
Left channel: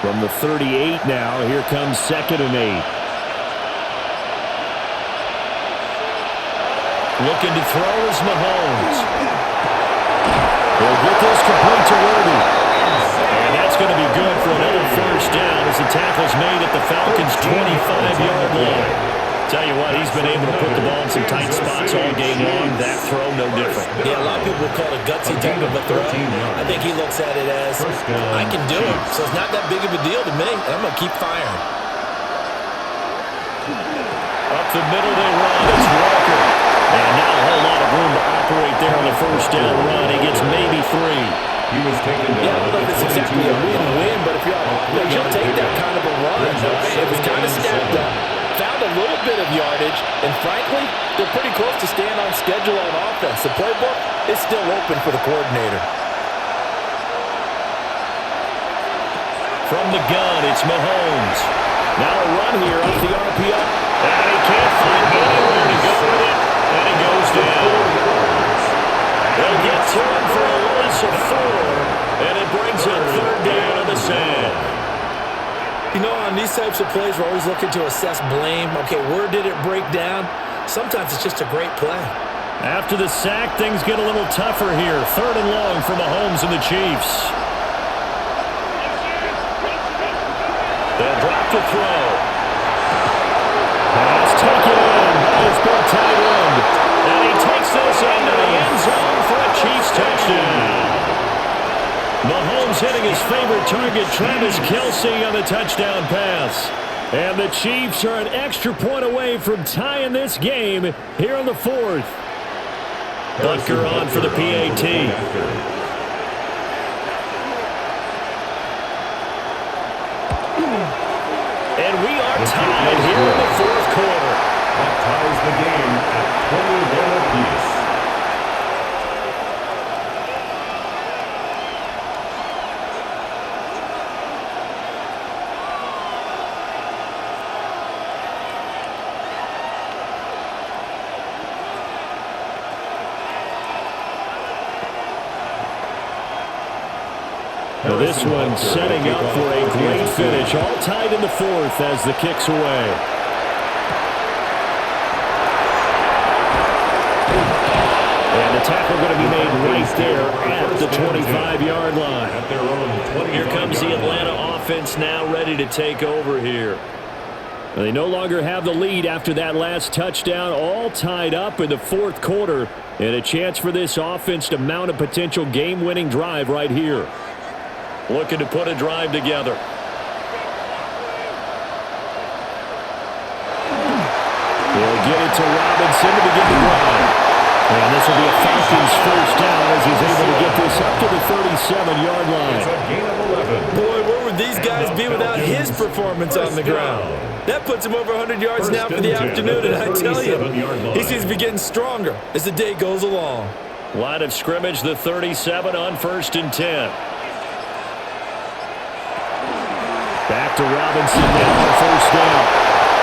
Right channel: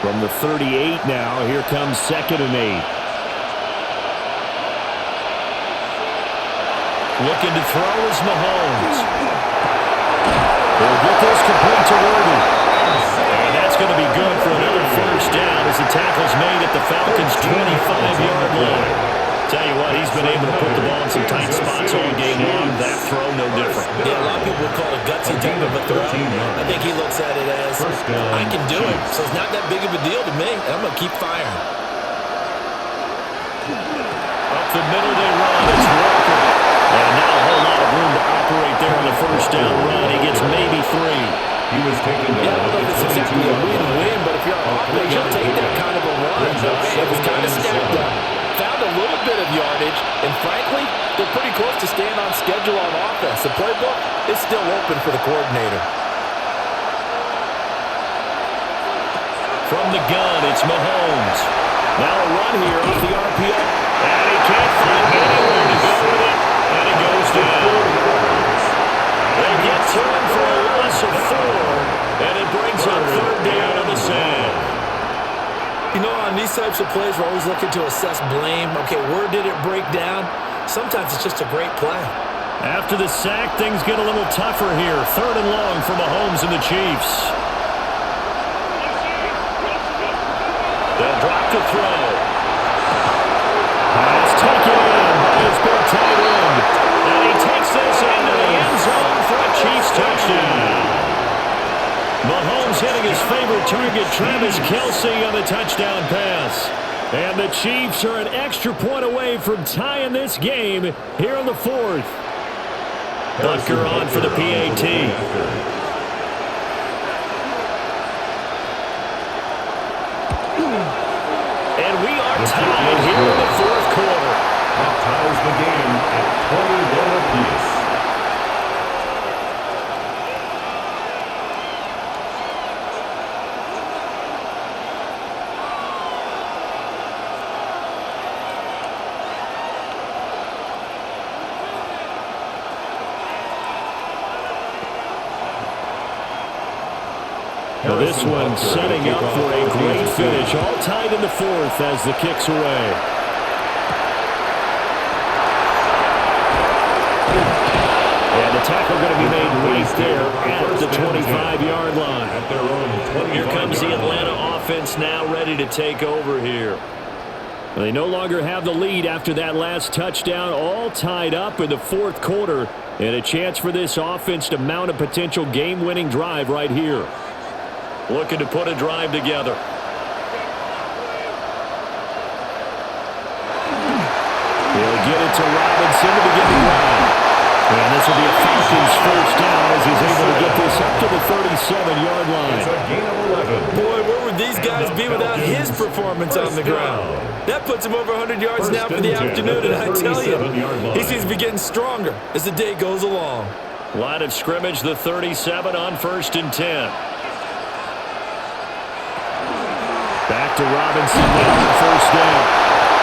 From the 38 now, here comes 2nd and 8. Looking to throw is Mahomes. He'll get this complete to Worthy. And that's going to be good for another 1st down as the tackle's made at the Falcons' 25-yard line. Tell you what, he's been able to put the ball in some tight spots all game long. That throw, no different. Yeah, a lot of people would call it a gutsy type of a throw. I think he looks at it as, I can do it, so it's not that big of a deal to me, and I'm going to keep firing. Up the middle they run. It's Walker. And not a whole lot of room to operate there on the 1st down run. He gets maybe 3. He was taken down. Yeah, I don't know if it's exactly a win-win, but if you're on offense, you'll take that kind of a run, all right? It was kind of stacked up, found a little bit of yardage, and frankly, they're pretty close to staying on schedule on offense. The playbook is still open for the coordinator. From the gun, it's Mahomes. Now a run here off the RPO. And he can't find anywhere to go with it, and it goes down. loss of 4, and it brings up third down on the sand. You know, on these types of plays, we're always looking to assess blame. Okay, where did it break down? Sometimes it's just a great play. After the sack, things get a little tougher here. 3rd and long for Mahomes and the Chiefs. They'll drop to throw. Pass taken in by his big tight end. And he takes this into the end zone for a Chiefs touchdown. Mahomes hitting his favorite target, Travis Kelce, on the touchdown pass. And the Chiefs are an extra point away from tying this game here on the 4th. Butker on for the PAT. And we are tied here in the 4th quarter. That ties the game at 21 apiece. Now this one setting up for a great finish. All tied in the 4th as the kick's away. And the tackle going to be made right there at the 25-yard line. Here comes the Atlanta offense now ready to take over here. They no longer have the lead after that last touchdown. All tied up in the 4th quarter. And a chance for this offense to mount a potential game-winning drive right here. Looking to put a drive together. He'll get it to Robinson to begin the drive. And this will be a Falcons first down as he's able to get this up to the 37-yard line. It's a gain of 11. Boy, where would these guys be without his performance on the ground? That puts him over 100 yards now for the afternoon, and I tell you, he seems to be getting stronger as the day goes along. Line of scrimmage, the 37 on 1st and 10. Back to Robinson now on 1st down.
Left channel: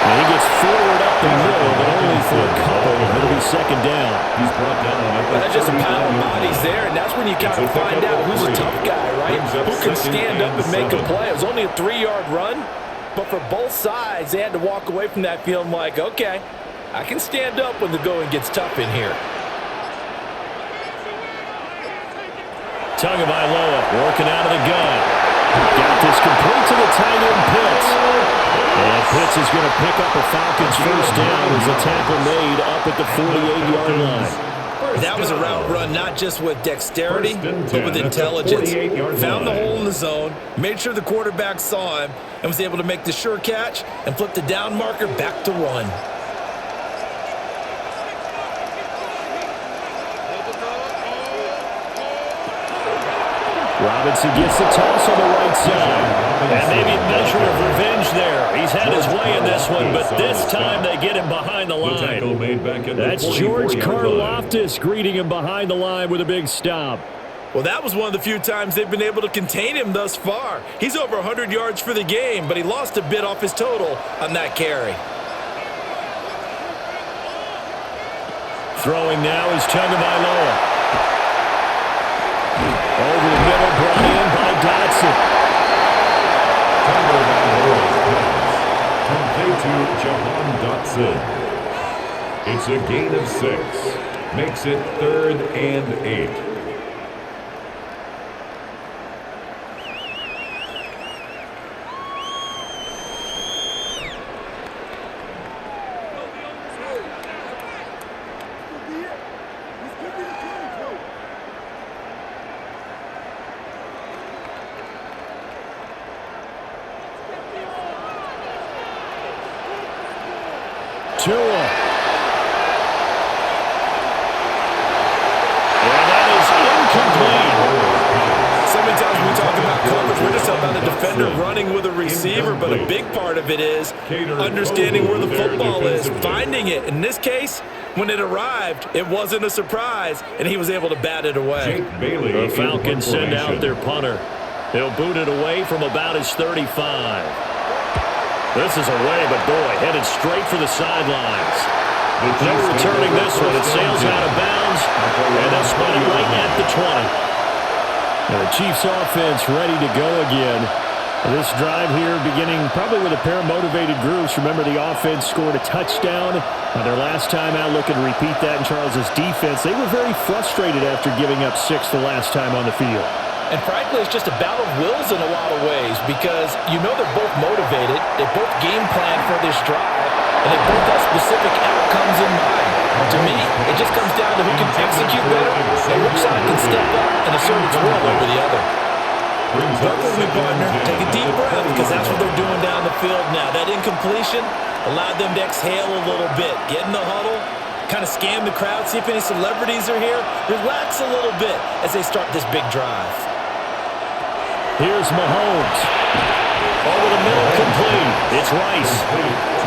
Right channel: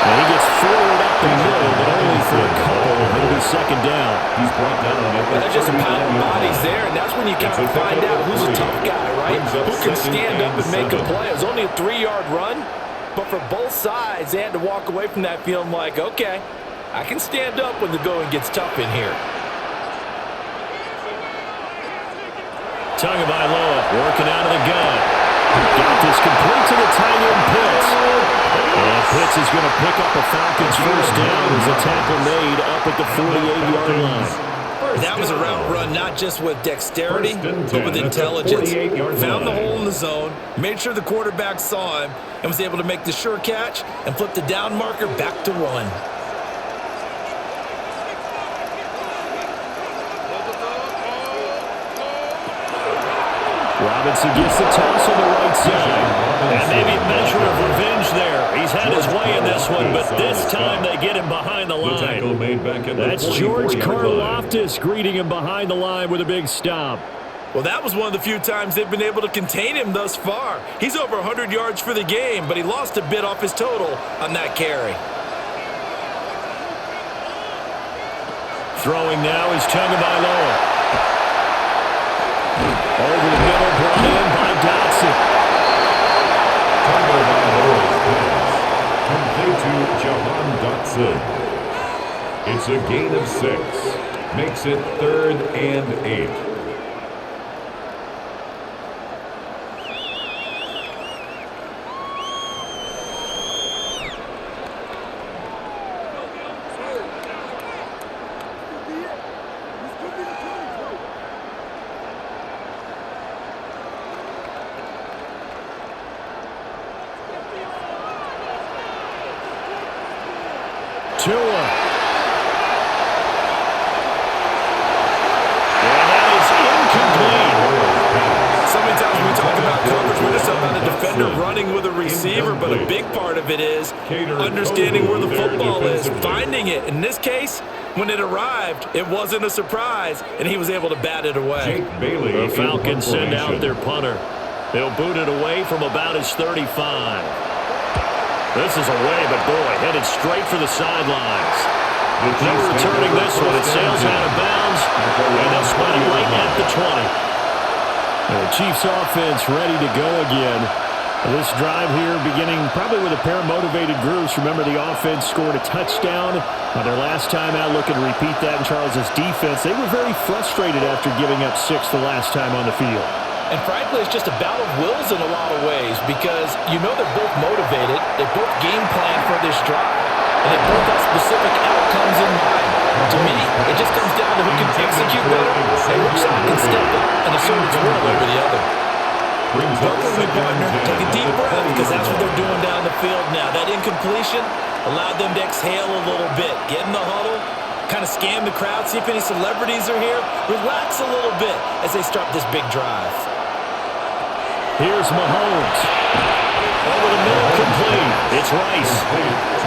And he gets forward up the middle, but only for a couple. It'll be 2nd down. He's brought down at the That's just a pile of bodies there, and that's when you kind of find out who's a tough guy, right? Who can stand up and make a play. It was only a 3-yard run, but for both sides, they had to walk away from that feeling like, okay, I can stand up when the going gets tough in here. Tagovailoa working out of the gun. Got this complete to the tight end Pitts. And Pitts is going to pick up a Falcons first down as a tackle made up at the 48-yard line. That was a route run not just with dexterity, but with intelligence. Found the hole in the zone, made sure the quarterback saw him, and was able to make the sure catch and flip the down marker back to 1. Robinson gets the toss on the right side. And maybe a measure of revenge there. He's had his way in this one, but this time they get him behind the line. That's George Karlaftis greeting him behind the line with a big stop. Well, that was one of the few times they've been able to contain him thus far. He's over 100 yards for the game, but he lost a bit off his total on that carry. Throwing now is Tagovailoa. Over the middle, brought in by Dotson. Tagovailoa's pass complete to Jahan Dotson. It's a gain of 6. Makes it 3rd and 8. Tua. And that is incomplete. So many times when we talk about coverage, we're just about a defender running with a receiver, but a big part of it is understanding where the football is, finding it. In this case, when it arrived, it wasn't a surprise, and he was able to bat it away. The Falcons send out their punter. He'll boot it away from about his 35. This is away, but boy, headed straight for the sidelines. No returning this one. It sails out of bounds, and they'll spot it right at the 20. And the Chiefs offense ready to go again. This drive here beginning probably with a pair of motivated groups. Remember, the offense scored a touchdown on their last time out. Looking to repeat that in Charles's defense. They were very frustrated after giving up 6 the last time on the field. And frankly, it's just a battle of wills in a lot of ways because you know they're both motivated. They both game plan for this drive, and they both have specific outcomes in mind. To me, it just comes down to who can execute better and which side can step up and assert its will over the other. Welcome, me partner. Take a deep breath because that's what they're doing down the field now. That incompletion allowed them to exhale a little bit. Get in the huddle, kind of scan the crowd, see if any celebrities are here. Relax a little bit as they start this big drive. Here's Mahomes. Over the middle, complete. It's Rice.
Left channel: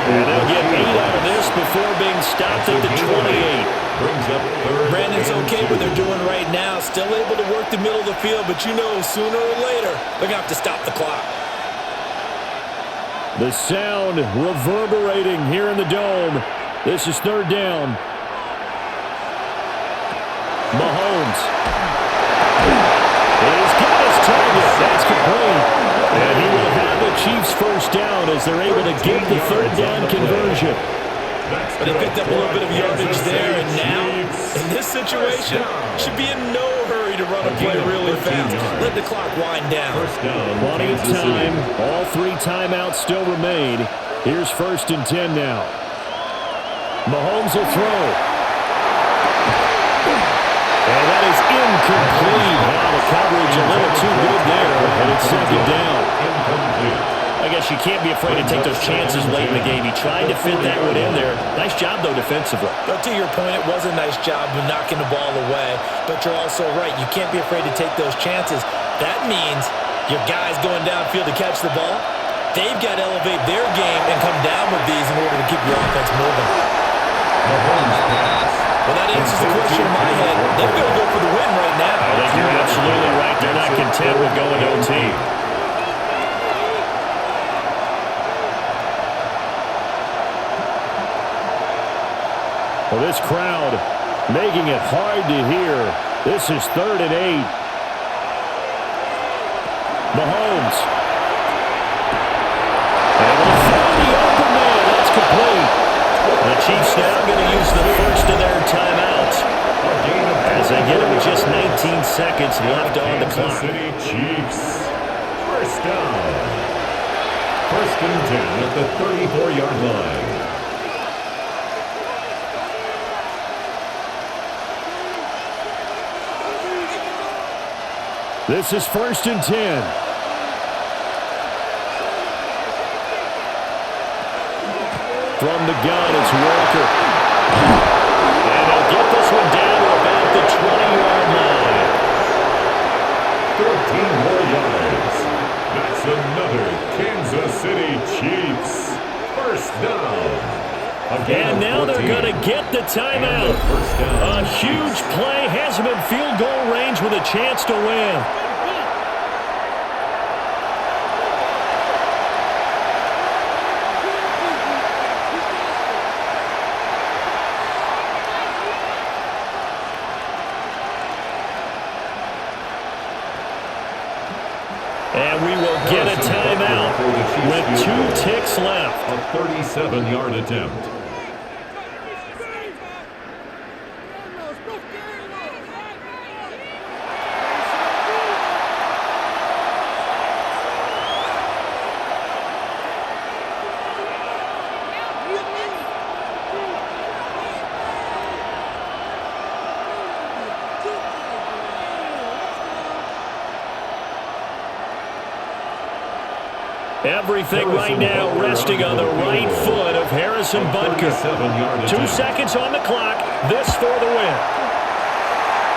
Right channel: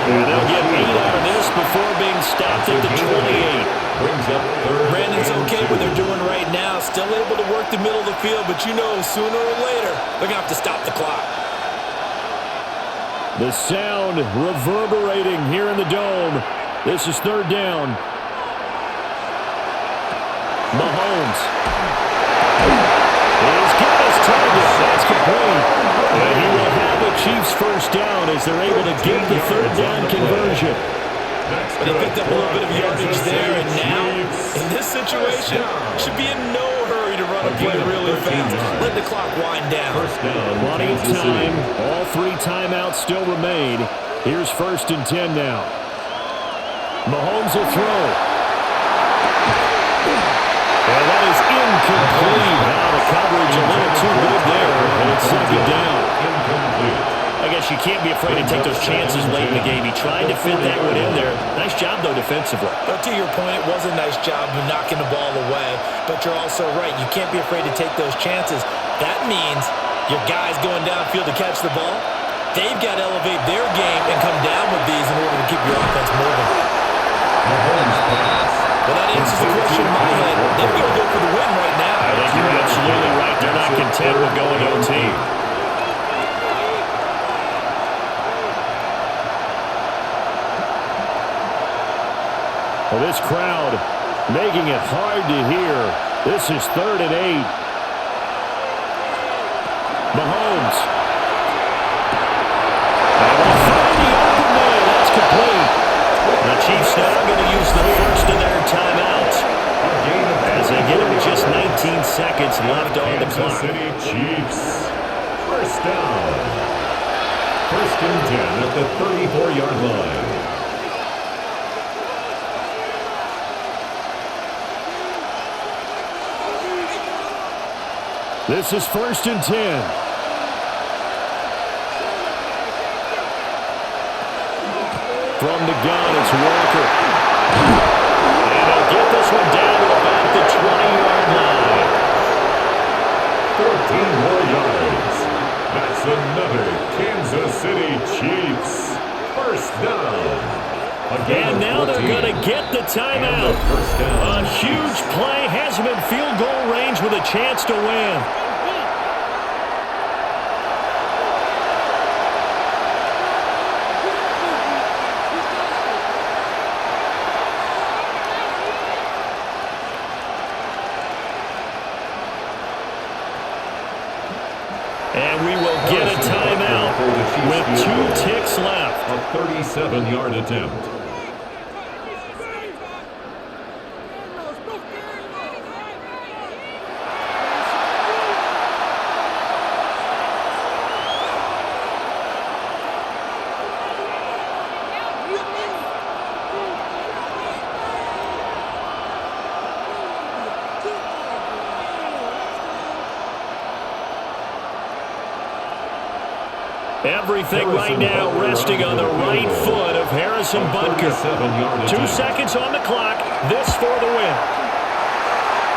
And they'll get 8 out of this before being stopped at the 28. Brings up third. Brandon's okay with what they're doing right now. Still able to work the middle of the field, but you know sooner or later they're going to have to stop the clock. The sound reverberating here in the dome. This is third down. Mahomes. He's got his target. That's complete. And he will have a Chiefs first down as they're able to get the third down conversion. But they picked up a little bit of yardage there, and now, in this situation, should be in no hurry to run a play really fast. Let the clock wind down. Plenty of time. All 3 timeouts still remain. Here's 1st and 10 now. Mahomes will throw. And that is incomplete. Now the coverage a little too good there, and it's 2nd down. I guess you can't be afraid to take those chances late in the game. He tried to fit that one in there. Nice job, though, defensively. Well, to your point, it was a nice job of knocking the ball away, but you're also right. You can't be afraid to take those chances. That means your guys going downfield to catch the ball, they've got to elevate their game and come down with these in order to keep your offense moving. Mahomes pass. Well, that answers the question in my head. They're going to go for the win right now. I think you're absolutely right. They're not content with going to OT. Well, this crowd making it hard to hear. This is 3rd and 8. Mahomes. Able to find the open man. That's complete. The Chiefs now going to use the first of their timeouts as they get it with just 19 seconds left on the clock. City Chiefs. First down. 1st and 10 at the 34-yard line. This is 1st and 10. From the gun, it's Walker. And they'll get this one down to about the 20-yard line. 14 more yards. That's another Kansas City Chiefs. First down. And now they're going to get the timeout. A huge play has them in field goal range with a chance to win. And we will get a timeout with 2 ticks left. A 37-yard attempt. Everything right now resting on the right foot of Harrison Butker. 2 seconds on the clock. This for the win.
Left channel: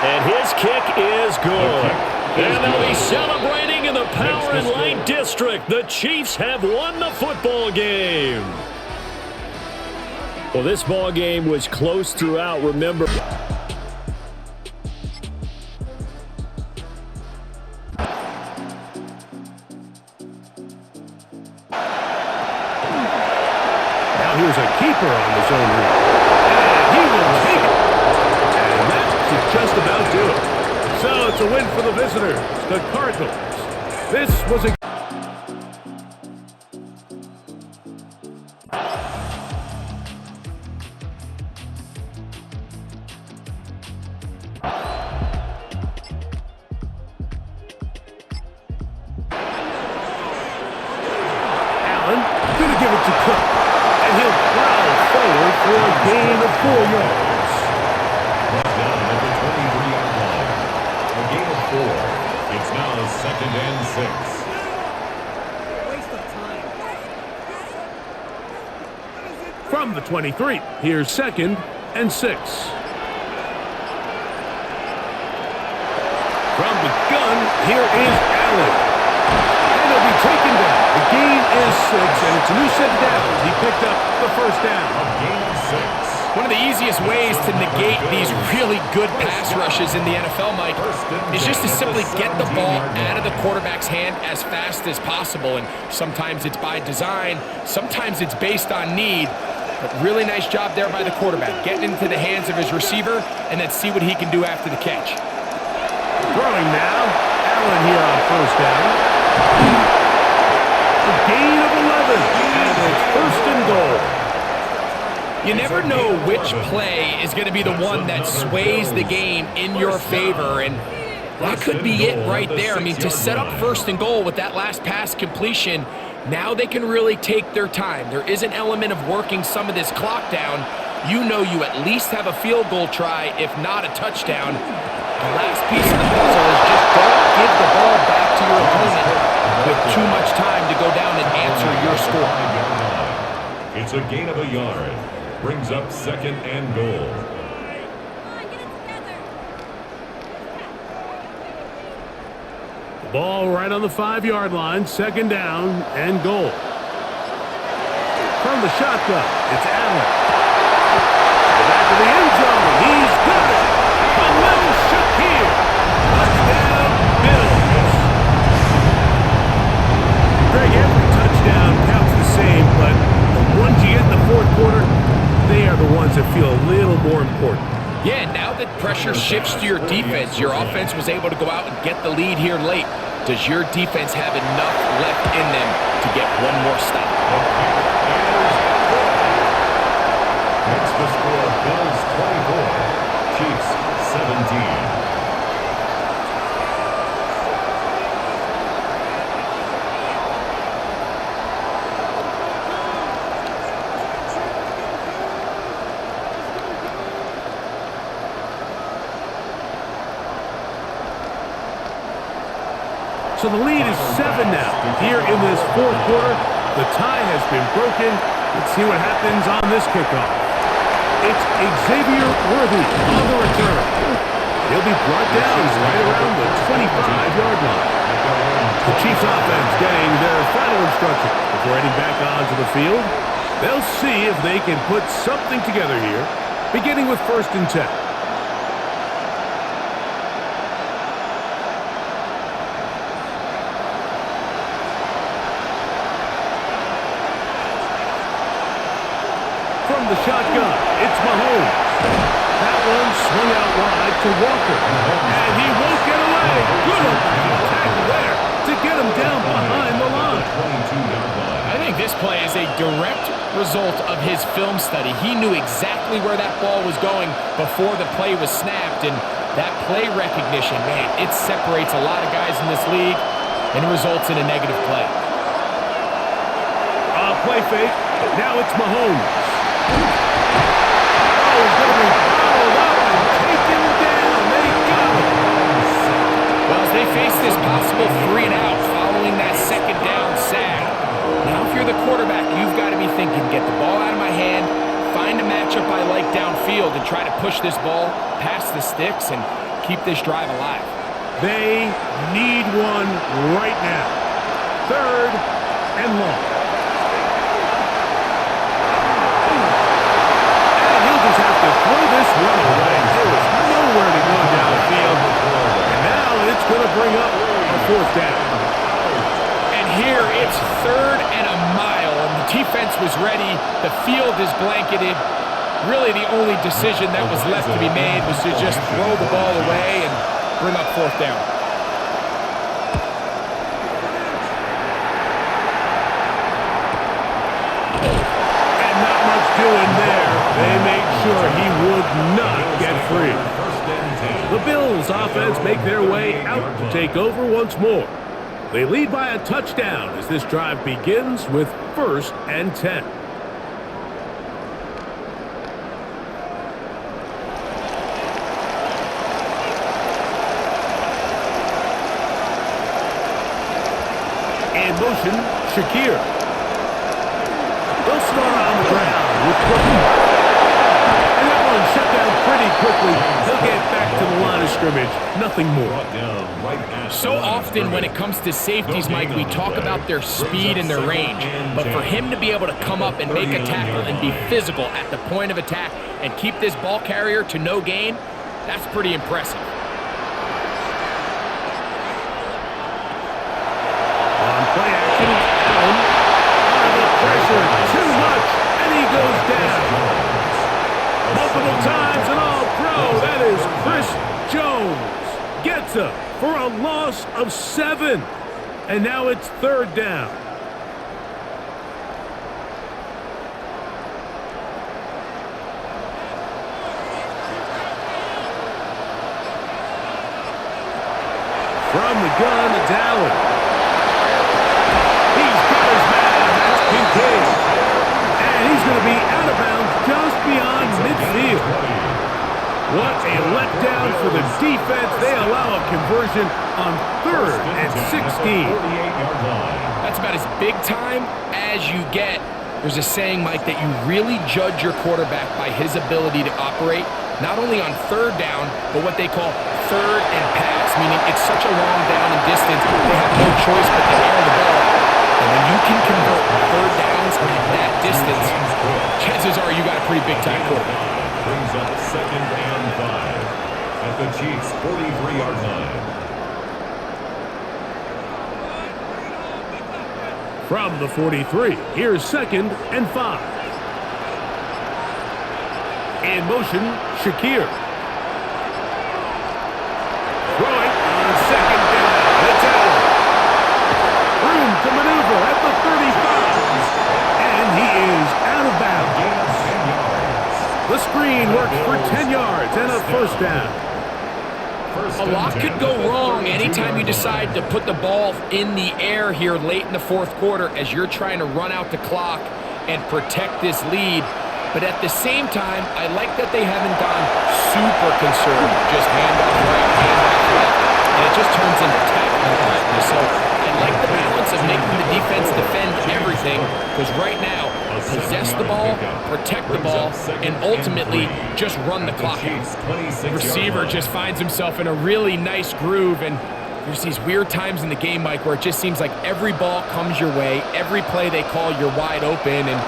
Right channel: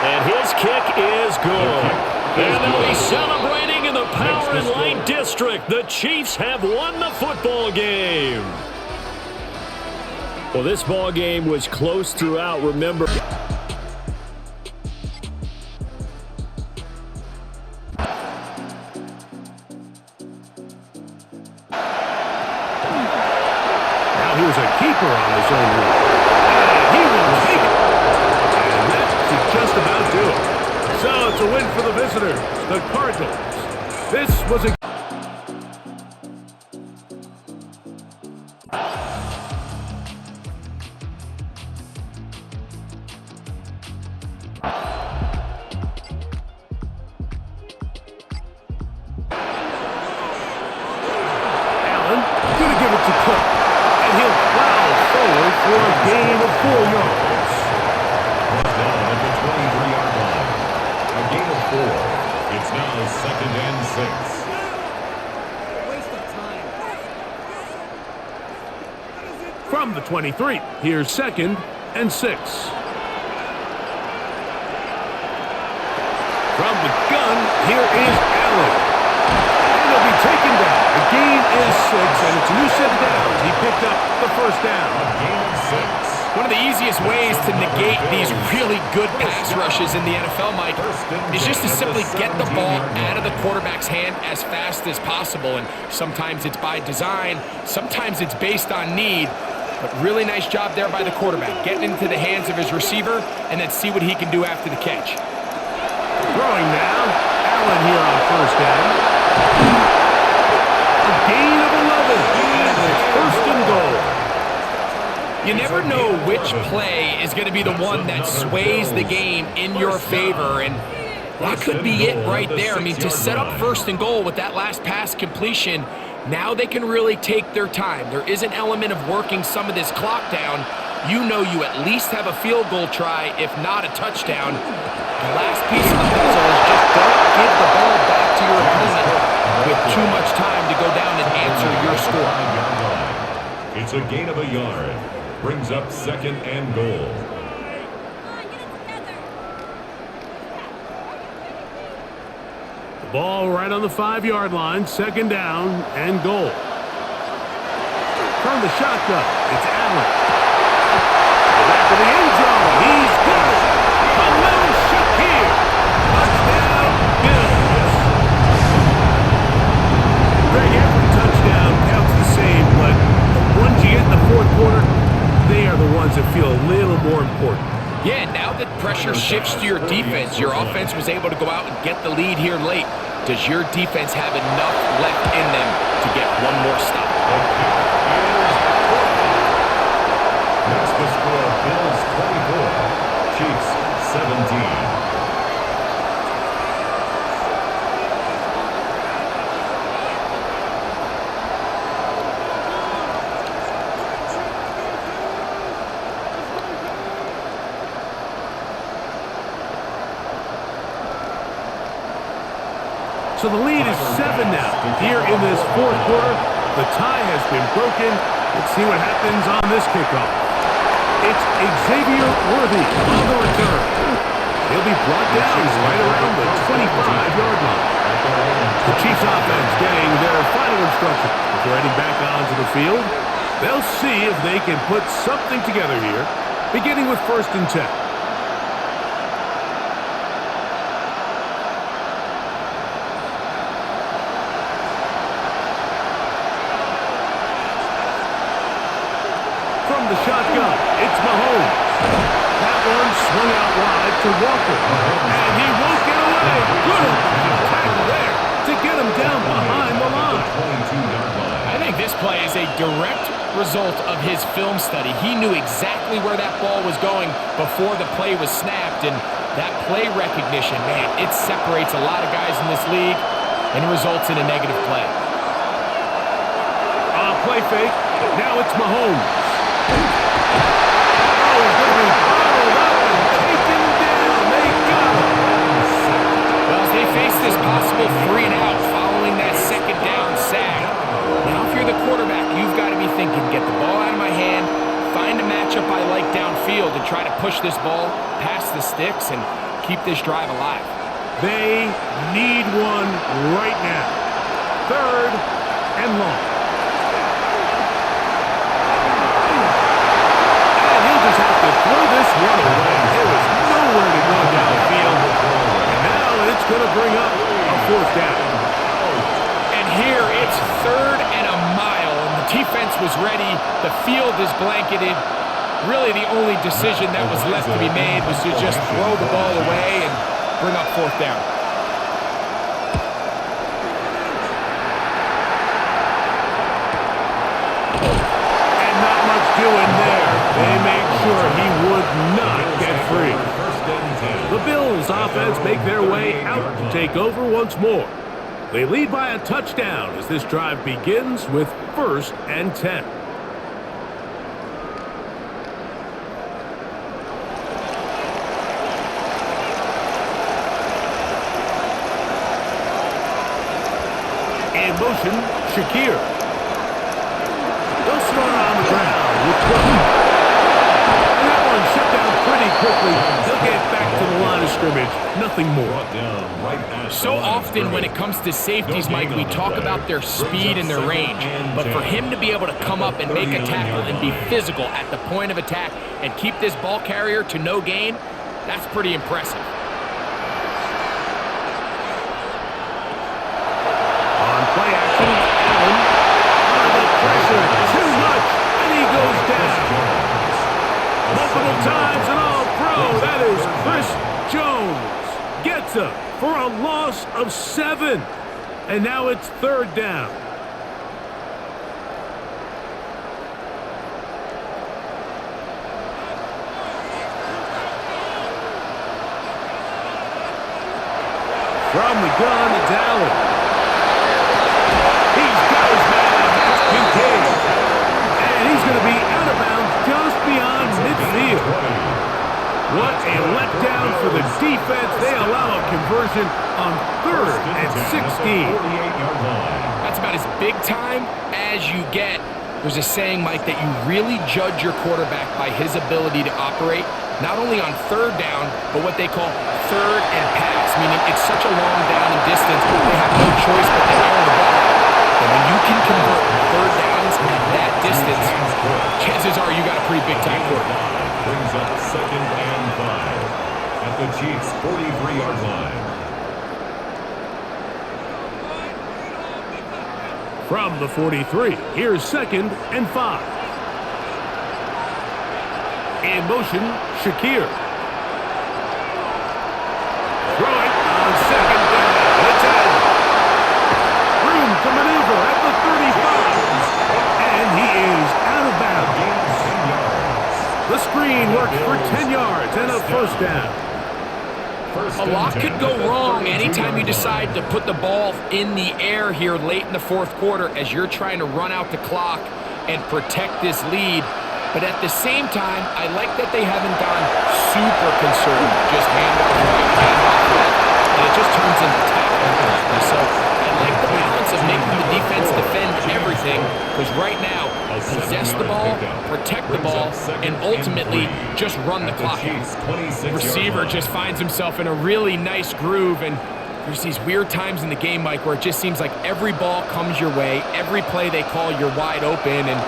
And his kick is good. And they'll be celebrating in the Power and Light District. The Chiefs have won the football game. Well, this ball game was close throughout. Remember. Now here's a keeper on the zone read. And he will take it. And that should just about do it. So it's a win for the visitors, the Cardinals. This was a... Allen going to give it to Cook, and he'll plow forward for a gain of 4 yards. Brought down at the 23-yard line. A gain of 4. It's now 2nd and 6. Waste of time. From the 23, here's 2nd and 6. From the gun, here is Allen. And he'll be taken down. The gain is 6, and it's a new set of downs. He picked up the first down. A gain of 6. One of the easiest ways to negate these really good pass rushes in the NFL, Mike, is just to simply get the ball out of the quarterback's hand as fast as possible. And sometimes it's by design, sometimes it's based on need. But really nice job there by the quarterback, getting into the hands of his receiver and then see what he can do after the catch. Throwing now, Allen here on first down. A gain of 11, and it's 1st and goal. You never know which play is going to be the one that sways the game in your favor, and that could be it right there. I mean, to set up 1st and goal with that last pass completion, now they can really take their time. There is an element of working some of this clock down. You know you at least have a field goal try, if not a touchdown. The last piece of the puzzle is just don't give the ball back to your opponent with too much time to go down and answer your score. It's a gain of a yard. Brings up 2nd and goal. Come on, get it together. The ball right on the 5-yard line, 2nd down and goal. From the shotgun, it's Allen. To the back of the end zone, he's got it. Khalil Shakir. Touchdown, Bills. Greg, every touchdown counts the same, but the ones you get in the 4th quarter, they are the ones that feel a little more important. Yeah, now that pressure shifts to your defense, your offense was able to go out and get the lead here late. Does your defense have enough left in them to get one more stop? The kick is good. Makes the score Bills 24, Chiefs 17. So the lead is 7 now. Here in this 4th quarter, the tie has been broken. Let's see what happens on this kickoff. It's Xavier Worthy on the return. And he'll be brought down right around the 25-yard line. The Chiefs offense getting their final instructions before heading back onto the field. They'll see if they can put something together here, beginning with 1st and 10. From the shotgun, it's Mahomes. That one swung out wide to Walker. And he won't get away. Good open field tackle there to get him down behind the line. I think this play is a direct result of his film study. He knew exactly where that ball was going before the play was snapped. And that play recognition, man, it separates a lot of guys in this league and results in a negative play. Play fake. Now it's Mahomes. Oh, he's going to be bottled up and taken down. They got him. Well, as they face this possible 3-and-out following that 2nd down sack, now if you're the quarterback, you've got to be thinking, get the ball out of my hand, find a matchup I like downfield, and try to push this ball past the sticks and keep this drive alive. They need one right now. 3rd and long. Just have to throw this one away. There was nowhere to go down the field. And now it's going to bring up a 4th down. And here it's 3rd and a mile, and the defense was ready. The field is blanketed. Really the only decision that was left to be made was to just throw the ball away, and bring up fourth down. And not much doing there. They made sure he would not get free. The Bills offense make their way out to take over once more. They lead by a touchdown as this drive begins with 1st and 10. In motion, Shakir. They'll start on the ground with Cook. And that one shut down pretty quickly. He'll get back to the line of scrimmage. Nothing more. So often when it comes to safeties, Mike, we talk about their speed and their range. But for him to be able to come up and make a tackle and be physical at the point of attack and keep this ball carrier to no gain, that's pretty impressive. On play action, Allen. The pressure, too much, and he goes down. Multiple times and all pro, that is Chris Jones. Gets him for a loss of 7. And now it's 3rd down. From the gun, it's Allen. He's got his man. That's Kincaid. And he's going to be out of bounds just beyond midfield. What a letdown for the defense. They allow a conversion on 3rd and 16. That's about as big time as you get. There's a saying, Mike, that you really judge your quarterback by his ability to operate, not only on 3rd down, but what they call 3rd and pass, meaning it's such a long down and distance, they have no choice but to air the ball out. And when you can convert 3rd downs at that distance, chances are you got a pretty big-time quarterback. Brings up 2nd and 5 at the Chiefs' 43-yard line. From the 43, here's 2nd and 5. In motion, Shakir. Throwing on 2nd down. It's Allen. Room to maneuver at the 35. And he is out of bounds. Gain of 10 yards. The screen works for 10 yards and a 1st down. A lot could go wrong anytime you decide to put the ball in the air here late in the 4th quarter as you're trying to run out the clock and protect this lead. But at the same time, I like that they haven't gone super conservative. Just handoff right, handoff left. And it just turns into tackling practice. So I like the balance of making the defense defend everything, because right now, possess the ball, protect the ball, and ultimately just run the clock out. Receiver just finds himself in a really nice groove, and there's these weird times in the game, Mike, where it just seems like every ball comes your way, every play they call, you're wide open, and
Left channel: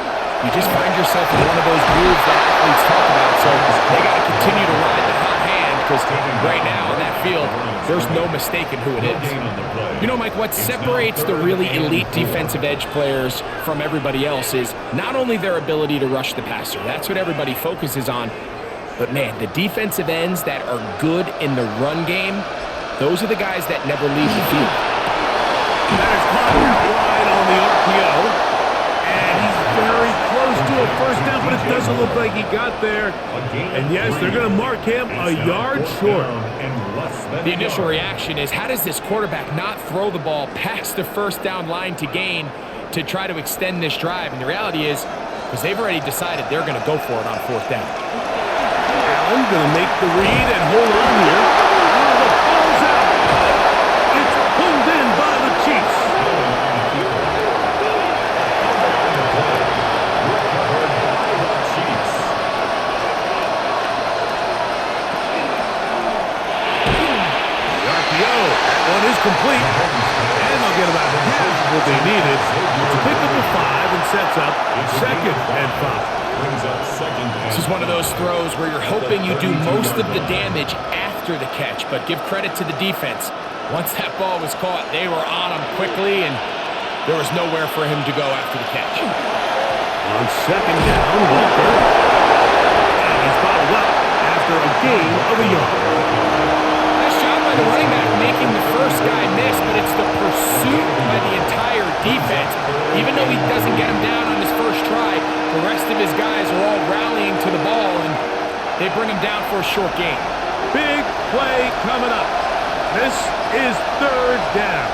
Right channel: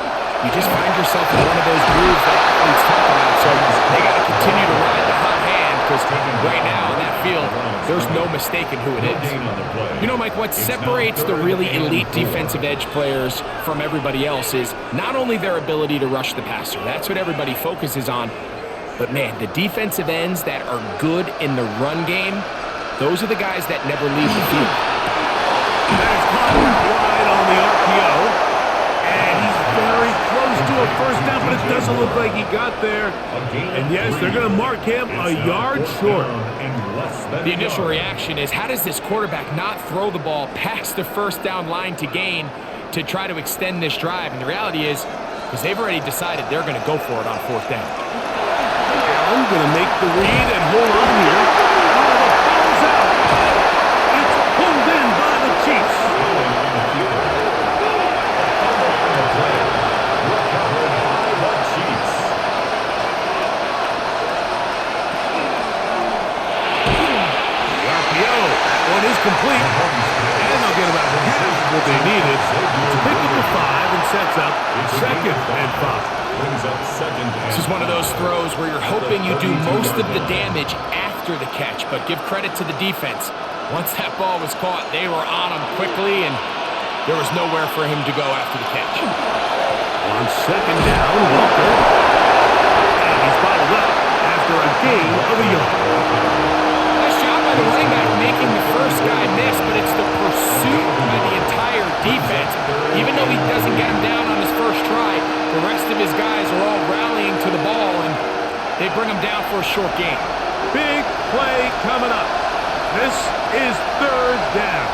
you just find yourself in one of those grooves that athletes talk about. So they got to continue to ride the hot hand, because right now on that field, there's no mistaking who it is. You know, Mike, what separates the really elite defensive edge players from everybody else is not only their ability to rush the passer. That's what everybody focuses on. But, man, the defensive ends that are good in the run game, those are the guys that never leave the field. That is caught out wide on the RPO. And he's very close to a 1st down, but it doesn't look like he got there. And yes, they're going to mark him a yard short. The initial reaction is, how does this quarterback not throw the ball past the 1st down line to gain to try to extend this drive? And the reality is, because they've already decided they're going to go for it on 4th down. Allen going to make the read and hold on here. Oh, the ball's out. It's pulled in by the Chiefs. Recovered by the Chiefs. The RPO, that one is complete. And they'll get about half of what they needed to pick up a 5 and sets up 2nd and 5. Brings up 2nd and 5. This is one of those throws where you're hoping you do most of the damage after the catch, but give credit to the defense. Once that ball was caught, they were on him quickly, and there was nowhere for him to go after the catch. On 2nd down, Walker. And he's bottled up after a gain of a yard. Nice job by by the running back making the first guy miss, but it's the pursuit by the entire defense. Even though he doesn't get him down on his first try, the rest of his guys are all rallying to the ball, and they bring him down for a short gain. Big play coming up. This is third down.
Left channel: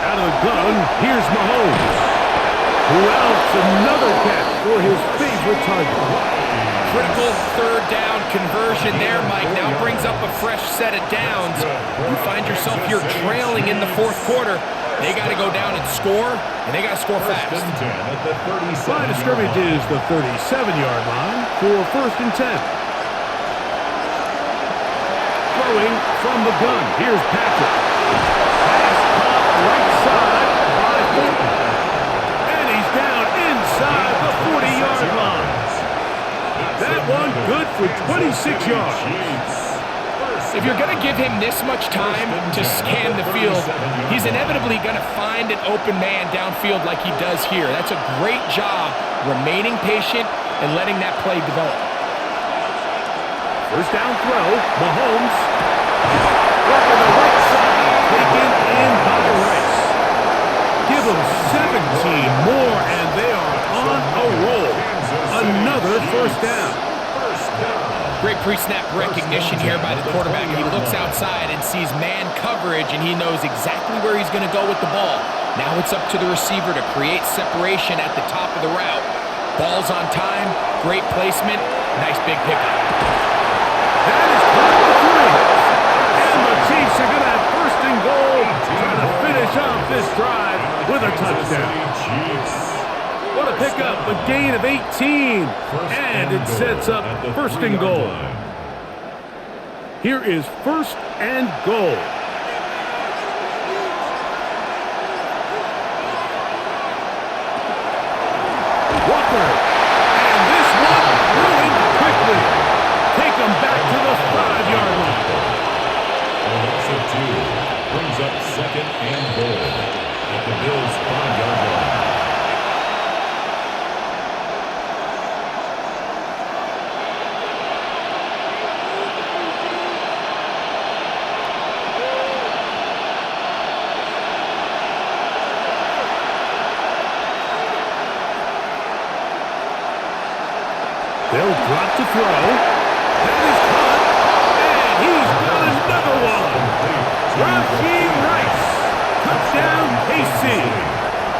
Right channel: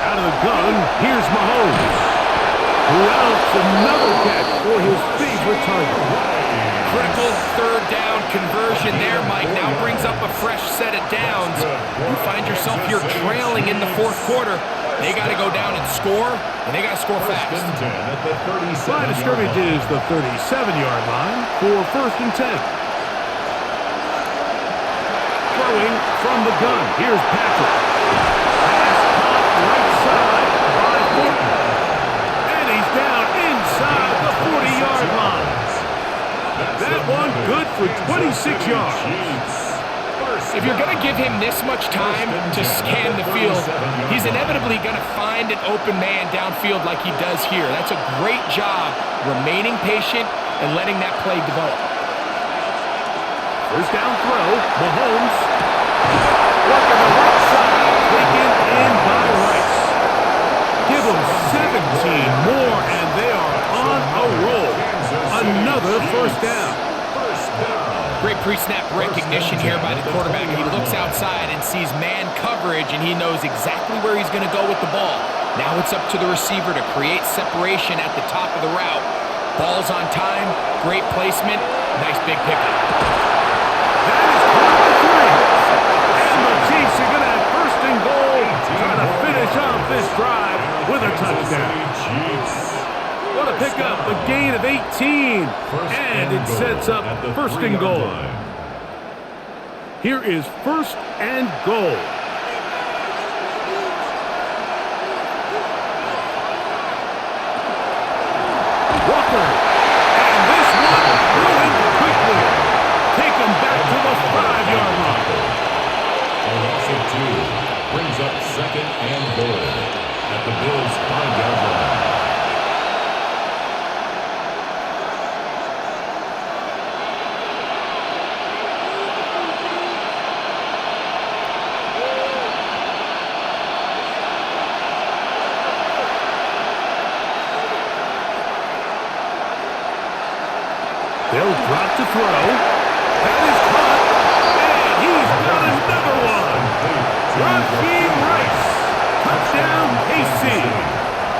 Out of the gun, here's Mahomes. Who else? Another catch for his favorite target. Critical third down conversion there, Mike. Now brings up a fresh set of downs. You find yourself here trailing in the fourth quarter. They got to go down and score, and they got to score fast. Line of scrimmage is the 37-yard line for 1st and 10. Throwing from the gun. Here's Patrick. Pass caught right side by Thornton. And he's down inside the 40-yard line. That one good for 26 yards. If you're going to give him this much time to scan the field, he's inevitably going to find an open man downfield like he does here. That's a great job remaining patient and letting that play develop. First down throw, Mahomes. Working the right side, taken in by Rice. Give them 17 more, and they are on a roll. Another first down. Great pre-snap recognition here by the quarterback. He looks outside and sees man coverage, and he knows exactly where he's going to go with the ball. Now it's up to the receiver to create separation at the top of the route. Ball's on time, great placement, nice big pickup. That is caught at the 3. And the Chiefs are going to have 1st and goal, trying to finish off this drive with a touchdown. What a pickup, a gain of 18, and it sets up 1st and goal. Here is 1st and goal. Walker, and this one ruined quickly. Take them back to the 5-yard line. A loss of 2 brings up 2nd and goal at the Bills' 5-yard line. They'll drop to throw. That is caught. And he's got another one. Rashee Rice. Touchdown, KC.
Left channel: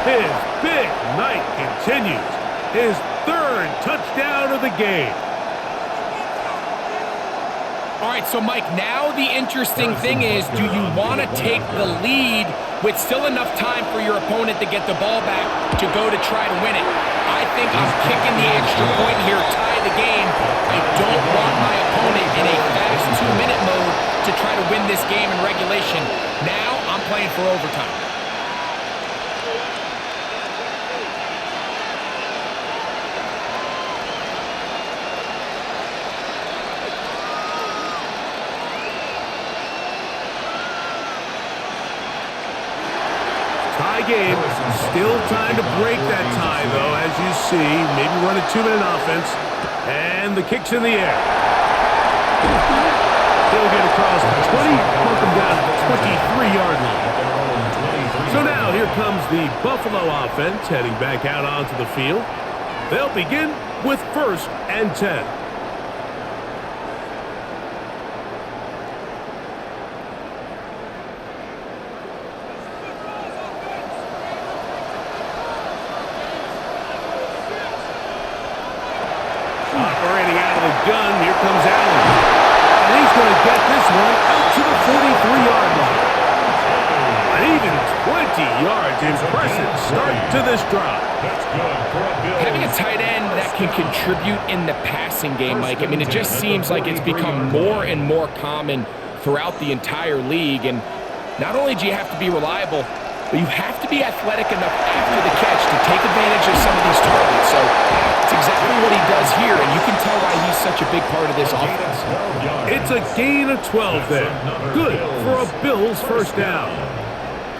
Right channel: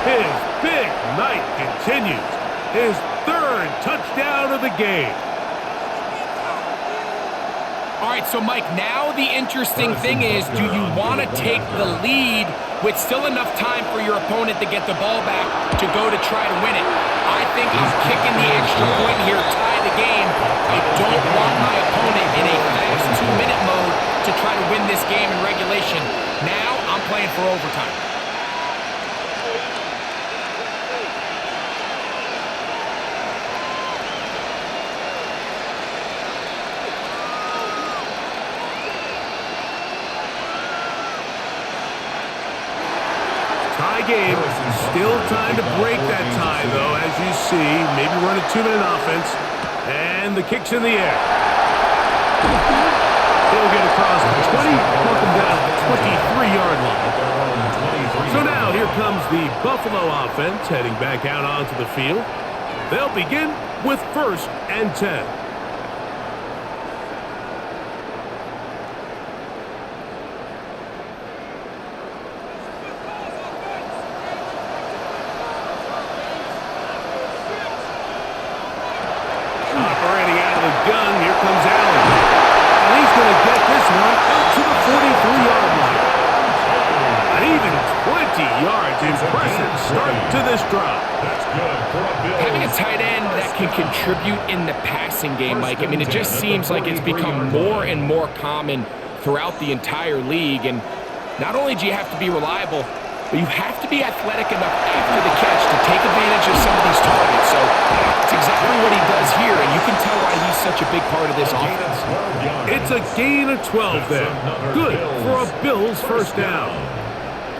His big night continues. His 3rd touchdown of the game. All right, so Mike, now the interesting thing is, do you want to take the lead with still enough time for your opponent to get the ball back to go to try to win it? I think I'm kicking the extra point here, tie the game. I don't want my opponent in a fast 2-minute mode to try to win this game in regulation. Now I'm playing for overtime. Tie game. Still time to break that tie, though, as you see. Maybe run a 2-minute offense. And the kick's in the air. He'll get across the 20, mark him down at the 23-yard line. So now here comes the Buffalo offense heading back out onto the field. They'll begin with 1st and 10. Operating out of the gun, here comes Allen. And he's going to get this one out to the 43-yard line. An even 20 yards. Impressive start to this drive. That's good for a Bills. Having a tight end that can contribute in the passing game, Mike, I mean, it just seems like it's become more and more common throughout the entire league. And not only do you have to be reliable, but you have to be athletic enough after the catch to take advantage of some of these targets. So it's exactly what he does here, and you can tell why he's such a big part of this offense. It's a gain of 12 there. Good for a Bills first down.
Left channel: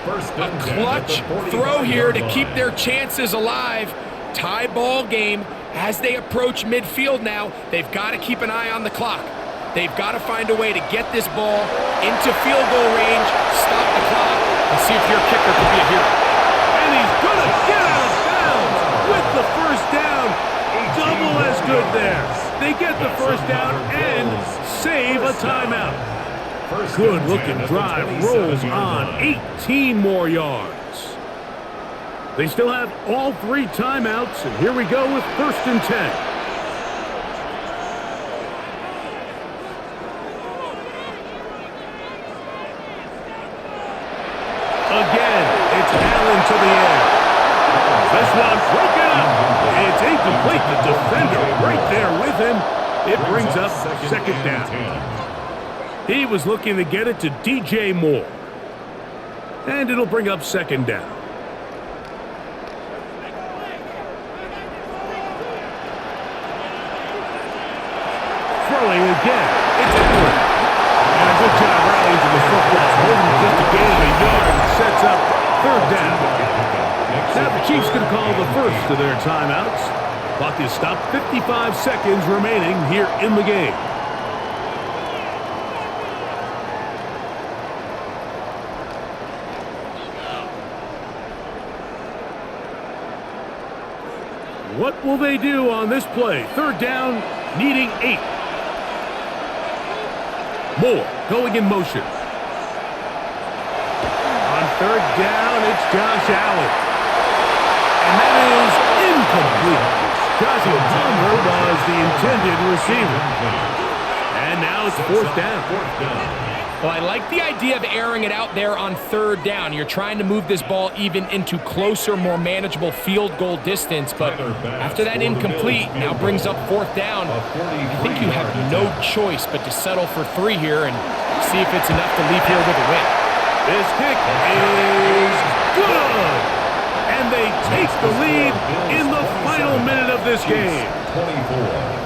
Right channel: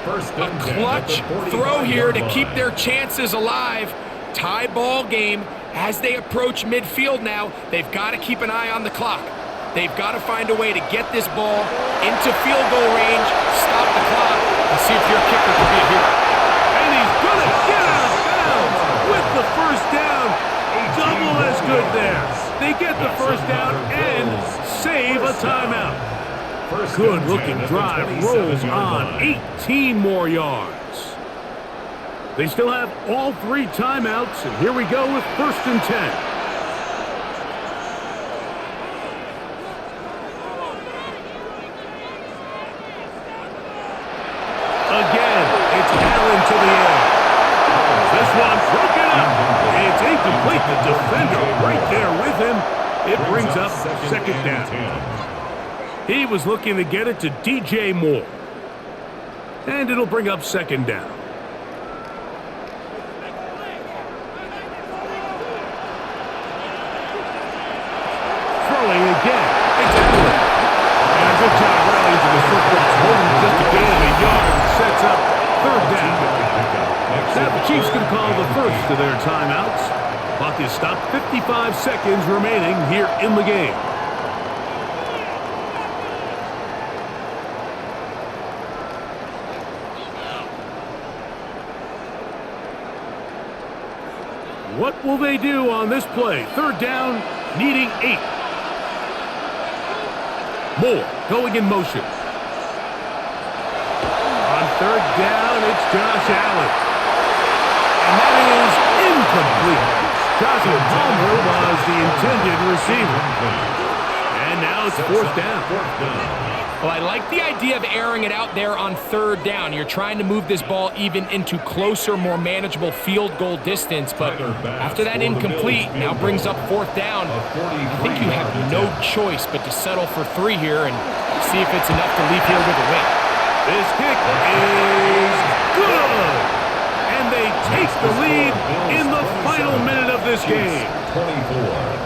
A clutch throw here to keep their chances alive. Tie ball game as they approach midfield now. They've got to keep an eye on the clock. They've got to find a way to get this ball into field goal range, stop the clock, and see if your kicker can be a hero. And he's going to get out of bounds with the first down. Double as good there. They get the first down and save a timeout. Good looking drive, rolls on, 18 more yards. They still have all 3 timeouts, and here we go with 1st and 10. Again, it's Allen to the air. This one broken up. It's incomplete. The defender right there with him. It brings up 2nd down. He was looking to get it to DJ Moore. And it'll bring up 2nd down. Throwing again. It's Allen. And a good job rallying to the football. Holding just a gain of a yard and sets up 3rd down. Now the Chiefs going to call the first of their timeouts. Clock is stopped. 55 seconds remaining here in the game. What will they do on this play? 3rd down, needing 8. Moore going in motion. On 3rd down, it's Josh Allen. And that is incomplete. Joshua Palmer was the intended receiver. And now it's 4th down. Well, I like the idea of airing it out there on 3rd down. You're trying to move this ball even into closer, more manageable field goal distance. But after that incomplete, now brings up 4th down. I think you have no choice but to settle for 3 here and see if it's enough to leave here with a win. This kick is good. And they take the lead in the final minute of this game. 24.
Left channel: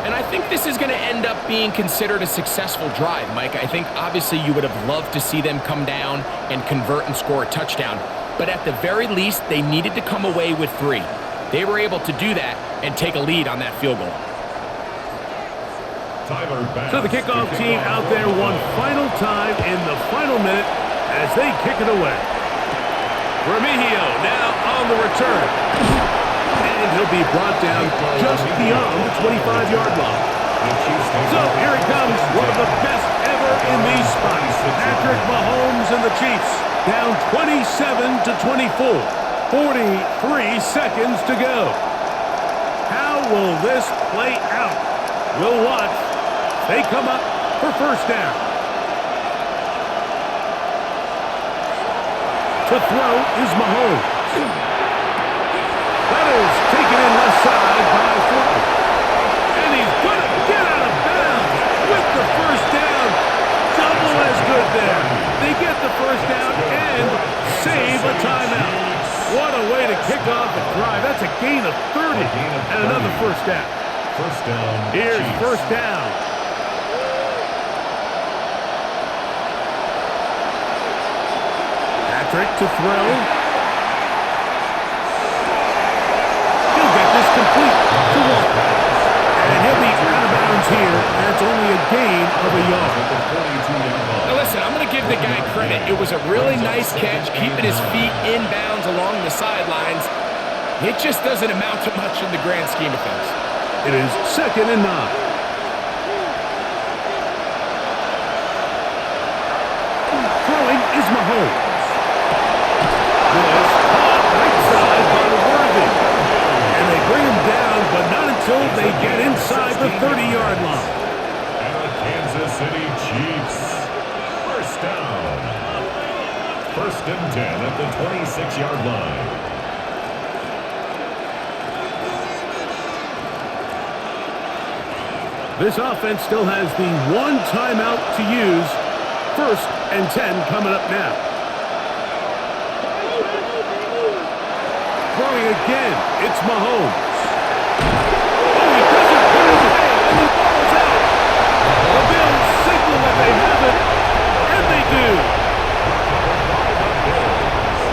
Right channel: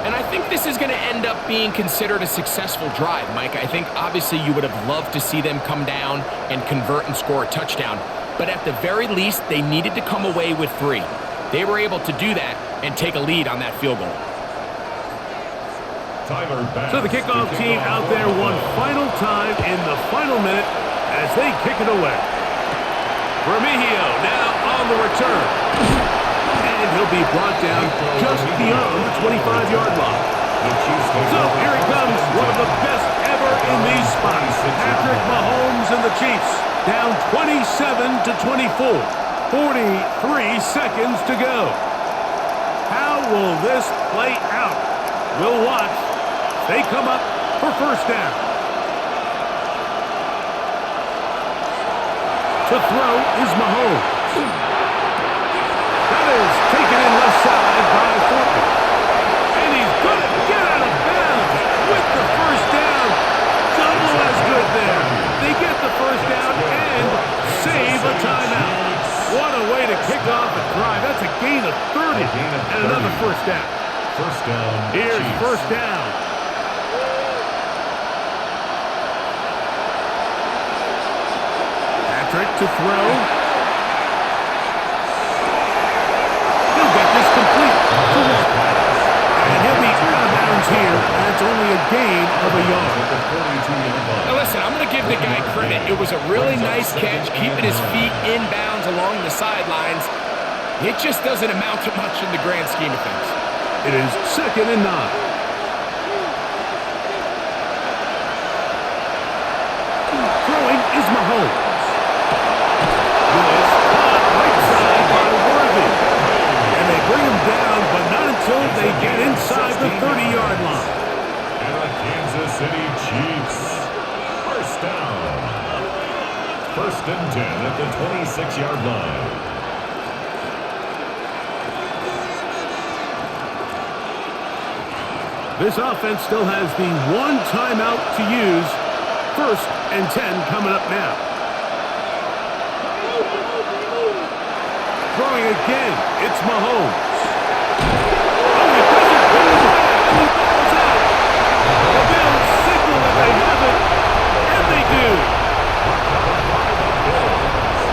And I think this is going to end up being considered a successful drive, Mike. I think obviously you would have loved to see them come down and convert and score a touchdown. But at the very least, they needed to come away with 3. They were able to do that and take a lead on that field goal. So the kickoff team out there one final time in the final minute as they kick it away. Remigio now on the return. And he'll be brought down just beyond the 25-yard line. So here he comes, one of the best ever in these spots. Patrick Mahomes and the Chiefs down 27-24. 43 seconds to go. How will this play out? We'll watch. They come up for 1st down. To throw is Mahomes. That is taken in left side by Fortney. And he's going to get out of bounds with the 1st down. Double as good there. They get the 1st down and save a timeout. What a way to kick off a drive. That's a gain of 30 and another 1st down. 1st down. Here's Chiefs. 1st down. Patrick to throw. He'll get this complete to Walker. And he'll be out of bounds here, and it's only a gain of a yard. Now listen, I'm going to give the guy credit. It was a really nice catch, keeping his feet in bounds along the sidelines. It just doesn't amount to much in the grand scheme of things. It is 2nd and 9. Throwing is Mahomes. This caught right side by Worthy. And they bring him down, but not until they get inside the 30-yard line. And the Kansas City Chiefs. 1st down. 1st and 10 at the 26-yard line. This offense still has the 1 timeout to use. 1st and 10 coming up now. Throwing again, it's Mahomes. Oh, he doesn't put it away, and the ball's out. The Bills signal that they have it, and they do. Recovered by the Bills.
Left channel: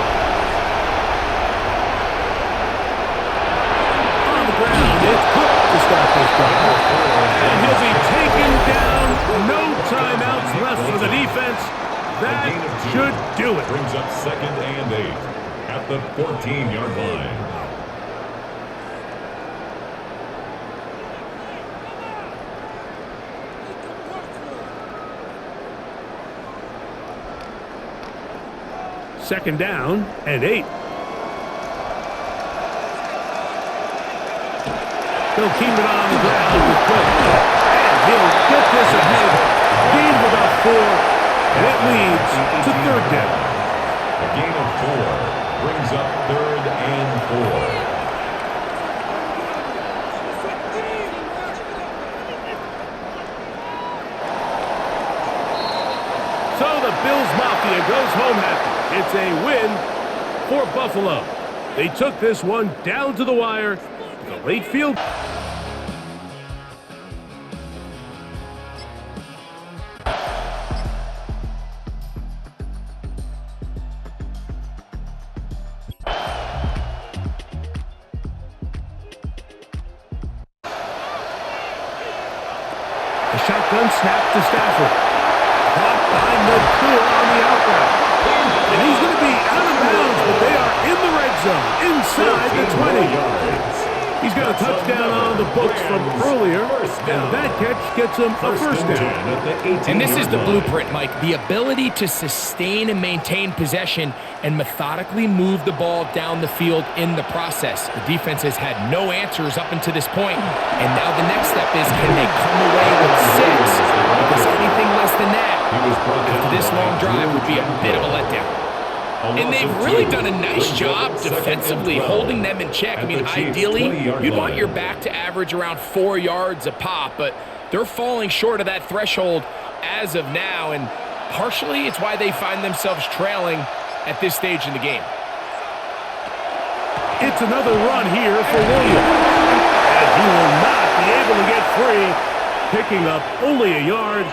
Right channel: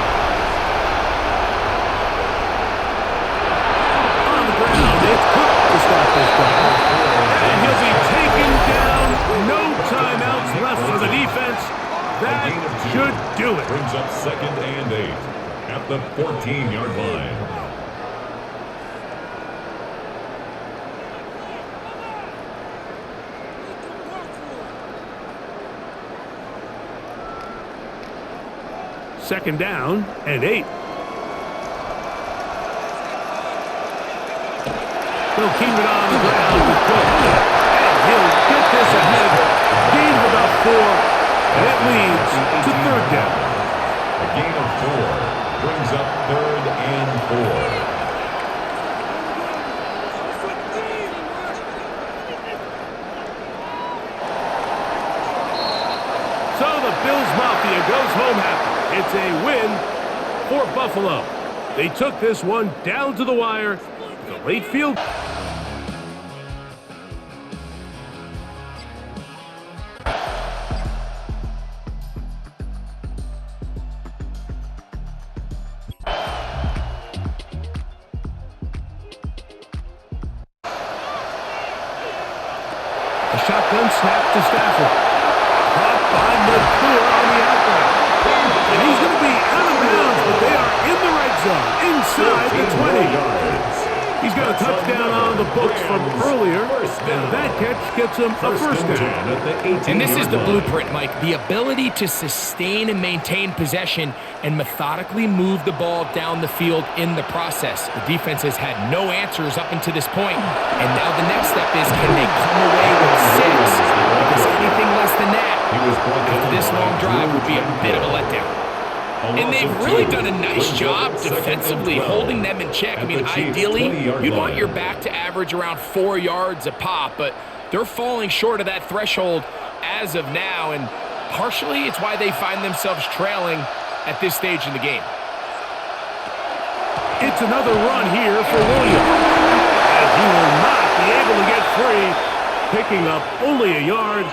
On the ground, it's Cook to start this drive. And he'll be taken down, no yards. That should do it. Brings up 2nd and 8 at the 14-yard line. Second down and 8. He'll keep it on the ground with Cook. And he'll get this ahead. Gain of about 4. And it leads to 3rd down. A gain of 4 brings up 3rd and 4. So the Bills Mafia goes home happy. It's a win for Buffalo. They took this one down to the wire. The late field. A shotgun snap to Stafford. Caught by Nakua on the out route. And he's going to be out of bounds, but they are in the red zone, inside the 20. Yards. He's got a touchdown on the books from earlier, and that catch gets him a first down. And this is the blueprint, Mike. The ability to sustain and maintain possession and methodically move the ball down the field in the process. The defense has had no answers up until this point, and now the next step is, can they come away with 6? Because anything less than that, after this long drive, would be a bit of a letdown. And they've really done a nice job defensively holding them in check. I mean, ideally, you'd want your back to average around 4 yards a pop, but they're falling short of that threshold as of now, and partially it's why they find themselves trailing at this stage in the game. It's another run here for Williams, and he will not be able to get free, picking up only a yard.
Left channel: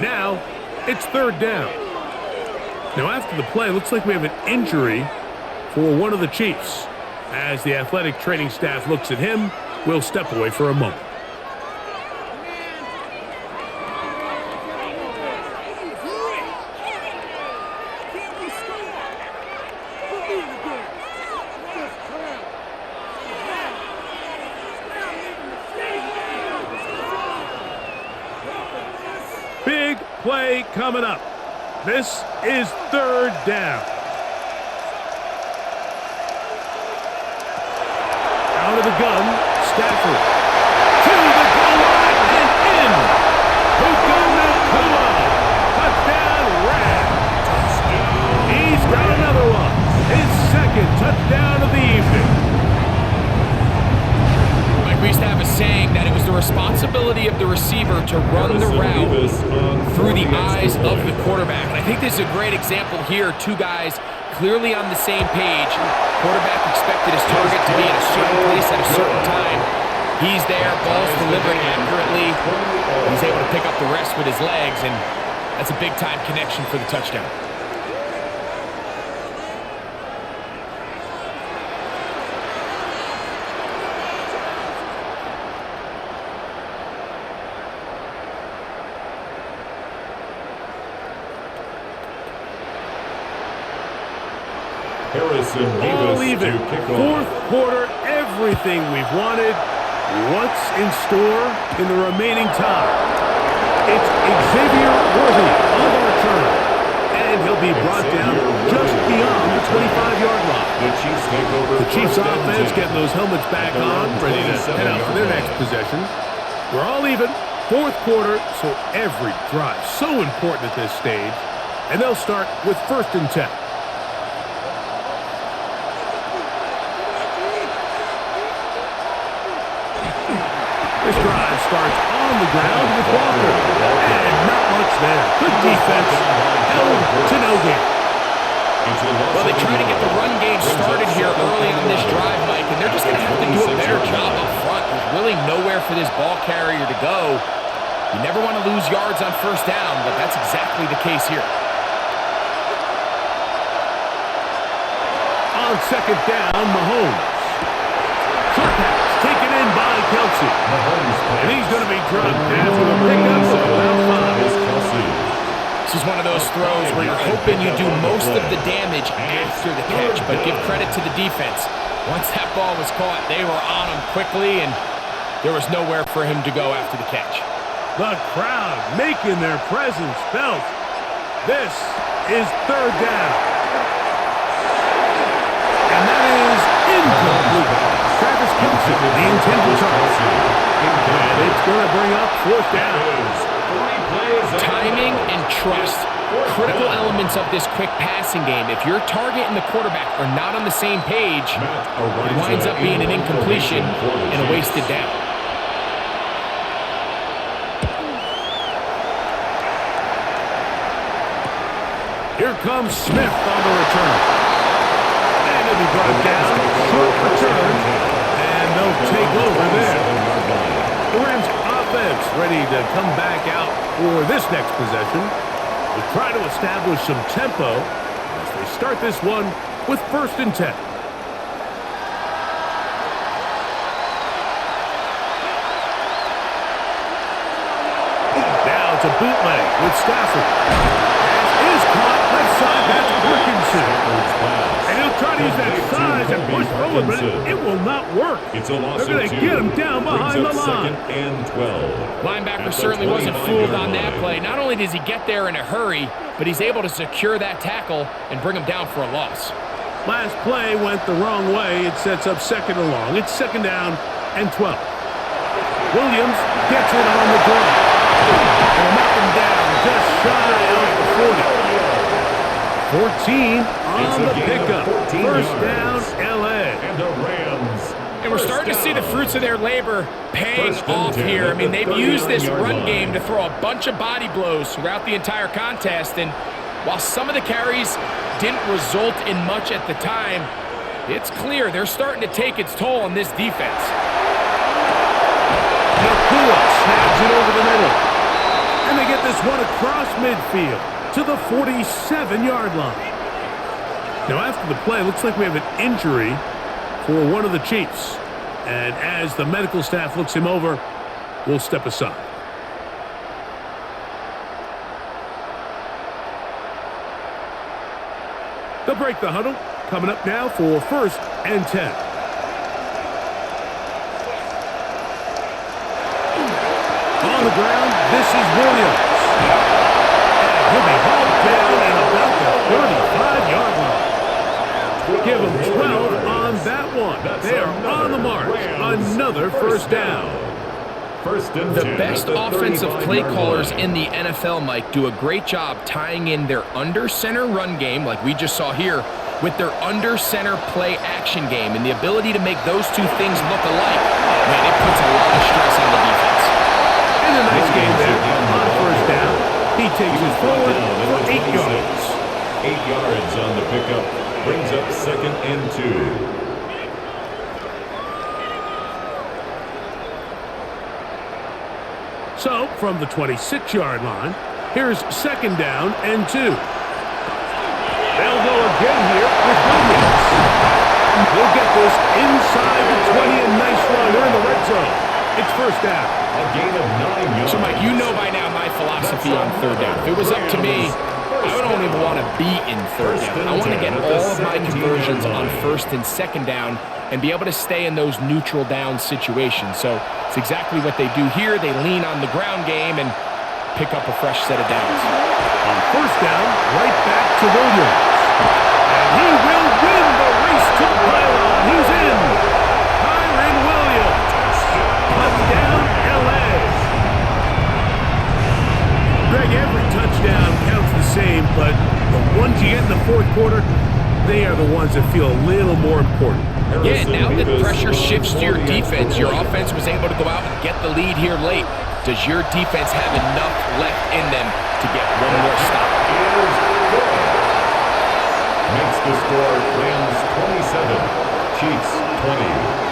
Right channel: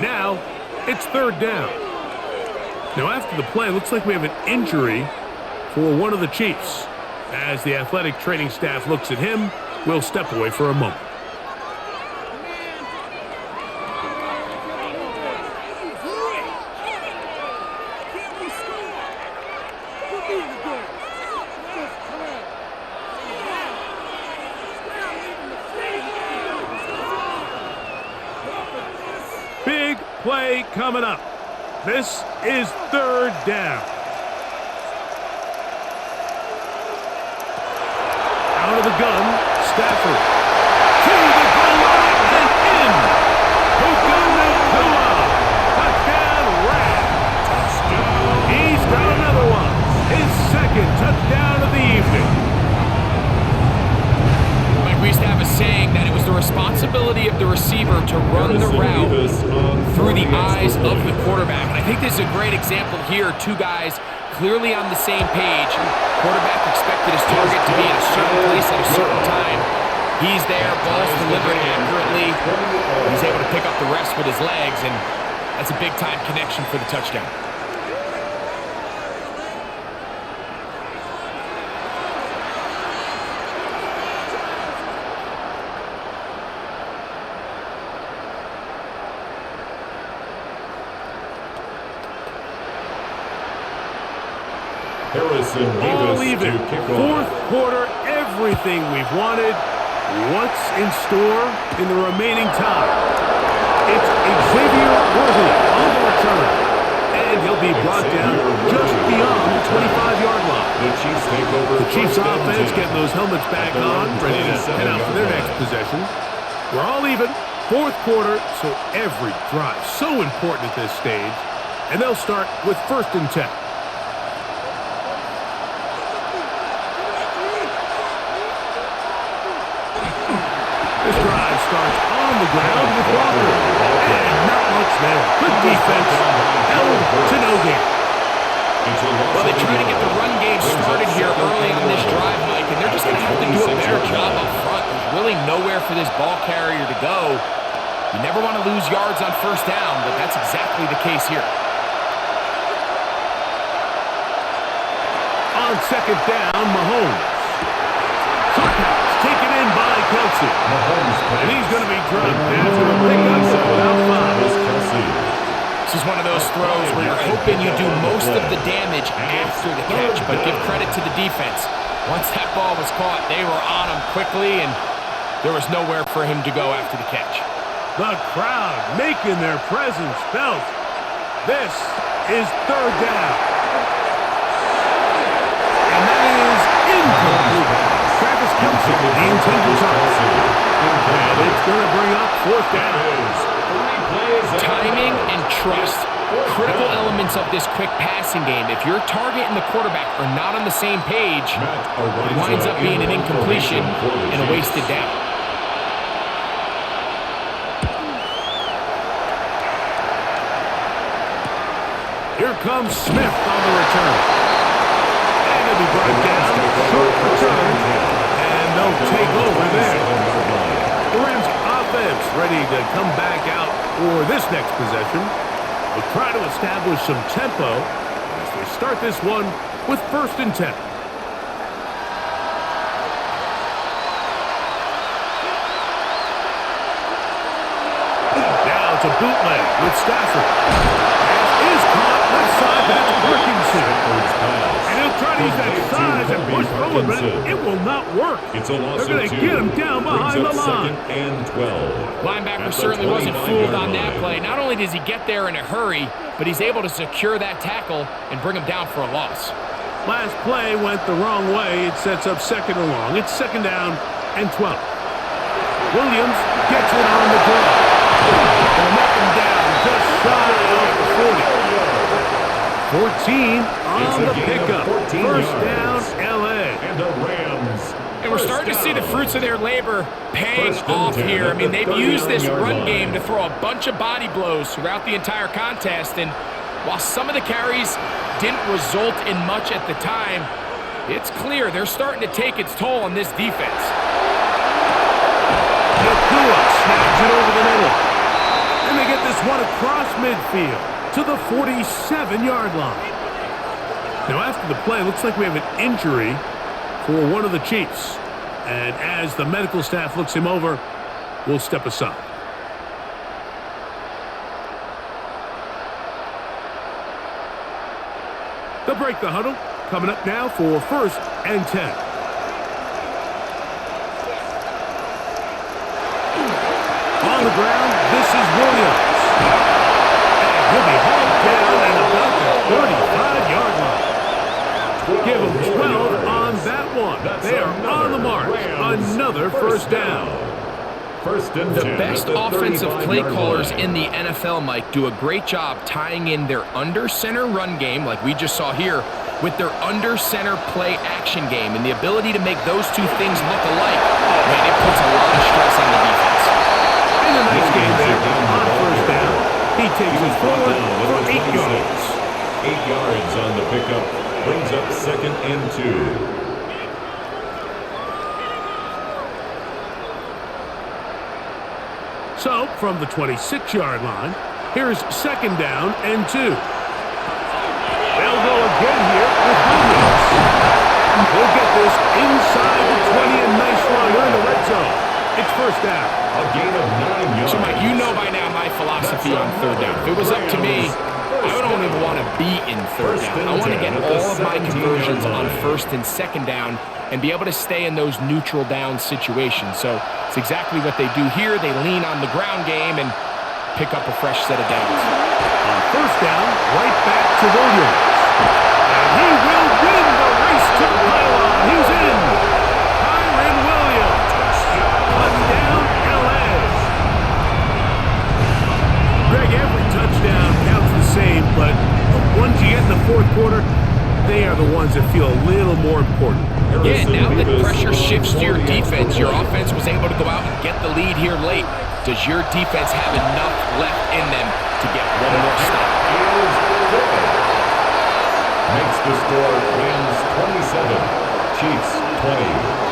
Now it's 3rd down. Now, after the play, looks like we have an injury for one of the Chiefs. As the athletic training staff looks at him, we'll step away for a moment. Big play coming up. This is 3rd down. Out of the gun, Stafford. To the goal line and in. Puka Nakua. Touchdown, Rams. Touchdown. He's got another one. His 2nd touchdown of the evening. We used to have a saying that it was the responsibility of the receiver to run the route through the eyes of the quarterback. And I think this is a great example here. 2 guys clearly on the same page. Quarterback expected his target to be in a certain place at a certain time. He's there, ball's delivered accurately. He's able to pick up the rest with his legs, and that's a big-time connection for the touchdown. All even. 4th quarter, everything we've wanted. What's in store in the remaining time? It's Xavier Worthy on the return. And he'll be brought down just beyond the 25-yard line. The Chiefs offense getting those helmets back on, ready to head out for their next possession. We're all even. 4th quarter, so every drive so important at this stage. And they'll start with 1st and 10. This drive starts on the ground with Walker. And not much there. Good defense. Held to no gain. Well, they try to get the run game started here early on this drive, Mike, and they're just going to have to do a better job up front. There's really nowhere for this ball carrier to go. You never want to lose yards on 1st down, but that's exactly the case here. On 2nd down, Mahomes. Short pass. Taken in by Kelsey. And he's going to be dropped after a pickup of about 5. This is is one of those throws where you're hoping you do most of the damage after the catch, but give credit to the defense. Once that ball was caught, they were on him quickly, and there was nowhere for him to go after the catch. The crowd making their presence felt. This is third down. And that is incomplete. Travis Kelce, the intended target. And it's going to bring up fourth down. Timing and trust, critical elements of this quick passing game. If your target and the quarterback are not on the same page, it winds up being an incompletion and a wasted down. Here comes Smith on the return. And he'll be brought down. Short return. And they'll take over there. The Rams offense ready to come back out for this next possession. They'll try to establish some tempo as they start this one with 1st and 10. Now it's a bootleg with Stafford. Is caught left side, that's Parkinson. And he'll try to use that size and push forward, but it will not work. They're going to get him down behind the line. And 12. Linebacker certainly wasn't fooled on that play. Not only does he get there in a hurry, but he's able to secure that tackle and bring him down for a loss. Last play went the wrong way. It sets up 2nd and long. It's 2nd down and 12. Williams gets it on the draw. They'll mark him down just shy of the 40. 14 on the pickup. 1st down, L.A. And the Rams. And we're starting to see the fruits of their labor paying off here. I mean, they've used this run game to throw a bunch of body blows throughout the entire contest. And while some of the carries didn't result in much at the time, it's clear they're starting to take its toll on this defense. Nakua snags it over the middle. And they get this one across midfield to the 47-yard line. Now, after the play, it looks like we have an injury for one of the Chiefs. And as the medical staff looks him over, we'll step aside. They'll break the huddle. Coming up now for 1st and 10. On the ground, this is Williams. And he'll be hauled down at about the 35-yard line. Give him 12 on that one. They are on the march. Another 1st down. 1st and 10. The best offensive play callers in the NFL, Mike, do a great job tying in their under-center run game, like we just saw here, with their under-center play action game. And the ability to make those two things look alike, man, it puts a lot of stress on the defense. And a nice game there on 1st down. He takes it forward for 8 yards. 8 yards on the pickup. Brings up 2nd and 2. So, from the 26-yard line, here's 2nd down and 2. They'll go again here with Williams. He'll get this inside the 20, and nice run. They're in the red zone. It's 1st down. A gain of 9 yards. So, Mike, you know by now my philosophy on 3rd down. If it was up to me, I don't even want to be in 3rd down. I want to get all of my conversions on 1st and 2nd down and be able to stay in those neutral down situations. So it's exactly what they do here. They lean on the ground game and pick up a fresh set of downs. On 1st down, right back to Williams. And he will win the race to the pylon. He's in. Kyren Williams. Touchdown, L.A. Greg, every touchdown counts the same, but the ones you get in the 4th quarter, they are the ones that feel a little more important. Yeah, now that pressure shifts to your defense, your offense was able to go out and get the lead here late. Does your defense have enough left in them to get one more stop? Is good. Makes the score Rams 27, Chiefs 20.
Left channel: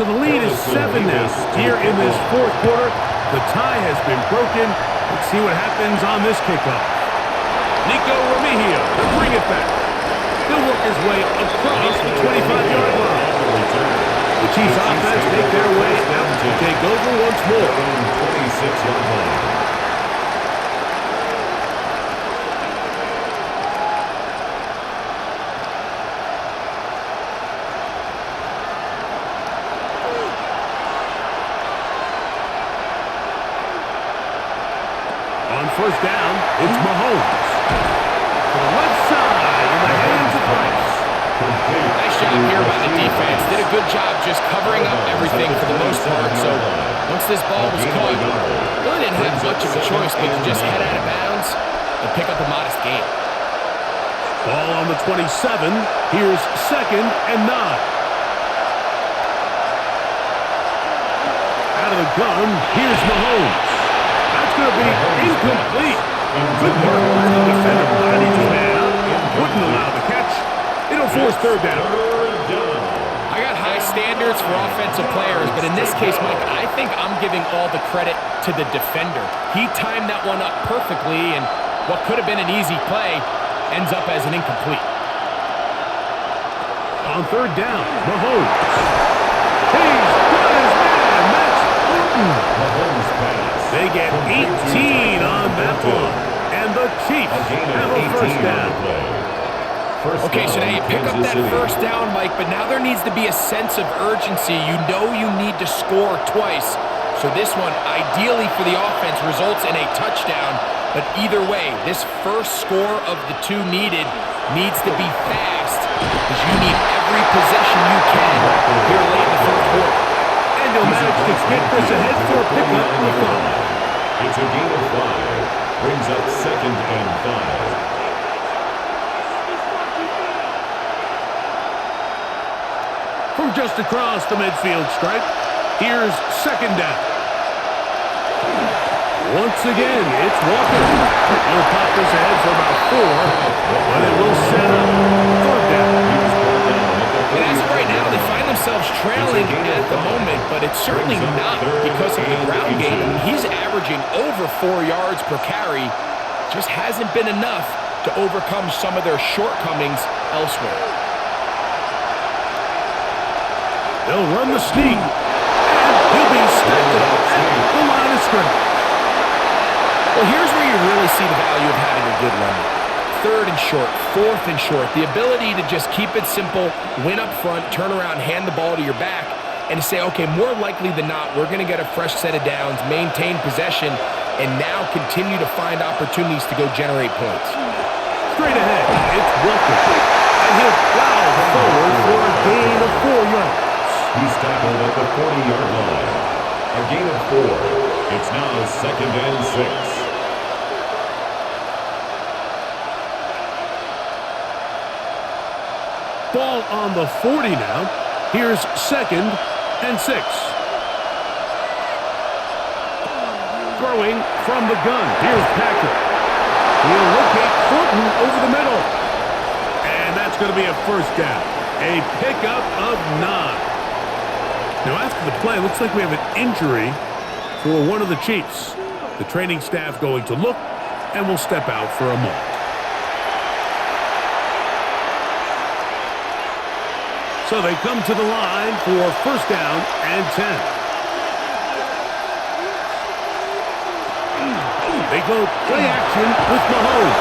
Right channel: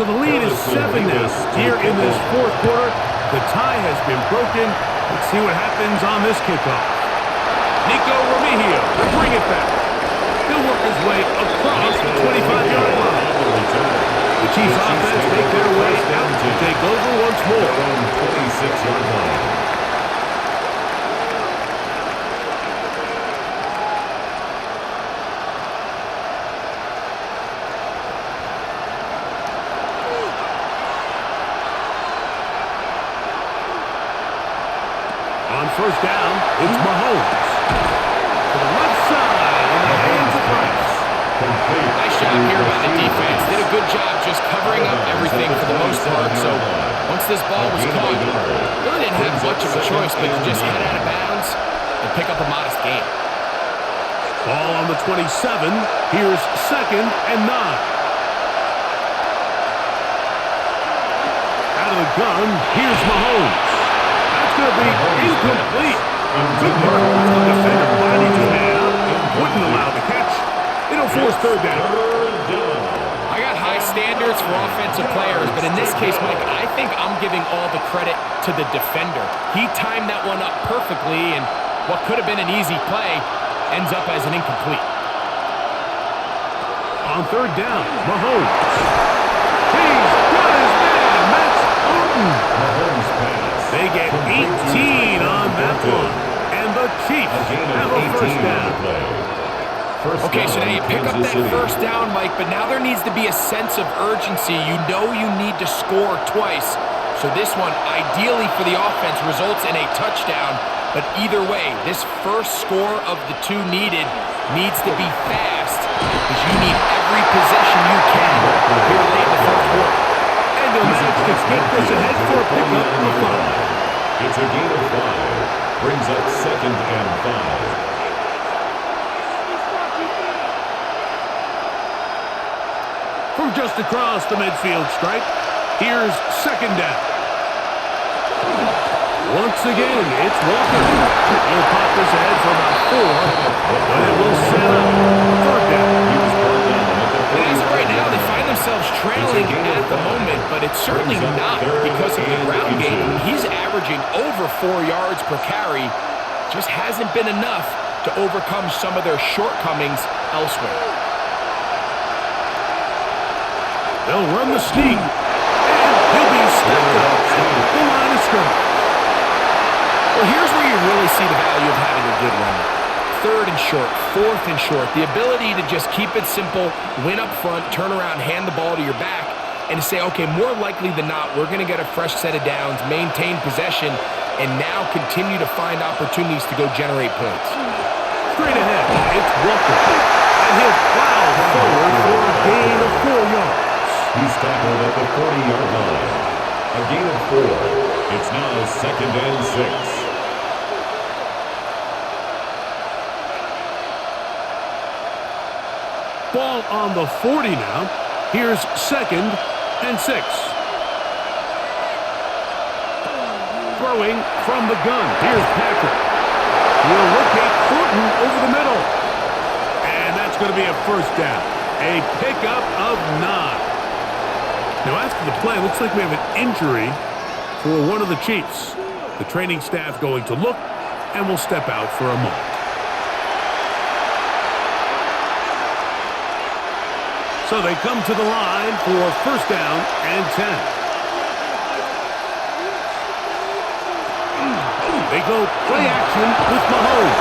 So the lead is 7 now. Here in this fourth quarter, the tie has been broken. Let's see what happens on this kickoff. Nico Remigio to bring it back. He'll work his way across the 25-yard line. The Chiefs offense make their way out to take over once more. Their own 26-yard line. On first down, it's Mahomes. To the left side in the hands of Rice. Nice job here by the defense. Did a good job just covering up everything for the most part. So once this ball was caught, really didn't have much of a choice but to just head out of bounds and pick up a modest gain. Ball on the 27. Here's 2nd and 9. Out of the gun, here's Mahomes. That's going to be incomplete. Good work by the defender. Bodied his man up. Wouldn't allow the catch. It'll force third down. I got high standards for offensive players, but in this case, Mike, I think I'm giving all the credit to the defender. He timed that one up perfectly, and what could have been an easy play ends up as an incomplete. On third down, Mahomes. He's got his man. That's Putin. Mahomes pass. They get 18 on that one. And the Chiefs have a first down. Okay, so now you pick up that first down, Mike, but now there needs to be a sense of urgency. You know you need to score twice. So this one, ideally for the offense, results in a touchdown. But either way, this first score of the two needed needs to be fast because you need every possession you can here late in the fourth quarter. And he'll manage to get this ahead for a pickup of 5. It's a gain of 5. Brings up 2nd and 5. From just across the midfield stripe, here's 2nd down. Once again, it's Walker. He'll pop this ahead for about 4, but it will set up 3rd down. And as of right now, they find themselves trailing at the moment, but it's certainly not because of the ground game. I mean, he's averaging over 4 yards per carry. Just hasn't been enough to overcome some of their shortcomings elsewhere. They'll run the sneak, and he'll be stacked up at the line of scrimmage. Well, here's where you really see the value of having a good runner. 3rd and short, 4th and short. The ability to just keep it simple, win up front, turn around, hand the ball to your back, and to say, okay, more likely than not, we're going to get a fresh set of downs, maintain possession, and now continue to find opportunities to go generate points. Straight ahead, it's Walker, and he'll plow forward for a gain of 4 yards. He's tackled at the 40-yard line. A gain of 4. It's now 2nd and 6. Ball on the 40 now. Here's 2nd and 6. Throwing from the gun. Here's Patrick. He'll locate Thornton over the middle. And that's going to be a first down. A pickup of 9. Now, after the play, it looks like we have an injury for one of the Chiefs. The training staff going to look, and will step out for a moment. So they come to the line for first down and 10. They go play action with Mahomes.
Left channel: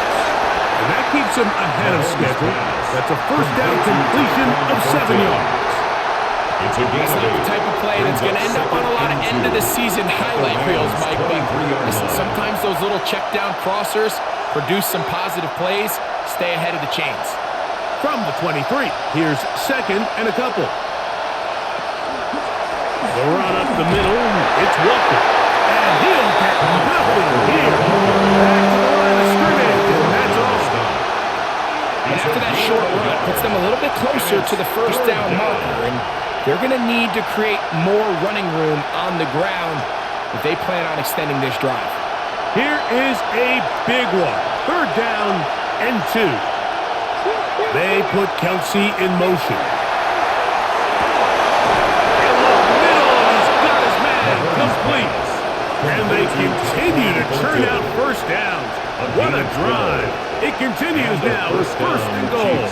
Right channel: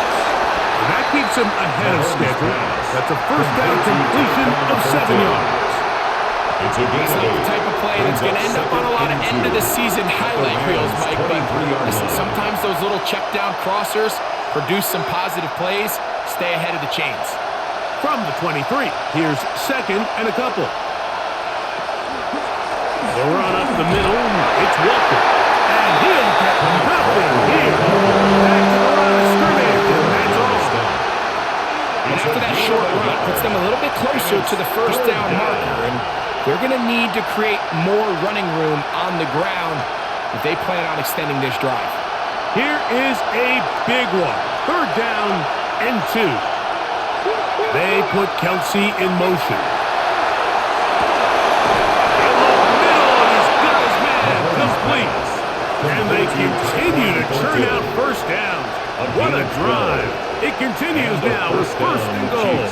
And that keeps him ahead of schedule. That's a first down completion of 7 yards. It's a gain That's not the type of play that's going to end up on a lot of end-of-the-season highlight reels, Mike. But listen, sometimes those little check-down crossers produce some positive plays. Stay ahead of the chains. From the 23, here's 2nd and a couple. The run up the middle, it's Walker. And he'll get nothing here. Back to the line of scrimmage, and that's all. And after that short run, puts them a little bit closer to the first down marker. And they're going to need to create more running room on the ground if they plan on extending this drive. Here is a big one. 3rd down and 2. They put Kelsey in motion. He'll look complete. And they continue to churn out first downs. What a drive. It continues now with first and goal.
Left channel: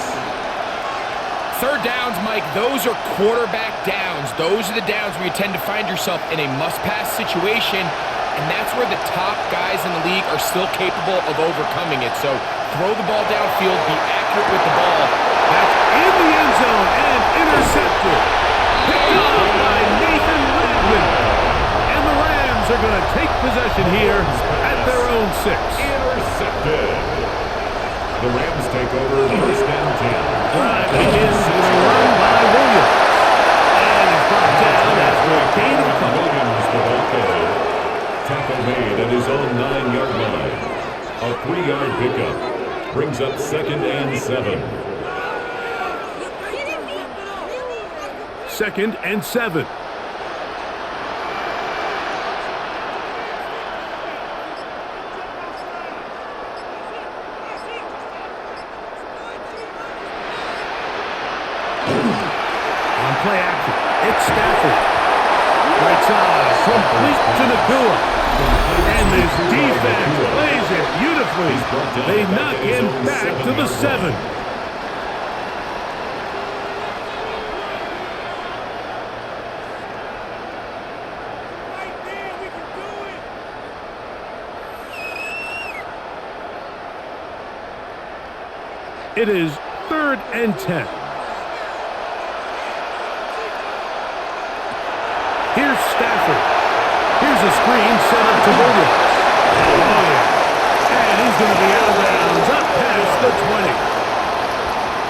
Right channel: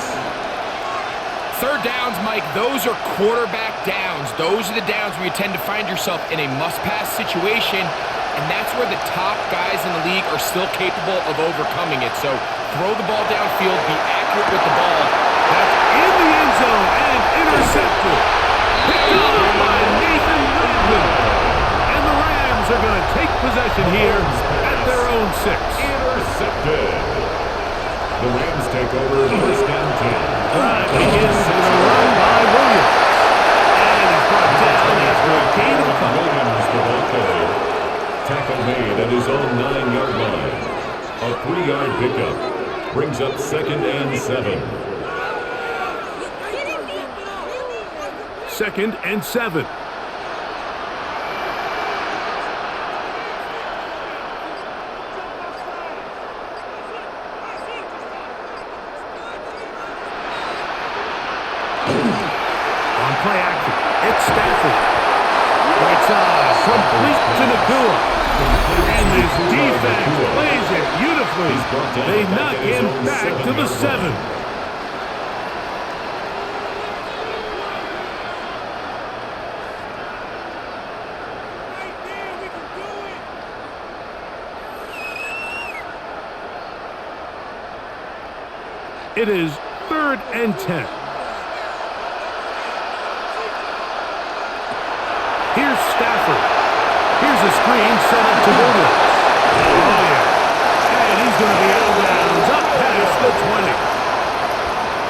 Third downs, Mike, those are quarterback downs. Those are the downs where you tend to find yourself in a must-pass situation, and that's where the top guys in the league are still capable of overcoming it. So throw the ball downfield, be accurate with the ball. That's in the end zone and intercepted. Picked off by Nathan Redmond. And the Rams are going to take possession here at their own 6. Intercepted. The Rams take over first and 10. Drive begins with a run by Williams. And he's brought down after a gain of a couple. Williams, the ball carrier. Tackle made at his own 9-yard line. A 3-yard pickup brings up second and 7. Second and 7. On play action, it's Stafford. Right side, complete to Nakua. And this defense plays it beautifully. They knock him back to the 7. Right there, we can do it. It is third and 10. Here's Stafford. Here's a screen set up to Williams. Oh, yeah. And he's going to be out of bounds up past the 20.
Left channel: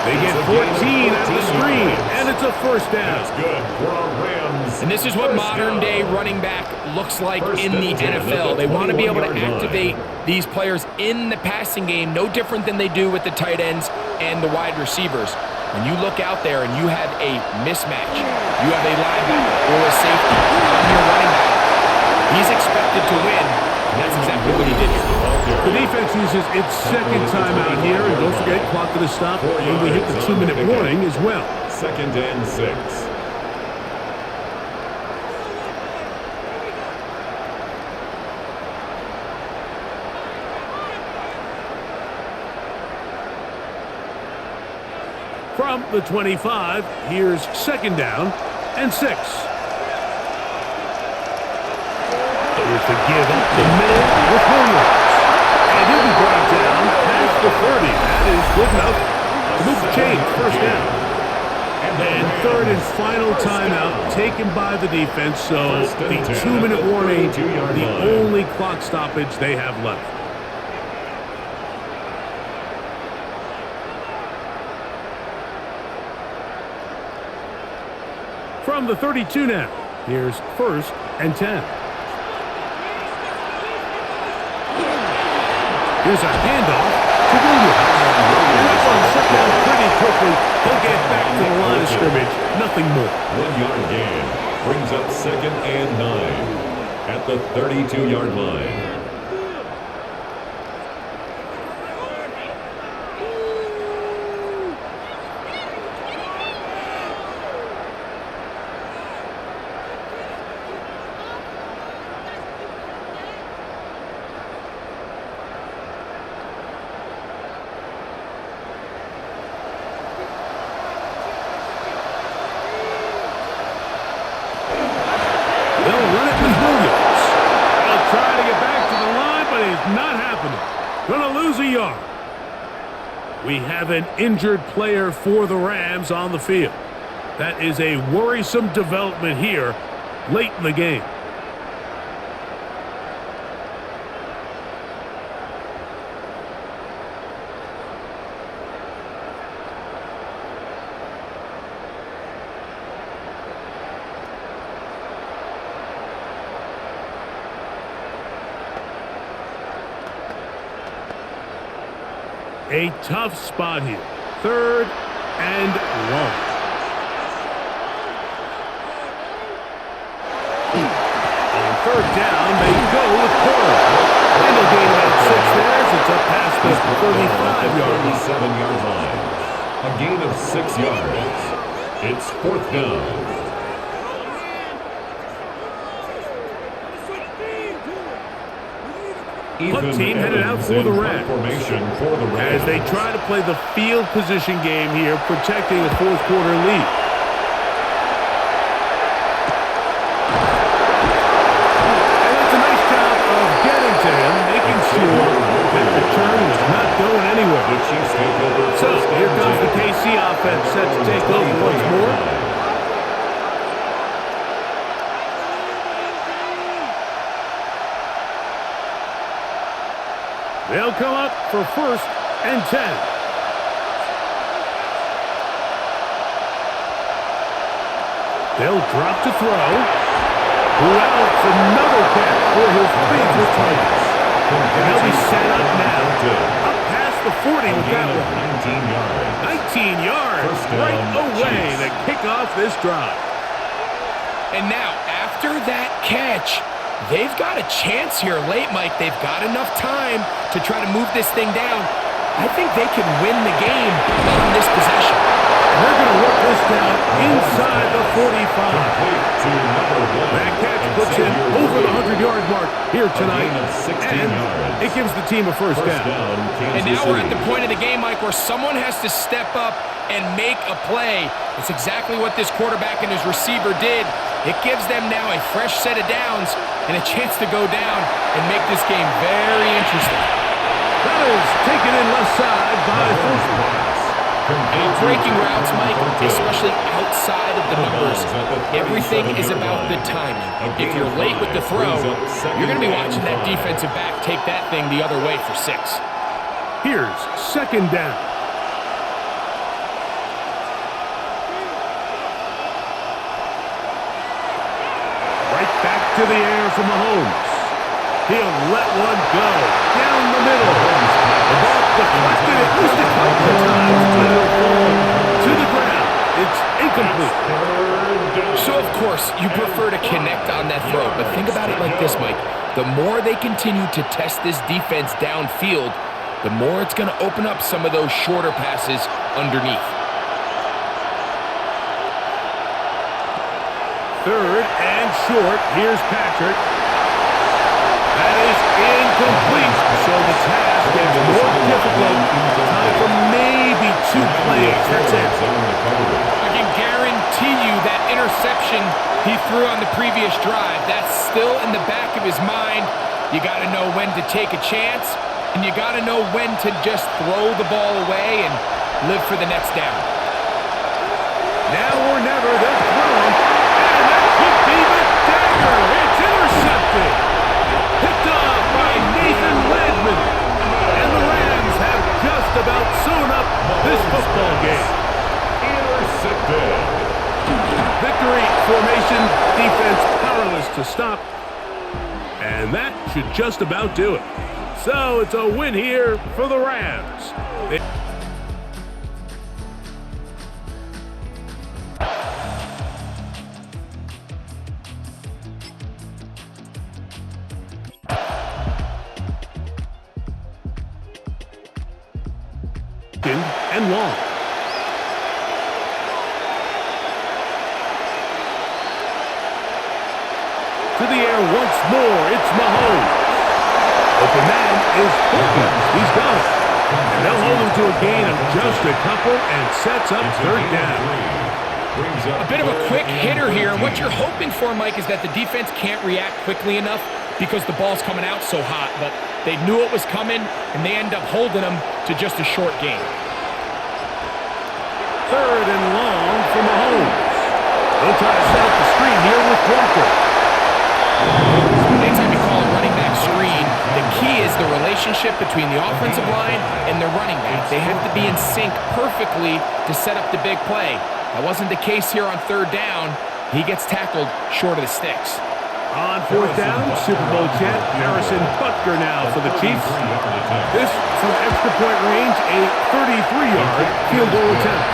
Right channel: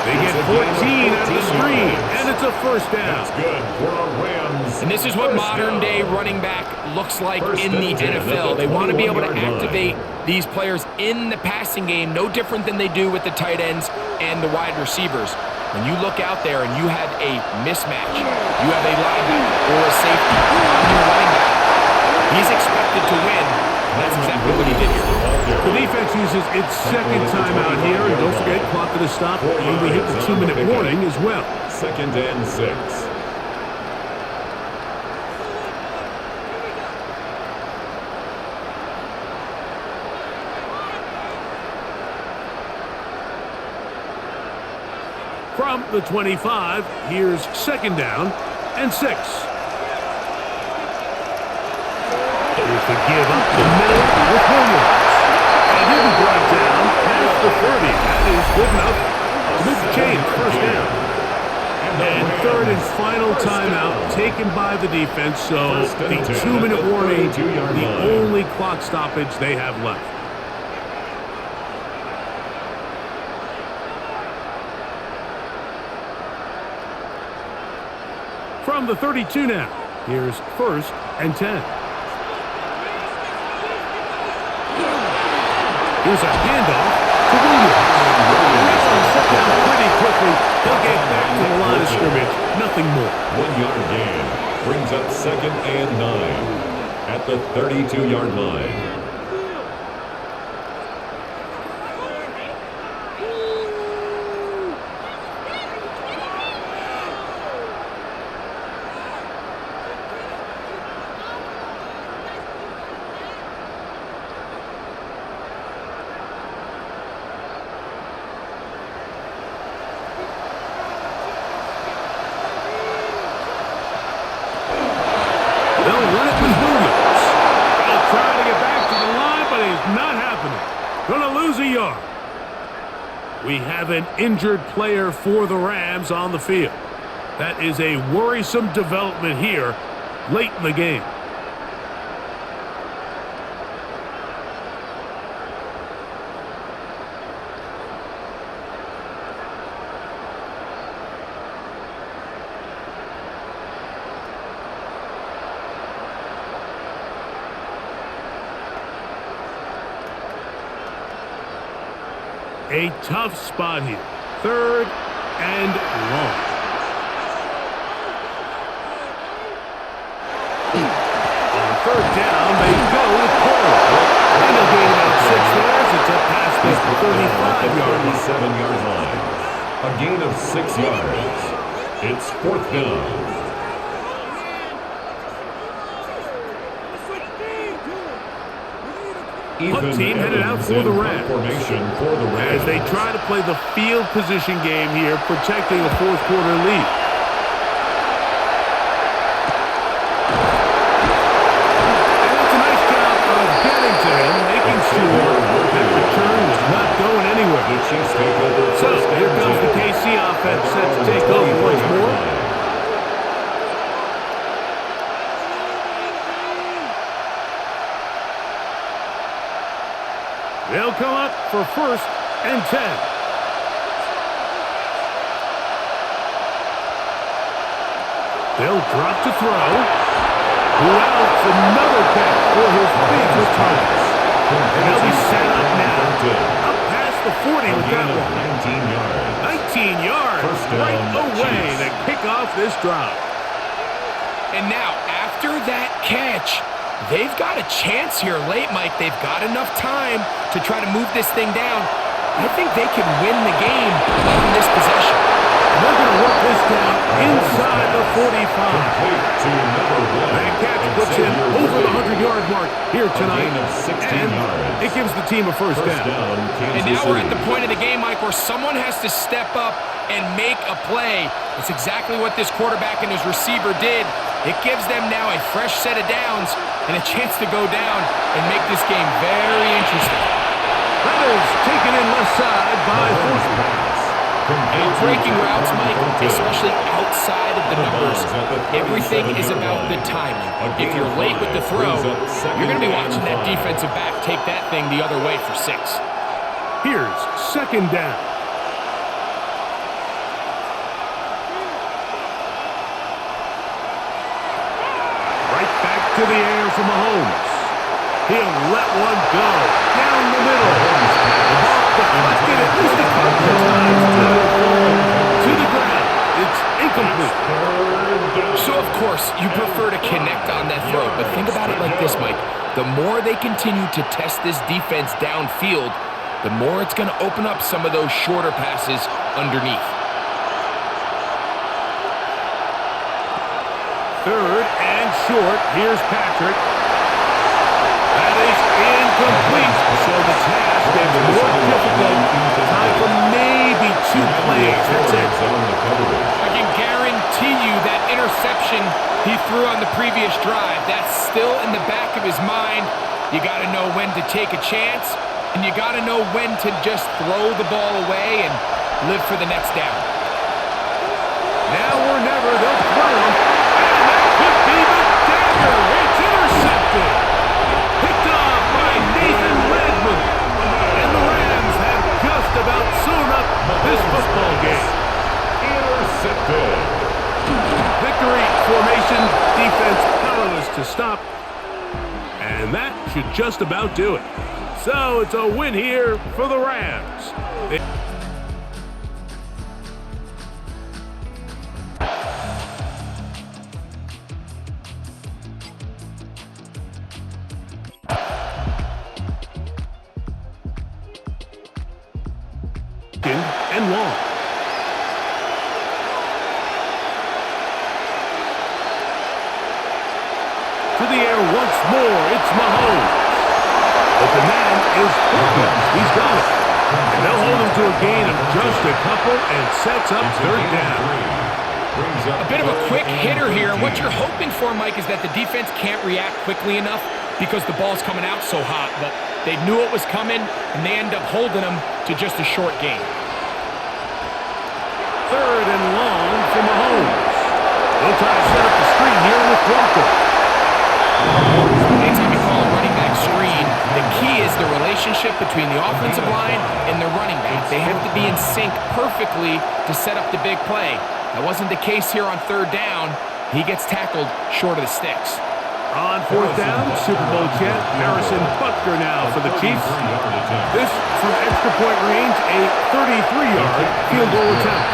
They get 14 out of the screen, and it's a first down. That's good for a Rams. And this is what modern-day running back looks like in the NFL. They want to be able to activate these players in the passing game, no different than they do with the tight ends and the wide receivers. When you look out there and you have a mismatch, you have a linebacker or a safety on your running back, he's expected to win. And that's exactly what he did here. The defense uses its second timeout here, and don't forget, clock going to stop when we hit the 2-minute warning as well. Second and 6. From the 25, here's second down and 6. Here's the give up the middle with Williams. And he'll be brought down past the 30. That is good enough to move the chains. First down. And third and final timeout taken by the defense. So the 2-minute warning, the only clock stoppage they have left. From the 32 now, here's first and 10. Here's a handoff to Williams. And that one shut down pretty quickly. He'll get back to the line of scrimmage. Nothing more. 1-yard gain brings up second and 9 at the 32-yard line. They'll run it with Williams. He'll try to get back to the line, but it's not happening. Gonna lose a yard. We have an injured player for the Rams on the field. That is a worrisome development here late in the game. A tough spot here. Third and long. On third down, they go with Cora. And they'll gain about 6 there as it's up past the 35-yard line. 37-yard line. A gain of 6 yards. It's fourth down. Punt team headed out for the Rams. Formation for the Rams. As they try to play the field position game here, protecting a fourth quarter lead. And that's a nice job of getting to him, making sure that return was not going anywhere. The Chiefs take over. So here comes the KC offense set to take over once more. They'll come up for 1st and 10. They'll drop to throw. Who else? Another catch for his favorite targets. And they'll be set up now. Up past the 40 with that one. 19 yards. 19 yards. First down, Right away Chiefs. to kick off this drive. And now, after that catch, they've got a chance here late, Mike. They've got enough time to try to move this thing down. I think they can win the game on this possession. And they're going to work this down inside the 45. Complete to number 1. That catch puts him over the 100-yard mark here tonight. gain of 16 and yards. it gives the team a first down. And now we're at the point of the game, Mike, where someone has to step up and make a play. It's exactly what this quarterback and his receiver did. It gives them now a fresh set of downs and a chance to go down and make this game very interesting. That is taken in left side by Fortune. Out-breaking routes, Mike, especially outside of the numbers, everything is about the timing. If you're late with the throw, you're going to be watching that defensive back take that thing the other way for 6. Here's 2nd down. Right back to the air for Mahomes. He'll let one go down the middle. The ball deflected at least a couple of times, but it'll fall to the ground. It's incomplete. So, of course, you prefer to connect on that throw, but think about it like this, Mike. The more they continue to test this defense downfield, the more it's going to open up some of those shorter passes underneath. 3rd and short. Here's Patrick. That is incomplete. So the task gets more difficult. Time for maybe 2 plays. That's it. I can guarantee you that interception he threw on the previous drive, that's still in the back of his mind. You got to know when to take a chance, and you got to know when to just throw the ball away and live for the next down. Now or never, they'll throw him. And that could be the dagger. It's intercepted. Picked off by Nathan Ledman. And the Rams have just about sewn up this football game. Intercepted. Victory formation, defense powerless to stop. And that should just about do it. So it's a win here for the Rams. And long. To the air once more, it's Mahomes. Open man is Thornton. He's got it. And they'll hold him to a gain of just a couple and sets up 3rd down. A bit of a quick hitter here. What you're hoping for, Mike, is that the defense can't react quickly enough because the ball's coming out so hot. But they knew it was coming, and they end up holding them to just a short gain. 3rd and long for Mahomes. They'll try to set up the screen here with Walker. Anytime you call a running back screen, the key is the relationship between the offensive line and the running back. They have to be in sync perfectly to set up the big play. That wasn't the case here on 3rd down. He gets tackled short of the sticks. On 4th down, Super Bowl champ Harrison Butker now for the Chiefs. This from extra point range, a 33-yard field goal attempt.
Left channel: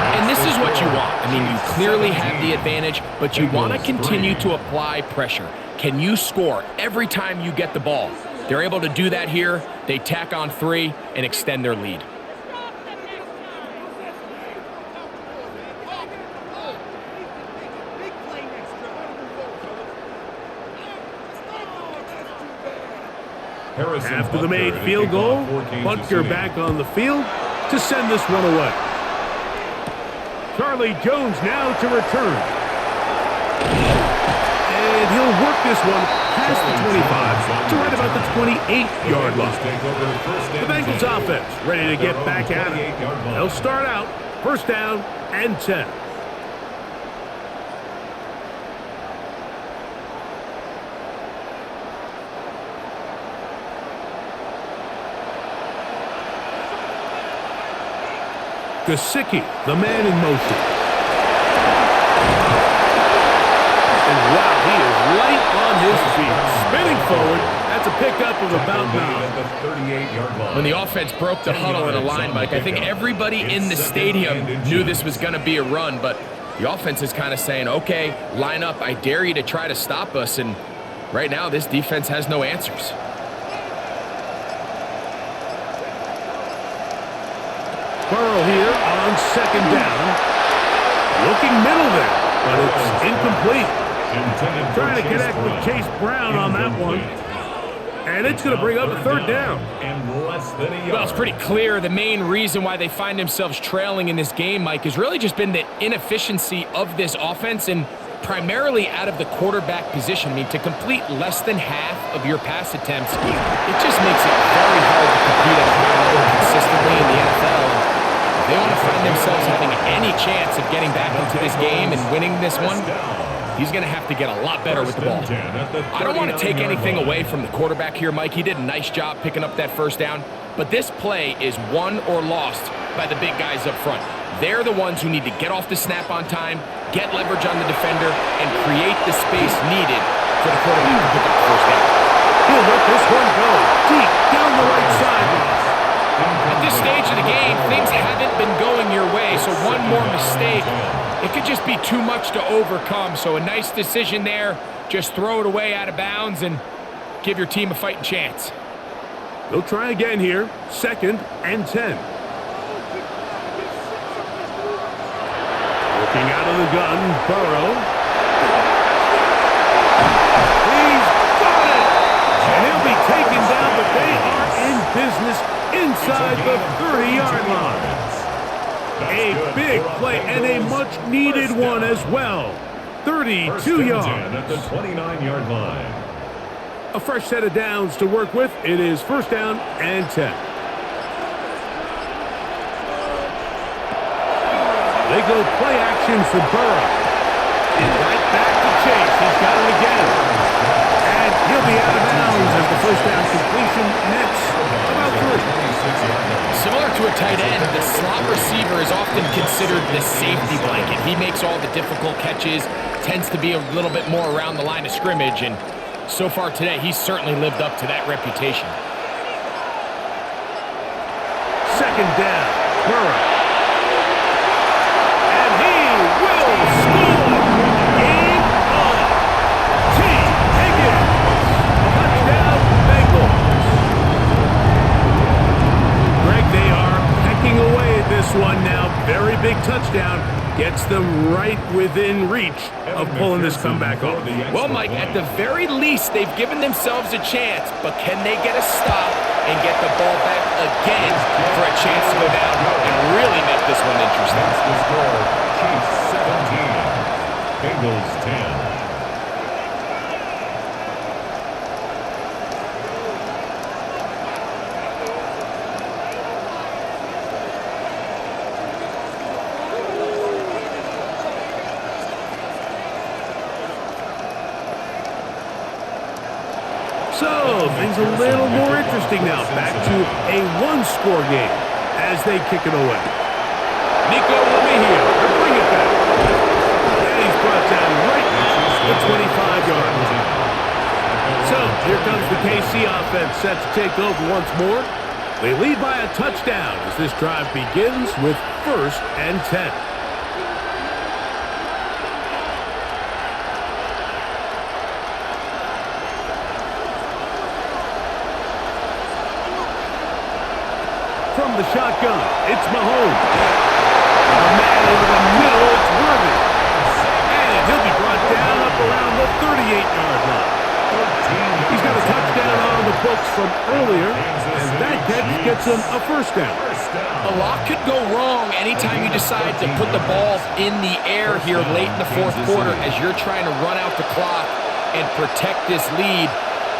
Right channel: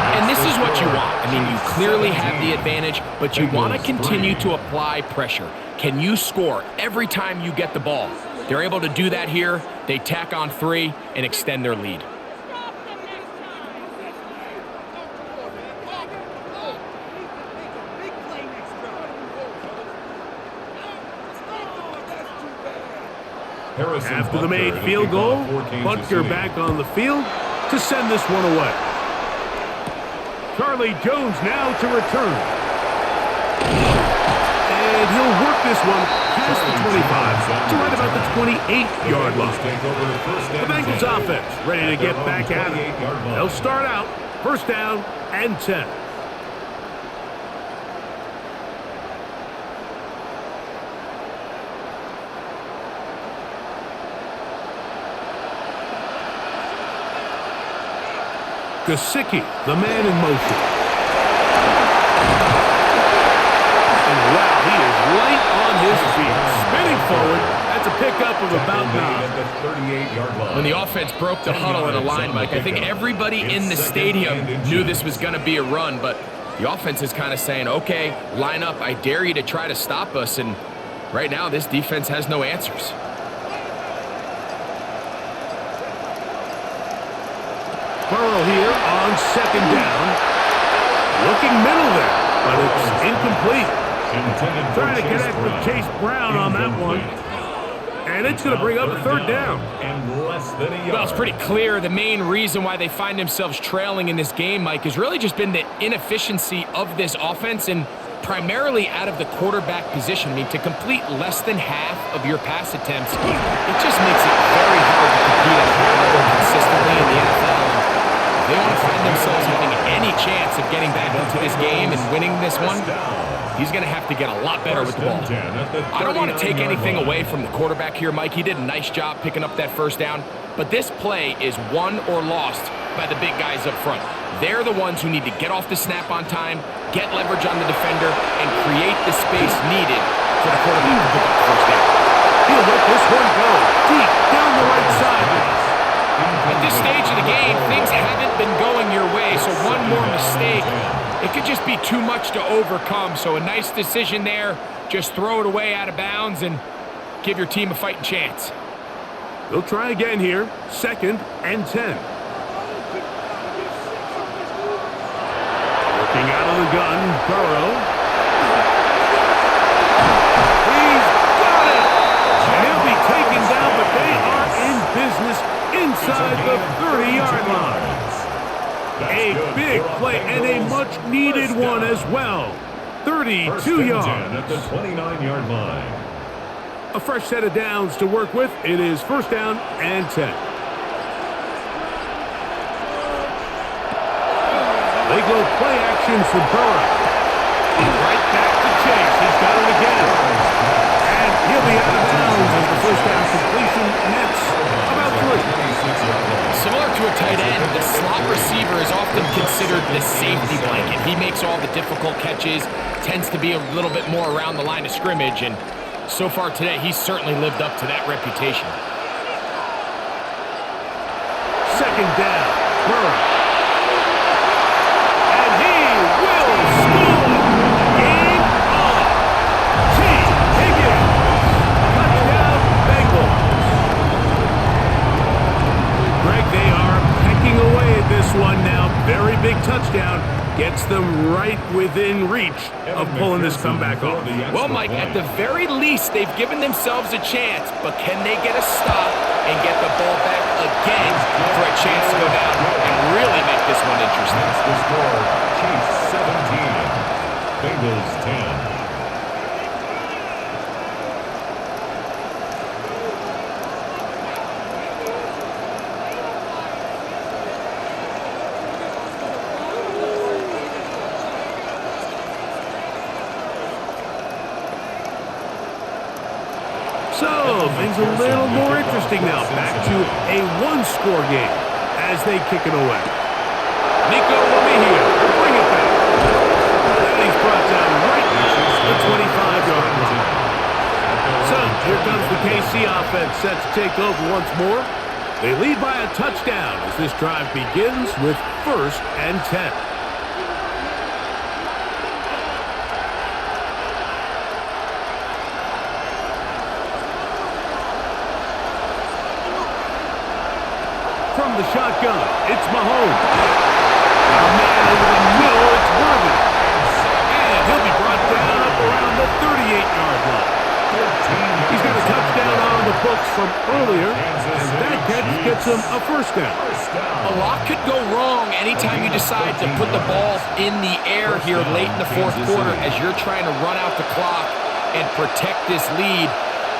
And this is what you want. I mean, you clearly have the advantage, but you want to continue to apply pressure. Can you score every time you get the ball? They're able to do that here. They tack on 3 and extend their lead. Harrison After the Butker made to field kick goal, off for Kansas Butker City. back on the field to send this one away. Charlie Jones now to return. And he'll work this one past the 25 to right about the 28-yard line. The Bengals offense ready to get back at it. They'll start out first down and 10. Gesicki, the man in motion. And wow, he is light on his feet. Spinning forward, that's a pickup of about 9. When the offense broke the huddle in a line, Mike, I think everybody in the stadium knew this was going to be a run, but the offense is kind of saying, okay, line up, I dare you to try to stop us, and right now this defense has no answers. Burrow here on second down. Looking middle there, but it's incomplete. Trying to connect with Chase Brown on that one. And it's going to bring up a third down. Well, it's pretty clear the main reason why they find themselves trailing in this game, Mike, has really just been the inefficiency of this offense and primarily out of the quarterback position. I mean, to complete less than half of your pass attempts, it just makes it very hard to compete at a high level consistently in the NFL. And if they want to find themselves having any chance of getting back into this game and winning this one, he's going to have to get a lot better with the ball. I don't want to take anything away from the quarterback here, Mike. He did a nice job picking up that first down, but this play is won or lost by the big guys up front. They're the ones who need to get off the snap on time, get leverage on the defender, and create the space needed for the quarterback to pick up the first down. He'll let this one go deep down the right sideline. At this stage of the game, things haven't been going your way, so one more mistake, it could just be too much to overcome. So a nice decision there. Just throw it away out of bounds and give your team a fighting chance. They'll try again here. Second and 10. Working out of the gun, Burrow. He's got it! And he'll be taken down, but they are in business inside the 30-yard line. A big play and a much-needed one as well. 32 yards. At the 29-yard line. A fresh set of downs to work with. It is first down and 10. They go play action for Burrow. Right back to Chase. He's got it again. And he'll be out of bounds as the first down completion nets about 3. Similar to a tight end, the slot receiver is often considered the safety blanket. He makes all the difficult catches, tends to be a little bit more around the line of scrimmage, and so far today, he's certainly lived up to that reputation. Second down, Burrow. And he will score! Game on! T. Higgins! Touchdown, Bengals! Greg, they are pecking away at this one now. Very big touchdown. Gets them right within reach of pulling this comeback off. Well, Mike, at the very least, they've given themselves a chance, but can they get a stop and get the ball back again for a chance to go down and really make this one interesting? That's the score. Chiefs 17, Bengals 10. So, things a little more interesting now. Back to a one-score game as they kick it away. Nico Romeo to bring it back. And he's brought down right at the 25-yard line. So, here comes the KC offense set to take over once more. They lead by a touchdown as this drive begins with first and 10. From the shotgun, it's Mahomes. Got a man over the middle, it's Worthy. And he'll be brought down up around the 38-yard line. He's got a touchdown on the books from earlier, and that catch gets him a first down. A lot could go wrong anytime you decide to put the ball in the air here late in the fourth quarter as you're trying to run out the clock and protect this lead.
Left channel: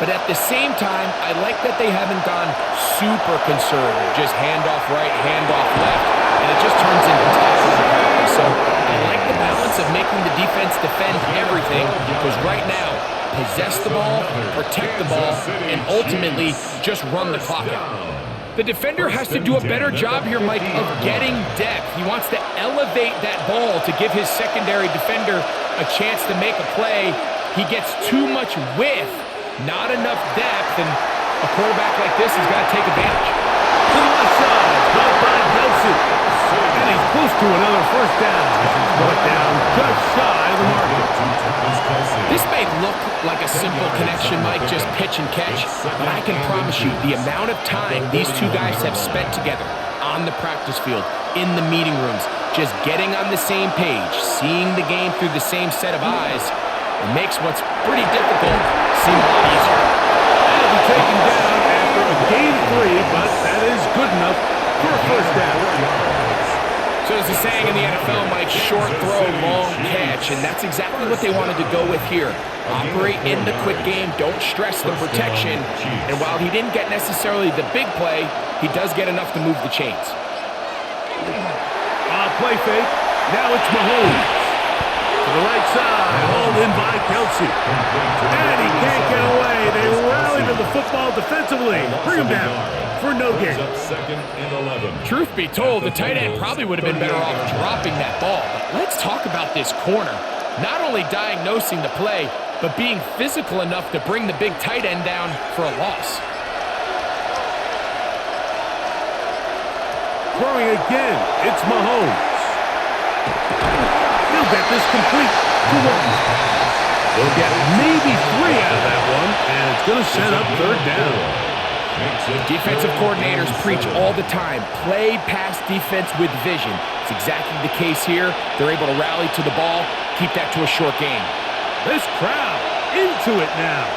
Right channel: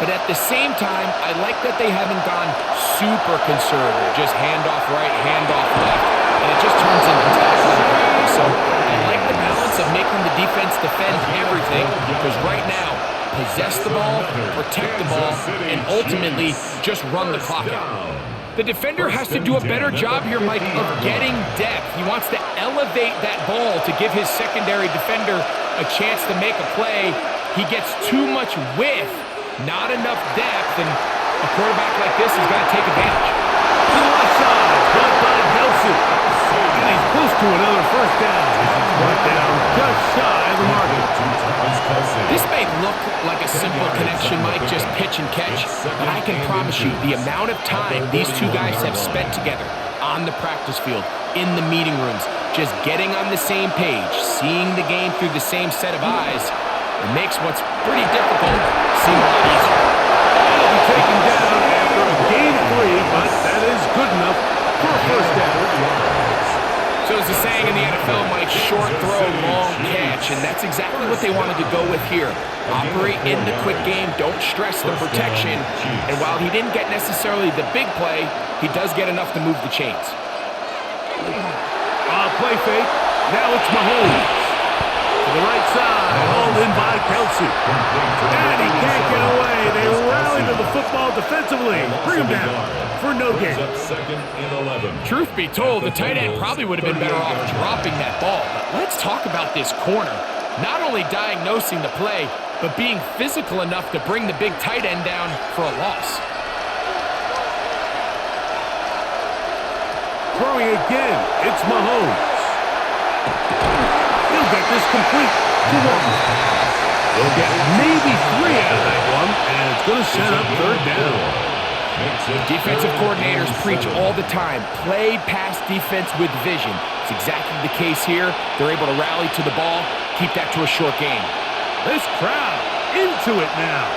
But at the same time, I like that they haven't gone super conservative, just handoff right, handoff left, and it just turns into tackling practice. So I like the balance of making the defense defend everything, because right now, possess the ball, protect the ball, and ultimately just run the clock out. The defender has to do a better job here, Mike, of getting depth. He wants to elevate that ball to give his secondary defender a chance to make a play. He gets too much width, not enough depth, and a quarterback like this is going to take advantage. To the left side, caught by Kelsey. And he's close to another first down. This is brought down just shy of the marker. This may look like a simple connection, Mike, just pitch and catch, but I can promise you the amount of time these two guys have spent together on the practice field, in the meeting rooms, just getting on the same page, seeing the game through the same set of eyes, it makes what's pretty difficult seem a lot easier. That'll be taken down after a gain of 3, but that is good enough for a first down. So there's a saying in the NFL, Mike, short throw, long catch, and that's exactly what they wanted to go with here. Operate in the quick game, don't stress the protection, and while he didn't get necessarily the big play, he does get enough to move the chains. Play fake, now it's Mahomes. To the right side, hauled in by Kelsey. And he can't get away. They rally to the football defensively. Bring him down for no gain. Truth be told, the tight end probably would have been better off dropping that ball. But let's talk about this corner. Not only diagnosing the play, but being physical enough to bring the big tight end down for a loss. Throwing again, it's Mahomes. He'll get this complete to Walker. They'll get maybe 3 out of that one, and it's going to set up third down. Defensive coordinators preach all the time, play pass defense with vision. It's exactly the case here. They're able to rally to the ball, keep that to a short gain. This crowd into it now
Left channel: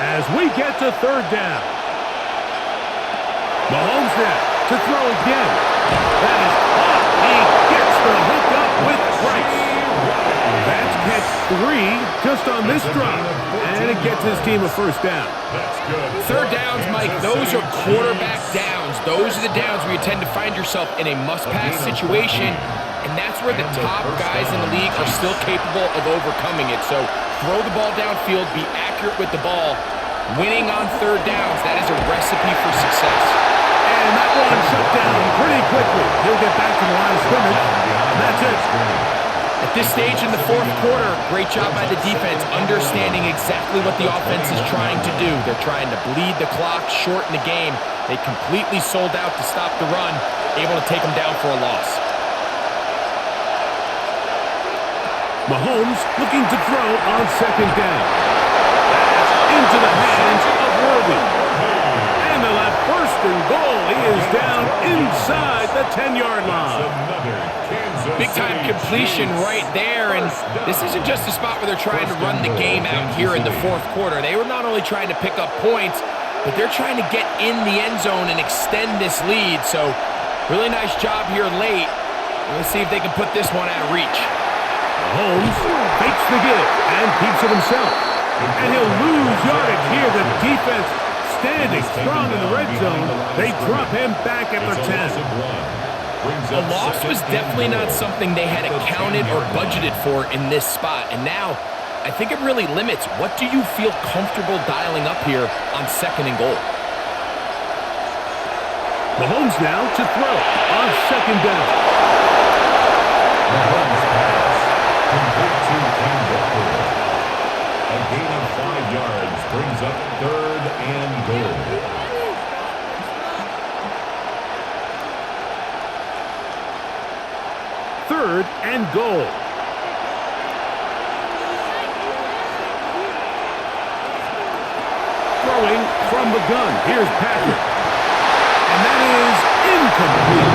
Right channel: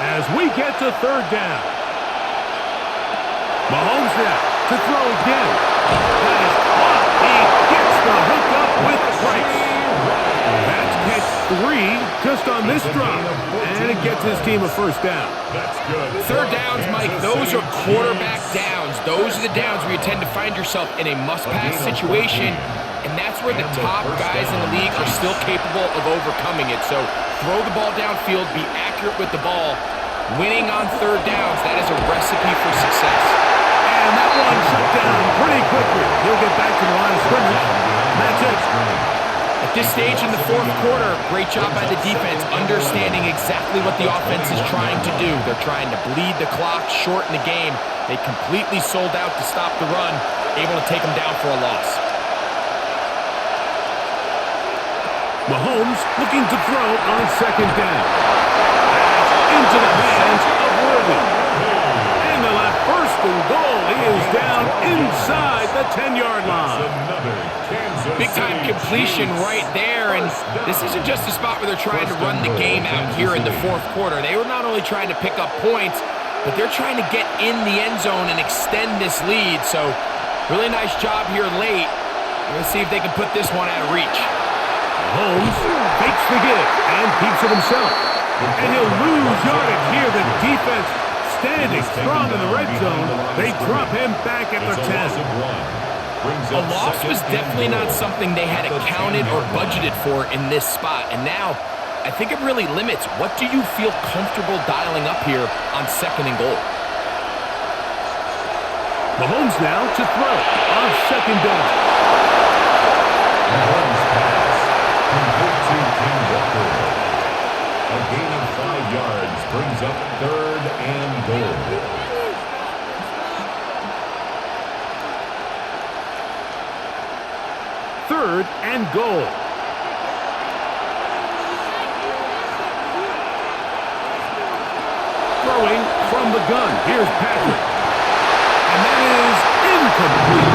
as we get to third down. Mahomes now to throw again. That is caught. He gets the hook up with Price. That's catch 3 just on this drive, and it gets his team a first down. Third downs, Mike, those are quarterback downs. Those are the downs where you tend to find yourself in a must-pass situation, and that's where the top guys in the league are still capable of overcoming it. So throw the ball downfield, be accurate with the ball. Winning on third downs, that is a recipe for success. And that one shut down pretty quickly. He'll get back to the line of scrimmage, and that's it. At this stage in the fourth quarter, great job by the defense, understanding exactly what the offense is trying to do. They're trying to bleed the clock, shorten the game. They completely sold out to stop the run, able to take them down for a loss. Mahomes looking to throw on second down. That's into the hands of Worthy. And they'll have first and goal. He is down inside the 10-yard line. Big-time completion right there, and this isn't just a spot where they're trying to run the game out here in the fourth quarter. They were not only trying to pick up points, but they're trying to get in the end zone and extend this lead. So really nice job here late. Let's see if they can put this one out of reach. Mahomes fakes the give and keeps it himself. And he'll lose yardage here. The defense standing strong in the red zone. They drop him back at the 10. A loss was definitely not something they had accounted or budgeted for in this spot. And now, I think it really limits. What do you feel comfortable dialing up here on second and goal? Mahomes now to throw on second down. Mahomes pass. Complete to Ken Walker. A gain of 5 yards brings up third and goal. Third and goal. Throwing from the gun. Here's Patrick. And that is incomplete.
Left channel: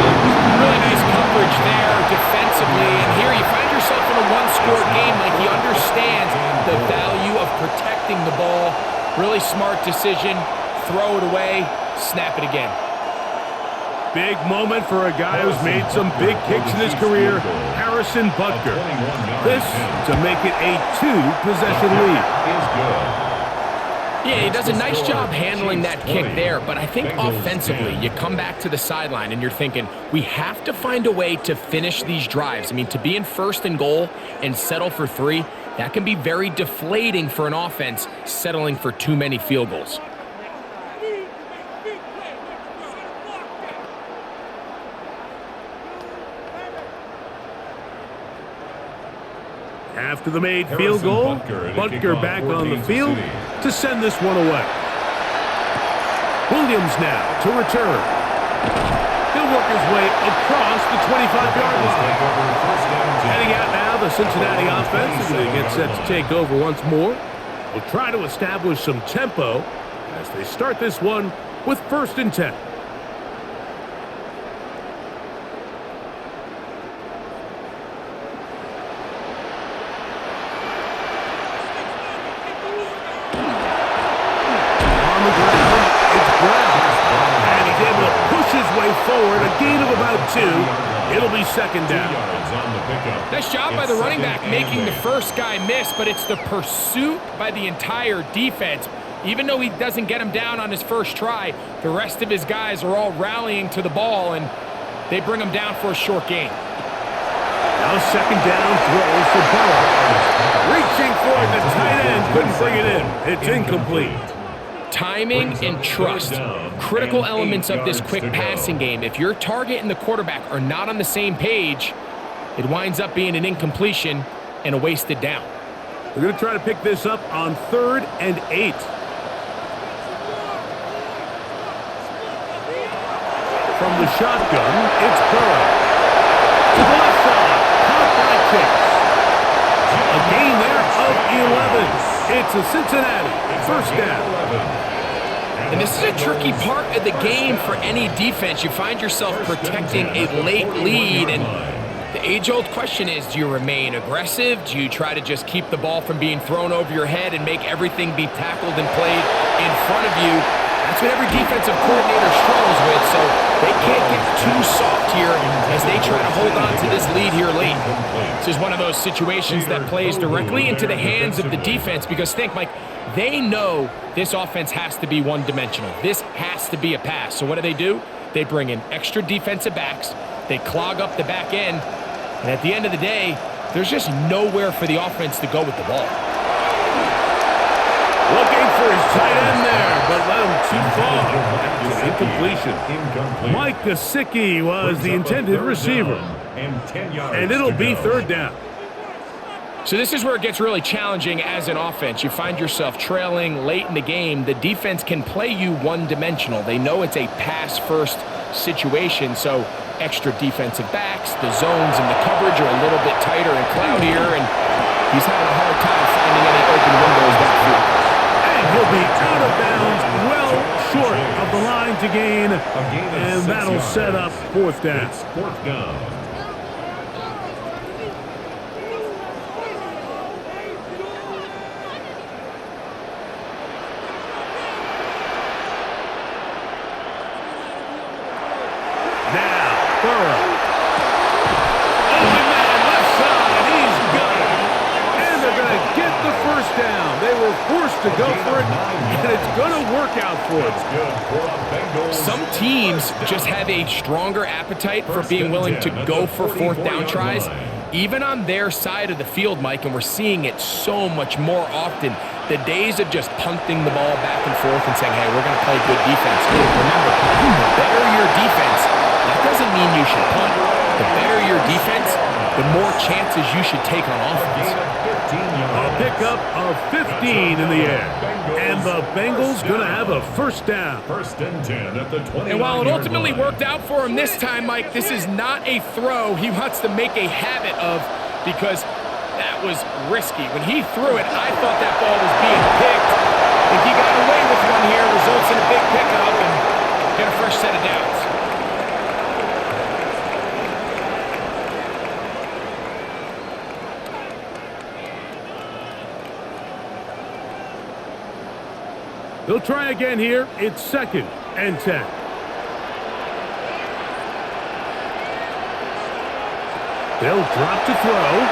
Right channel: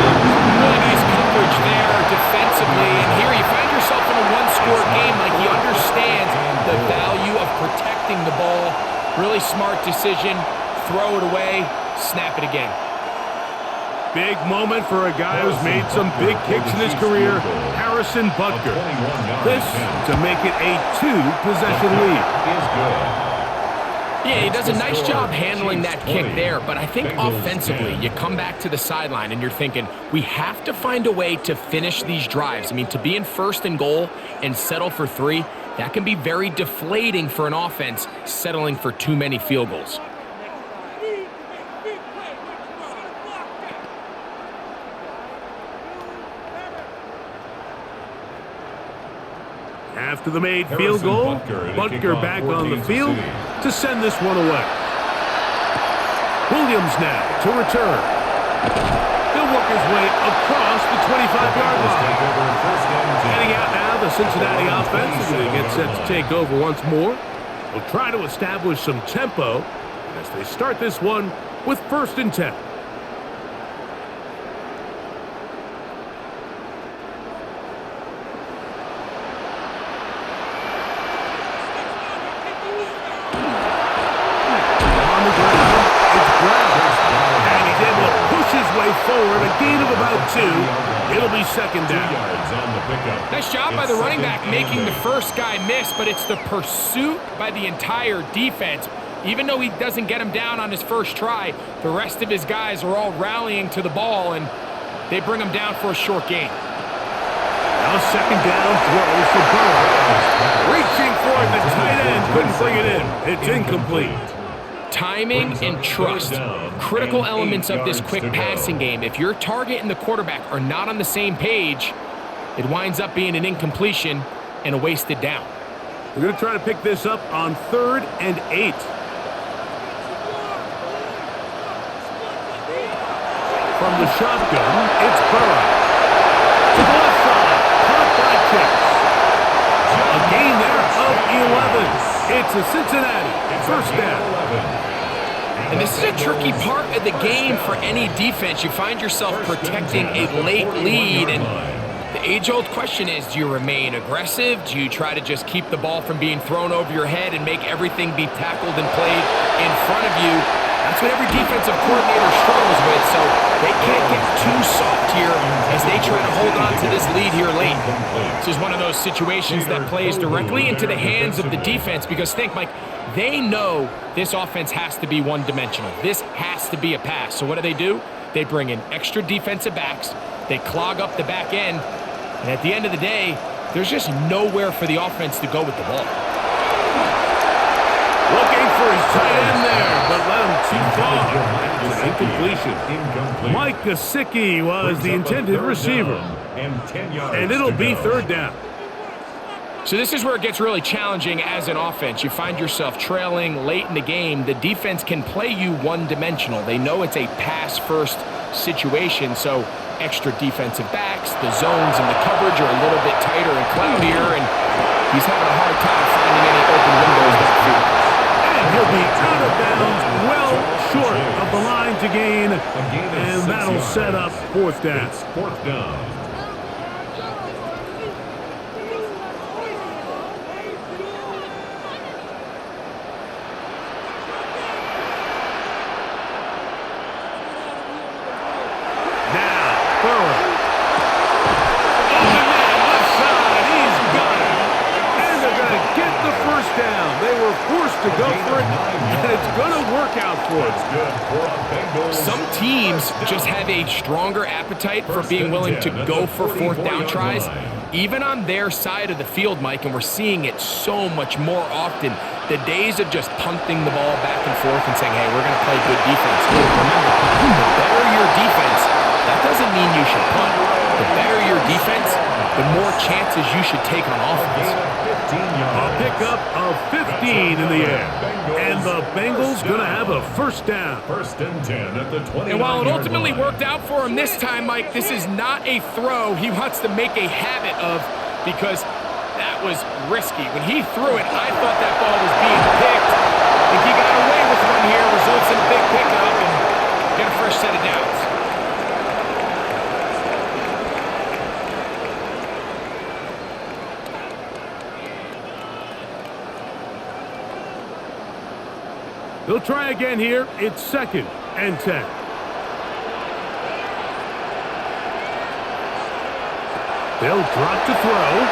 Really nice coverage there defensively. And here you find yourself in a one-score game. Like, he understands the value of protecting the ball Really smart decision. Throw it away, snap it again. Big moment for a guy who's made some big kicks in his career, Harrison Butker. This to make it a 2-possession lead. Is good. Yeah, he does a nice job handling that kick there, but I think offensively, you come back to the sideline and you're thinking, we have to find a way to finish these drives. I mean, to be in 1st and goal and settle for 3, that can be very deflating for an offense settling for too many field goals. After the made field goal, Butker back on the field to send this one away. Williams now to return. He'll work his way across the 25-yard line. Heading out now, the Cincinnati offense is going to get set to take over once more. They'll try to establish some tempo as they start this one with 1st and 10. On the ground, it's Brown. And he's able to push his way forward, a gain of about 2. It'll be 2nd down. Nice job by the running back making the first guy miss, but it's the pursuit by the entire defense. Even though he doesn't get him down on his first try, the rest of his guys are all rallying to the ball, and they bring him down for a short gain. Now 2nd down throw for Burrow. Reaching for it, the tight end couldn't bring it in. It's incomplete. Timing and trust, critical elements of this quick passing game. If your target and the quarterback are not on the same page, it winds up being an incompletion and a wasted down. They're going to try to pick this up on 3rd and 8. From the shotgun, it's Burrow. To the left side, caught by Chase. A gain there of 11. It's a Cincinnati 1st down. And this is a tricky part of the game for any defense. You find yourself protecting a late lead, and the age-old question is, do you remain aggressive? Do you try to just keep the ball from being thrown over your head and make everything be tackled and played in front of you? That's what every defensive coordinator struggles with, so they can't get too soft here as they try to hold on to this lead here late. This is one of those situations that plays directly into the hands of the defense because think, Mike, they know this offense has to be one-dimensional. This has to be a pass. So what do? They bring in extra defensive backs. They clog up the back end. And at the end of the day, there's just nowhere for the offense to go with the ball. Looking for his tight end there, but led him too far. It's an incompletion. Mike Gesicki was the intended receiver. And it'll be 3rd down. So this is where it gets really challenging as an offense. You find yourself trailing late in the game. The defense can play you one-dimensional. They know it's a pass-first situation, so extra defensive backs, the zones and the coverage are a little bit tighter and cloudier, and he's having a hard time finding any open windows downfield. And he'll be out of bounds, well short of the line to gain, and that'll set up 4th down. It's 4th down. Now, Burrow. Open man, left side, he's got it. And they're going to get the 1st down. They were forced to go for it, and it's going to work out for them. Some teams just have a stronger appetite for being willing to go for 4th down tries, even on their side of the field, Mike, and we're seeing it so much more often. The days of just punting the ball back and forth and saying, hey, we're going to play good defense. Remember, the better your defense, that doesn't mean you should punt. The better your defense, the more chances you should take on offense. A pickup of 15 in the air. And the Bengals going to have a 1st down. 1st and 10 at the 29-yard And while it ultimately line. worked out for him this time, Mike, this is not a throw he wants to make a habit of because that was risky. When he threw it, I thought that ball was being picked. If he got away with one here, results in a big pickup and get a fresh set of downs. They'll try again here. It's 2nd and 10. They'll drop to throw.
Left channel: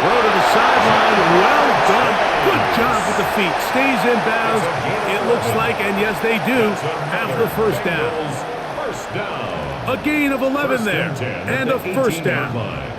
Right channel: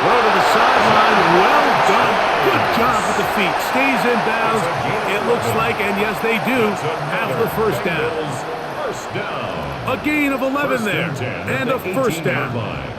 Throw to the sideline. Well done. Good job with the feet. Stays in bounds. It looks like, and yes, they do, have the first down. First down. A gain of 11 there. And a first down.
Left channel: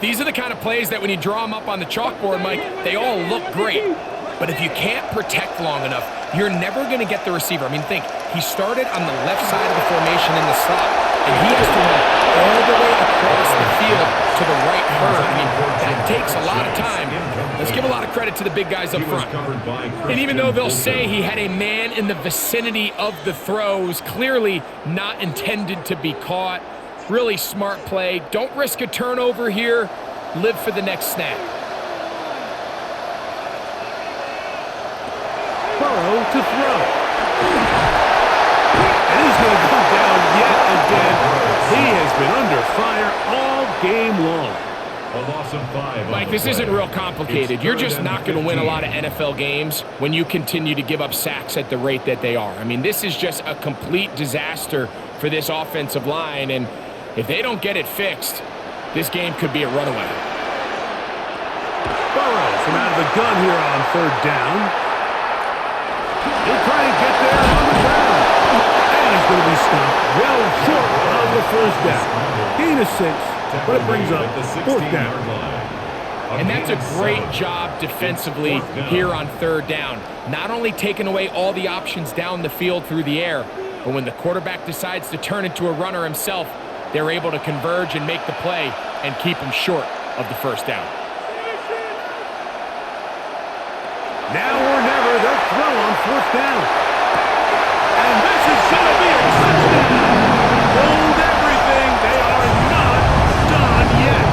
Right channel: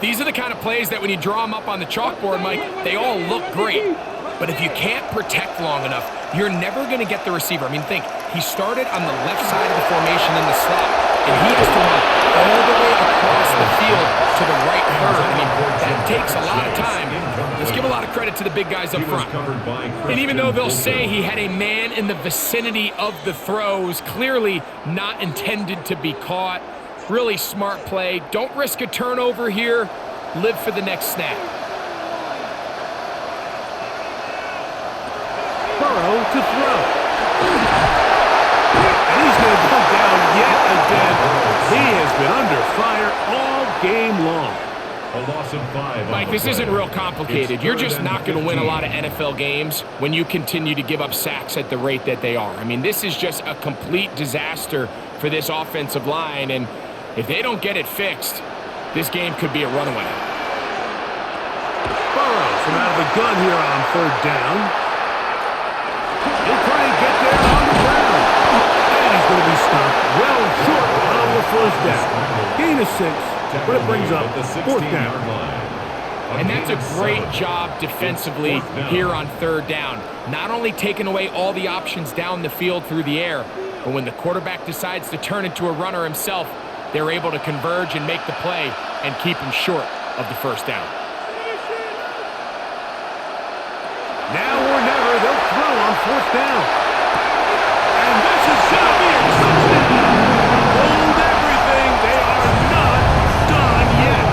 These are the kind of plays that when you draw them up on the chalkboard, Mike, they all look great. But if you can't protect long enough, you're never going to get the receiver. I mean, think, he started on the left side of the formation in the slot, and he has to run all the way across the field to the right third. I mean, that takes a lot of time. Let's give a lot of credit to the big guys up front. And even though they'll say he had a man in the vicinity of the throws, clearly not intended to be caught. Really smart play. Don't risk a turnover here. Live for the next snap. Burrow to throw. And he's going to go down yet again. He has been under fire all game long. A loss of 5. Mike, this isn't real complicated. You're just not going to win a lot of NFL games when you continue to give up sacks at the rate that they are. I mean, this is just a complete disaster for this offensive line, and if they don't get it fixed, this game could be a runaway. Burrow from out of the gun here on 3rd down. He'll try and get there on the ground. And he's going to be stopped well short of the first down. Gain of 6, but it brings up 4th down. And that's a great job defensively here on 3rd down. Not only taking away all the options down the field through the air, but when the quarterback decides to turn into a runner himself, they're able to converge and make the play and keep him short of the first down. Now or never, they'll throw on 4th down. And this is going to be a touchdown. Hold everything. They are not done yet.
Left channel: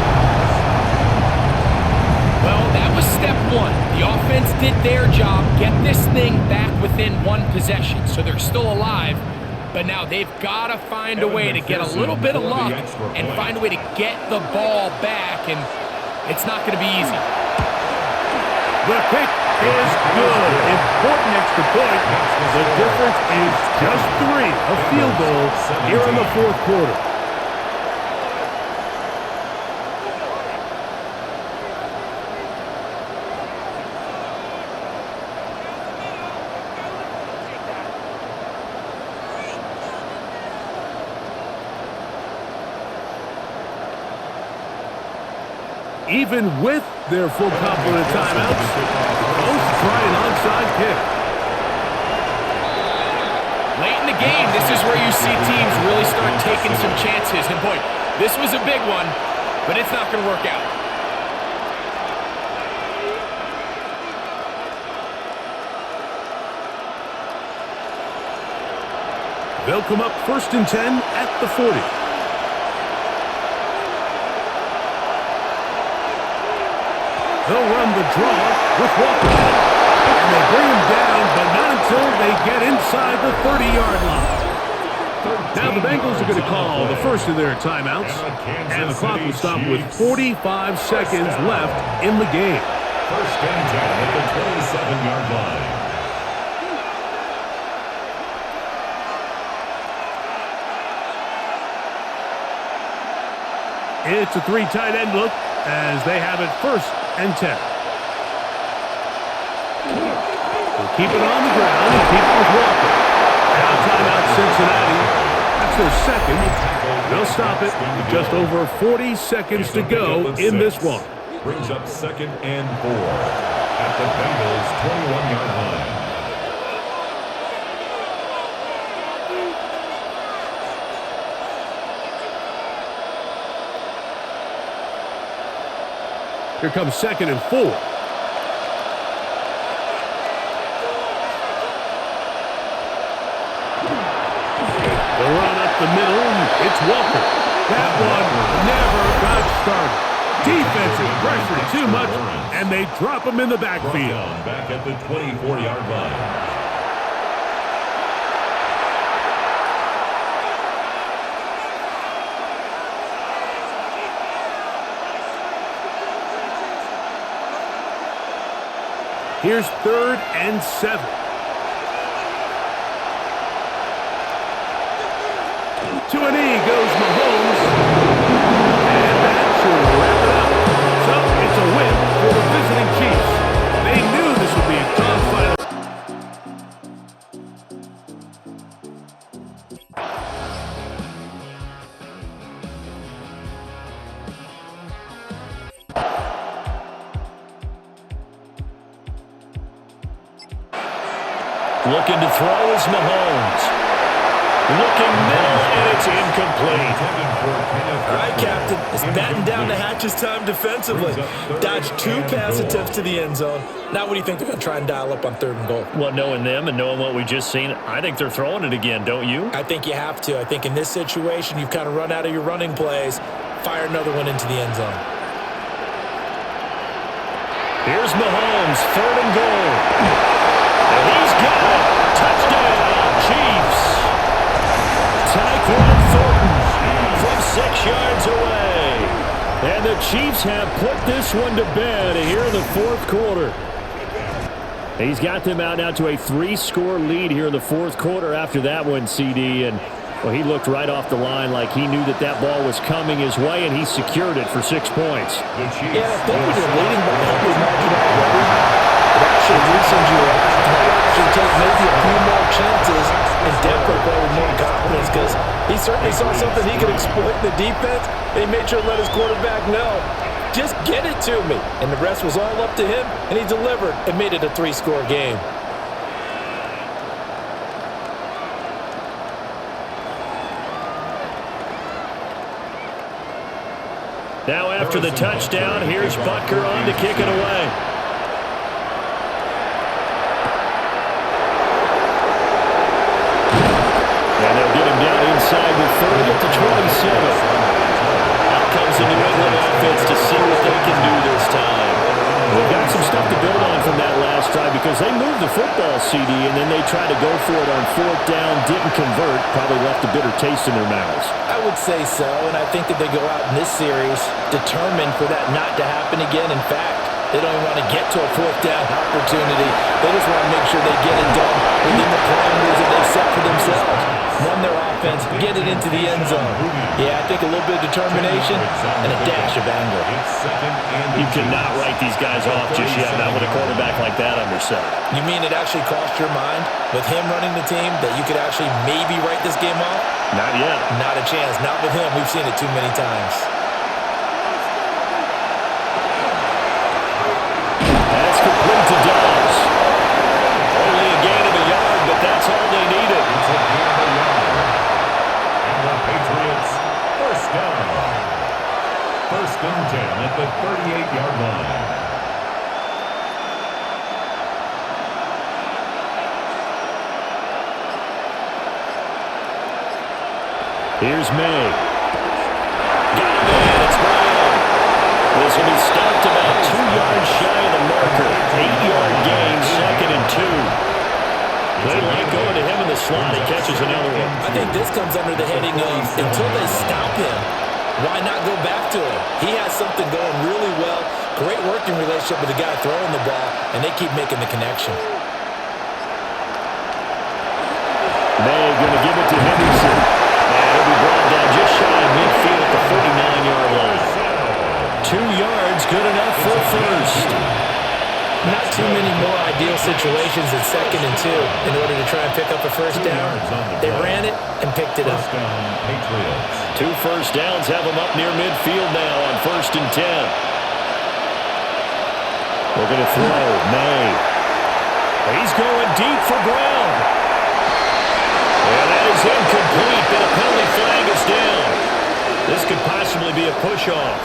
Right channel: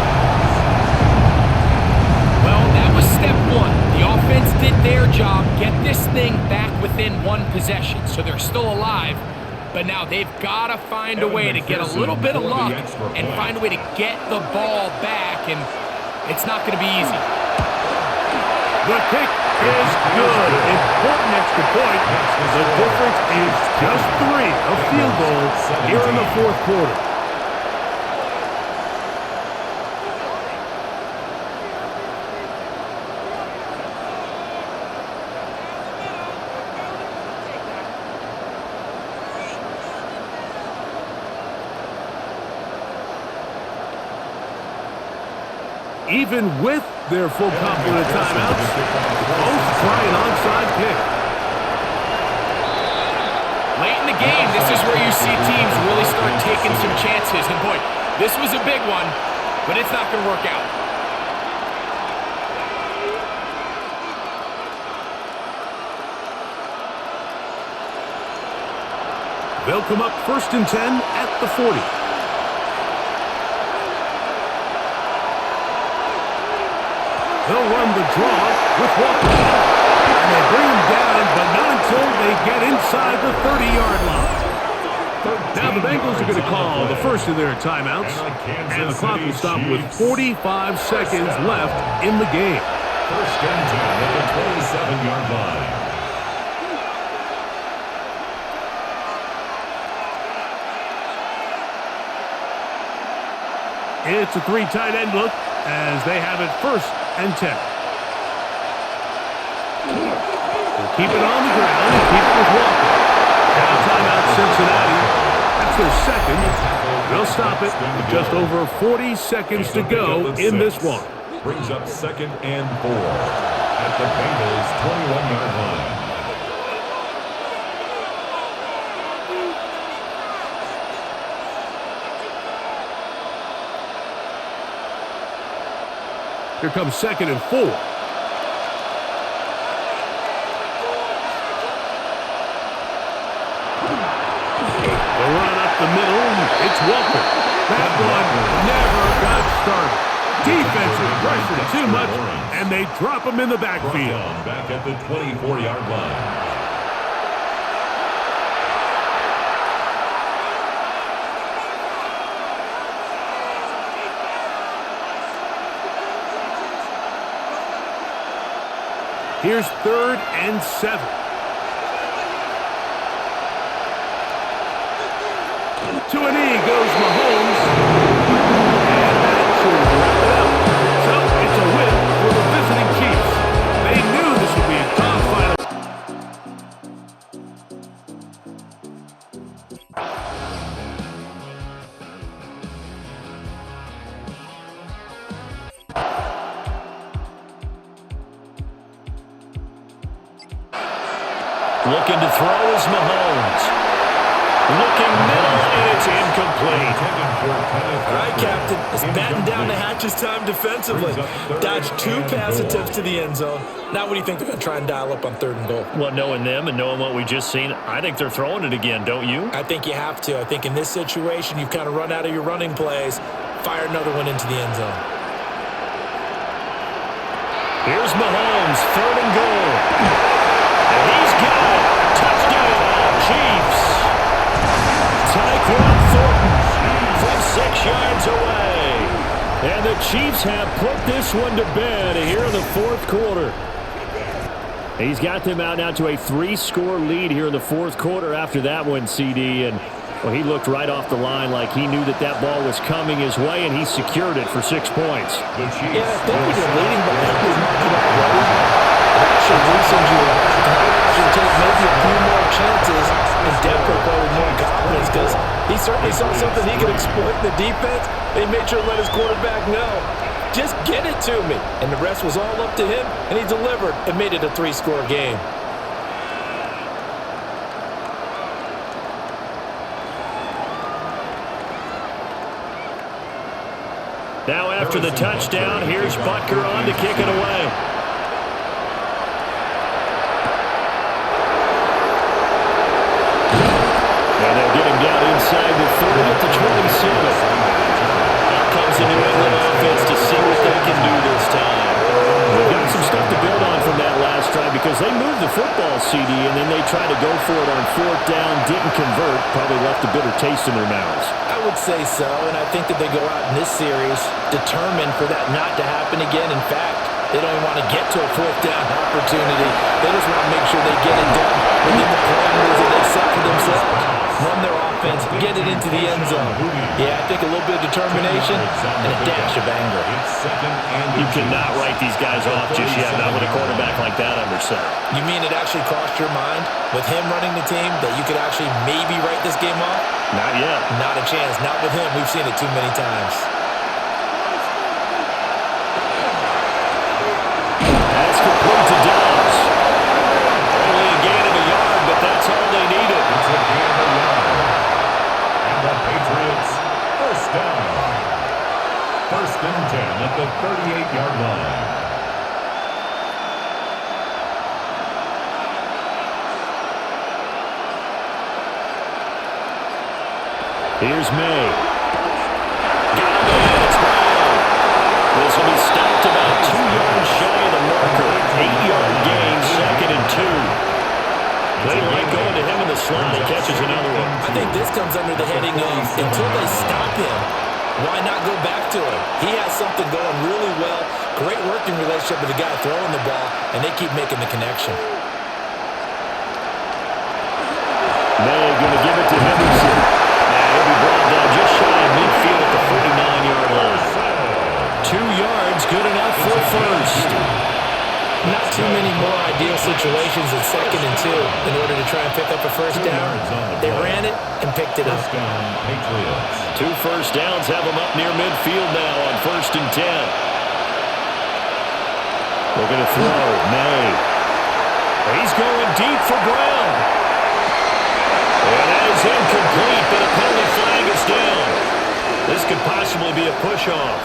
Well, that was step 1. The offense did their job, get this thing back within 1 possession. So they're still alive, but now they've got to find a way to get a little bit of luck and find a way to get the ball back, and it's not going to be easy. The kick is good. Important extra point. The difference is just 3. A field goal here in the 4th quarter. Even with their full complement of timeouts, the Colts try an onside kick. Late in the game, this is where you see teams really start taking some chances. And boy, this was a big one, but it's not going to work out. They'll come up 1st and 10 at the 40. They'll run the draw with Walker. And they bring him down, but not until they get inside the 30-yard line. Now the Bengals are going to call the first of their timeouts. And the clock will stop with 45 seconds left in the game. 1st and 10 at the 27-yard line. It's a 3 tight end look as they have it 1st and 10. They'll keep it on the ground and keep it with Walker. Now timeout Cincinnati. That's their 2nd. And they'll stop it with just over 40 seconds to go in this one. Brings up 2nd and 4 at the Bengals' 21-yard line. Here comes 2nd and 4. The run up the middle. It's Walker. That one never got started. Defensive pressure too much, and they drop him in the backfield. Back at the 24-yard line. Here's 3rd and 7. To a knee goes Mahomes. And that should wrap it up. So it's a win for the visiting Chiefs. They knew this would be a dogfight. Looking to throw is Mahomes. Looking middle, and it's incomplete. All right, Captain. It's batten down the hatches time defensively. Dodged 2 pass attempts to the end zone. Now what do you think they're going to try and dial up on 3rd and goal? Well, knowing them and knowing what we just seen, I think they're throwing it again, don't you? I think you have to. I think in this situation, you've kind of run out of your running plays. Fire another one into the end zone. Here's Mahomes, 3rd and goal. And he's got it. Touchdown, Chiefs. Tyquan Thornton from 6 yards away. And the Chiefs have put this one to bed here in the 4th quarter. He's got them out now to a 3-score lead here in the 4th quarter after that one, CD. And, well, he looked right off the line like he knew that that ball was coming his way, and he secured it for 6 points. Yeah, I think when you're leading by a healthy margin already, it actually loosens you up and allows you to take maybe a few more chances and Denver play with more confidence because he certainly saw something he could exploit in the defense, and he made sure to let his quarterback know, just get it to me. And the rest was all up to him, and he delivered and made it a 3-score game. Now after the touchdown, here's Butker on to kick it away. And they'll get him down inside the 30 at the 27. Out comes the New England offense to see what they can do this time. They've got some stuff to build on from that last drive because they moved the football, CD, and then they tried to go for it on 4th down, didn't convert, probably left a bitter taste in their mouths. I would say so, and I think that they go out in this series determined for that not to happen again. In fact, they don't even want to get to a 4th down opportunity. They just want to make sure they get it done within the parameters that they've set for themselves. Run their offense, get it into the end zone. Yeah, I think a little bit of determination and a dash of anger. You cannot write these guys off just yet, not with a quarterback like that under center. You mean it actually crossed your mind with him running the team that you could actually maybe write this game off? Not yet. Not a chance. Not with him. We've seen it too many times. That's complete to Dobbs. Only a gain of a yard, but that's all they needed. It's a gain of a yard. And the Patriots, 1st down. 1st and 10 at the 38-yard line. Here's May. Got him in. It's Brown. This will be stopped about 2 yards shy of the marker. 8-yard gain, 2nd and 2. They like going to him in the slot. He catches another one. I think this comes under the heading of until they stop him, why not go back to him? He has something going really well. Great working relationship with the guy throwing the ball, and they keep making the connection. May going to give it to Henderson. And he'll be brought down just shy of midfield at the 49-yard line. 2 yards, good enough for a first. Not too many more ideal situations than 2nd and 2 in order to try and pick up a first down. They ran it and picked it up. First down, Patriots. 2 first downs have them up near midfield now on 1st and 10. Looking to throw, May. He's going deep for Brown. And that is incomplete, but a penalty flag is down. This could possibly be a push-off.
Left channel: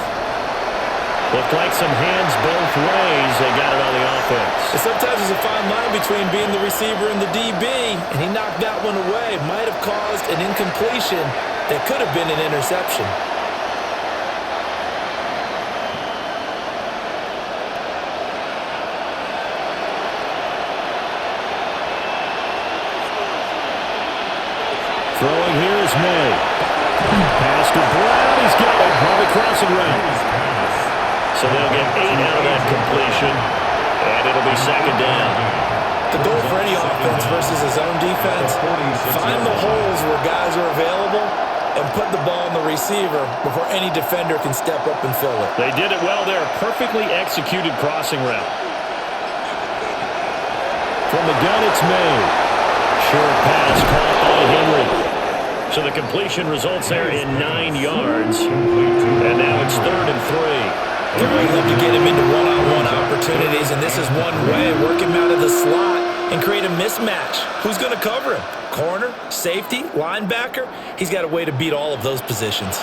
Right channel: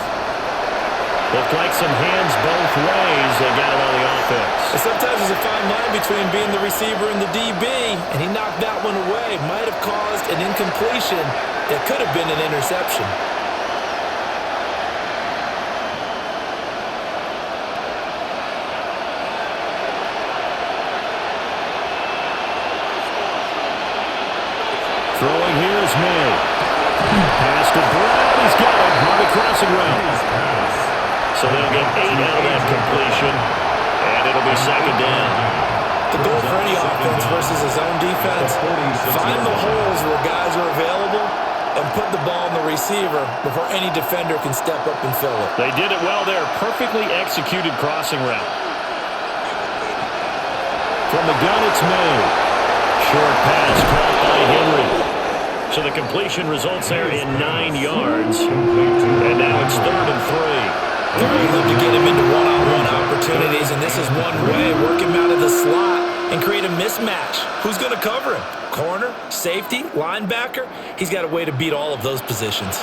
Looked like some hands both ways. They got it on the offense. And sometimes there's a fine line between being the receiver and the DB, and he knocked that one away. Might have caused an incompletion that could have been an interception. Throwing here is May. Pass to Brown. He's got it on the crossing route. So they'll get 8 out of that completion. And and it'll be second down. The goal for any offense versus a zone defense, find the holes where guys are available and put the ball on the receiver before any defender can step up and fill it. They did it well there. Perfectly executed crossing route. From the gun, it's May. Short pass caught by Henry. So the completion results there in 9 yards. And now it's 3rd and 3. They really love to get him into one-on-one opportunities, and this is one way. Work him out of the slot and create a mismatch. Who's going to cover him? Corner, safety, linebacker? He's got a way to beat all of those positions.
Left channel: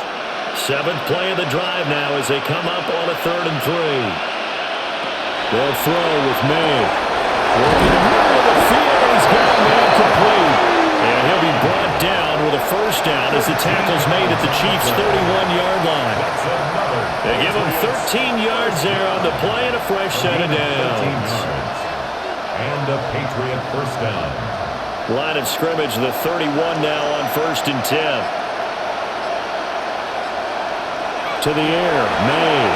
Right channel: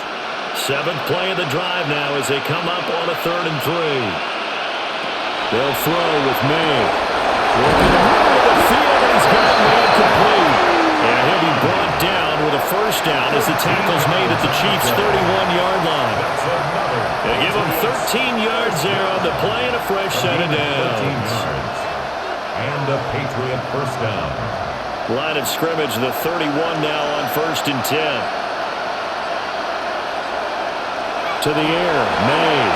7th play of the drive now as they come up on a 3rd and 3. They'll throw with May. Look in the middle of the field, and he's got a man complete. And he'll be brought down with a first down as the tackle's made at the Chiefs' 31-yard line. They give him 13 yards there on the play and a fresh set of downs. And a Patriot first down. Line of scrimmage, the 31 now on 1st and 10. To the air, May.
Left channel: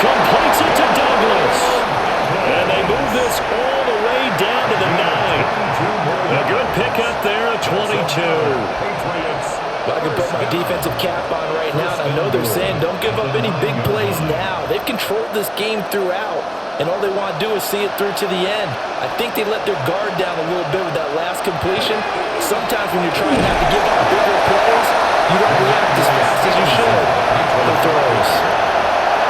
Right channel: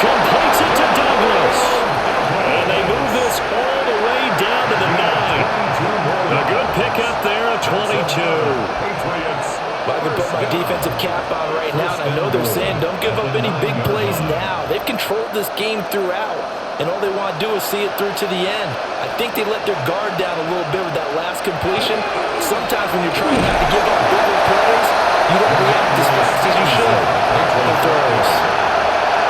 Completes it to Douglas. And they move this all the way down to the 9. A good pickup there of 22. Well, I can put my defensive cap on right now, and I know they're saying don't give up any big plays now. They've controlled this game throughout, and all they want to do is see it through to the end. I think they let their guard down a little bit with that last completion. Sometimes when you're trying not to give up bigger plays, you don't react as fast as you should on their throws.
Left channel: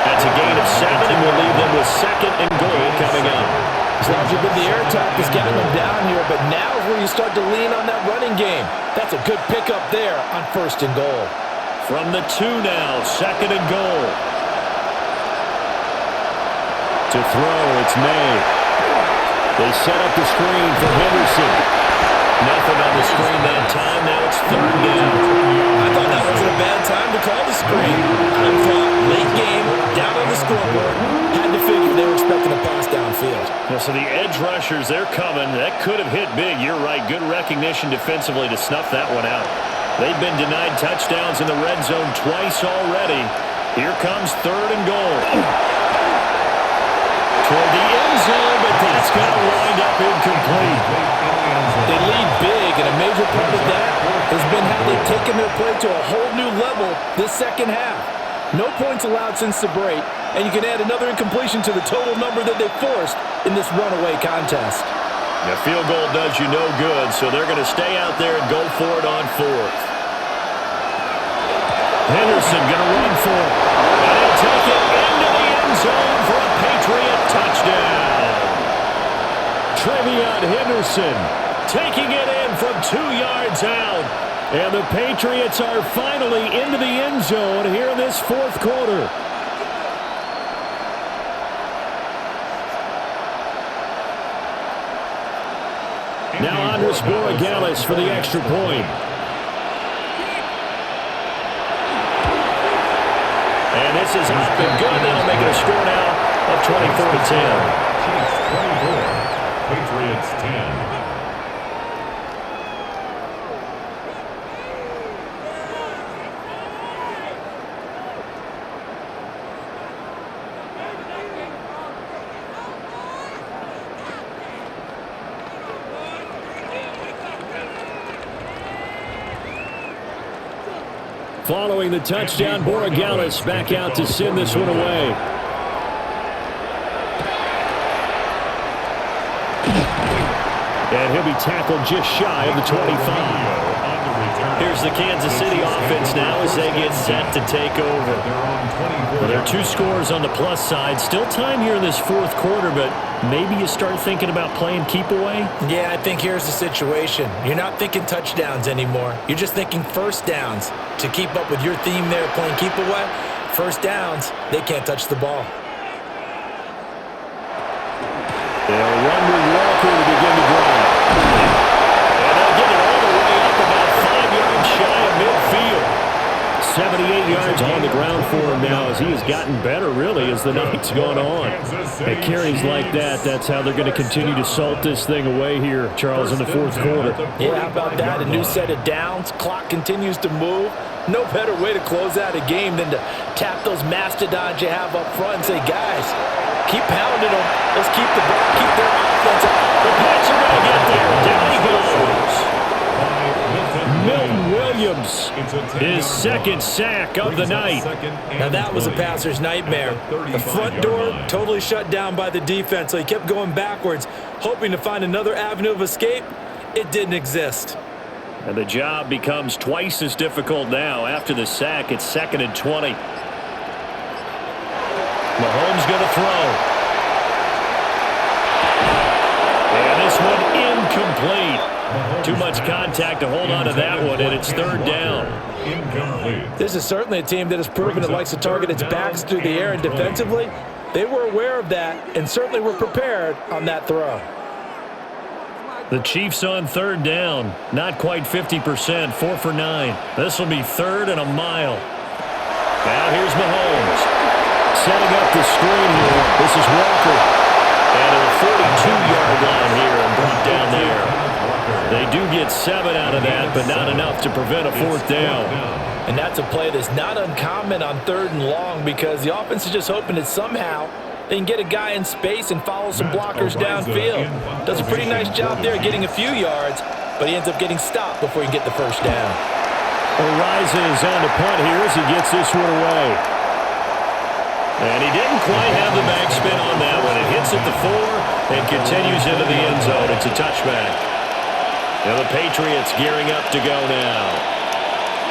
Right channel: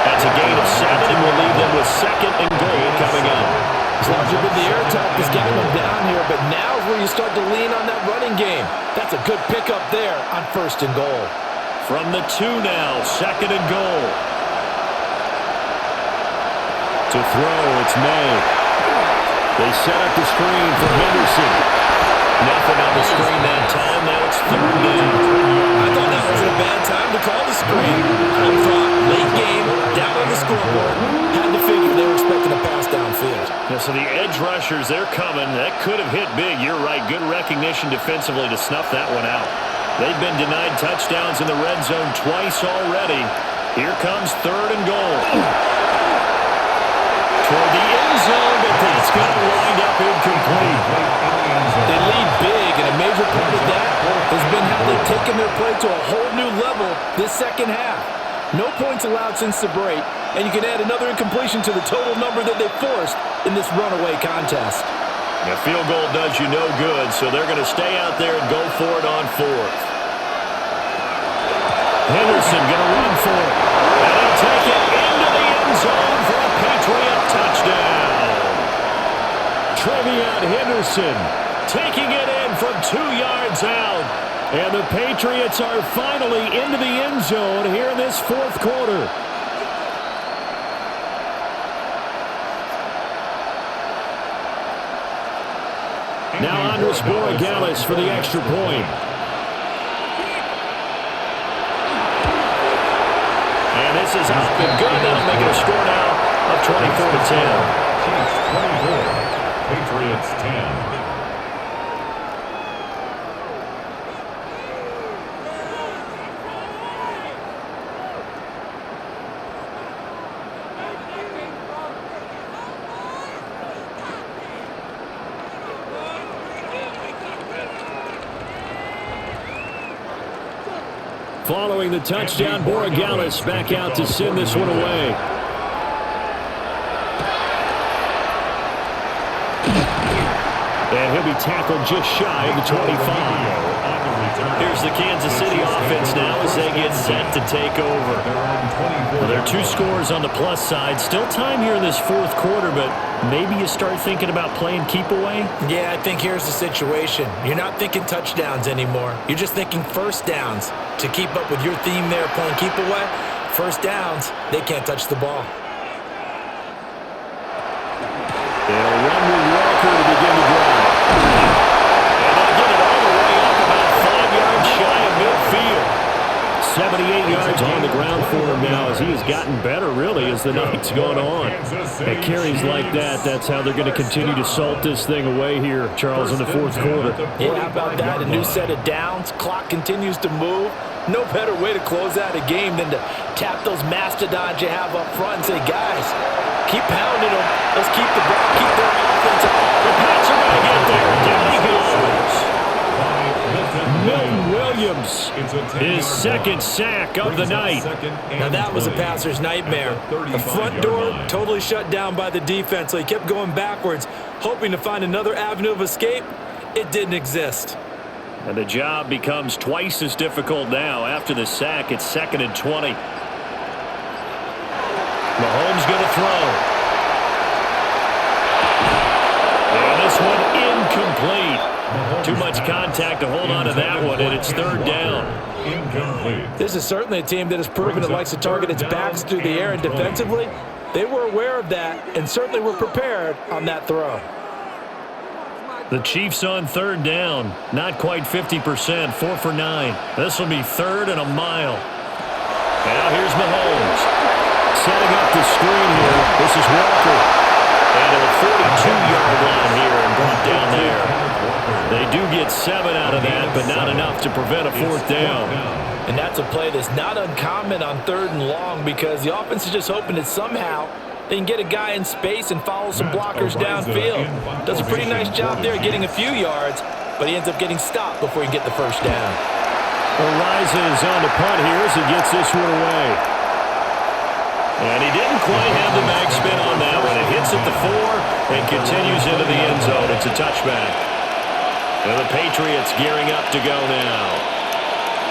That's a gain of 7, and we'll leave them with 2nd and goal coming out. As long as you've been the air attack that's gotten them down here, but now is where you start to lean on that running game. That's a good pickup there on 1st and goal. From the 2 now, 2nd and goal. To throw, it's May. They set up the screen for Henderson. Nothing on the screen that time. Now it's 3rd down. I thought that wasn't a bad time to call the screen. I thought late game, down on the scoreboard, had to figure they were expecting a pass downfield. Yeah, so the edge rushers, they're coming. That could have hit big. You're right. Good recognition defensively to snuff that one out. They've been denied touchdowns in the red zone twice already. Here comes 3rd and goal. Toward the end zone, but that's going to wind up incomplete. They lead big, and a major part of that has been how they've taken their play to a whole new level this second half. No points allowed since the break, and you can add another incompletion to the total number that they forced in this runaway contest. A field goal does you no good, so they're going to stay out there and go for it on 4th. Henderson going to run for it, and he'll take it into the end zone for a Patriot touchdown. Trevion Henderson taking it in from 2 yards out. And the Patriots are finally into the end zone here in this 4th quarter. Now Andres Borregales for the extra point. And this is up and good. That'll make it a score now of 24-10. Chiefs 24, Patriots 10. Following the touchdown, Borregales back out to send this one away. And he'll be tackled just shy of the 25. Here's the Kansas City offense now as they get set to take over. Well, there are 2 scores on the plus side. Still time here in this 4th quarter, but maybe you start thinking about playing keep away? Yeah, I think here's the situation. You're not thinking touchdowns anymore. You're just thinking first downs. To keep up with your theme there, playing keep away, first downs, they can't touch the ball. They'll run with Walker to begin the drive. And they'll get it all the way up about 5 yards shy of midfield. 78 yards on the ground for him now as he has gotten better, really, as the night's gone on. At carries like that, that's how they're going to continue to salt this thing away here, Charles, in the 4th quarter. Yeah, how about that? A new set of downs. Clock continues to move. No better way to close out a game than to tap those mastodons you have up front and say, guys, Keep pounding them. Let's keep the ball, keep their offense up. The Pats are going to get there. Down he goes. Milton Williams, his second sack of the night. Now that was a passer's nightmare. The front door totally shut down by the defense, so he kept going backwards, hoping to find another avenue of escape. It didn't exist. And the job becomes twice as difficult now. After the sack, it's 2nd and 20. Mahomes going to throw. And this one incomplete. Too much contact to hold on to that one, and it's 3rd down. This is certainly a team that has proven it likes to target its backs through the air, and defensively, they were aware of that and certainly were prepared on that throw. The Chiefs on 3rd down. Not quite 50%, 4 for 9. This will be 3rd and a mile. Now here's Mahomes. Setting up the screen here. This is Walker. And to the 42-yard line here and brought down there. They do get 7 out of that, but not enough to prevent a 4th down. And that's a play that's not uncommon on 3rd and long because the offense is just hoping that somehow they can get a guy in space and follow some blockers downfield. Does a pretty nice job there getting a few yards, but he ends up getting stopped before he can get the 1st down. Arises on to punt here as he gets this one away. And he didn't quite have the backspin on that one. It hits at the 4 and continues into the end zone. It's a touchback. And the Patriots gearing up to go now.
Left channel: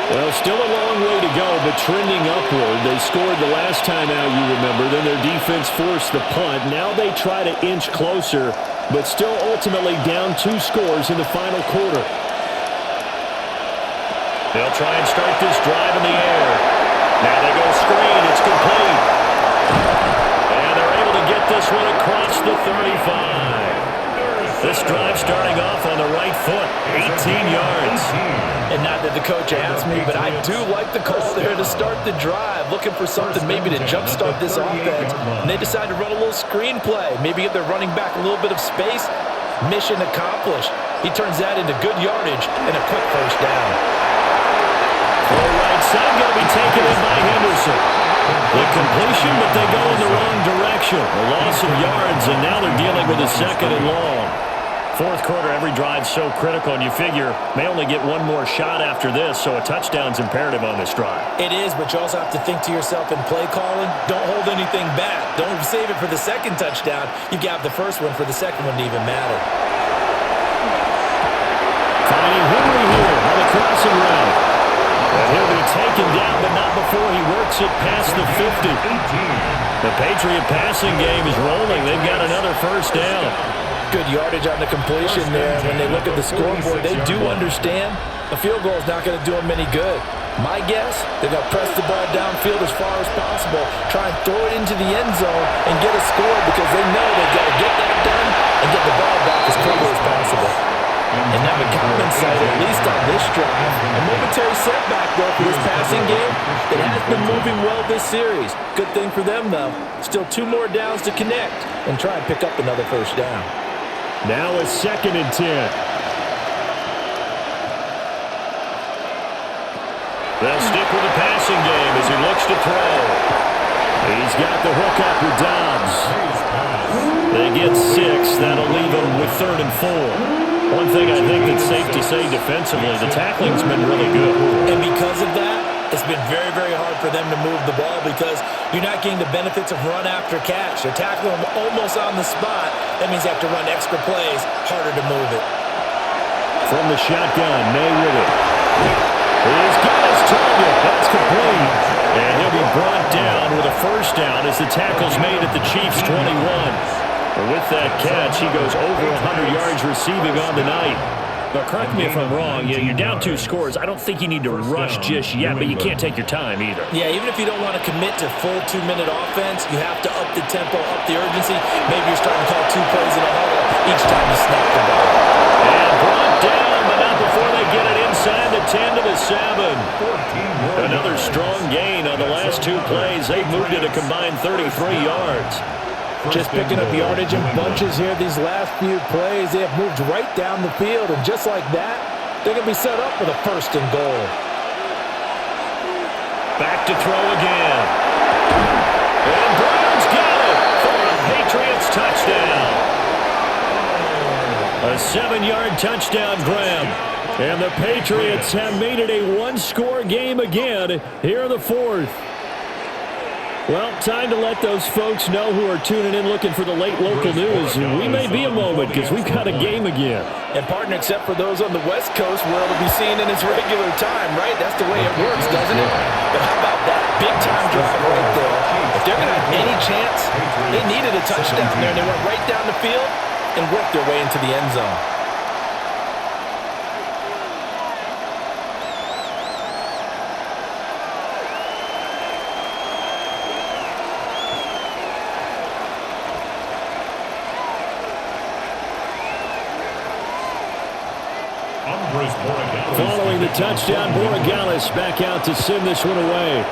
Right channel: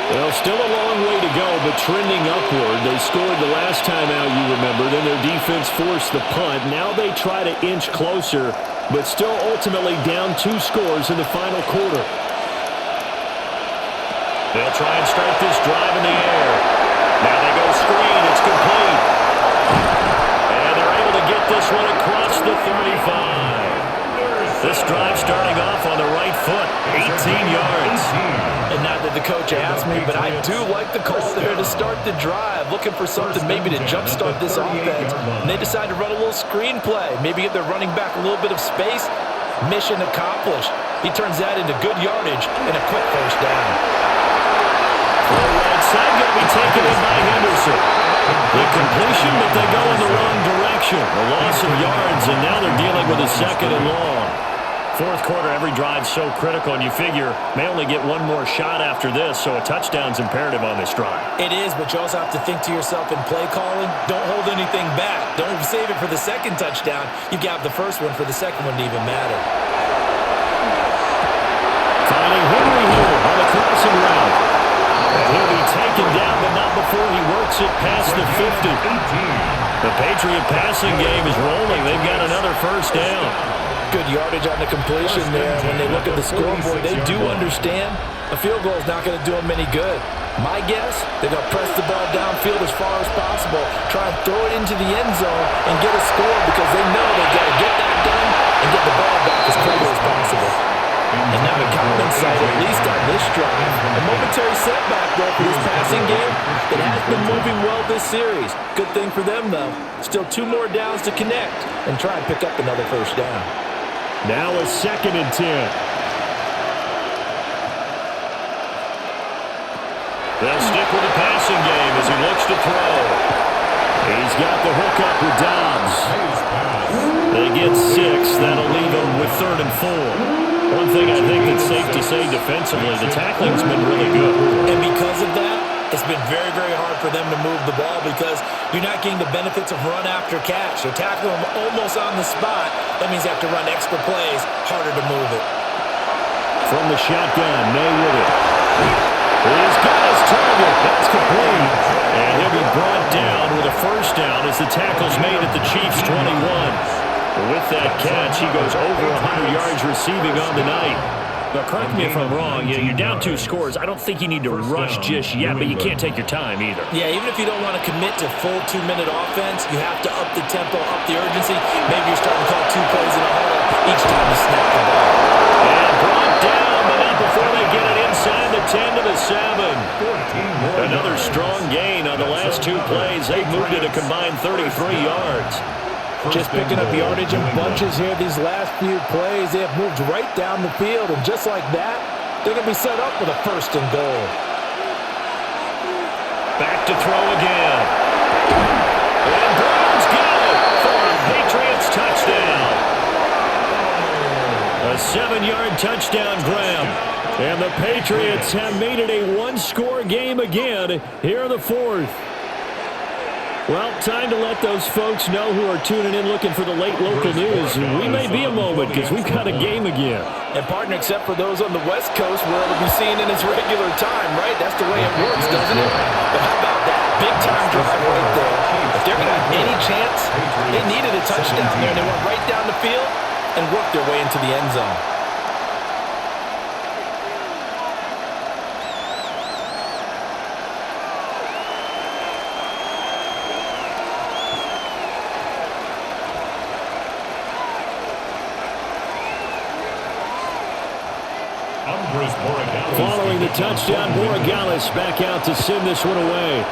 Well, still a long way to go, but trending upward. They scored the last time out, you remember. Then their defense forced the punt. Now they try to inch closer, but still ultimately down 2 scores in the final quarter. They'll try and start this drive in the air. Now they go screen. It's complete. And they're able to get this one across the 35. This drive starting off on the right foot, 18 yards. And not that the coach asked me, but I do like the call there to start the drive, looking for something maybe to jumpstart this offense. And they decide to run a little screen play, maybe give their running back a little bit of space. Mission accomplished. He turns that into good yardage and a quick 1st down. Throw right side, going to be taken in by Henderson. The completion, but they go in the wrong direction. A loss of yards, and now they're dealing with a 2nd and long. 4th quarter, every drive's so critical, and you figure may only get one more shot after this, so a touchdown's imperative on this drive. It is, but you also have to think to yourself in play calling, don't hold anything back. Don't save it for the 2nd touchdown. You've got the 1st one for the 2nd one to even matter. Finding Henry here on the crossing route. And he'll be taken down, but not before he works it past the 50. The Patriot passing game is rolling. They've got another 1st down. Good yardage on the completion there. When they look at the scoreboard, they do understand a field goal is not going to do them any good. My guess, they're going to press the ball downfield as far as possible, try and throw it into the end zone and get a score because they know they've got to get that done and get the ball back as quickly as possible. And not a common sight, at least on this drive. A momentary setback, though, for this passing game that has been moving well this series. Good thing for them, though. Still 2 more downs to connect and try and pick up another 1st down. Now a 2nd and 10. They'll stick with the passing game as he looks to throw. He's got the hook up with Dobbs. They get 6. That'll leave them with 3rd and 4. One thing I think that's safe to say defensively, the tackling's been really good. And because of that, it's been very, very hard for them to move the ball because you're not getting the benefits of run after catch. They're tackling them almost on the spot. That means you have to run extra plays, harder to move it. From the shotgun, May with it. He's got his target. That's complete. And he'll be brought down with a 1st down as the tackle's made at the Chiefs' 21. With that catch, he goes over 100 yards receiving on the night. But correct me if I'm wrong, you're down 2 scores. I don't think you need to rush just yet, but you can't take your time either. Yeah, even if you don't want to commit to full 2-minute offense, you have to up the tempo, up the urgency. Maybe you're starting to call 2 plays in a huddle each time you snap the ball. And brought down, but not before they get it inside the 10 to the 7. Another strong gain on the last 2 plays. They've moved it a combined 33 yards. Just picking up yardage in bunches here these last few plays. They have moved right down the field, and just like that, they're going to be set up with a 1st and goal. Back to throw again. And Brown's got it for a A 7-yard touchdown grab. And the Patriots have made it a one-score game again here in the fourth. Well, time to let those folks know who are tuning in looking for the late local news. We may be a moment because we've got a game again. And, partner, except for those on the West Coast where it'll be seen in its regular time, right? That's the way it works, doesn't it? But how about that? Big-time drive right there. If they're going to have any chance, they needed a touchdown there, and they went right down the field and worked their way into the end zone. Following the touchdown, Borregales back out to send this one away.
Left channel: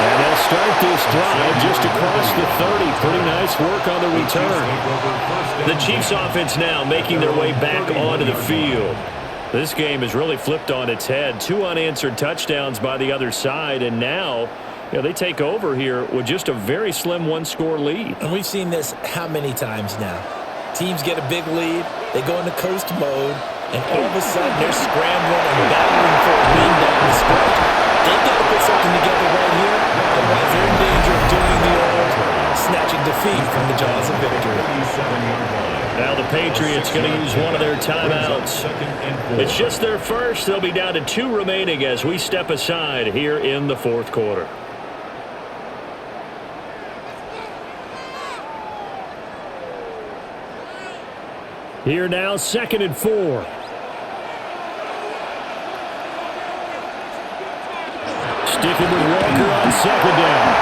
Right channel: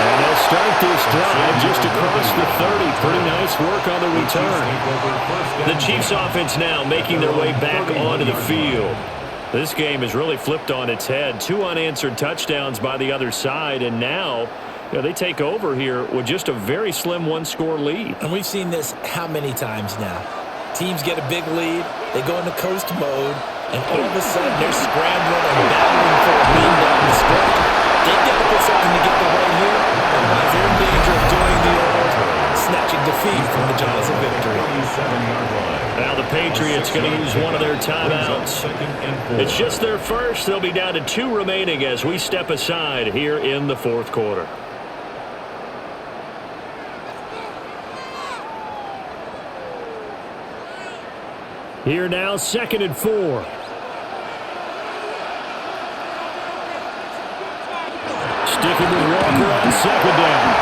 And they'll start this drive just across the 30. Pretty nice work on the return. The Chiefs offense now making their way back onto the field. This game has really flipped on its head. 2 unanswered touchdowns by the other side, and now they take over here with just a very slim one-score lead. And we've seen this how many times now? Teams get a big lead, they go into coast mode, and all of a sudden they're scrambling and battling for a lead down the stretch. They've got to put something together right here, otherwise they're in danger of doing the old snatching defeat from the jaws of victory. Now the Patriots going to use one of their timeouts. It's just their first. They'll be down to 2 remaining as we step aside here in the fourth quarter. Here now, 2nd and 4. Sticking with Walker on 2nd down.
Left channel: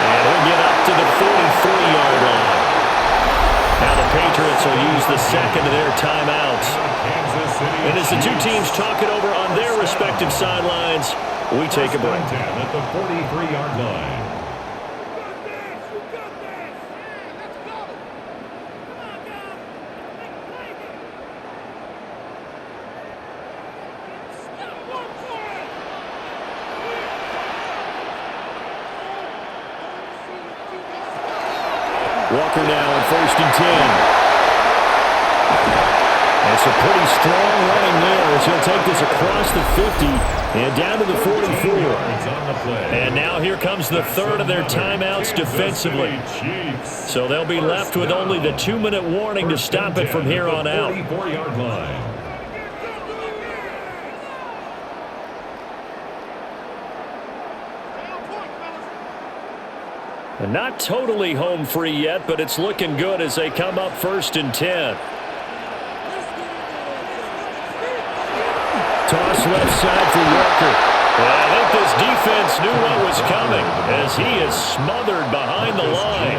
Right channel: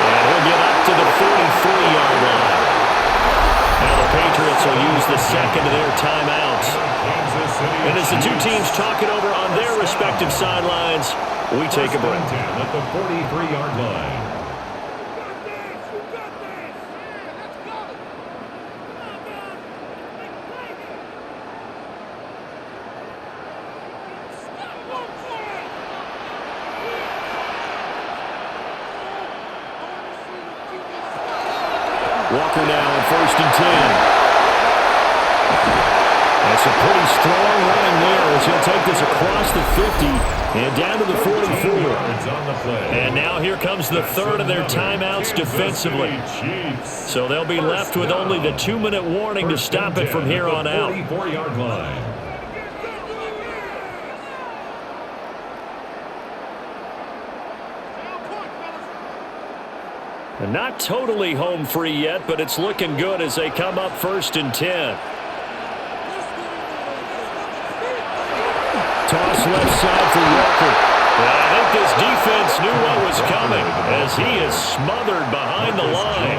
And he'll get up to the 43-yard line. Now the Patriots will use the second of their timeouts. And as the two teams talk it over on their respective sidelines, we take a break. 10 at the 43-yard line. Walker now on 1st and 10. That's a pretty strong running there as he'll take this across the 50 and down to the 44. And now here comes the third of their timeouts defensively. So they'll be left with only the 2-minute warning to stop it from here on out. 44-yard line. Not totally home free yet, but it's looking good as they come up 1st and 10. Toss left side for Walker. And I think this defense knew what was coming as he is smothered behind the line.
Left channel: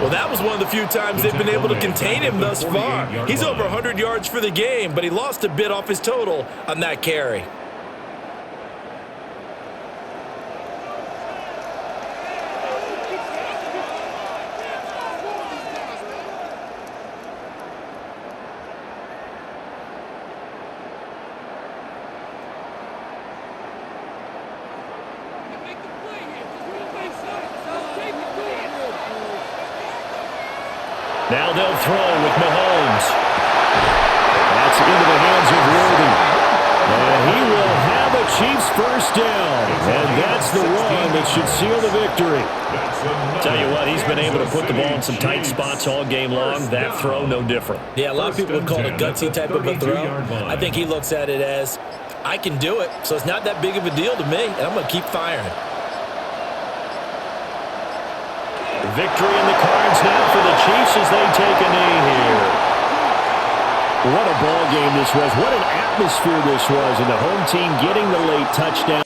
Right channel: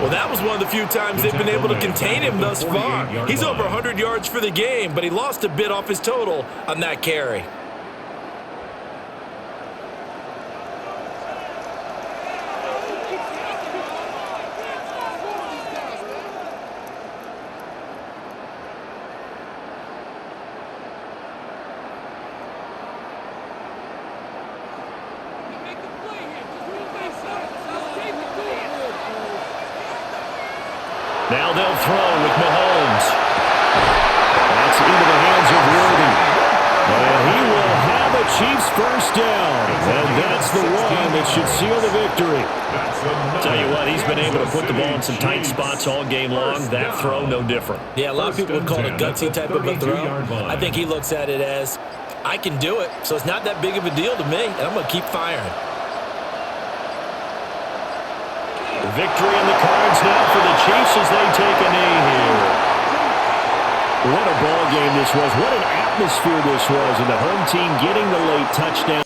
Well, that was one of the few times they've been able to contain him thus far. He's over 100 yards for the game, but he lost a bit off his total on that carry. Now they'll throw with Mahomes. That's into the hands of Worthy. And he will have a Chiefs first down. And that's the one that should seal the victory. Tell you what, he's been able to put the ball in some tight spots all game long. That throw, no different. Yeah, a lot of people would call it a gutsy type of a throw. I think he looks at it as, I can do it, so it's not that big of a deal to me, and I'm going to keep firing. Victory in the cards now for the Chiefs as they take a knee here. What a ball game this was. What an atmosphere this was, and the home team getting the late touchdown.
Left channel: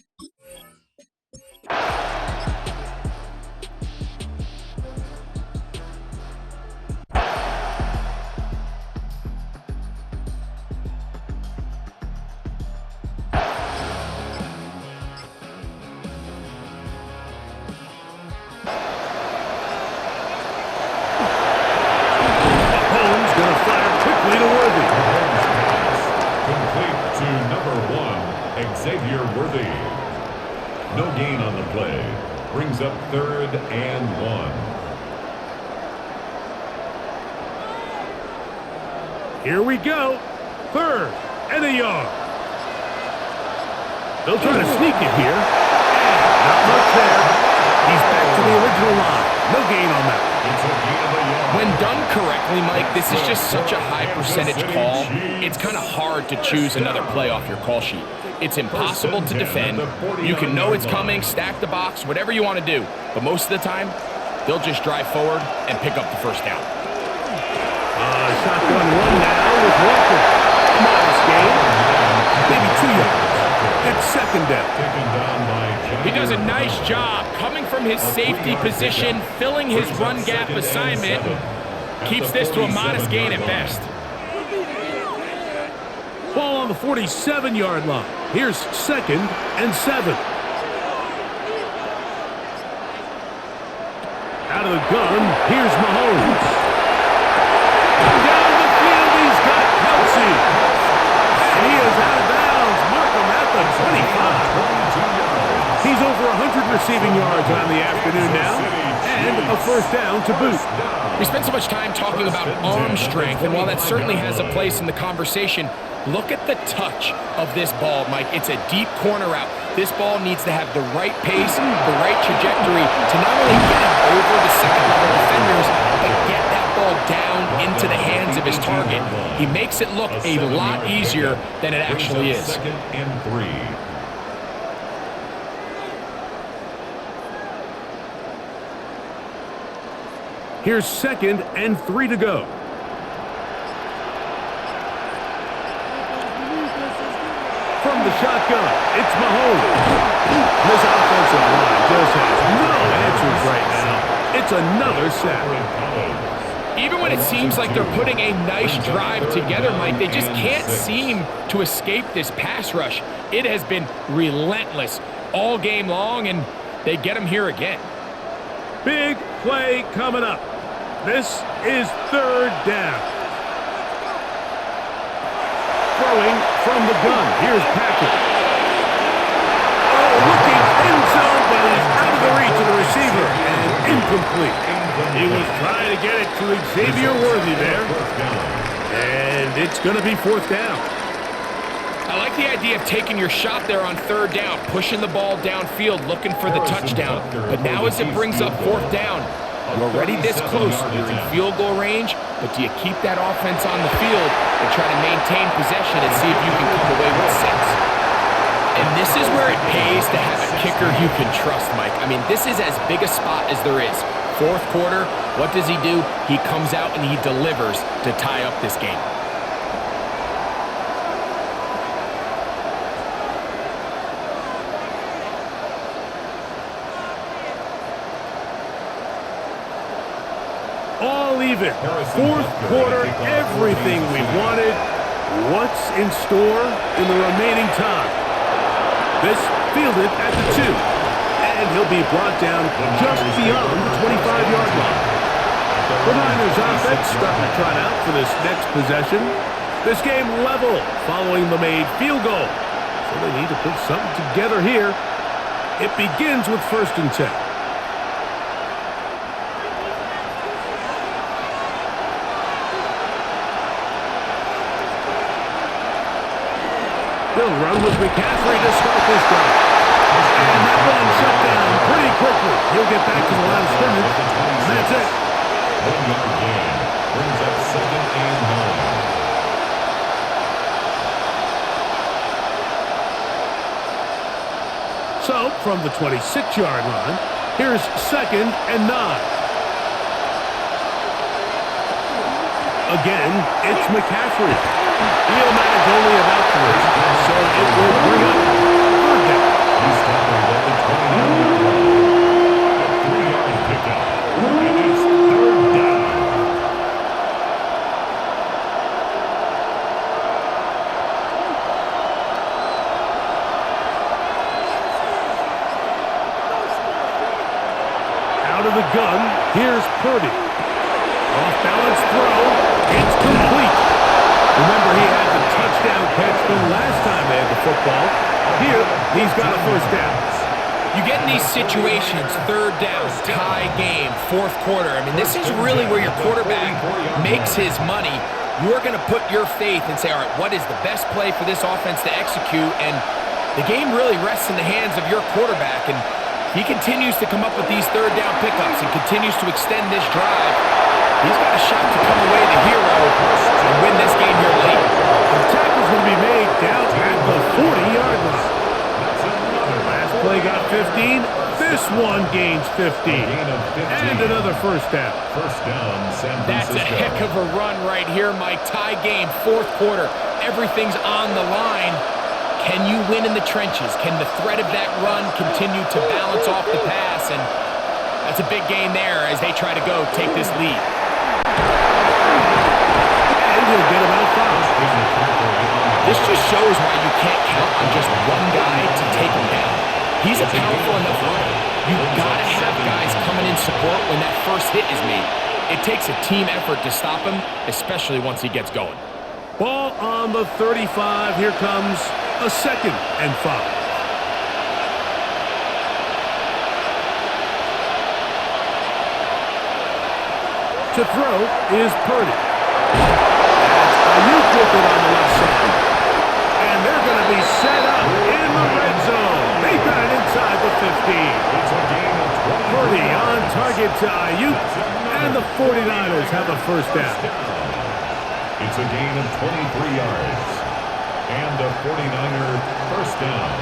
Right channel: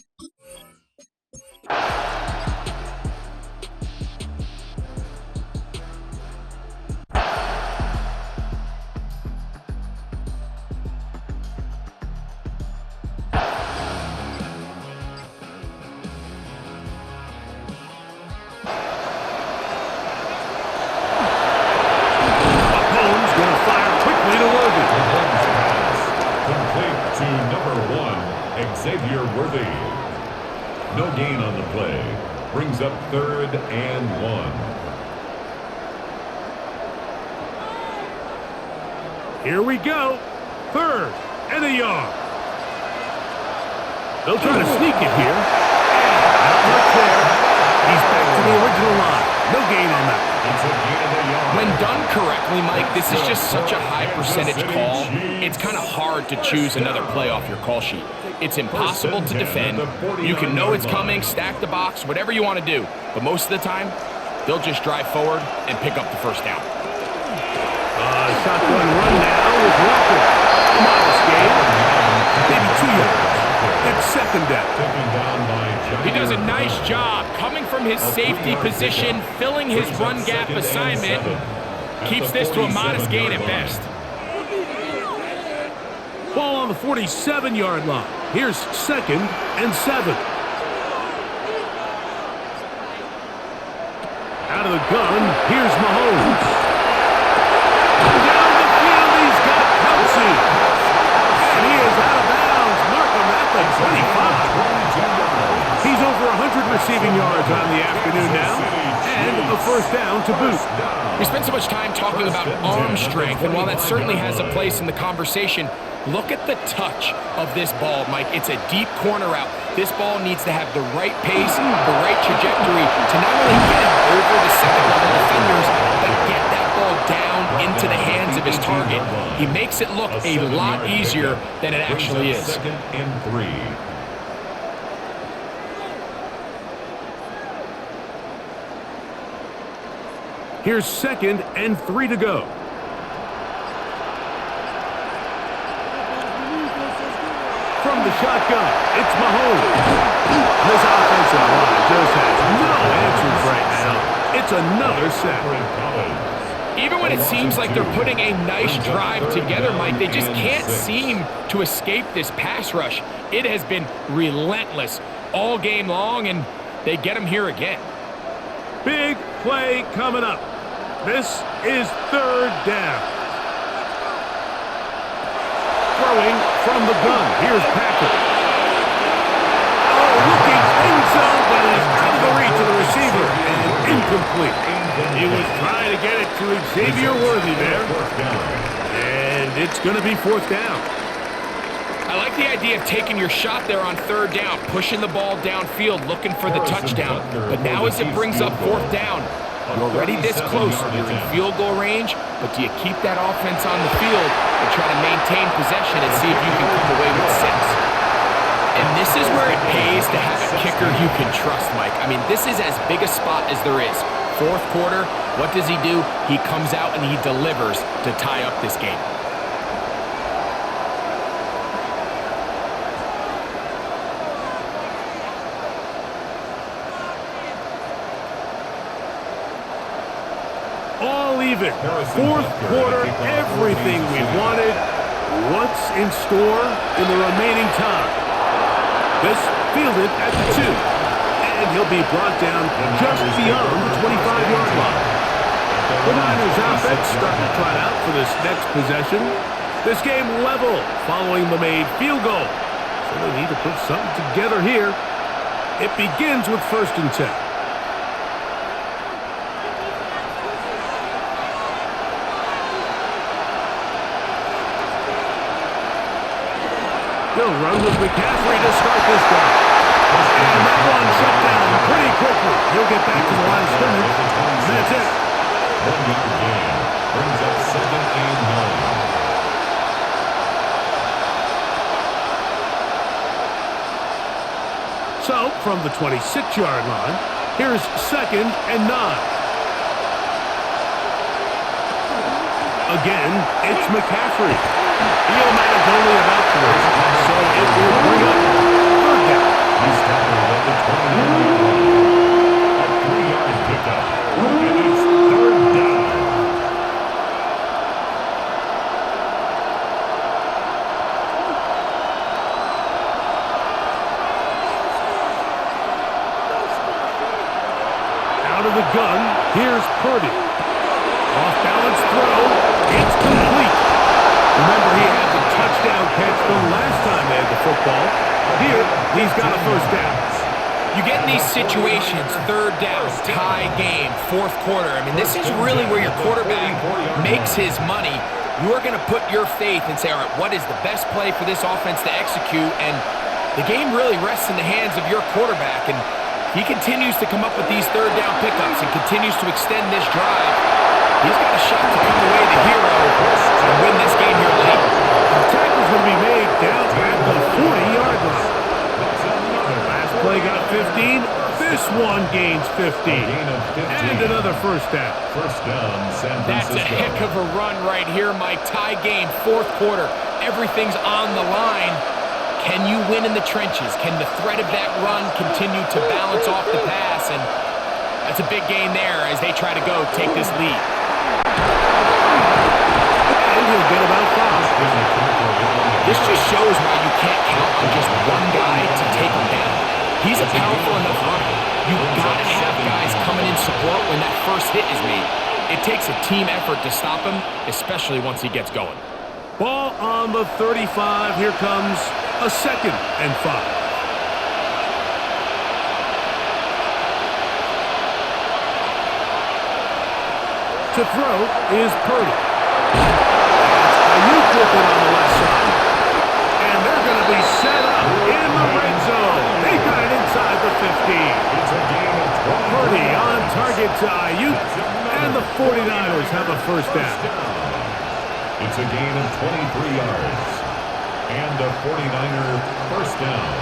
Going to fire quickly to Worthy. Mahomes pass complete to number 1, Xavier Worthy. No gain on the play. brings up 3rd and 1. Here we go. 3rd and a yard. They'll try to sneak it here. And not much there. He's back to the original line. No gain on that one. It's a gain of a yard. When done correctly, Mike, this is just such a high percentage call. It's kind of hard to choose another play off your call sheet. It's impossible to defend. You can know it's coming, stack the box, whatever you want to do. But most of the time, they'll just drive forward and pick up the first down. Shotgun run now with Walker. A modest gain. Maybe 2 yards. It's 2nd down. Taken down by He does a nice job coming from his safety position, filling his run gap assignment. Keeps this to a modest gain at best. Ball on the 47-yard line. Here's 2nd and 7. Out of the gun, here's Mahomes. Down the field, he's got Kelsey. And he is out of bounds. Mark him at the 25. He's over 100 receiving yards on the afternoon now. And a first down to boot. We spent so much time talking about arm strength, and while that certainly has a place in the conversation, look at the touch of this ball, Mike. It's a deep corner route. This ball needs to have the right pace, the right trajectory to not only get it over the second-level defenders, but get that ball down into the hands of his target. He makes it look a lot easier than it actually is. 2nd and 3. Here's 2nd and 3 to go. From the shotgun, it's Mahomes. This offensive line just has no answers right now. It's another sack. Even when it seems like they're putting a nice drive together, Mike, they just can't seem to escape this pass rush. It has been relentless all game long, and they get them here again. Big play coming up. This is 3rd down. Throwing from the gun. Here's Patrick. Oh, looking end zone, but it is out of the reach of the receiver and incomplete. He was trying to get it to Xavier Worthy there. And it's going to be 4th down. I like the idea of taking your shot there on 3rd down, pushing the ball downfield, looking for the touchdown. But now as it brings up 4th down, you're already this close. You're in field goal range, but do you keep that offense on the field and try to maintain possession and see if you can come away with 6? And this is where it pays to have a kicker you can trust, Mike. I mean, this is as big a spot as there is. 4th quarter, what does he do? He comes out and he delivers to tie up this game. All even. 4th quarter, everything we wanted. What's in store in the remaining time? This fielded at the 2. And he'll be brought down just beyond the 25-yard line. The Niners offense starting to trot out for this next possession. This game level following the made field goal. So they need to put something together here. It begins with 1st and 10. He'll run with McCaffrey to start this drive. And that one shut down pretty quickly. He'll get back to the line of scrimmage. And that's it. 1-yard gain brings up 2nd and 9. So, from the 26-yard line, here's 2nd and 9. Again, it's McCaffrey. He'll manage only about 3, so it will bring up 3rd down. He's tackled at the 29-yard line. A 3-yard pickup, and it's 3rd down. Out of the gun, here's Purdy. Off-balance throw, it's complete. Remember, he had the touchdown catch the last time they had the football. Here, he's got a first down. You get in these situations, third down, tie game, fourth quarter. I mean, this is really where your quarterback makes his money. You are going to put your faith and say, all right, what is the best play for this offense to execute? And the game really rests in the hands of your quarterback. And he continues to come up with these third down pickups and continues to extend this drive. He's got a shot to come away the hero and win this game here late. The tackle's going to be made down at the 40-yard line. Last play got 15. This one gains 15. And another first down. First down, San Francisco. That's a heck of a run right here, Mike. Tie game, fourth quarter. Everything's on the line. Can you win in the trenches? Can the threat of that run continue to balance off the pass? And that's a big gain there as they try to go take this lead. And he'll get about 5. This just shows why you can't count on just one guy to take him down. He's a powerful enough runner. You've got to have guys coming in support when that first hit is made. It takes a team effort to stop him, especially once he gets going. Ball on the 35. Here comes a 2nd and 5. To throw is Purdy. That's Ayuk with it on the left side. And they're going to be set up in the red zone. They got it inside the 15. It's a gain of 20. Purdy on target to Ayuk, and the 49ers have a first down. It's a gain of 23 yards. And a 49er first down.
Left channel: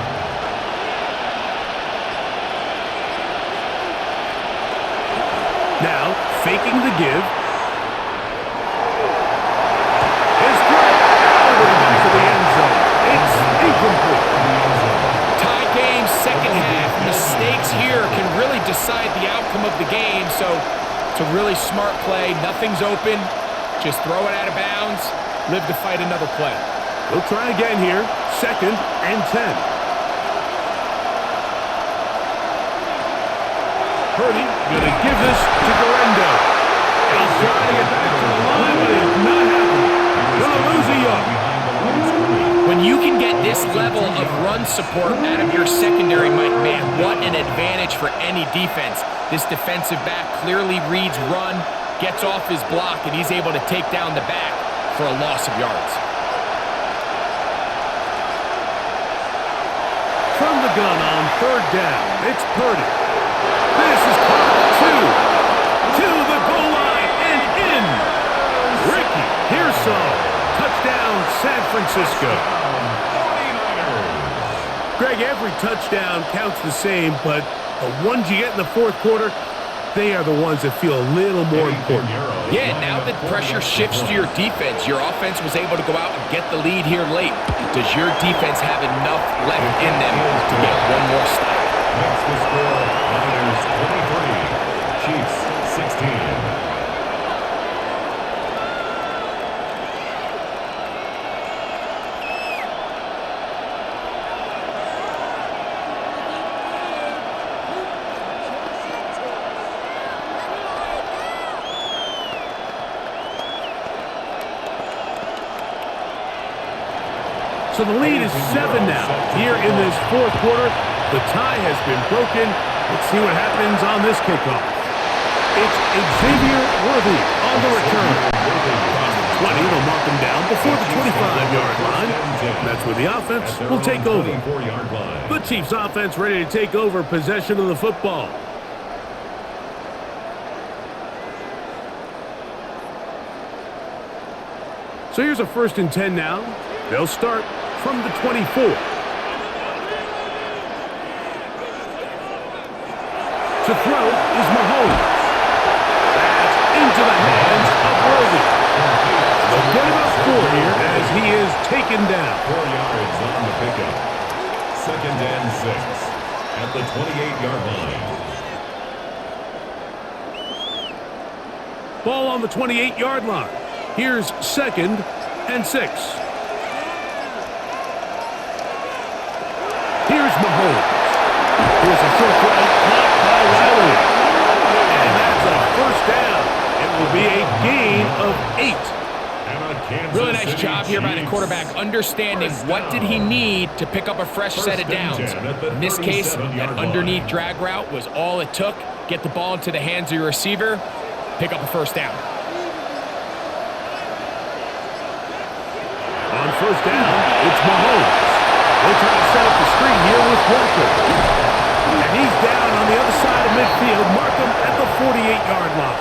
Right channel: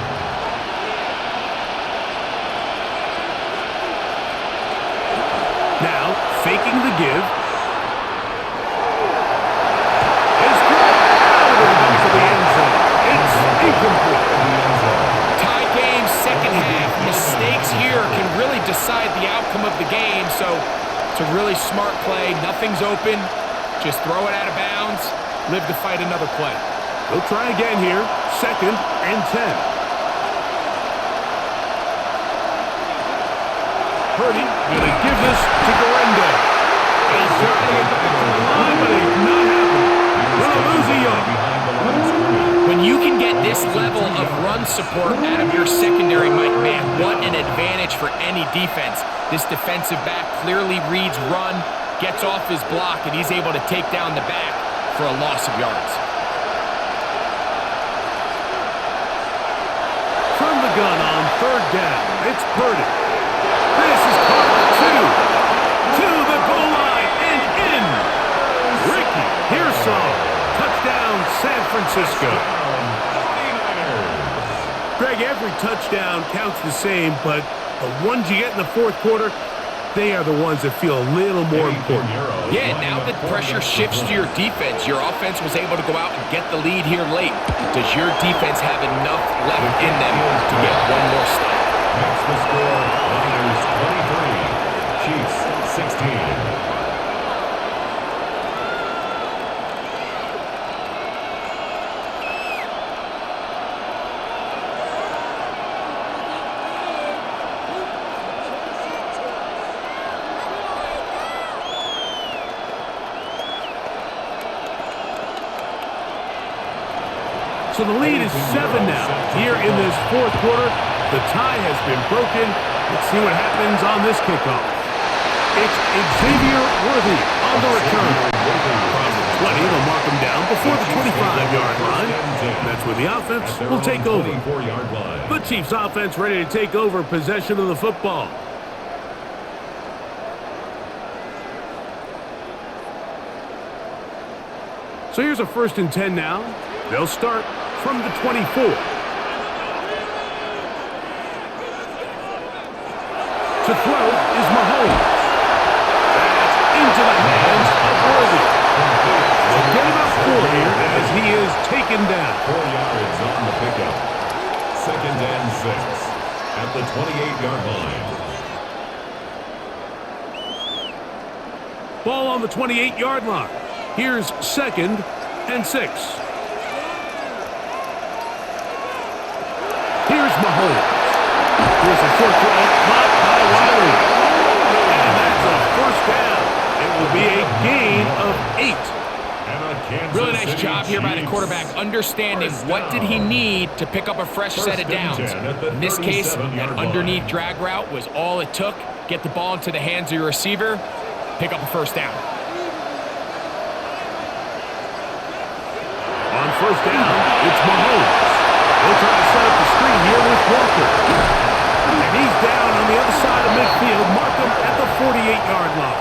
Now, faking the give. His throw out of the back of the end zone. It's incomplete. Tie game, second half. Mistakes here can really decide the outcome of the game, so it's a really smart play. Nothing's open. Just throw it out of bounds. Live to fight another play. They'll try again here. 2nd and 10. Purdy going to give this to Garendo. He'll try to get back to the line, but it's not happening. Going to lose a yard. When you can get this level of run support out of your secondary, Mike, man, what an advantage for any defense. This defensive back clearly reads run, gets off his block, and he's able to take down the back for a loss of yards. From the gun on 3rd down, it's Purdy. This is caught at 2. To the goal line and in. Ricky Pearsall. Touchdown, San Francisco. 49ers. Greg, every touchdown counts the same, but the ones you get in the fourth quarter, they are the ones that feel a little more important. Yeah, now that pressure shifts to your defense, your offense was able to go out and get the lead here late. Does your defense have enough left in them to get one more stop? Makes the score Niners 23, Chiefs 16. So the lead is 7 now. Here in this fourth quarter, the tie has been broken. Let's see what happens on this kickoff. It's Xavier Worthy on the return. Across the 20, they'll mark him down before the 25-yard line. That's where the offense will take over. The Chiefs offense ready to take over possession of the football. So here's a 1st and 10 now. They'll start from the 24. To throw is Mahomes. That's into the hands of Worthy. They'll get about 4 here as he is taken down. 4 yards on the pickup. 2nd and 6 at the 28-yard line. Ball on the 28-yard line. Here's 2nd and 6. Here's Mahomes. Here's a short throw caught by Wiley. And that's a first down. It will be a gain of 8 And a Kansas Really nice City job here by the Chiefs. quarterback, understanding First what did he down. need to pick up a fresh set of First and downs. 10 at the In this case, that 37-yard underneath line. drag route was all it took. Get the ball into the hands of your receiver, pick up a first down. On first down, it's Mahomes. They'll try to set up the screen here with Walker. And he's down on the other side of midfield. Mark him at the 48-yard line.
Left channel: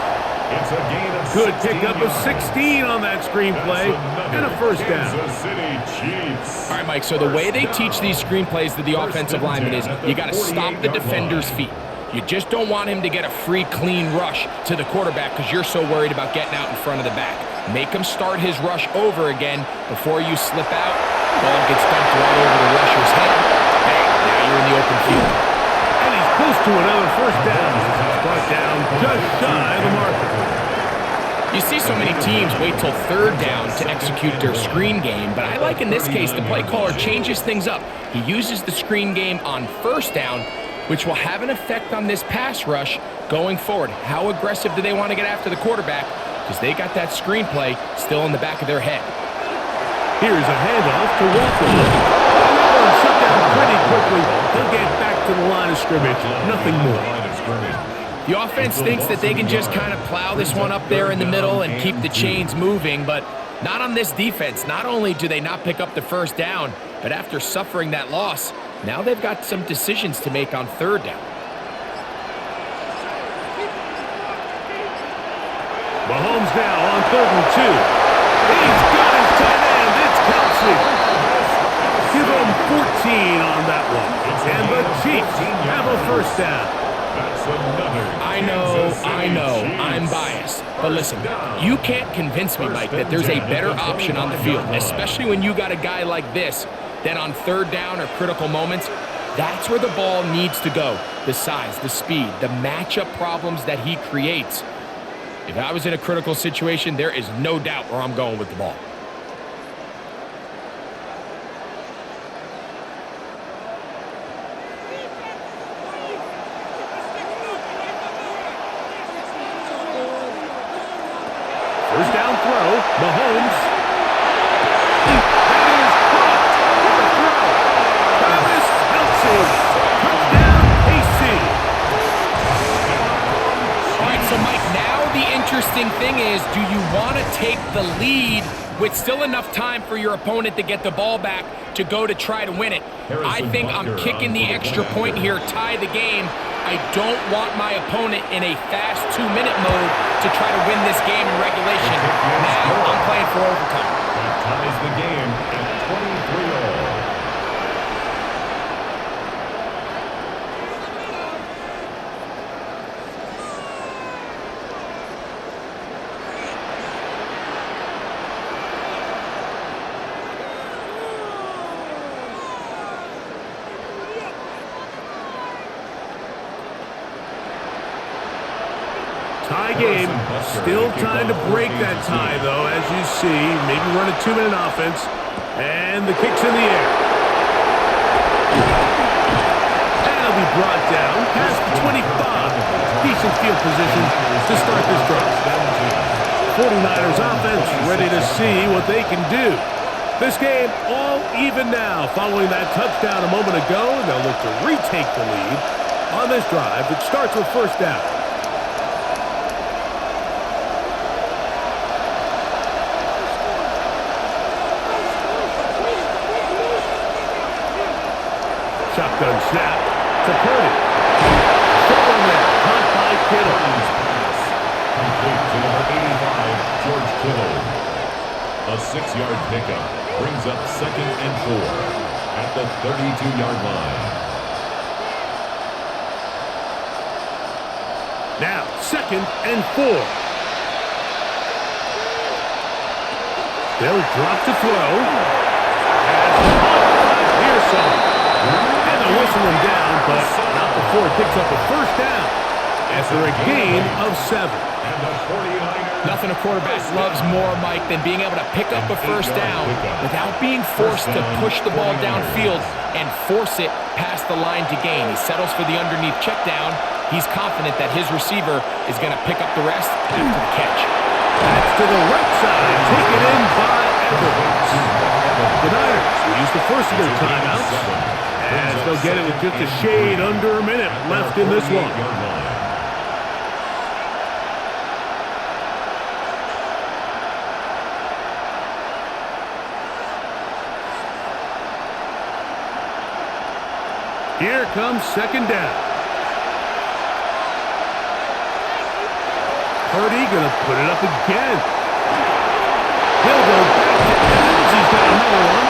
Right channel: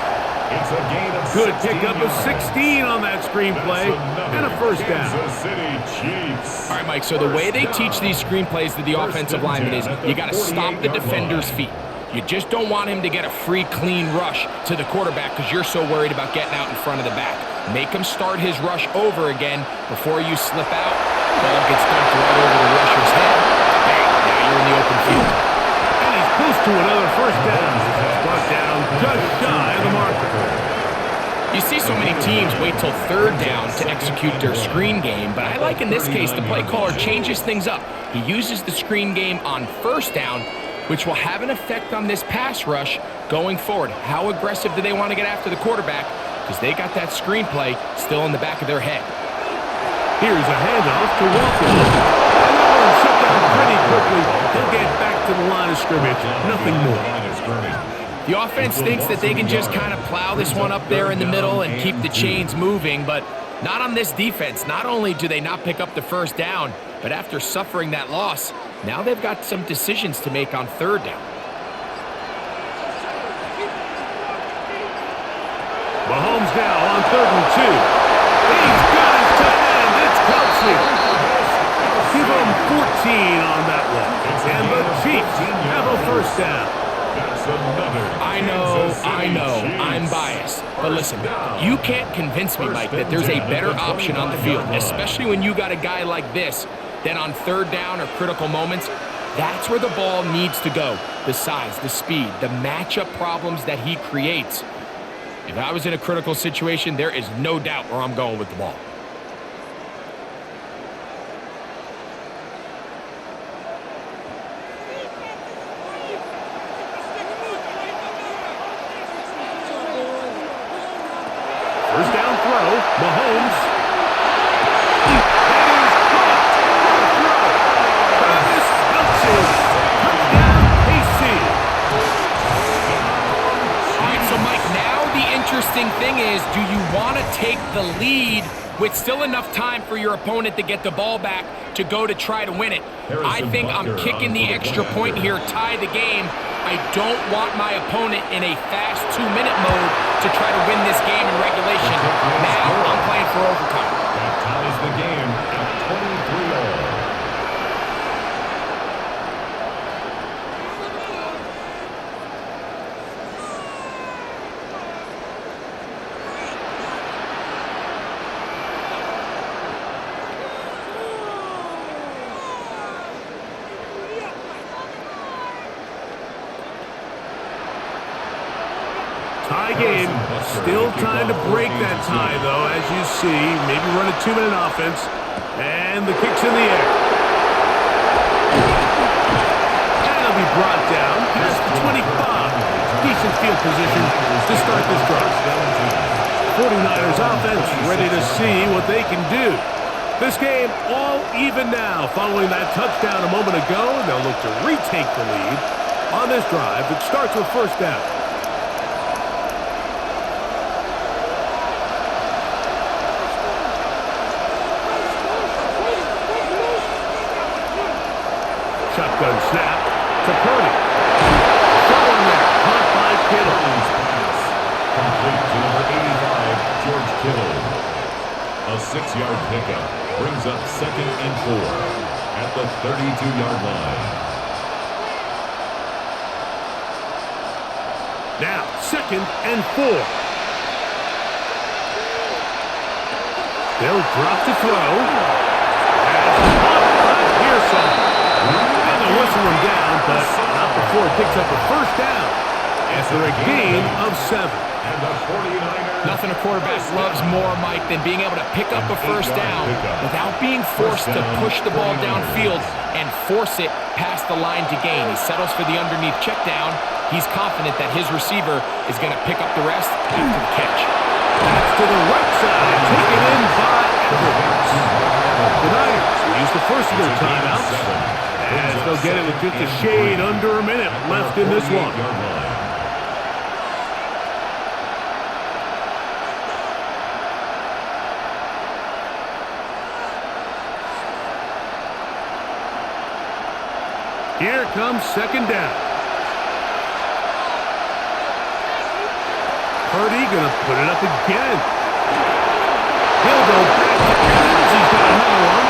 It's a gain of Good 16 pickup of yards. 16 on that screenplay and a first down. Kansas City Chiefs. All right, Mike, so the way they First teach down. these screenplays to the First offensive and lineman 10 is at the you got to stop the 48-yard defender's line. feet. You just don't want him to get a free, clean rush to the quarterback because you're so worried about getting out in front of the back. Make him start his rush over again before you slip out. Ball gets dumped right over the rusher's head. Bang, now you're in the open field. And he's close to another first down as he's brought down just shy of the marker. You see so many teams wait till third down to execute their screen game, but I like in this case the play caller changes things up. He uses the screen game on first down, which will have an effect on this pass rush going forward. How aggressive do they want to get after the quarterback? Because they got that screenplay still in the back of their head. Here's a handoff to Walker. And that one shut down pretty quickly. He'll get back to the line of scrimmage. Nothing more. The offense thinks that they can just kind of plow this one up there in the middle and keep the chains moving, but not on this defense. Not only do they not pick up the first down, but after suffering that loss, now they've got some decisions to make on third down. Mahomes now on 3rd and 2. He's got his tight end. It's Kelsey. Give him 14 on that one. And the Chiefs have a first down. That's another I know, Kansas City Chiefs. I'm biased. But listen, you can't convince me, Mike, that there's a better option on the field, especially when you got a guy like this, that on third down or critical moments, that's where the ball needs to go. The size, the speed, the matchup problems that he creates. If I was in a critical situation, there is no doubt where I'm going with the ball. First down throw, Mahomes. That is caught. What a throw. Travis Kelce. Touchdown, KC. All right, so Mike, now the interesting thing is, do you want to take the lead with still enough time for your opponent to get the ball back to go to try to win it? I think I'm kicking the extra point here, tie the game. I don't want my opponent in a fast 2-minute mode to try to win this game in regulation. Now I'm playing for overtime. That ties the game at 23 all. Tie game. Still time to break that tie, though, as you see. Maybe run a 2-minute offense. And the kick's in the air. And it'll be brought down past the 25. Decent field position to start this drive. 49ers offense ready to see what they can do. This game all even now following that touchdown a moment ago. They'll look to retake the lead on this drive that starts with first down. Shotgun snap to Purdy. Short one there, caught by Kittle. Purdy's pass complete to number 85, George Kittle. A 6-yard pickup brings up 2nd and 4 at the 32-yard line. Now, 2nd and 4. They'll drop to throw. As caught by Pearson. And they'll whistle him down, but not before he picks up a first down after a gain of 7. And the 49ers. Nothing a quarterback loves more, Mike, than being able to pick up a first down without being forced to push the ball downfield and force it past the line to gain. He settles for the underneath check down. He's confident that his receiver is going to pick up the rest after the catch. That's to the right side, taken in by Evans. The Niners will use the first of their timeouts, as they'll get it with just a shade under a minute left in this one. Here comes second down. Purdy gonna put it up again. He'll go back to Evans. He's got another one.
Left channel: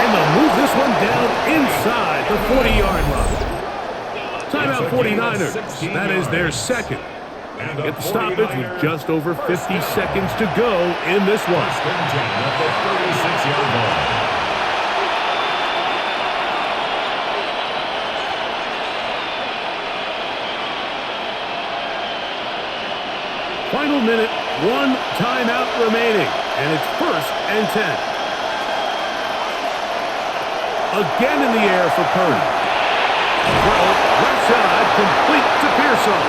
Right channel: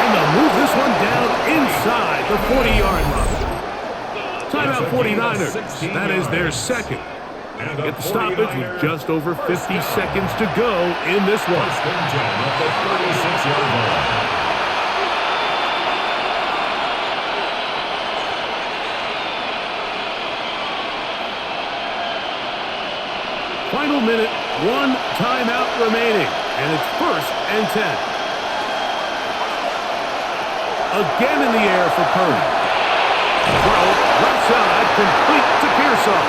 And they'll move this one down inside the 40-yard line. Timeout 49ers. That is their second. Get the stoppage with just over 50 seconds to go in this one. First and 10 at the 36-yard line. Final minute, one timeout remaining, and it's first and 10. Again in the air for Purdy. Throw, left side, complete to Pearsall.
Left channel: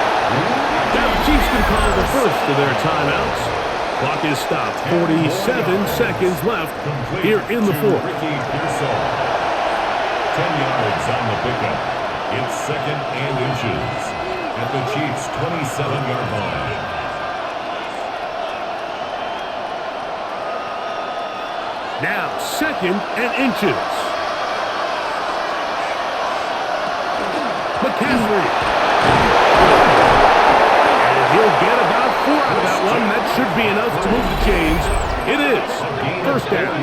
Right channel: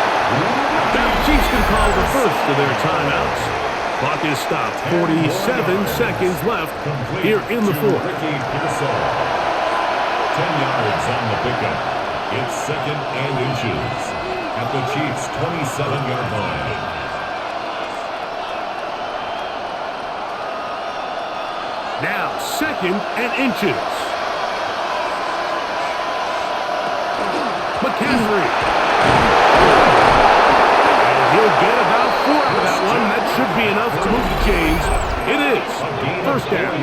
Now the Chiefs can call the first of their timeouts. Clock is stopped. 47 seconds left here in the fourth. Ricky Pearsall. 10 yards on the pickup. It's second and inches at the Chiefs' 27-yard line. Now, second and inches. McCaffrey. And he'll get about 4 out of that one. That should be enough to move the chains. It is first down.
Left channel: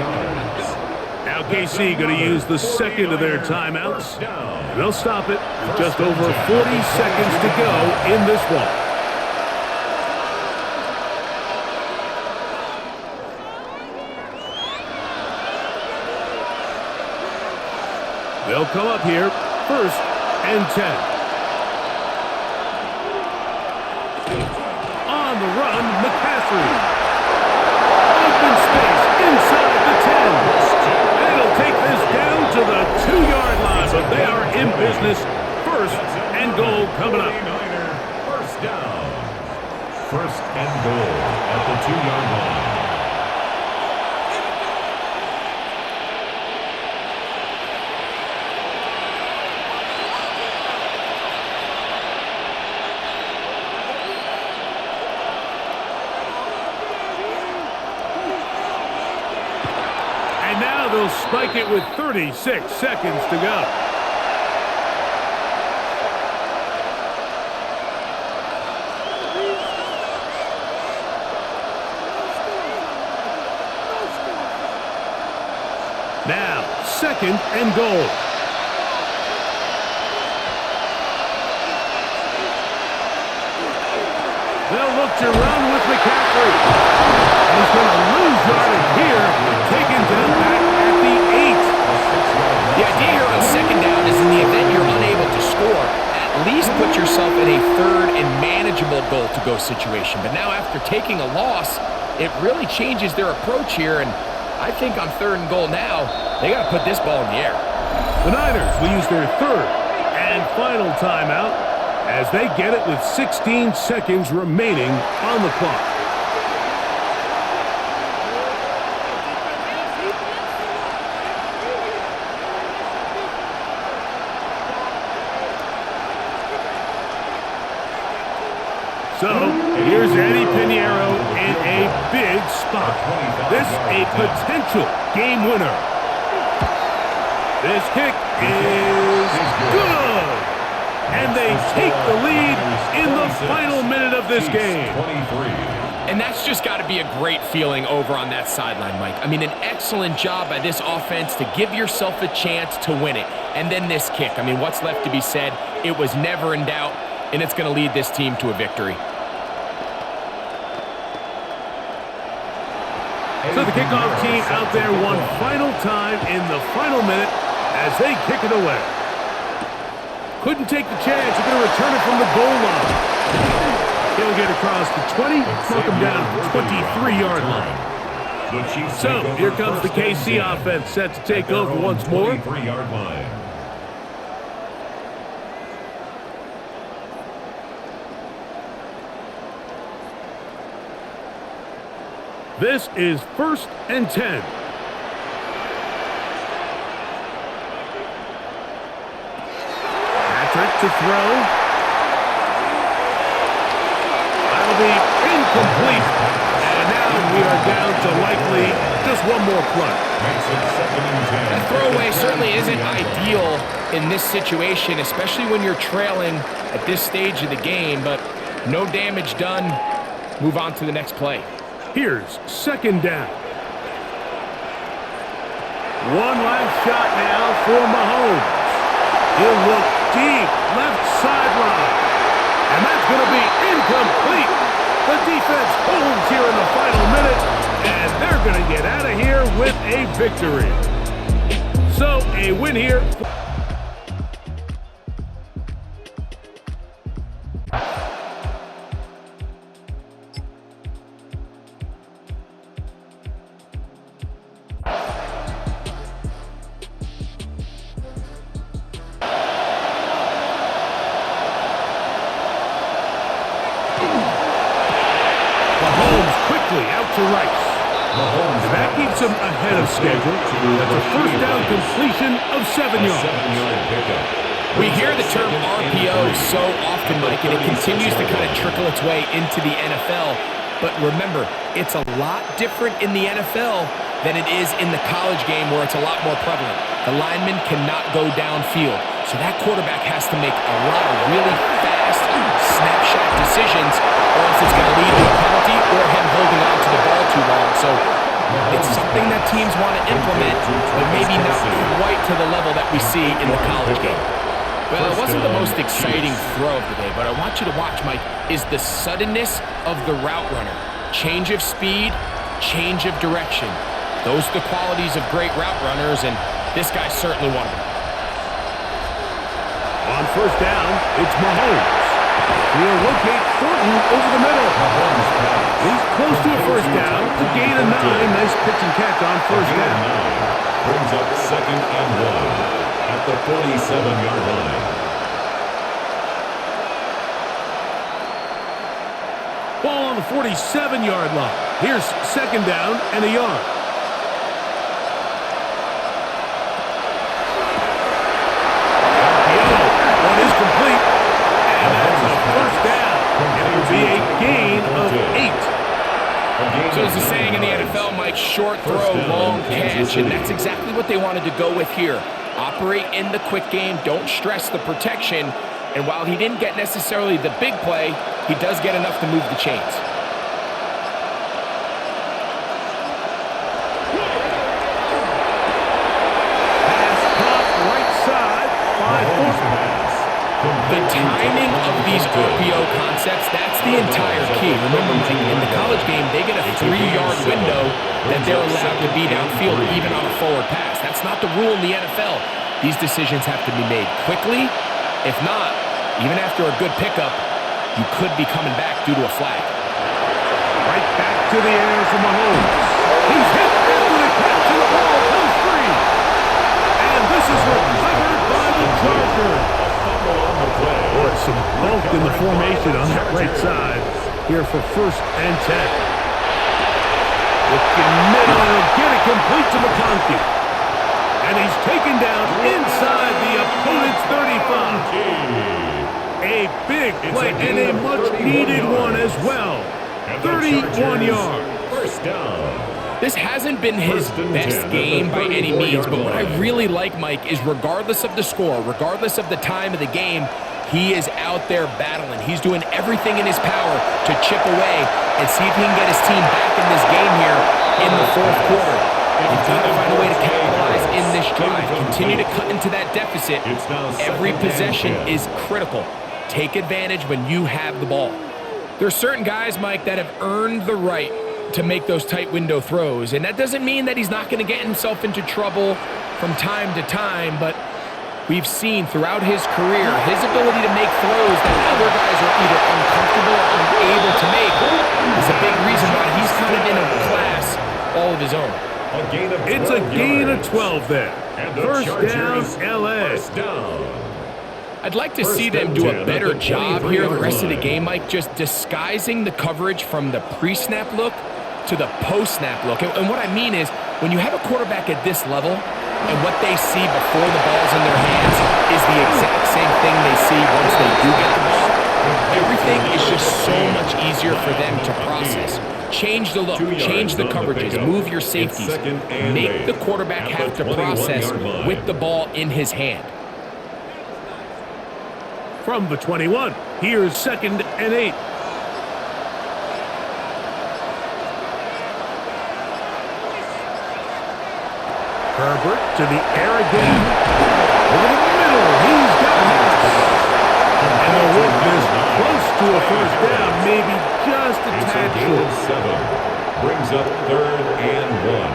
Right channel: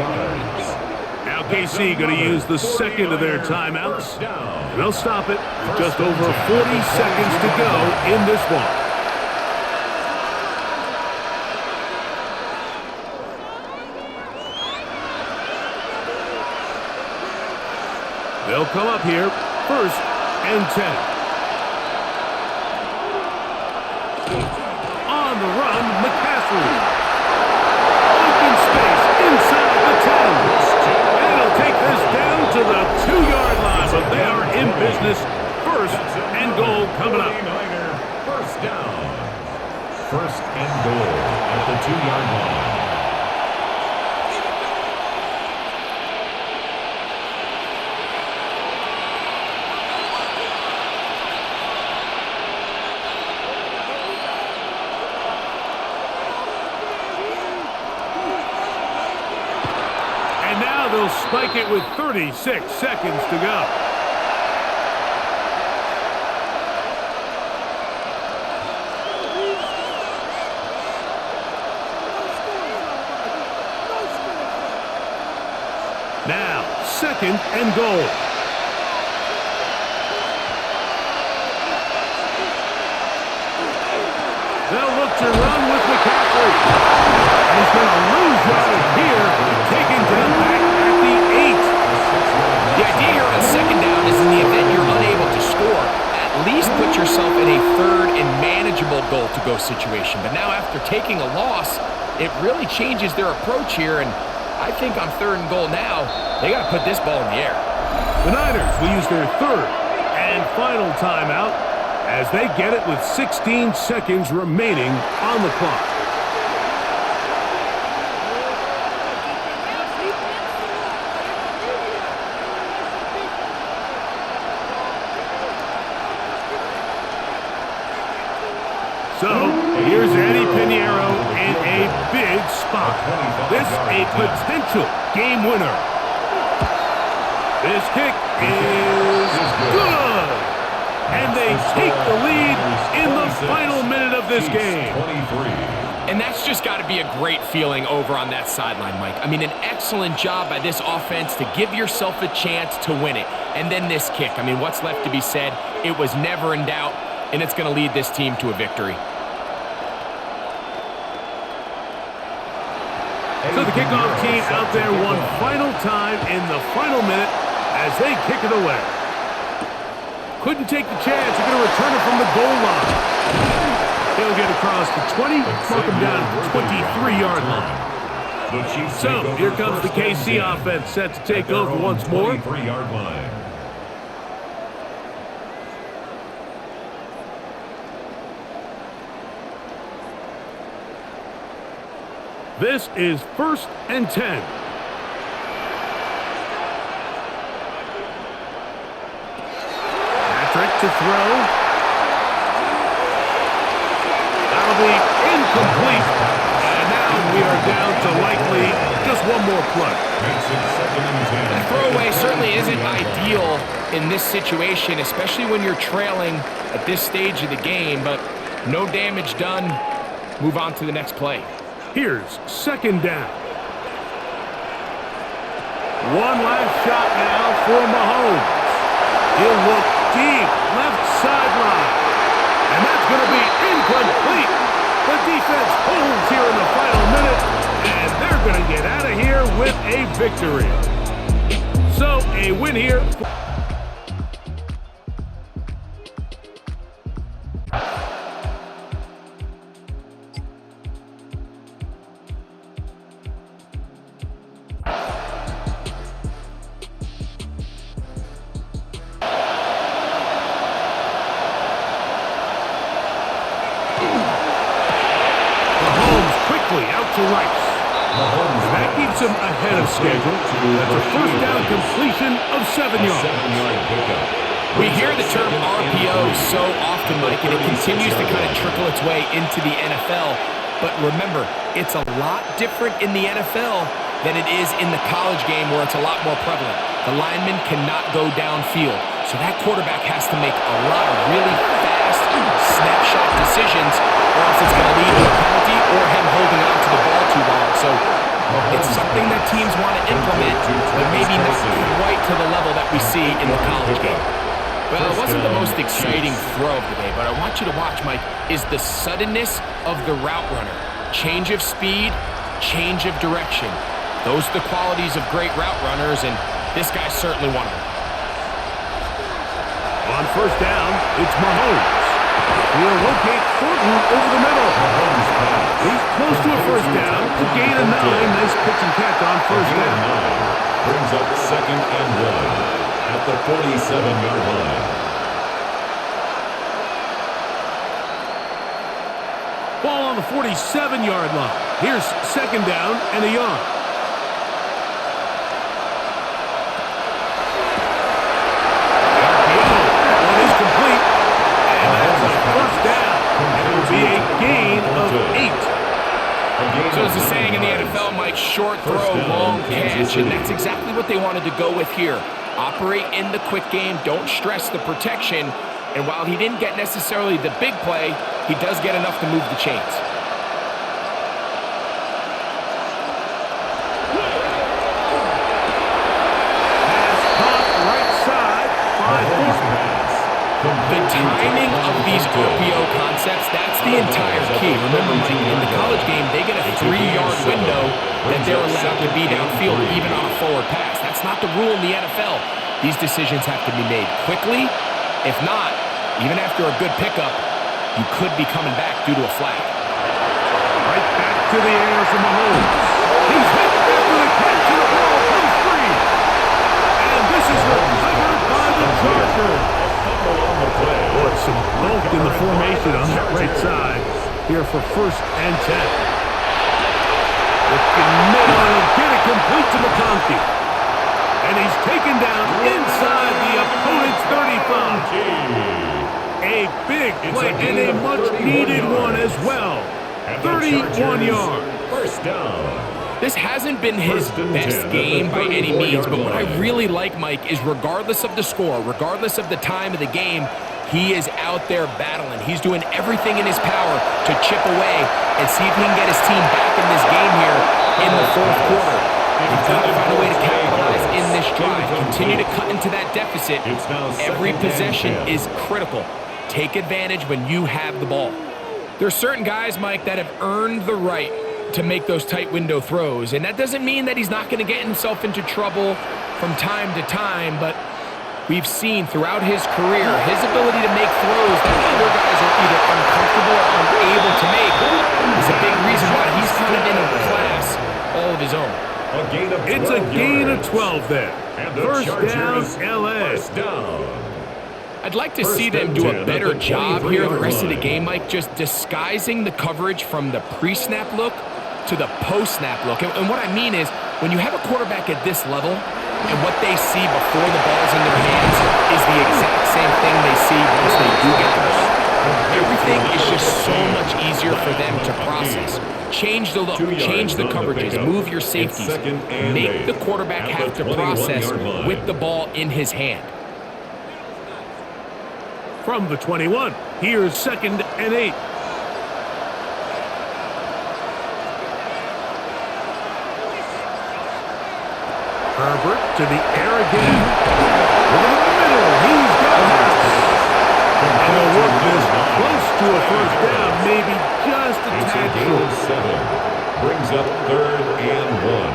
Now KC going to use the second of their timeouts. And they'll stop it with just over 40 seconds to go in this one. They'll come up here, first and 10. On the run, McCaffrey. Open space inside the 10. And he'll take this down to the 2-yard line, but they are in business. First and goal coming up. First down. First and goal at the 2-yard line. And now they'll spike it with 36 seconds to go. Now, second and goal. They'll look to run with McCaffrey. And he's going to lose yardage here, taken down back at the 8. The idea here on second down is in the event you're unable to score, at least put yourself in a third and manageable goal-to-go situation. But now after taking a loss, it really changes their approach here, and I think on third and goal now, they got to put this ball in the air. The Niners will use their third and final timeout as they get it with 16 seconds remaining on the clock. So, here's Eddie Pinheiro in a big spot. This a potential game winner. This kick is good. And they take the lead in the final minute of this game. And that's just got to be a great feeling over on that sideline, Mike. I mean, an excellent job by this offense to give yourself a chance to win it. And then this kick. I mean, what's left to be said? It was never in doubt, and it's going to lead this team to a victory. So the kickoff team out there one final time in the final minute as they kick it away. Couldn't take the chance. They're going to return it from the goal line. He'll get across the 20, mark him down at the 23-yard line. So here comes the KC offense set to take over once more. 23-yard line. This is 1st and 10. Patrick to throw. That'll be incomplete. And now we are down to likely just one more play. Makes it 2nd and 10. That throwaway certainly isn't ideal in this situation, especially when you're trailing at this stage of the game, but no damage done. Move on to the next play. Here's 2nd down. One last shot now for Mahomes. He'll look deep, left sideline. And that's going to be incomplete. The defense holds here in the final minute, and they're going to get out of here with a victory. So, a win here. Mahomes quickly out to Rice. And that keeps him ahead of schedule. That's a 1st down completion of 7 yards. 7-yard pickup. We hear the term RPO so often, Mike, and it continues to kind of trickle its way into the NFL. But remember, it's a lot different in the NFL than it is in the college game where it's a lot more prevalent. The lineman cannot go downfield. So that quarterback has to make a lot of really fast snapshot decisions, or else it's going to lead to a penalty or him holding on to the ball too long. So it's something that teams want to implement, but maybe not quite to the level that we see in the college game. Well, it wasn't the most exciting throw of the day, but I want you to watch, Mike, is the suddenness of the route runner. Change of speed, change of direction. Those are the qualities of great route runners, and this guy's certainly one of them. On 1st down, it's Mahomes. He'll locate Thornton over the middle. He's close to a 1st down to gain a 9. Nice pitch and catch on 1st down. Brings up 2nd and 1 at the 47-yard line. Ball on the 47-yard line. Here's 2nd down and a yard. The RPO. That one is complete. And that's a 1st down. It will be a gain of 8. So there's a saying in the NFL, Mike, short throw, long catch, and that's exactly what they wanted to go with here. Operate in the quick game, don't stress the protection, and while he didn't get necessarily the big play, he does get enough to move the chains. Pass caught right side by Thornton. The timing of these RPO concepts, that's the entire key. Remember, Mike, in the college game, they get a 3-yard window that they're allowed to be downfield, even on a forward pass. That's not the rule in the NFL. These decisions have to be made quickly. If not, even after a good pickup, you could be coming back due to a flag. Right back to the air for Mahomes. He's hit after the catch, and the ball comes free. And this is recovered by the Chargers. Boy, some bulk in the formation on that right side here for 1st and 10. Looking middle, he'll get it complete to McConkey. And he's taken down inside the opponent's 35. A big play and a much-needed one as well. 31 yards. 1st down. This hasn't been his best game by any means, but what I really like, Mike, is regardless of the score, regardless of the time of the game, he is out there battling. He's doing everything in his power to chip away and see if he can get his team back in this game here in the 4th quarter. You've got to find a way to capitalize in this drive. Continue to cut into that deficit. Every possession is critical. Take advantage when you have the ball. There are certain guys, Mike, that have earned the right to make those tight window throws. And that doesn't mean that he's not going to get himself into trouble from time to time, but we've seen throughout his career his ability to make throws that other guys are either uncomfortable or unable to make is a big reason why he's kind of in a class all of his own. It's a gain of 12 there. 1st down, LA. 1st down. I'd like to see them do a better job here the rest of the game, Mike, just disguising the coverage from the pre-snap look to the post-snap look. And what I mean is, when you have a quarterback at this level, and what they see before the ball's in their hands is the exact same thing they see once they do get the ball, everything is just so much easier for them to process. Change the look, change the coverages, move your safeties. Make the quarterback have to process with the ball in his hand. From the 21, here's 2nd and 8. Herbert to the air again. Over the middle, he's got Harris. And they'll work this close to a first down, maybe just a tad short. 7. Brings up 3rd and 1.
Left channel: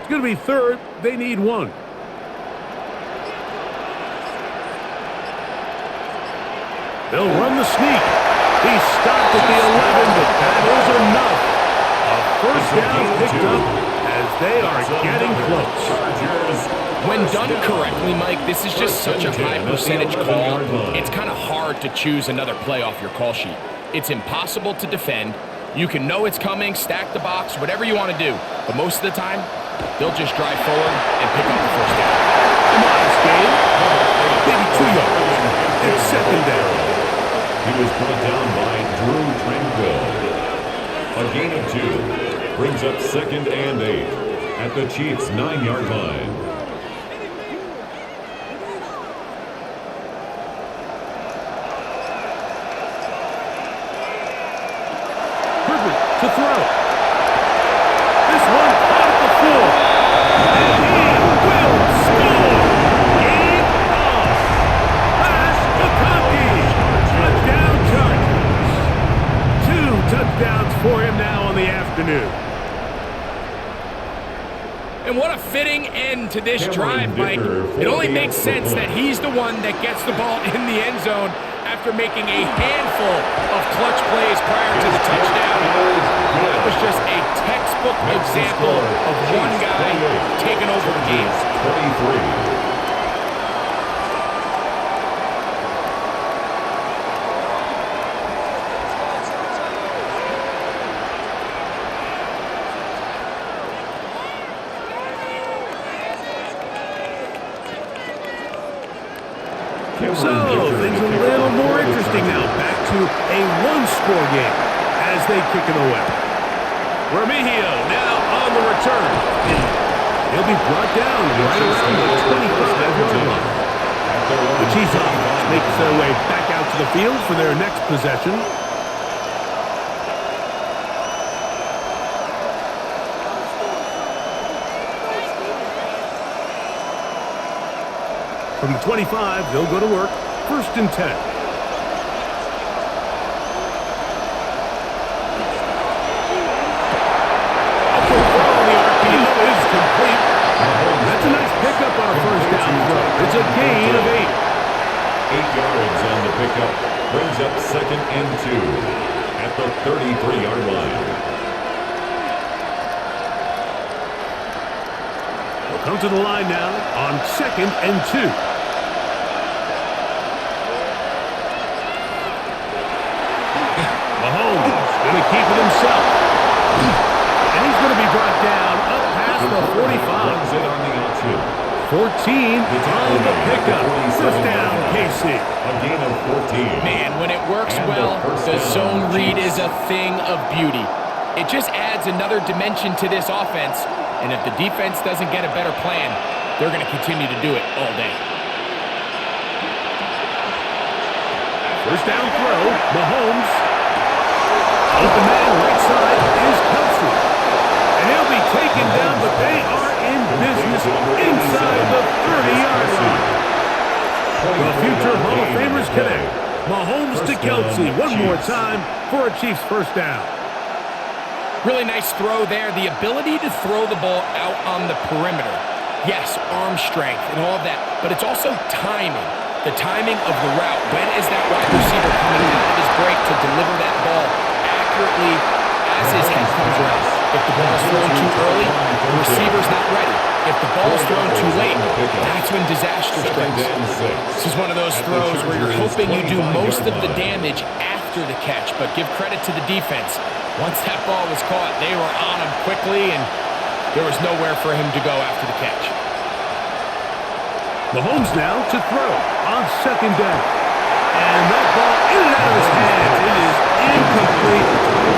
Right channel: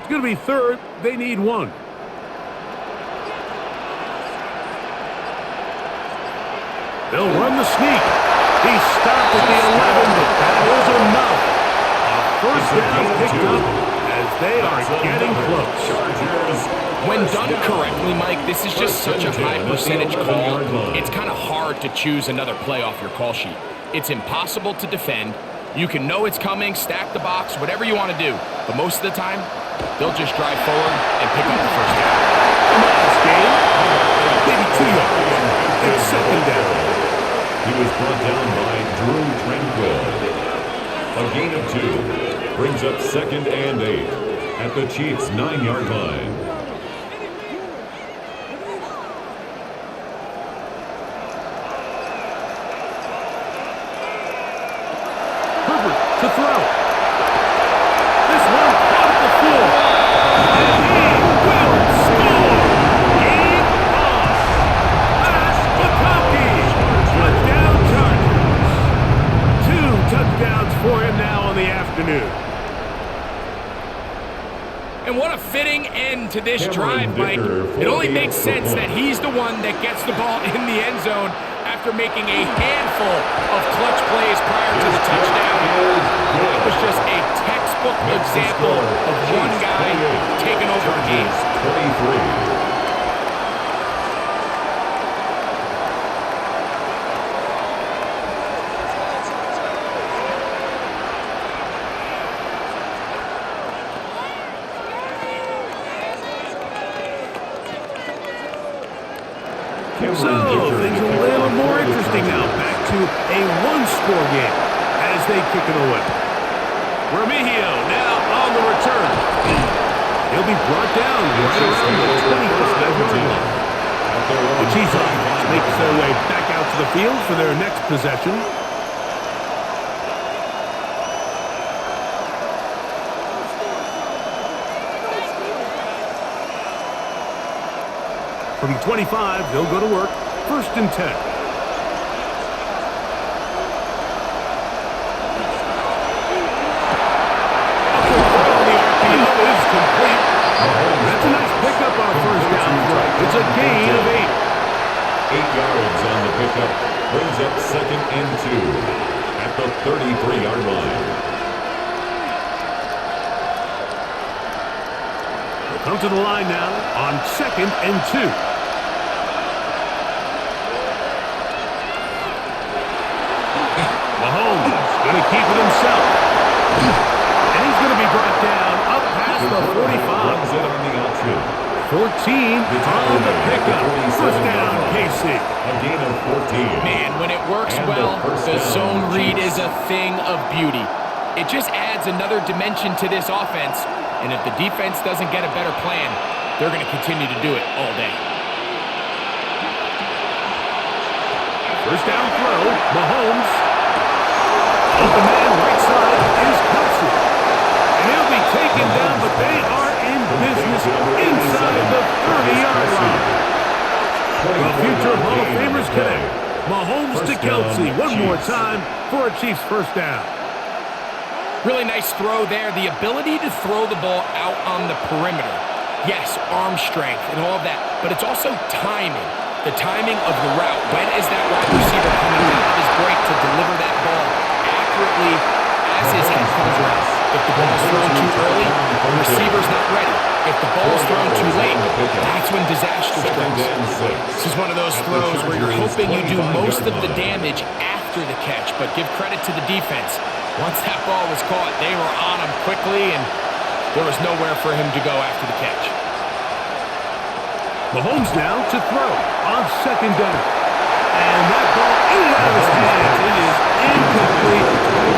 It's going to be 3rd. They need 1. They'll run the sneak. He stopped at the 11, but that is enough. A first down picked up as they are getting close. When done correctly, Mike, this is just such a high percentage call. It's kind of hard to choose another play off your call sheet. It's impossible to defend. You can know it's coming, stack the box, whatever you want to do. But most of the time, they'll just drive forward and pick up the first down. A modest gain, maybe 2 yards. It's 2nd down. He was brought down by Drew Tranquill. A gain of 2 brings up 2nd and 8 at the Chiefs' 9-yard line. Herbert to throw. This one caught at the 4. And he will score. Game on. Pass McConkey. Touchdown Chargers. 2 touchdowns for him now on the afternoon. And what a fitting end to this drive, Mike. It only makes sense that he's the one that gets the ball in the end zone after making a handful of clutch plays prior to the touchdown. That was just a textbook example of one guy taking over the game. 23. So, things a little more interesting now. Back to a one-score game as they kick it away. Remigio now on the return. He'll be brought down right around the 25-yard line. The Chiefs offense makes their way back out to the field for their next possession. From the 25, they'll go to work. 1st and 10. A quick throw on the RPO is complete. That's a nice pickup on a first down throw. It's a gain of 8. 8 yards on the pickup. Brings up 2nd and 2 at the 33-yard line. They'll come to the line now on 2nd and 2. Mahomes going to keep it himself. And he's going to be brought down up past the 45. Runs it on the option. 14 on the pickup. First down, KC. A gain of 14. Man, when it works well, the zone read is a thing of beauty. It just adds another dimension to this offense. And if the defense doesn't get a better plan, they're going to continue to do it all day. First down throw, Mahomes. Open man right side is Kelsey. And he'll be taken down, but they are in business inside the 30-yard line. The future Hall of Famers connect. Mahomes to Kelsey one more time for a Chiefs first down. Really nice throw there. The ability to throw the ball out on the perimeter. Yes, arm strength and all of that, but it's also timing. The timing of the route. When is that wide receiver coming out of his break to deliver that ball accurately as his head comes around? If the ball's thrown too early, the receiver's not ready. If the ball's thrown too late, that's when disaster strikes. This is one of those throws where you're hoping you do most of the damage after the catch, but give credit to the defense. Once that ball was caught, they were on him quickly, and there was nowhere for him to go after the catch. Mahomes now to throw on second down. And that ball in and out of his hands. It is incomplete.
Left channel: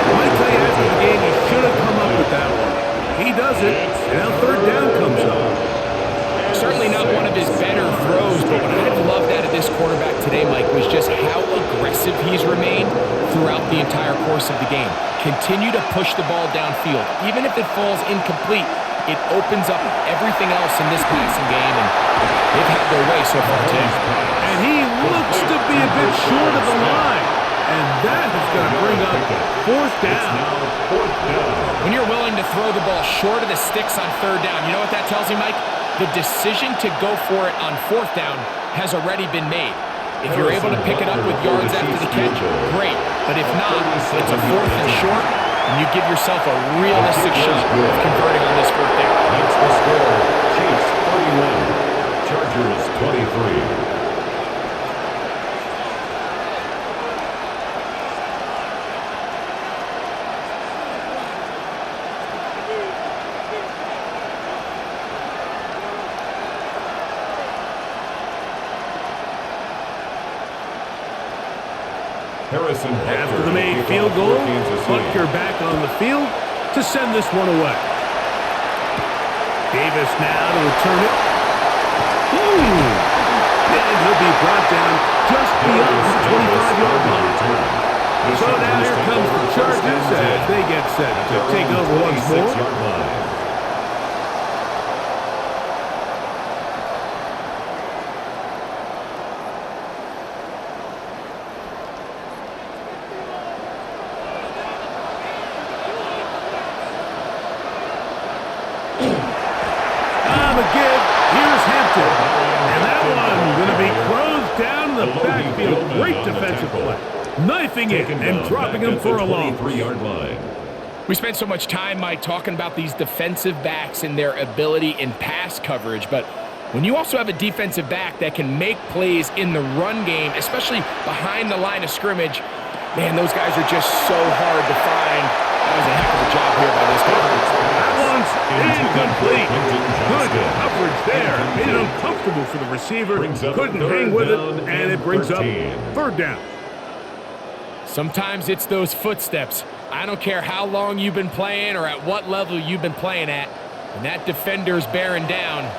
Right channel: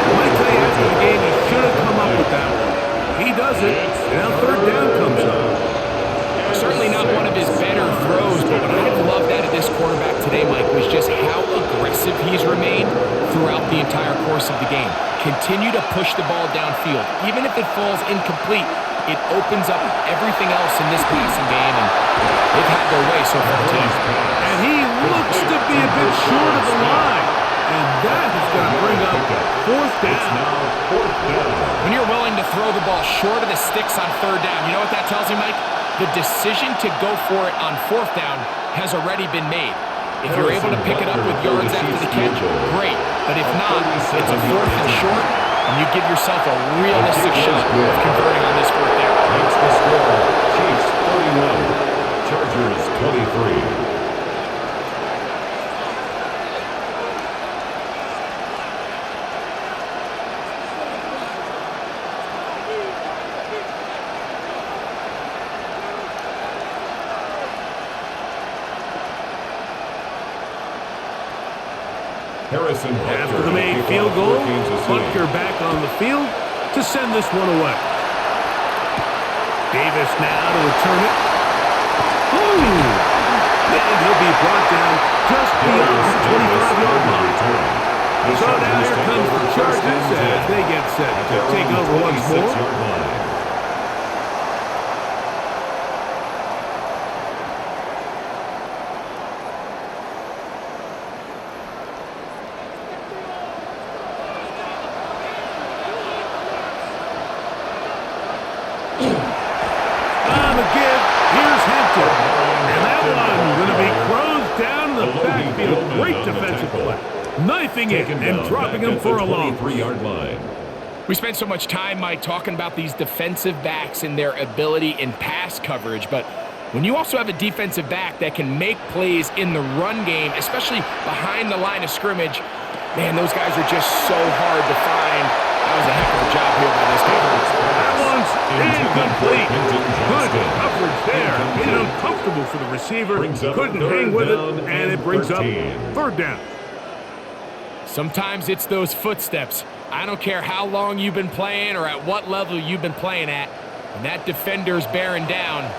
I might tell you after the game, he should have come up with that one. He doesn't, and now third down comes up. Certainly not one of his better throws, but what I've loved out of this quarterback today, Mike, was just how aggressive he's remained throughout the entire course of the game. Continue to push the ball downfield. Even if it falls incomplete, it opens up everything else in this passing game, and they've had their way so far today. And he looks to be a bit short of the line. And that is going to bring up fourth down. When you're willing to throw the ball short of the sticks on third down, you know what that tells you, Mike? The decision to go for it on fourth down has already been made. If you're able to pick it up with yards after the catch, great. But if not, it's a fourth and short, and you give yourself a realistic shot of converting on this fourth down. Makes the score Chiefs 31, Chargers 23. Harrison After the made field goal, Butker back on the field to send this one away. Davis now to return it. And he'll be brought down just beyond the 25-yard line. So now here comes the Chargers as they get set to take over once more. Give. Here's Hampton. And that one going to be closed down in the backfield. Great defensive play. Knifing it and dropping him for a loss. 23-yard line. We spent so much time, Mike, talking about these defensive backs and their ability in pass coverage, but when you also have a defensive back that can make plays in the run game, especially behind the line of scrimmage, man, those guys are just so hard to find. That was a heck of a job here by this guy. That one's incomplete. Good coverage there. Made it uncomfortable for the receiver. Couldn't hang with it, and it brings up third down. Sometimes it's those footsteps. I don't care how long you've been playing or at what level you've been playing at. When that defender's bearing down,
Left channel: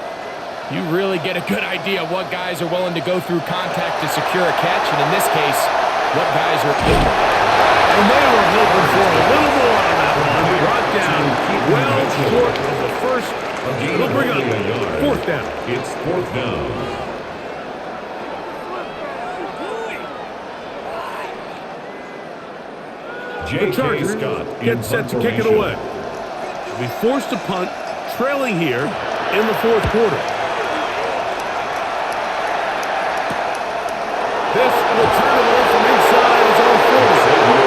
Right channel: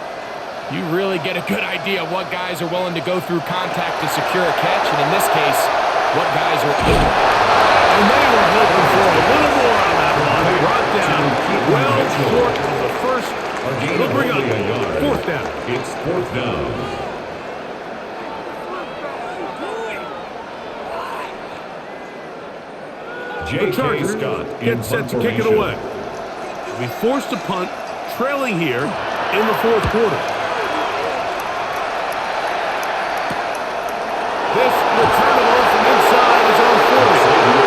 you really get a good idea of what guys are willing to go through contact to secure a catch, and in this case, what guys are able. And they were hoping for a little more on that one. Brought down well short of the first. It'll bring up fourth down. It's fourth down. The Chargers get set to kick it away. They'll be forced to punt, trailing here in the fourth quarter. This returnable from inside his own 40.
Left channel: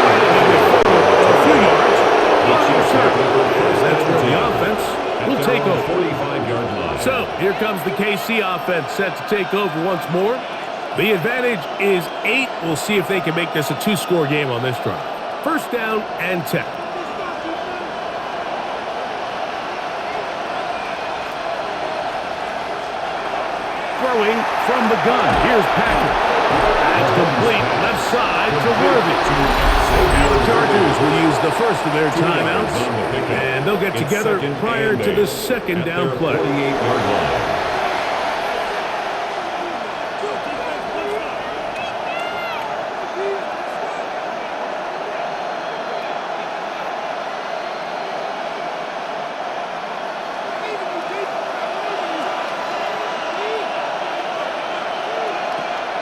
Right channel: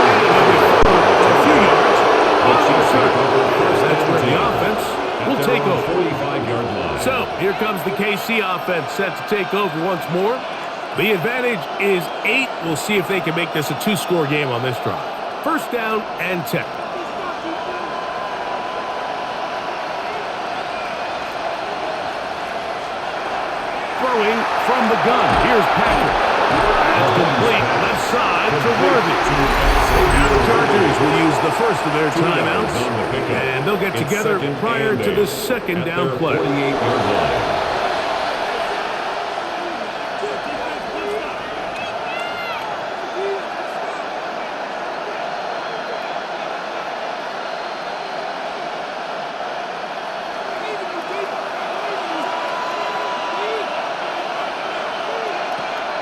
And he'll get forward a few yards on the return. That's where the offense will take over. 45-yard line. So here comes the KC offense set to take over once more. The advantage is 8. We'll see if they can make this a 2-score game on this drive. First down and 10. Throwing from the gun. Here's Packer. That's complete. Left side to Worthy. Now the Chargers will use the first of their timeouts, and they'll get together prior to the second down play. 48-yard line.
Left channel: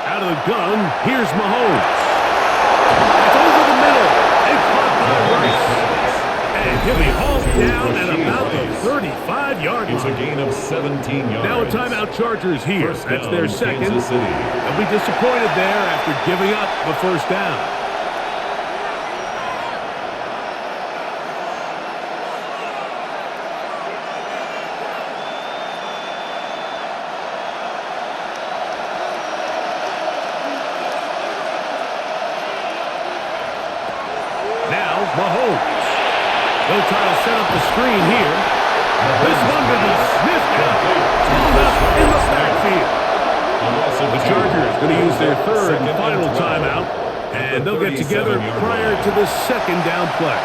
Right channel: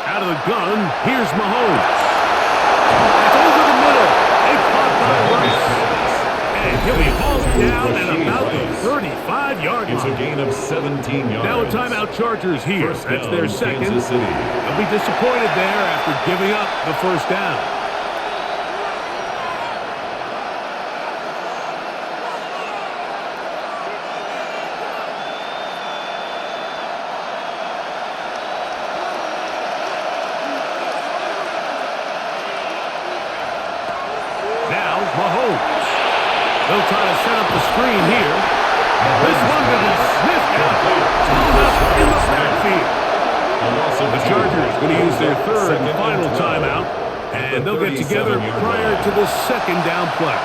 Out of the gun, here's Mahomes. That's over the middle and caught by Rice. And he'll be hauled down at about the 35-yard line. It's a gain of 17 yards. Now a timeout Chargers here. That's their second. Kansas City. They'll be disappointed there after giving up the first down. Mahomes. They'll try to set up the screen here. This one going to be sniffed out. Pulled up in the backfield. The Chargers going to use their third and final timeout, and they'll get together prior to this second down play.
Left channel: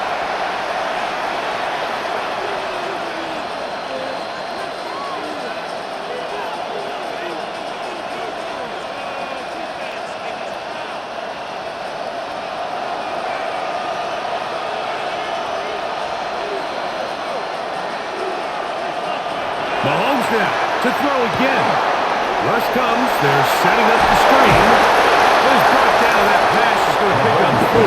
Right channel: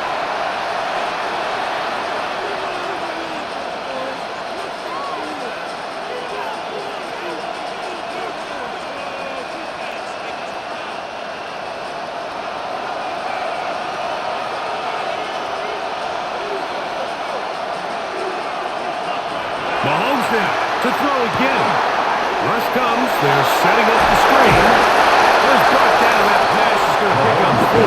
Mahomes now to throw again. Rush comes. They're setting up the screen. Was brought down. That pass is going to pick up 4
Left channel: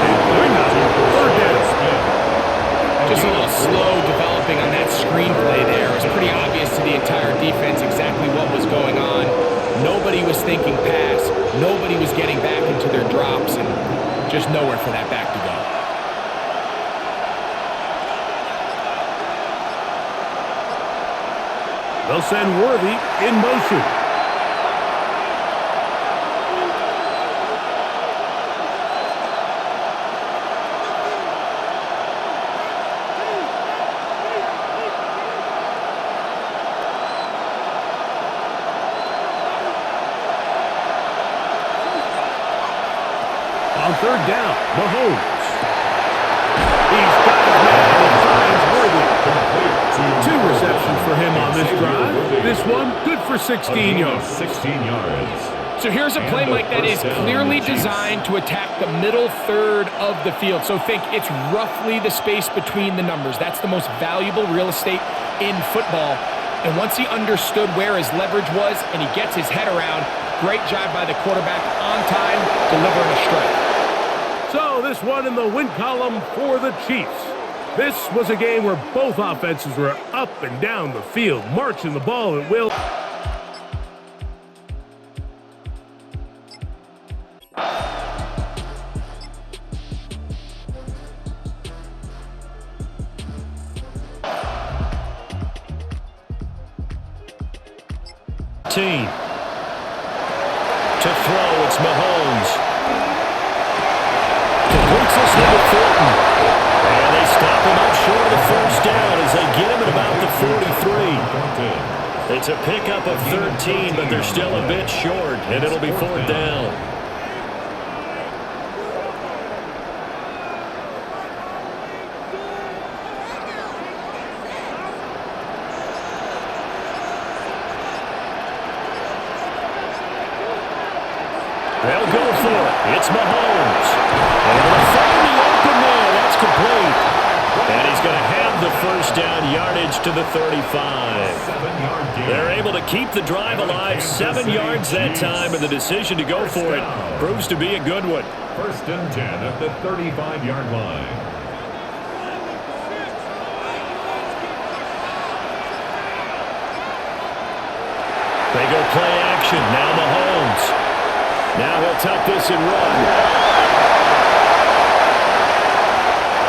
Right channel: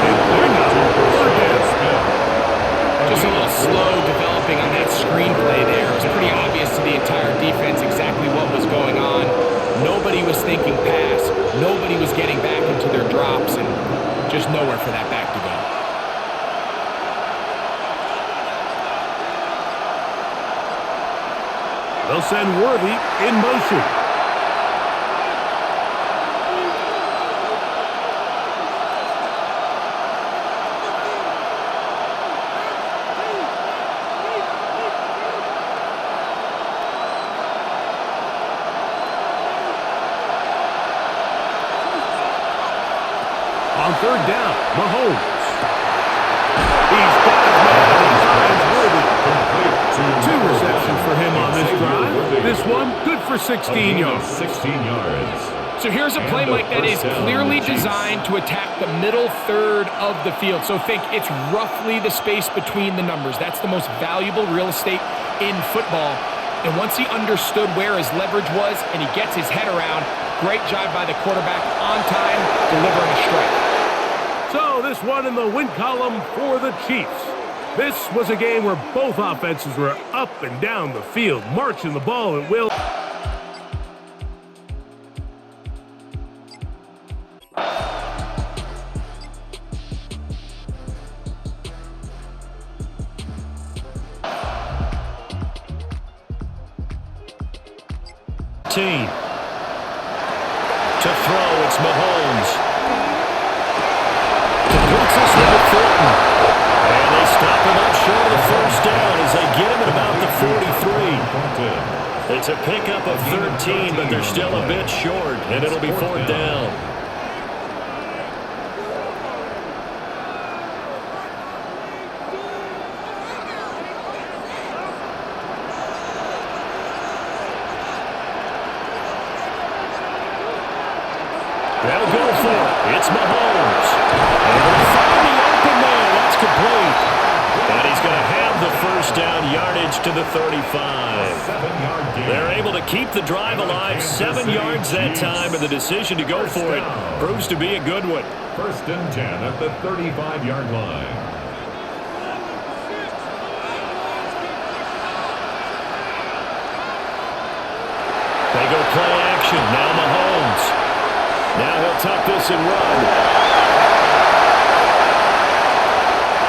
and bring up 3rd down. Just a little slow developing on that screenplay there. It was pretty obvious to the entire defense exactly what was going on. Nobody was thinking pass. Nobody was getting back into their drops, and just nowhere for that back to go. They'll send Worthy in motion. On 3rd down, Mahomes. He's got his man. He finds Worthy. 2 receptions for him on this drive. This one, good for 16 yards. 16 yards. So here's a play, Mike, that is clearly designed to attack the middle third of the field. So think it's roughly the space between the numbers. That's the most valuable real estate in football. And once he understood where his leverage was and he gets his head around, great job by the quarterback on time, delivering a strike. So this one in the win column for the Chiefs. This was a game where both offenses were up and down the field, marching the ball at will. Team. To throw, it's Mahomes. Completes this one to Thornton. And they stop him up short of the 1st down as they get him at about the 43. It's a pickup of 13, but they're still a bit short, and it'll be 4th down. They'll go for it. It's Mahomes. And they'll find the open man. That's complete. And he's going to have the 1st down yardage to the 35. 7-yard gain. They're able to keep the drive alive. 7 yards that time, and the decision to go for it proves to be a good one. 1st and 10 at the 35-yard line. They go play action. Now Mahomes. Now he'll tuck this and run.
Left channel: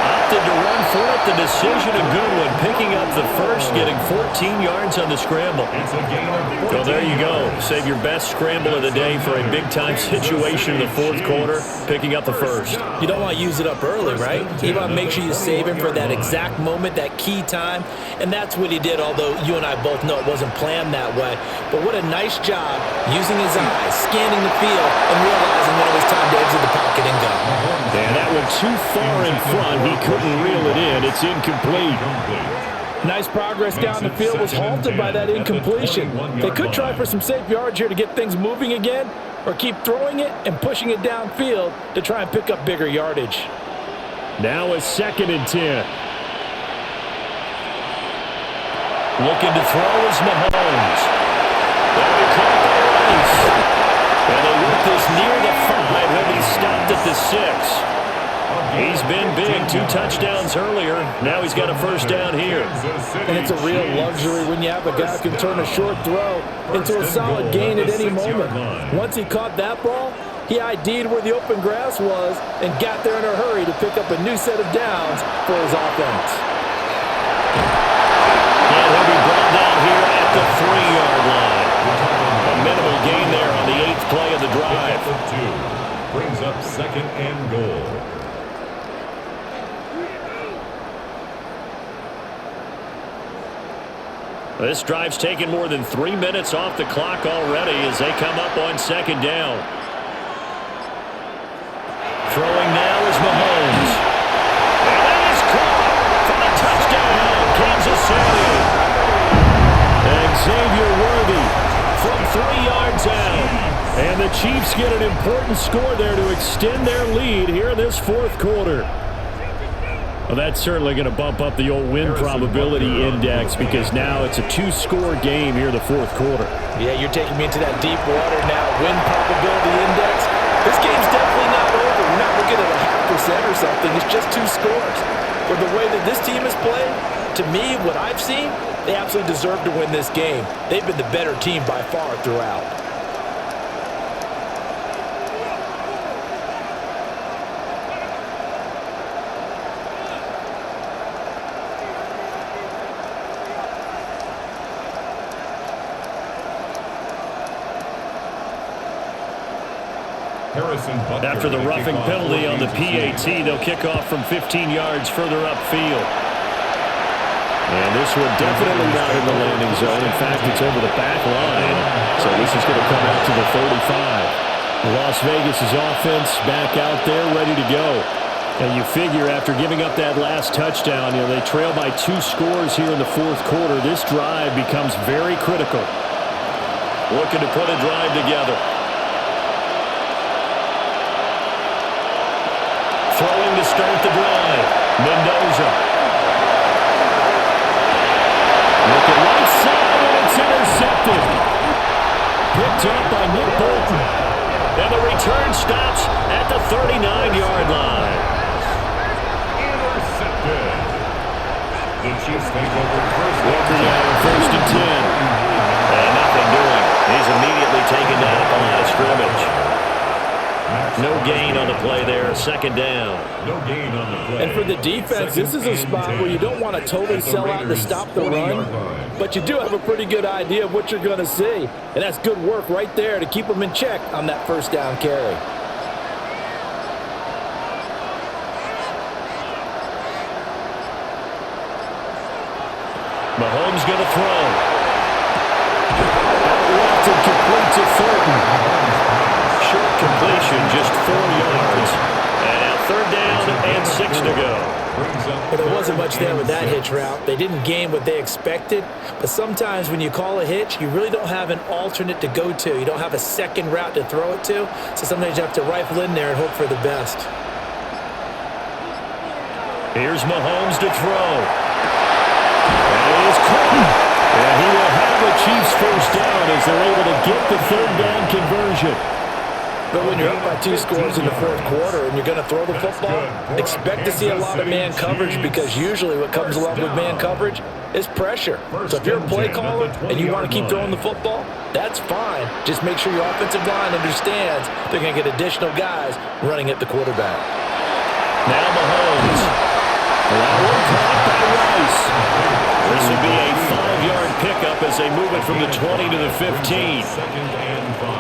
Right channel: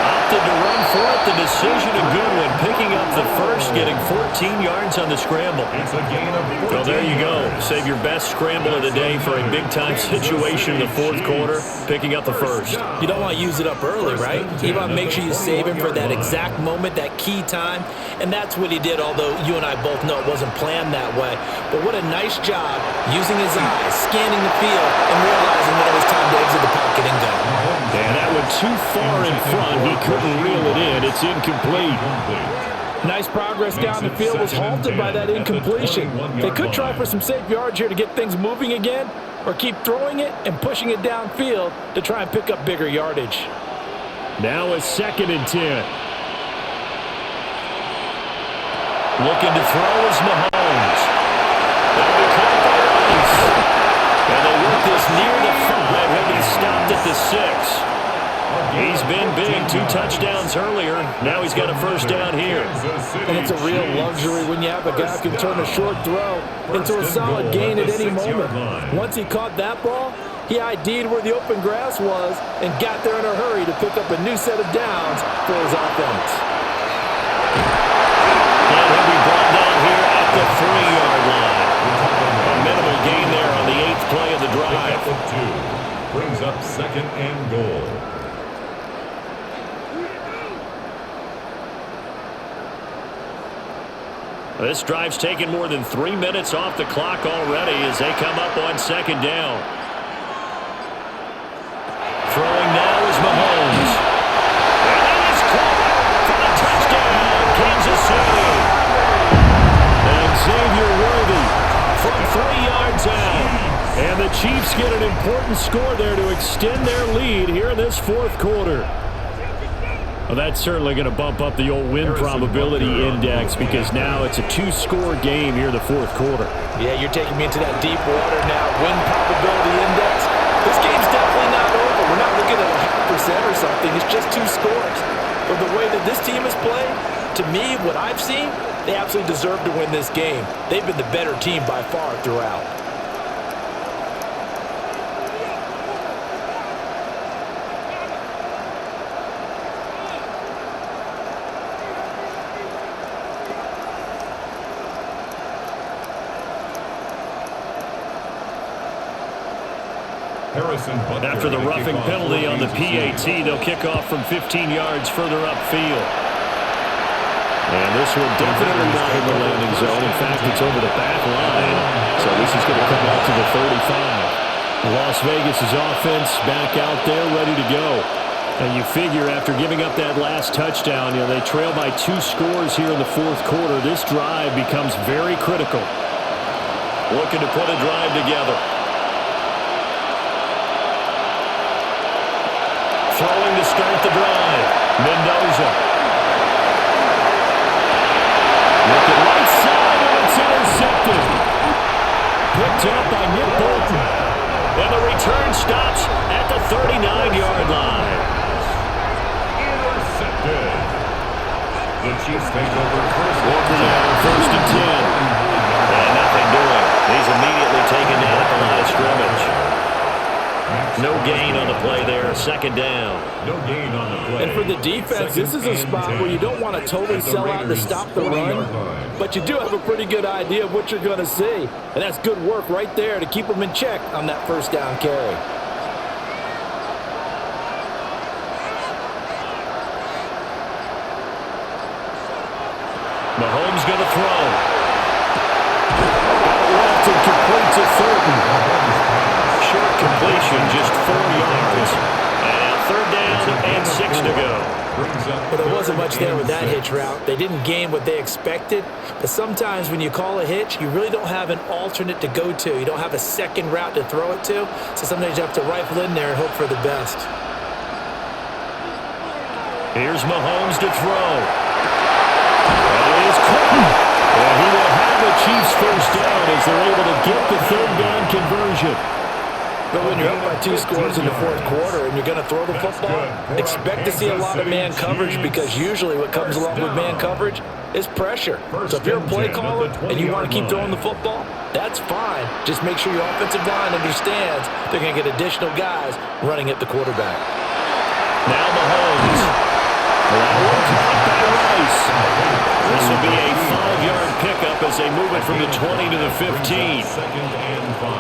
Opted to run for it. The decision a good one. Picking up the 1st, getting 14 yards on the scramble. It's a gain of 14 Well, there you go. yards. Save your best scramble of the day for a big-time situation in the 4th quarter, picking up the 1st. You don't want to use it up early, right? You want to make sure you save him for that exact moment, that key time. And that's what he did, although you and I both know it wasn't planned that way. But what a nice job using his eyes, scanning the field, and realizing when it was time to exit the pocket and go. And that went too far in front. He couldn't reel it in. It's incomplete. Nice progress down the field was halted by that incompletion. They could try for some safe yards here to get things moving again, or keep throwing it and pushing it downfield to try and pick up bigger yardage. Now a 2nd and 10. Looking to throw is Mahomes. That'll be caught by Rice. And they work this near the 5. He'll be stopped at the 6. He's been big. 2 touchdowns earlier. Now he's got a 1st down here. And it's a real luxury when you have a guy who can turn a short throw into a solid gain at any moment. Once he caught that ball, he ID'd where the open grass was and got there in a hurry to pick up a new set of downs for his offense. And he'll be brought down here at the 3-yard line. A minimal gain there on the 8th play of the drive. Brings up 2nd and goal. This drive's taken more than 3 minutes off the clock already as they come up on second down. Throwing now is Mahomes. And that is caught for the touchdown, Kansas City. And Xavier Worthy from 3 yards out. And the Chiefs get an important score there to extend their lead here in this fourth quarter. Well, that's certainly going to bump up the old win probability index because now it's a 2-score game here in the fourth quarter. Yeah, you're taking me into that deep water now. Win probability index. This game's definitely not over. We're not looking at a 0.5% or something. It's just 2 scores. But the way that this team has played, to me, what I've seen, they absolutely deserve to win this game. They've been the better team by far throughout. After the roughing penalty on the PAT, they'll kick off from 15 yards further upfield. And this one definitely not in the landing zone. In fact, it's over the back line. So this is going to come out to the 35. Las Vegas' offense back out there ready to go. And you figure after giving up that last touchdown, they trail by 2 scores here in the fourth quarter. This drive becomes very critical. Looking to put a drive together. Throwing to start the drive. Mendoza. Looking right side, and it's intercepted. Picked up by Nick Bolton. And the return stops at the 39-yard line. Intercepted. The Chiefs take over first. Walker now in 1st and 10. And nothing doing. He's immediately taken down at the line of scrimmage. No gain on the play there. 2nd down. No gain on the play. And for the defense, this is a spot where you don't want to totally sell out to stop the run, but you do have a pretty good idea of what you're going to see. And that's good work right there to keep them in check on that 1st down carry. Mahomes going to throw. Out left and complete to Thornton. Short completion, just 4 yards. And now 3rd down and 6 to go. But there wasn't much there with that hitch route. They didn't gain what they expected. But sometimes when you call a hitch, you really don't have an alternate to go to. You don't have a second route to throw it to. So sometimes you have to rifle in there and hope for the best. Here's Mahomes to throw. That is caught. And he will have a Chiefs 1st down as they're able to get the 3rd down conversion. But when you're up by 2 scores in the fourth quarter and you're going to throw the football, expect to see a lot of man coverage because usually what comes along with man coverage is pressure. So if you're a play caller and you want to keep throwing the football, that's fine. Just make sure your offensive line understands they're going to get additional guys running at the quarterback. Now Mahomes. That one caught by Rice. This will be a 5-yard pickup as they move it from the 20 to the 15.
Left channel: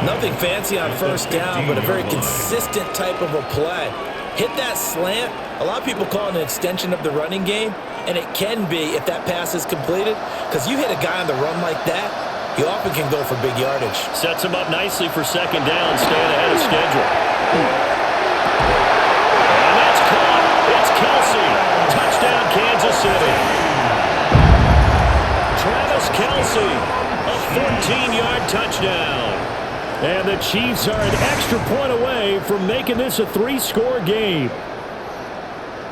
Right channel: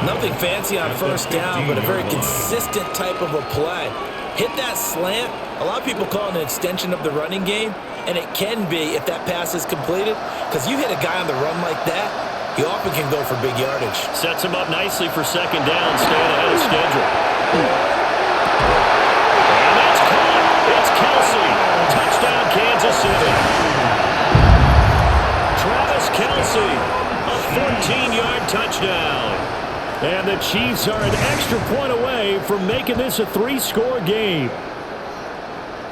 Nothing fancy on 1st down, but a very consistent type of a play. Hit that slant. A lot of people call it an extension of the running game, and it can be if that pass is completed, because you hit a guy on the run like that, he often can go for big yardage. Sets him up nicely for 2nd down, staying ahead of schedule. And that's caught. It's Kelsey. Touchdown, Kansas City. Travis Kelsey, a 14-yard touchdown. And the Chiefs are an extra point away from making this a 3-score game.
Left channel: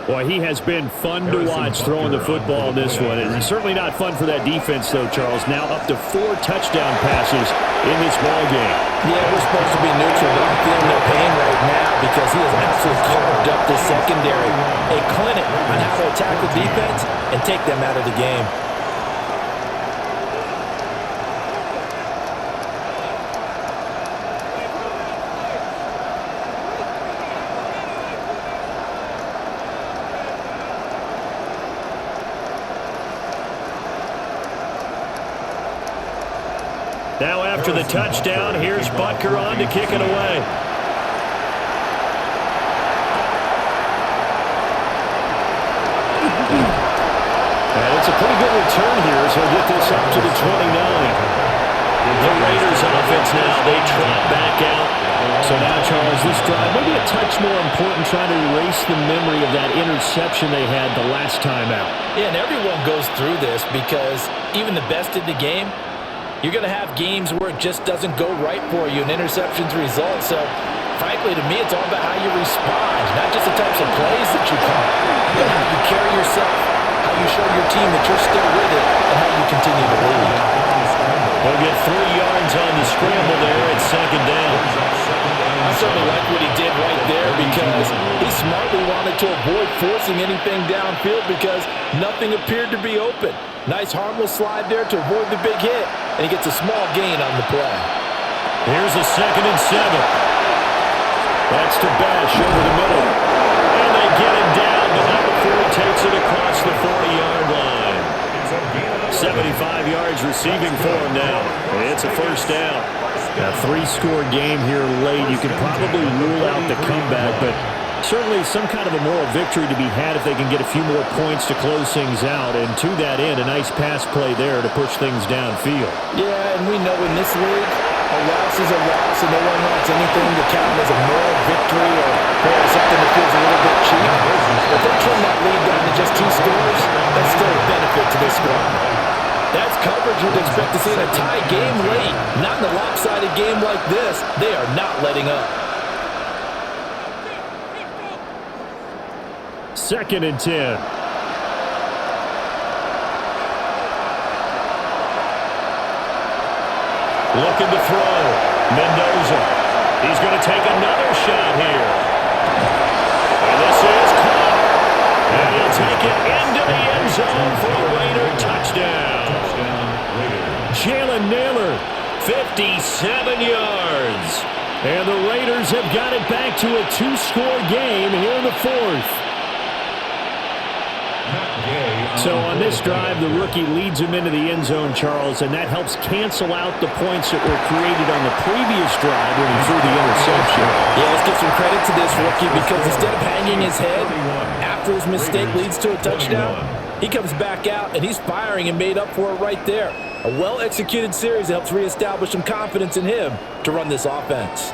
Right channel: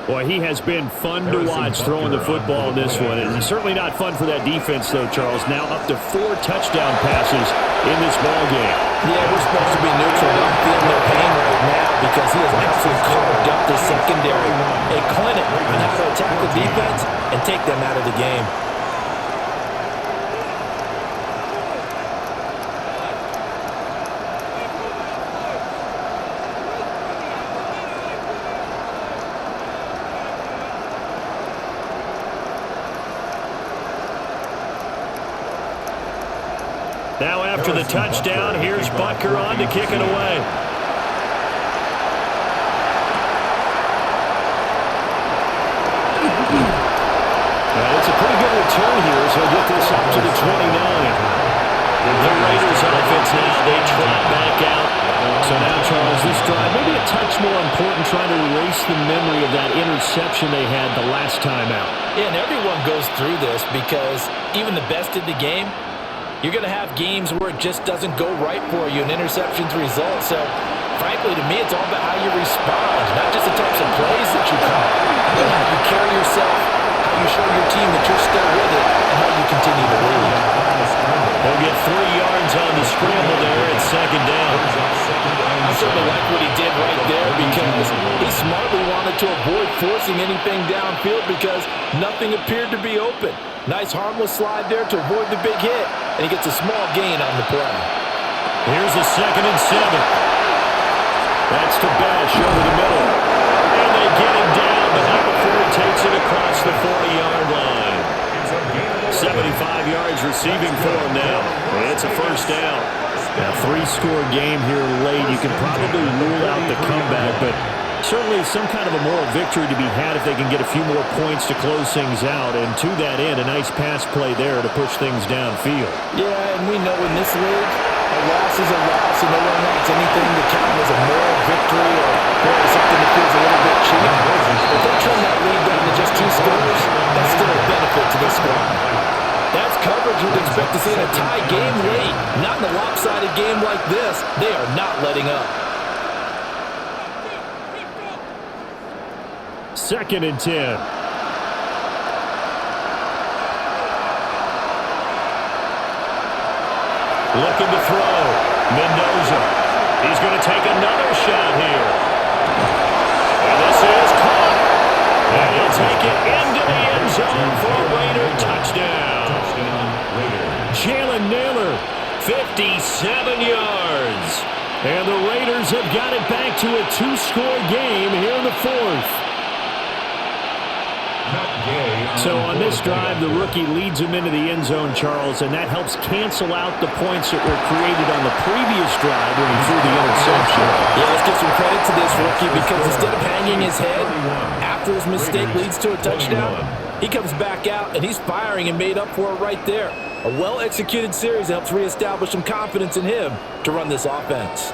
Boy, he has been fun to watch throwing the football in this one. It's certainly not fun for that defense, though, Charles. Now up to 4 touchdown passes in this ball game. Yeah, we're supposed to be neutral, but I'm feeling their pain right now because he has absolutely carved up this secondary. A clinic on how to attack the defense and take them out of the game. Now after the touchdown, here's Butker on to kick it away. That it's a pretty good return here as he'll get this up to the 29. The Raiders offense now, they trot back out. So now, Charles, this drive maybe a touch more important, trying to erase the memory of that interception they had the last time out. Yeah, and everyone goes through this because even the best in the game, you're going to have games where it just doesn't go right for you and interceptions result. So, frankly, to me, it's all about how you respond, not just the types of plays that you call, but how you carry yourself, how you show your team that you're still with it, and how you continue to lead. He'll get 3 yards on the scramble there at second down. I certainly like what he did right there because he smartly wanted to avoid forcing anything downfield because nothing appeared to be open. Nice harmless slide there to avoid the big hit, and he gets a small gain on the play. Here's a 2nd and 7. That's to Bash over the middle. And they get him down, but not before he takes it across the 40-yard line. 75 yards receiving for him now. It's a first down. A 3-score game here late. You can probably rule out the comeback, but certainly some kind of a moral victory to be had if they can get a few more points to close things out. And to that end, a nice pass play there to push things downfield. Yeah, and we know in this league, a loss is a loss, and no one wants anything to count as a moral victory or something that feels a little bit cheap. But they trim that lead down to just 2 scores. That's still a benefit to this squad. That's coverage you'd expect to see in a tie game late. Not in a lopsided game like this. They are not letting up. 2nd and 10. Looking to throw. Mendoza. He's going to take another shot here. And this is caught. And he'll take it into the end zone for a Raider touchdown. Jalen Naylor, 57 yards. And the Raiders have got it back to a 2-score game here in the 4th. So on this drive, the rookie leads him into the end zone, Charles, and that helps cancel out the points that were created on the previous drive when he threw the interception. Yeah, let's give some credit to this rookie because instead of hanging his head after his mistake leads to a touchdown, he comes back out and he's firing and made up for it right there. A well-executed series that helps reestablish some confidence in him to run this offense.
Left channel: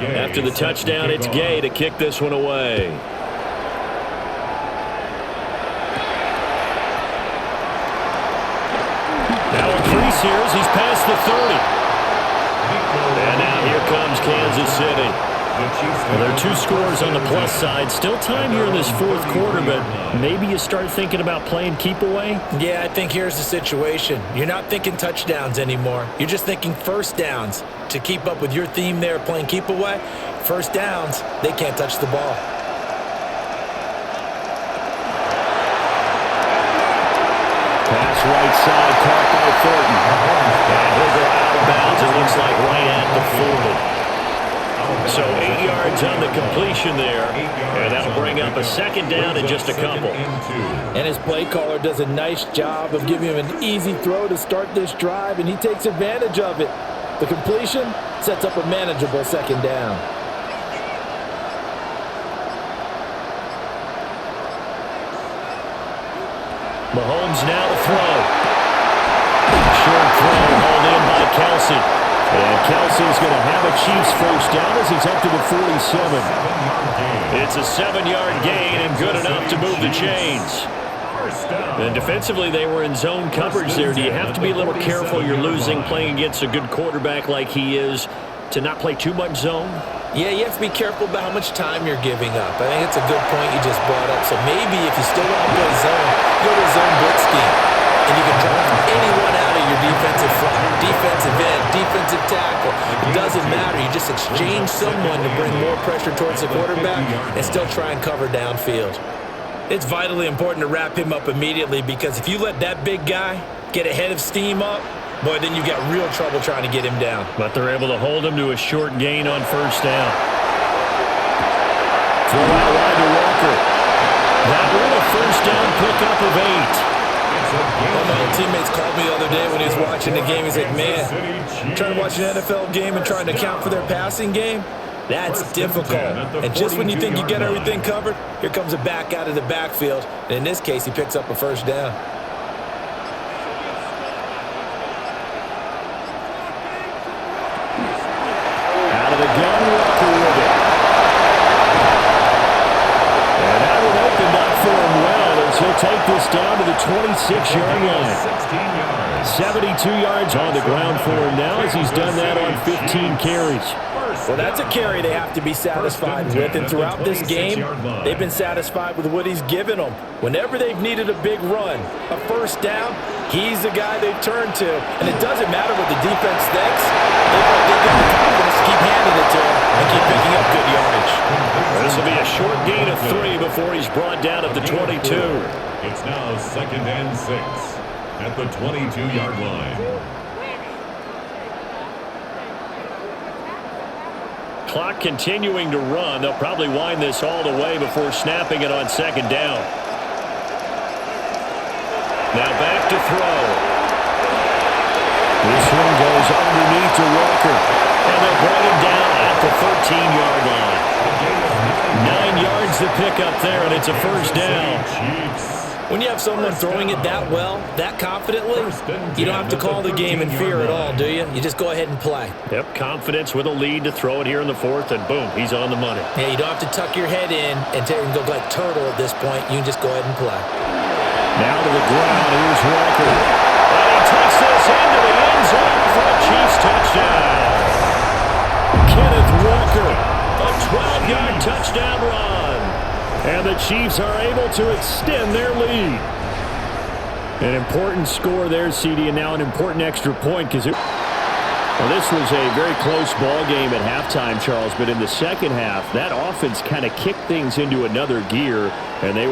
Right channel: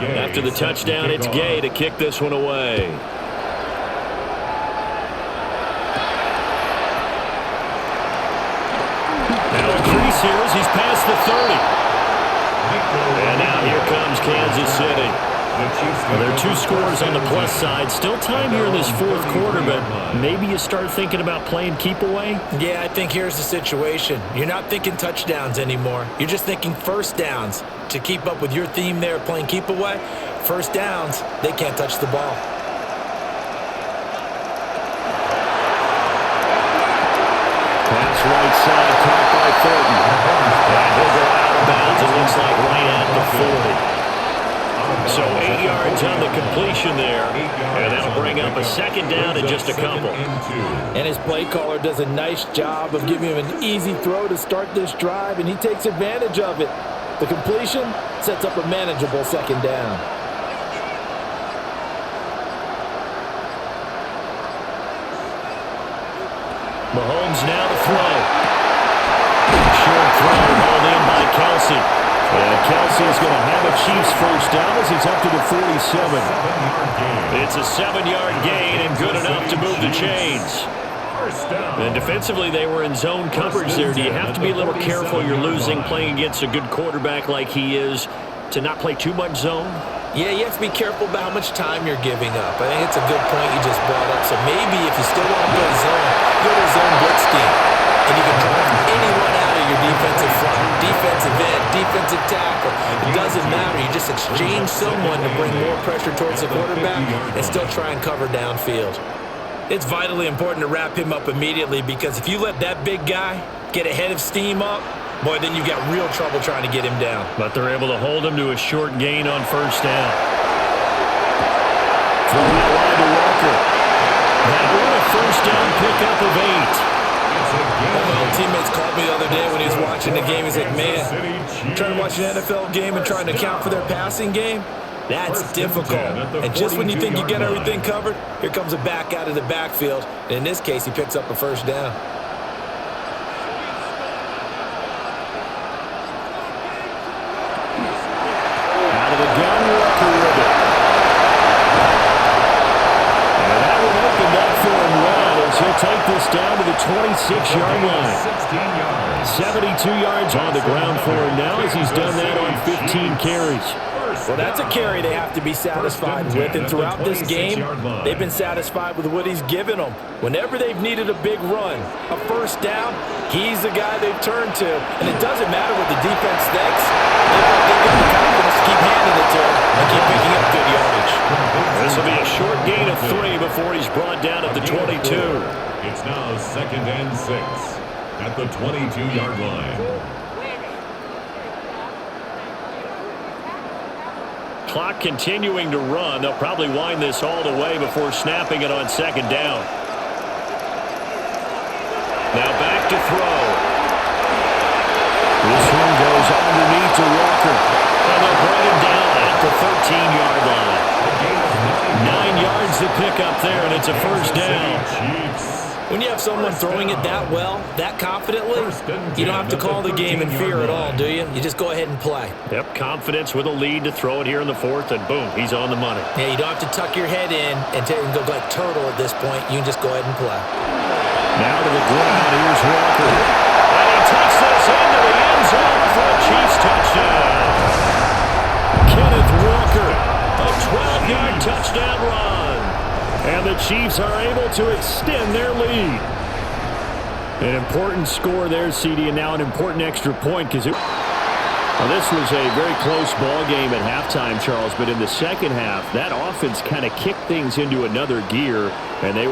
After the touchdown, it's Gay to kick this one away. Now a crease here as he's past the 30. And now here comes Kansas City. Well, there are 2 scores on the plus side. Still time here in this 4th quarter, but maybe you start thinking about playing keep away? Yeah, I think here's the situation. You're not thinking touchdowns anymore. You're just thinking first downs. To keep up with your theme there, playing keep away, first downs, they can't touch the ball. Pass right side, caught by Thornton. And he'll go out of bounds, it looks like right at the 40. So 8 yards on the completion there, and that'll bring up a 2nd down and just a couple. And his play caller does a nice job of giving him an easy throw to start this drive, and he takes advantage of it. The completion sets up a manageable 2nd down. Mahomes now to throw. Short throw hauled in by Kelsey. And Kelsey's going to have a Chiefs first down as he's up to the 47. It's a 7-yard gain and good enough to move the chains. And defensively, they were in zone coverage there. Do you have to be a little careful? You're losing playing against a good quarterback like he is to not play too much zone? Yeah, you have to be careful about how much time you're giving up. I think it's a good point you just brought up. So maybe if you still want to play zone, go to a zone blitz scheme. And you can drop anyone out of your defensive front, defensive end, defensive tackle. It doesn't matter. You just exchange someone to bring more pressure towards the quarterback and still try and cover downfield. It's vitally important to wrap him up immediately because if you let that big guy get ahead of steam up, boy, then you've got real trouble trying to get him down. But they're able to hold him to a short gain on first down. Throw out wide to Walker. That one a first down pickup of 8. One of my old teammates called me the other day when he was watching the game. He's like, man, trying to watch an NFL game and trying to account for their passing game? That's difficult. And just when you think you get everything covered, here comes a back out of the backfield. And in this case, he picks up a first down. Out of the gun, Walker with it. And that one opened up for him well as he'll take this down to the 26-yard line. 16 yards. 72 yards on the ground for him now as he's done that on 15 carries. Well, that's a carry they have to be satisfied with, and throughout this game, they've been satisfied with what he's given them. Whenever they've needed a big run, a first down, he's the guy they've turned to, and it doesn't matter what the defense thinks. They've got the confidence to keep handing it to him and keep picking up good yardage. This will be a short gain of 3 before he's brought down at the 22. It's now 2nd and 6 at the 22-yard line. Clock continuing to run. They'll probably wind this all the way before snapping it on 2nd down. Now back to throw. This one goes underneath to Walker. And they'll bring him down at the 13-yard line. 9 yards to pick up there, and it's a first down. When you have someone throwing it that well, that confidently, you don't have to call the game in fear at all, do you? You just go ahead and play. Yep, confidence with a lead to throw it here in the 4th, and boom, he's on the money. Yeah, you don't have to tuck your head in and go like turtle at this point. You can just go ahead and play. Now to the ground, here's Walker. And he takes this into the end zone for a Chiefs touchdown. Kenneth Walker, a 12-yard touchdown run. And the Chiefs are able to extend their lead. An important score there, CD, and now an important extra point because this was a very close ball game at halftime, Charles, but in the second half, that offense kind of kicked things into another gear, and they